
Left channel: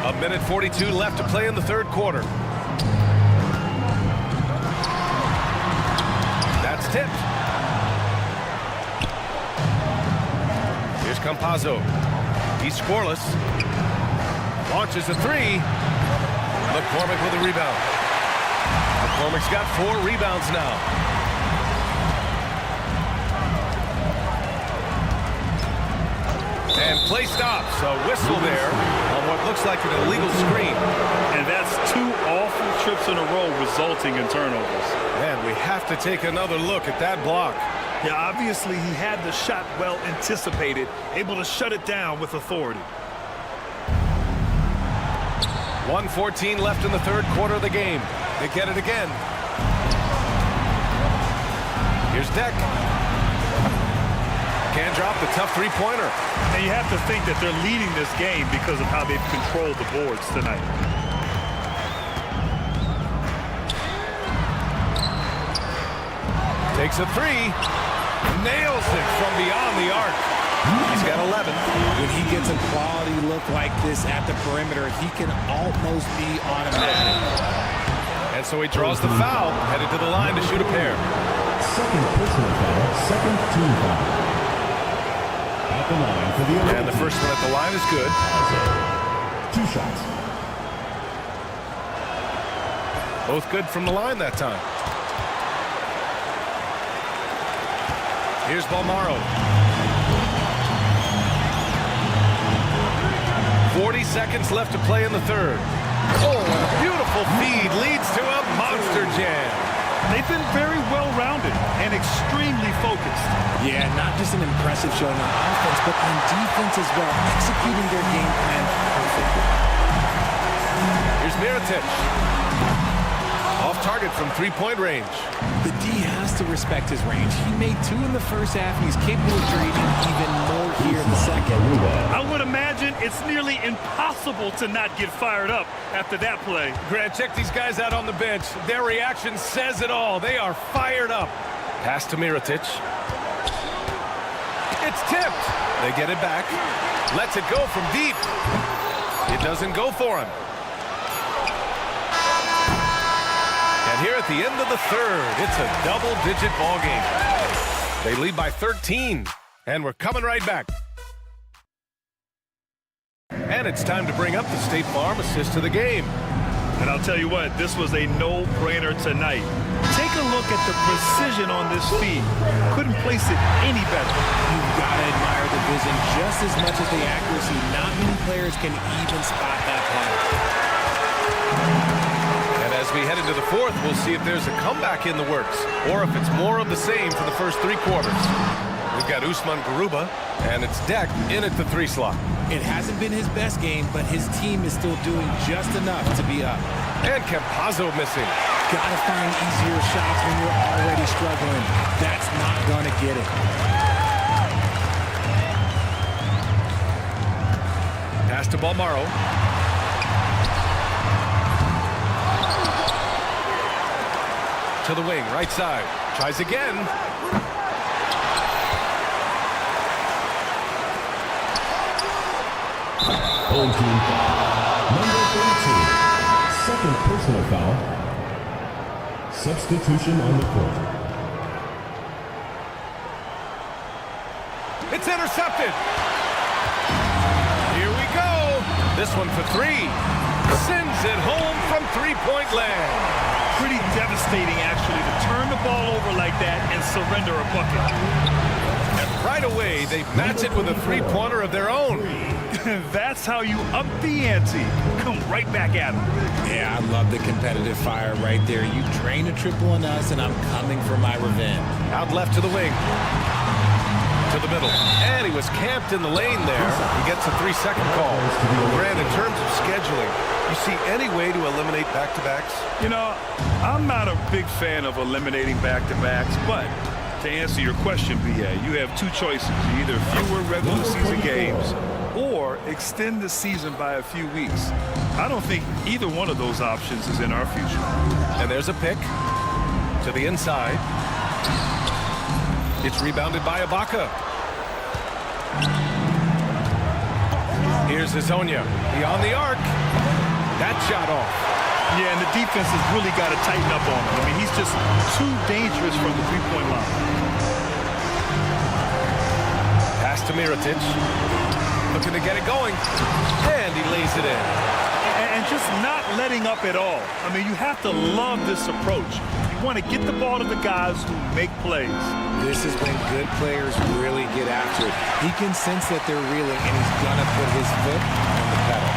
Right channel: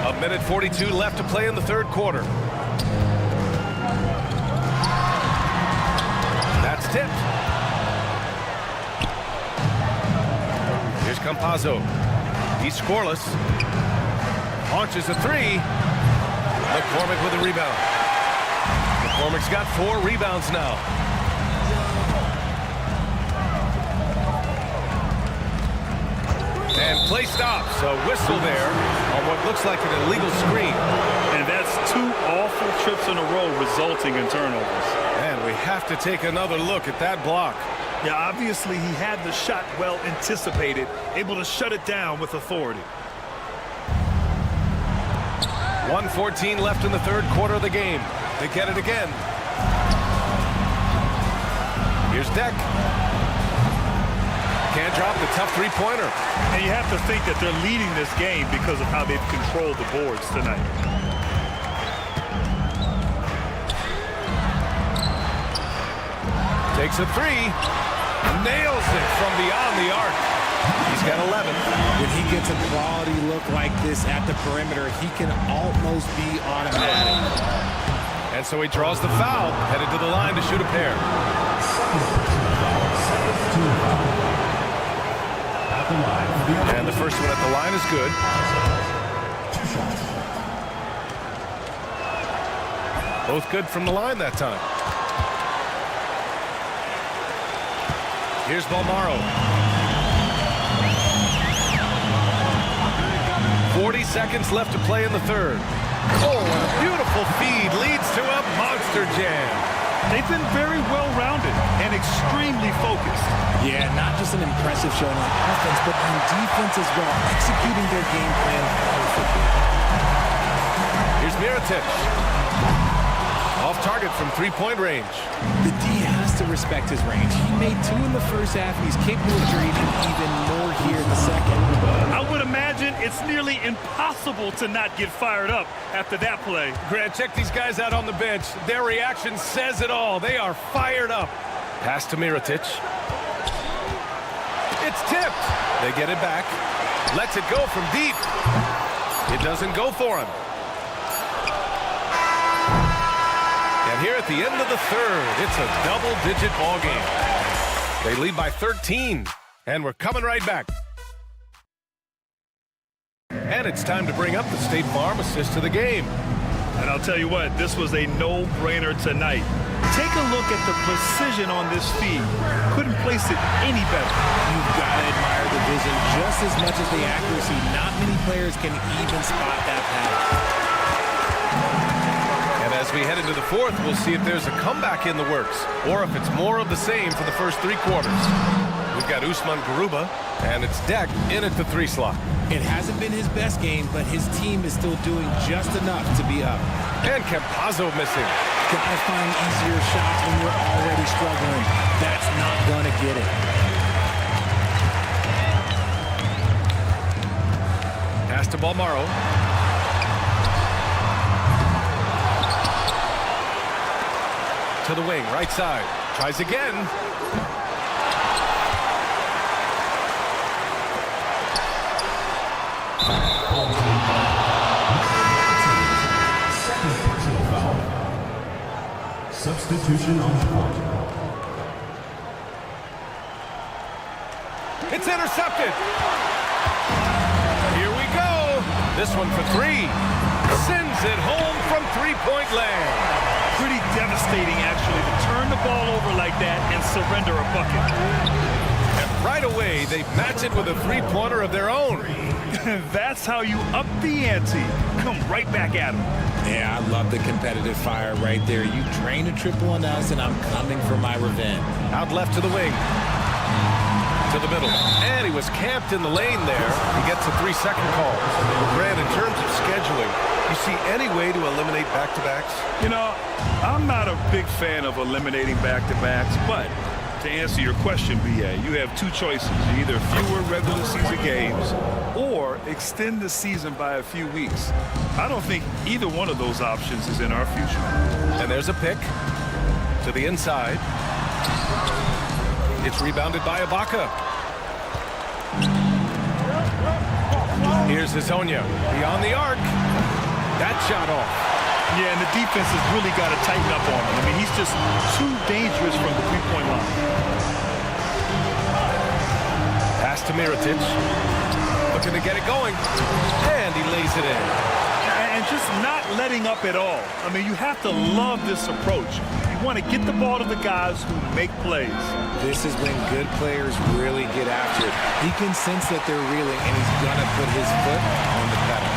A minute 42 left to play in the third quarter. That's tipped. Here's Campazzo. He's scoreless. Launches a 3. McCormick with a rebound. McCormick's got 4 rebounds now. And play stops. A whistle there on what looks like an illegal screen. And that's 2 awful trips in a row resulting in turnovers. And we have to take another look at that block. Yeah, obviously he had the shot well anticipated, able to shut it down with authority. 1:14 left in the third quarter of the game. They get it again. Here's Deck. Can't drop the tough three-pointer. And you have to think that they're leading this game because of how they've controlled the boards tonight. Takes a 3. Nails it from beyond the arc. He's got 11. When he gets a quality look like this at the perimeter, he can almost be automatic. And so he draws the foul, headed to the line to shoot a pair. Second personal foul, second team foul. At the line for the and the first one at the line is good. 2 shots. Both good from the line that time. Here's Balmaro. 40 seconds left to play in the third. Oh, and a beautiful feed leads to a monster jam. They've been very well-rounded and extremely focused. Yeah, not just an impressive showing on offense, but on defense as well, executing their game plan perfectly. Here's Mirotic. Off target from three-point range. The D has to respect his range. He made 2 in the first half, and he's capable of creating even more here in the second. I would imagine it's nearly impossible to not get fired up after that play. Grant, check these guys out on the bench. Their reaction says it all. They are fired up. Pass to Mirotic. It's tipped. They get it back. Lets it go from deep. It doesn't go for him. And here at the end of the third, it's a double-digit ball game. They lead by 13, and we're coming right back. And it's time to bring up the State Farm assist to the game. And I'll tell you what, this was a no-brainer tonight. Take a look at the precision on this feed. Couldn't place it any better. You've got to admire the vision just as much as the accuracy. Not many players can even spot that pass. And as we head into the fourth, we'll see if there's a comeback in the works or if it's more of the same for the first 3 quarters. We've got Usman Garuba, and it's Deck in at the 3 slot. It hasn't been his best game, but his team is still doing just enough to be up. And Campazzo missing. Gotta find easier shots when you're already struggling. That's not gonna get it. Pass to Balmaro. To the wing, right side. Tries again. Home team foul. Number 32. Second personal foul. Substitution on the court. It's intercepted. Here we go. This one for three. Sends it home from three-point land. Pretty devastating, actually, to turn the ball over like that and surrender a bucket. And right away, they match it with a three-pointer of their own. That's how you up the ante. Come right back at them. Yeah, I love the competitive fire right there. You drain a triple on us, and I'm coming for my revenge. Out left to the wing. To the middle. And he was camped in the lane there. He gets a 3-second call. Grant, in terms of scheduling, you see any way to eliminate back-to-backs? You know, I'm not a big fan of eliminating back-to-backs, but to answer your question, BA, you have two choices. Either fewer regular season games or extend the season by a few weeks. I don't think either one of those options is in our future. And there's a pick to the inside. It's rebounded by Ibaka. Here's Hazonia beyond the arc. That shot off. Yeah, and the defense has really got to tighten up on him. I mean, he's just too dangerous from the three-point line. Pass to Mirotic. Looking to get it going. And he lays it in. And just not letting up at all. I mean, you have to love this approach. You want to get the ball to the guys who make plays. This is when good players really get after it. He can sense that they're reeling, and he's going to put his foot on the pedal.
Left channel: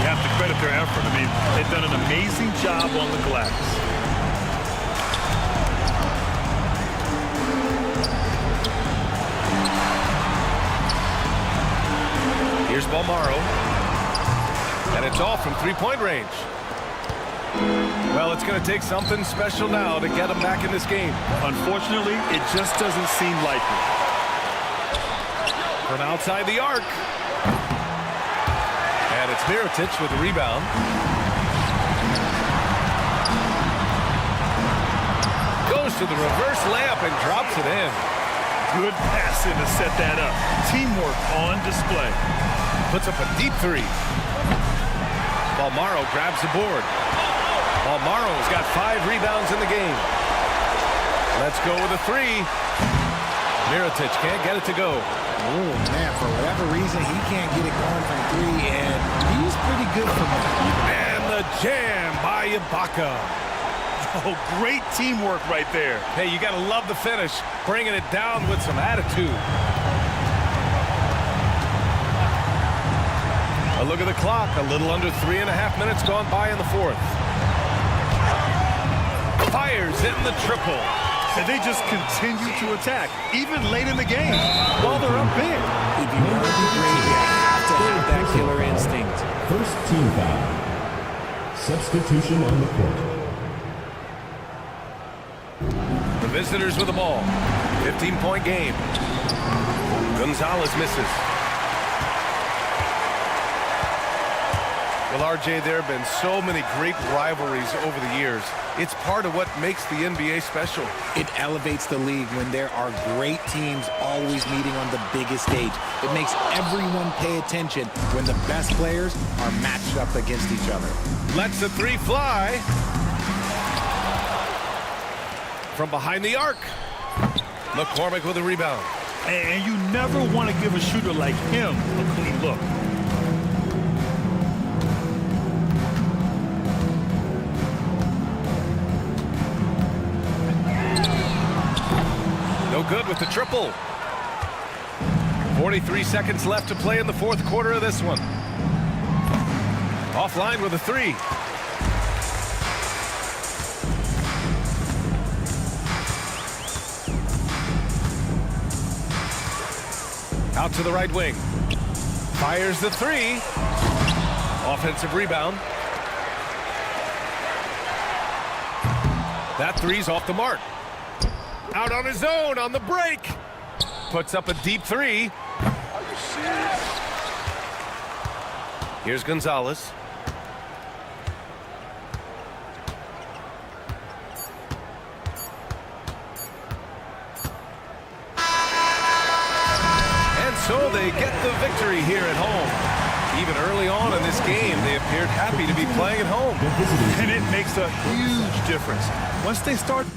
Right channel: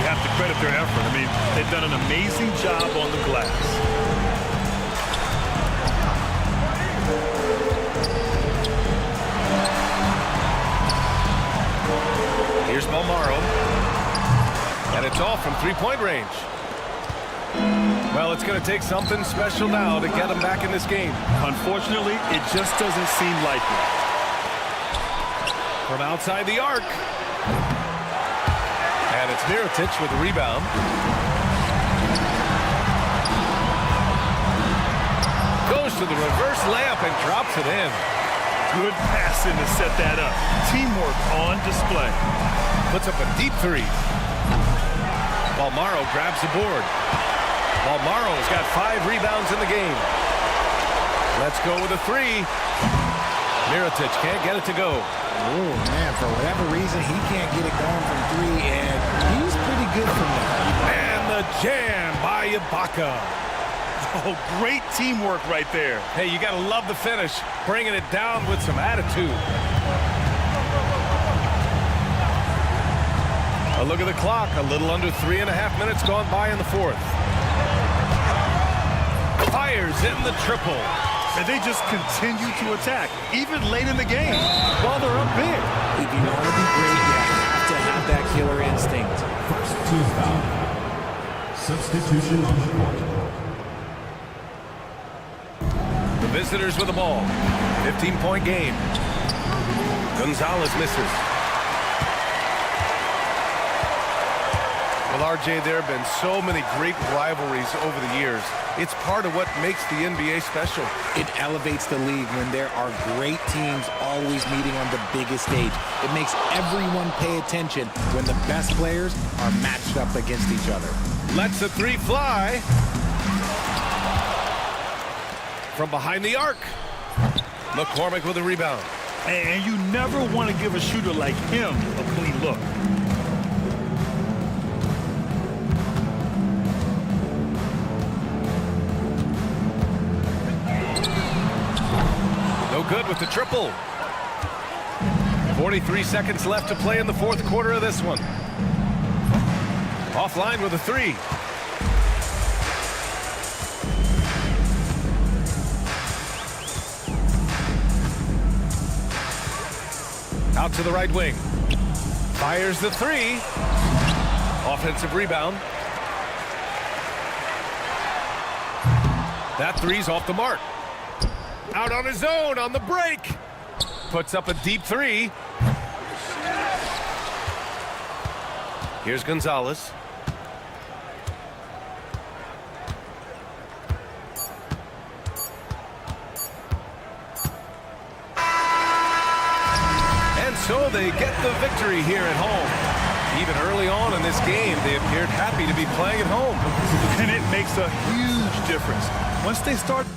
You have to credit their effort. I mean, they've done an amazing job on the glass. Here's Balmaro. And it's off from three-point range. Well, it's going to take something special now to get him back in this game. Unfortunately, it just doesn't seem likely. From outside the arc. And it's Mirotic with the rebound. Goes to the reverse layup and drops it in. Good passing to set that up. Teamwork on display. Puts up a deep three. Balmaro grabs the board. Balmaro's got 5 rebounds in the game. Let's go with a three. Mirotic can't get it to go. Oh, man, for whatever reason, he can't get it going from three, and he's pretty good from that. And the jam by Ibaka. Oh, great teamwork right there. Hey, you got to love the finish. Bringing it down with some attitude. A look at the clock. A little under 3.5 minutes gone by in the fourth. Fires in the triple. And they just continue to attack, even late in the game, while they're up big. If you want to be great, you have to have that killer instinct. First team foul. Substitution on the court. The visitors with the ball. 15-point game. Gonzalez misses. Well, RJ, there have been so many great rivalries over the years. It's part of what makes the NBA special. It elevates the league when there are great teams always meeting on the biggest stage. It makes everyone pay attention when the best players are matched up against each other. Lets the three fly. From behind the arc. McCormick with a rebound. And you never want to give a shooter like him a clean look. No good with the triple. 43 seconds left to play in the fourth quarter of this one. Offline with a three. Out to the right wing. Fires the three. Offensive rebound. That three's off the mark. Out on his own on the break. Puts up a deep three. Here's Gonzalez. And so they get the victory here at home. Even early on in this game, they appeared happy to be playing at home. And it makes a huge difference. Once they start...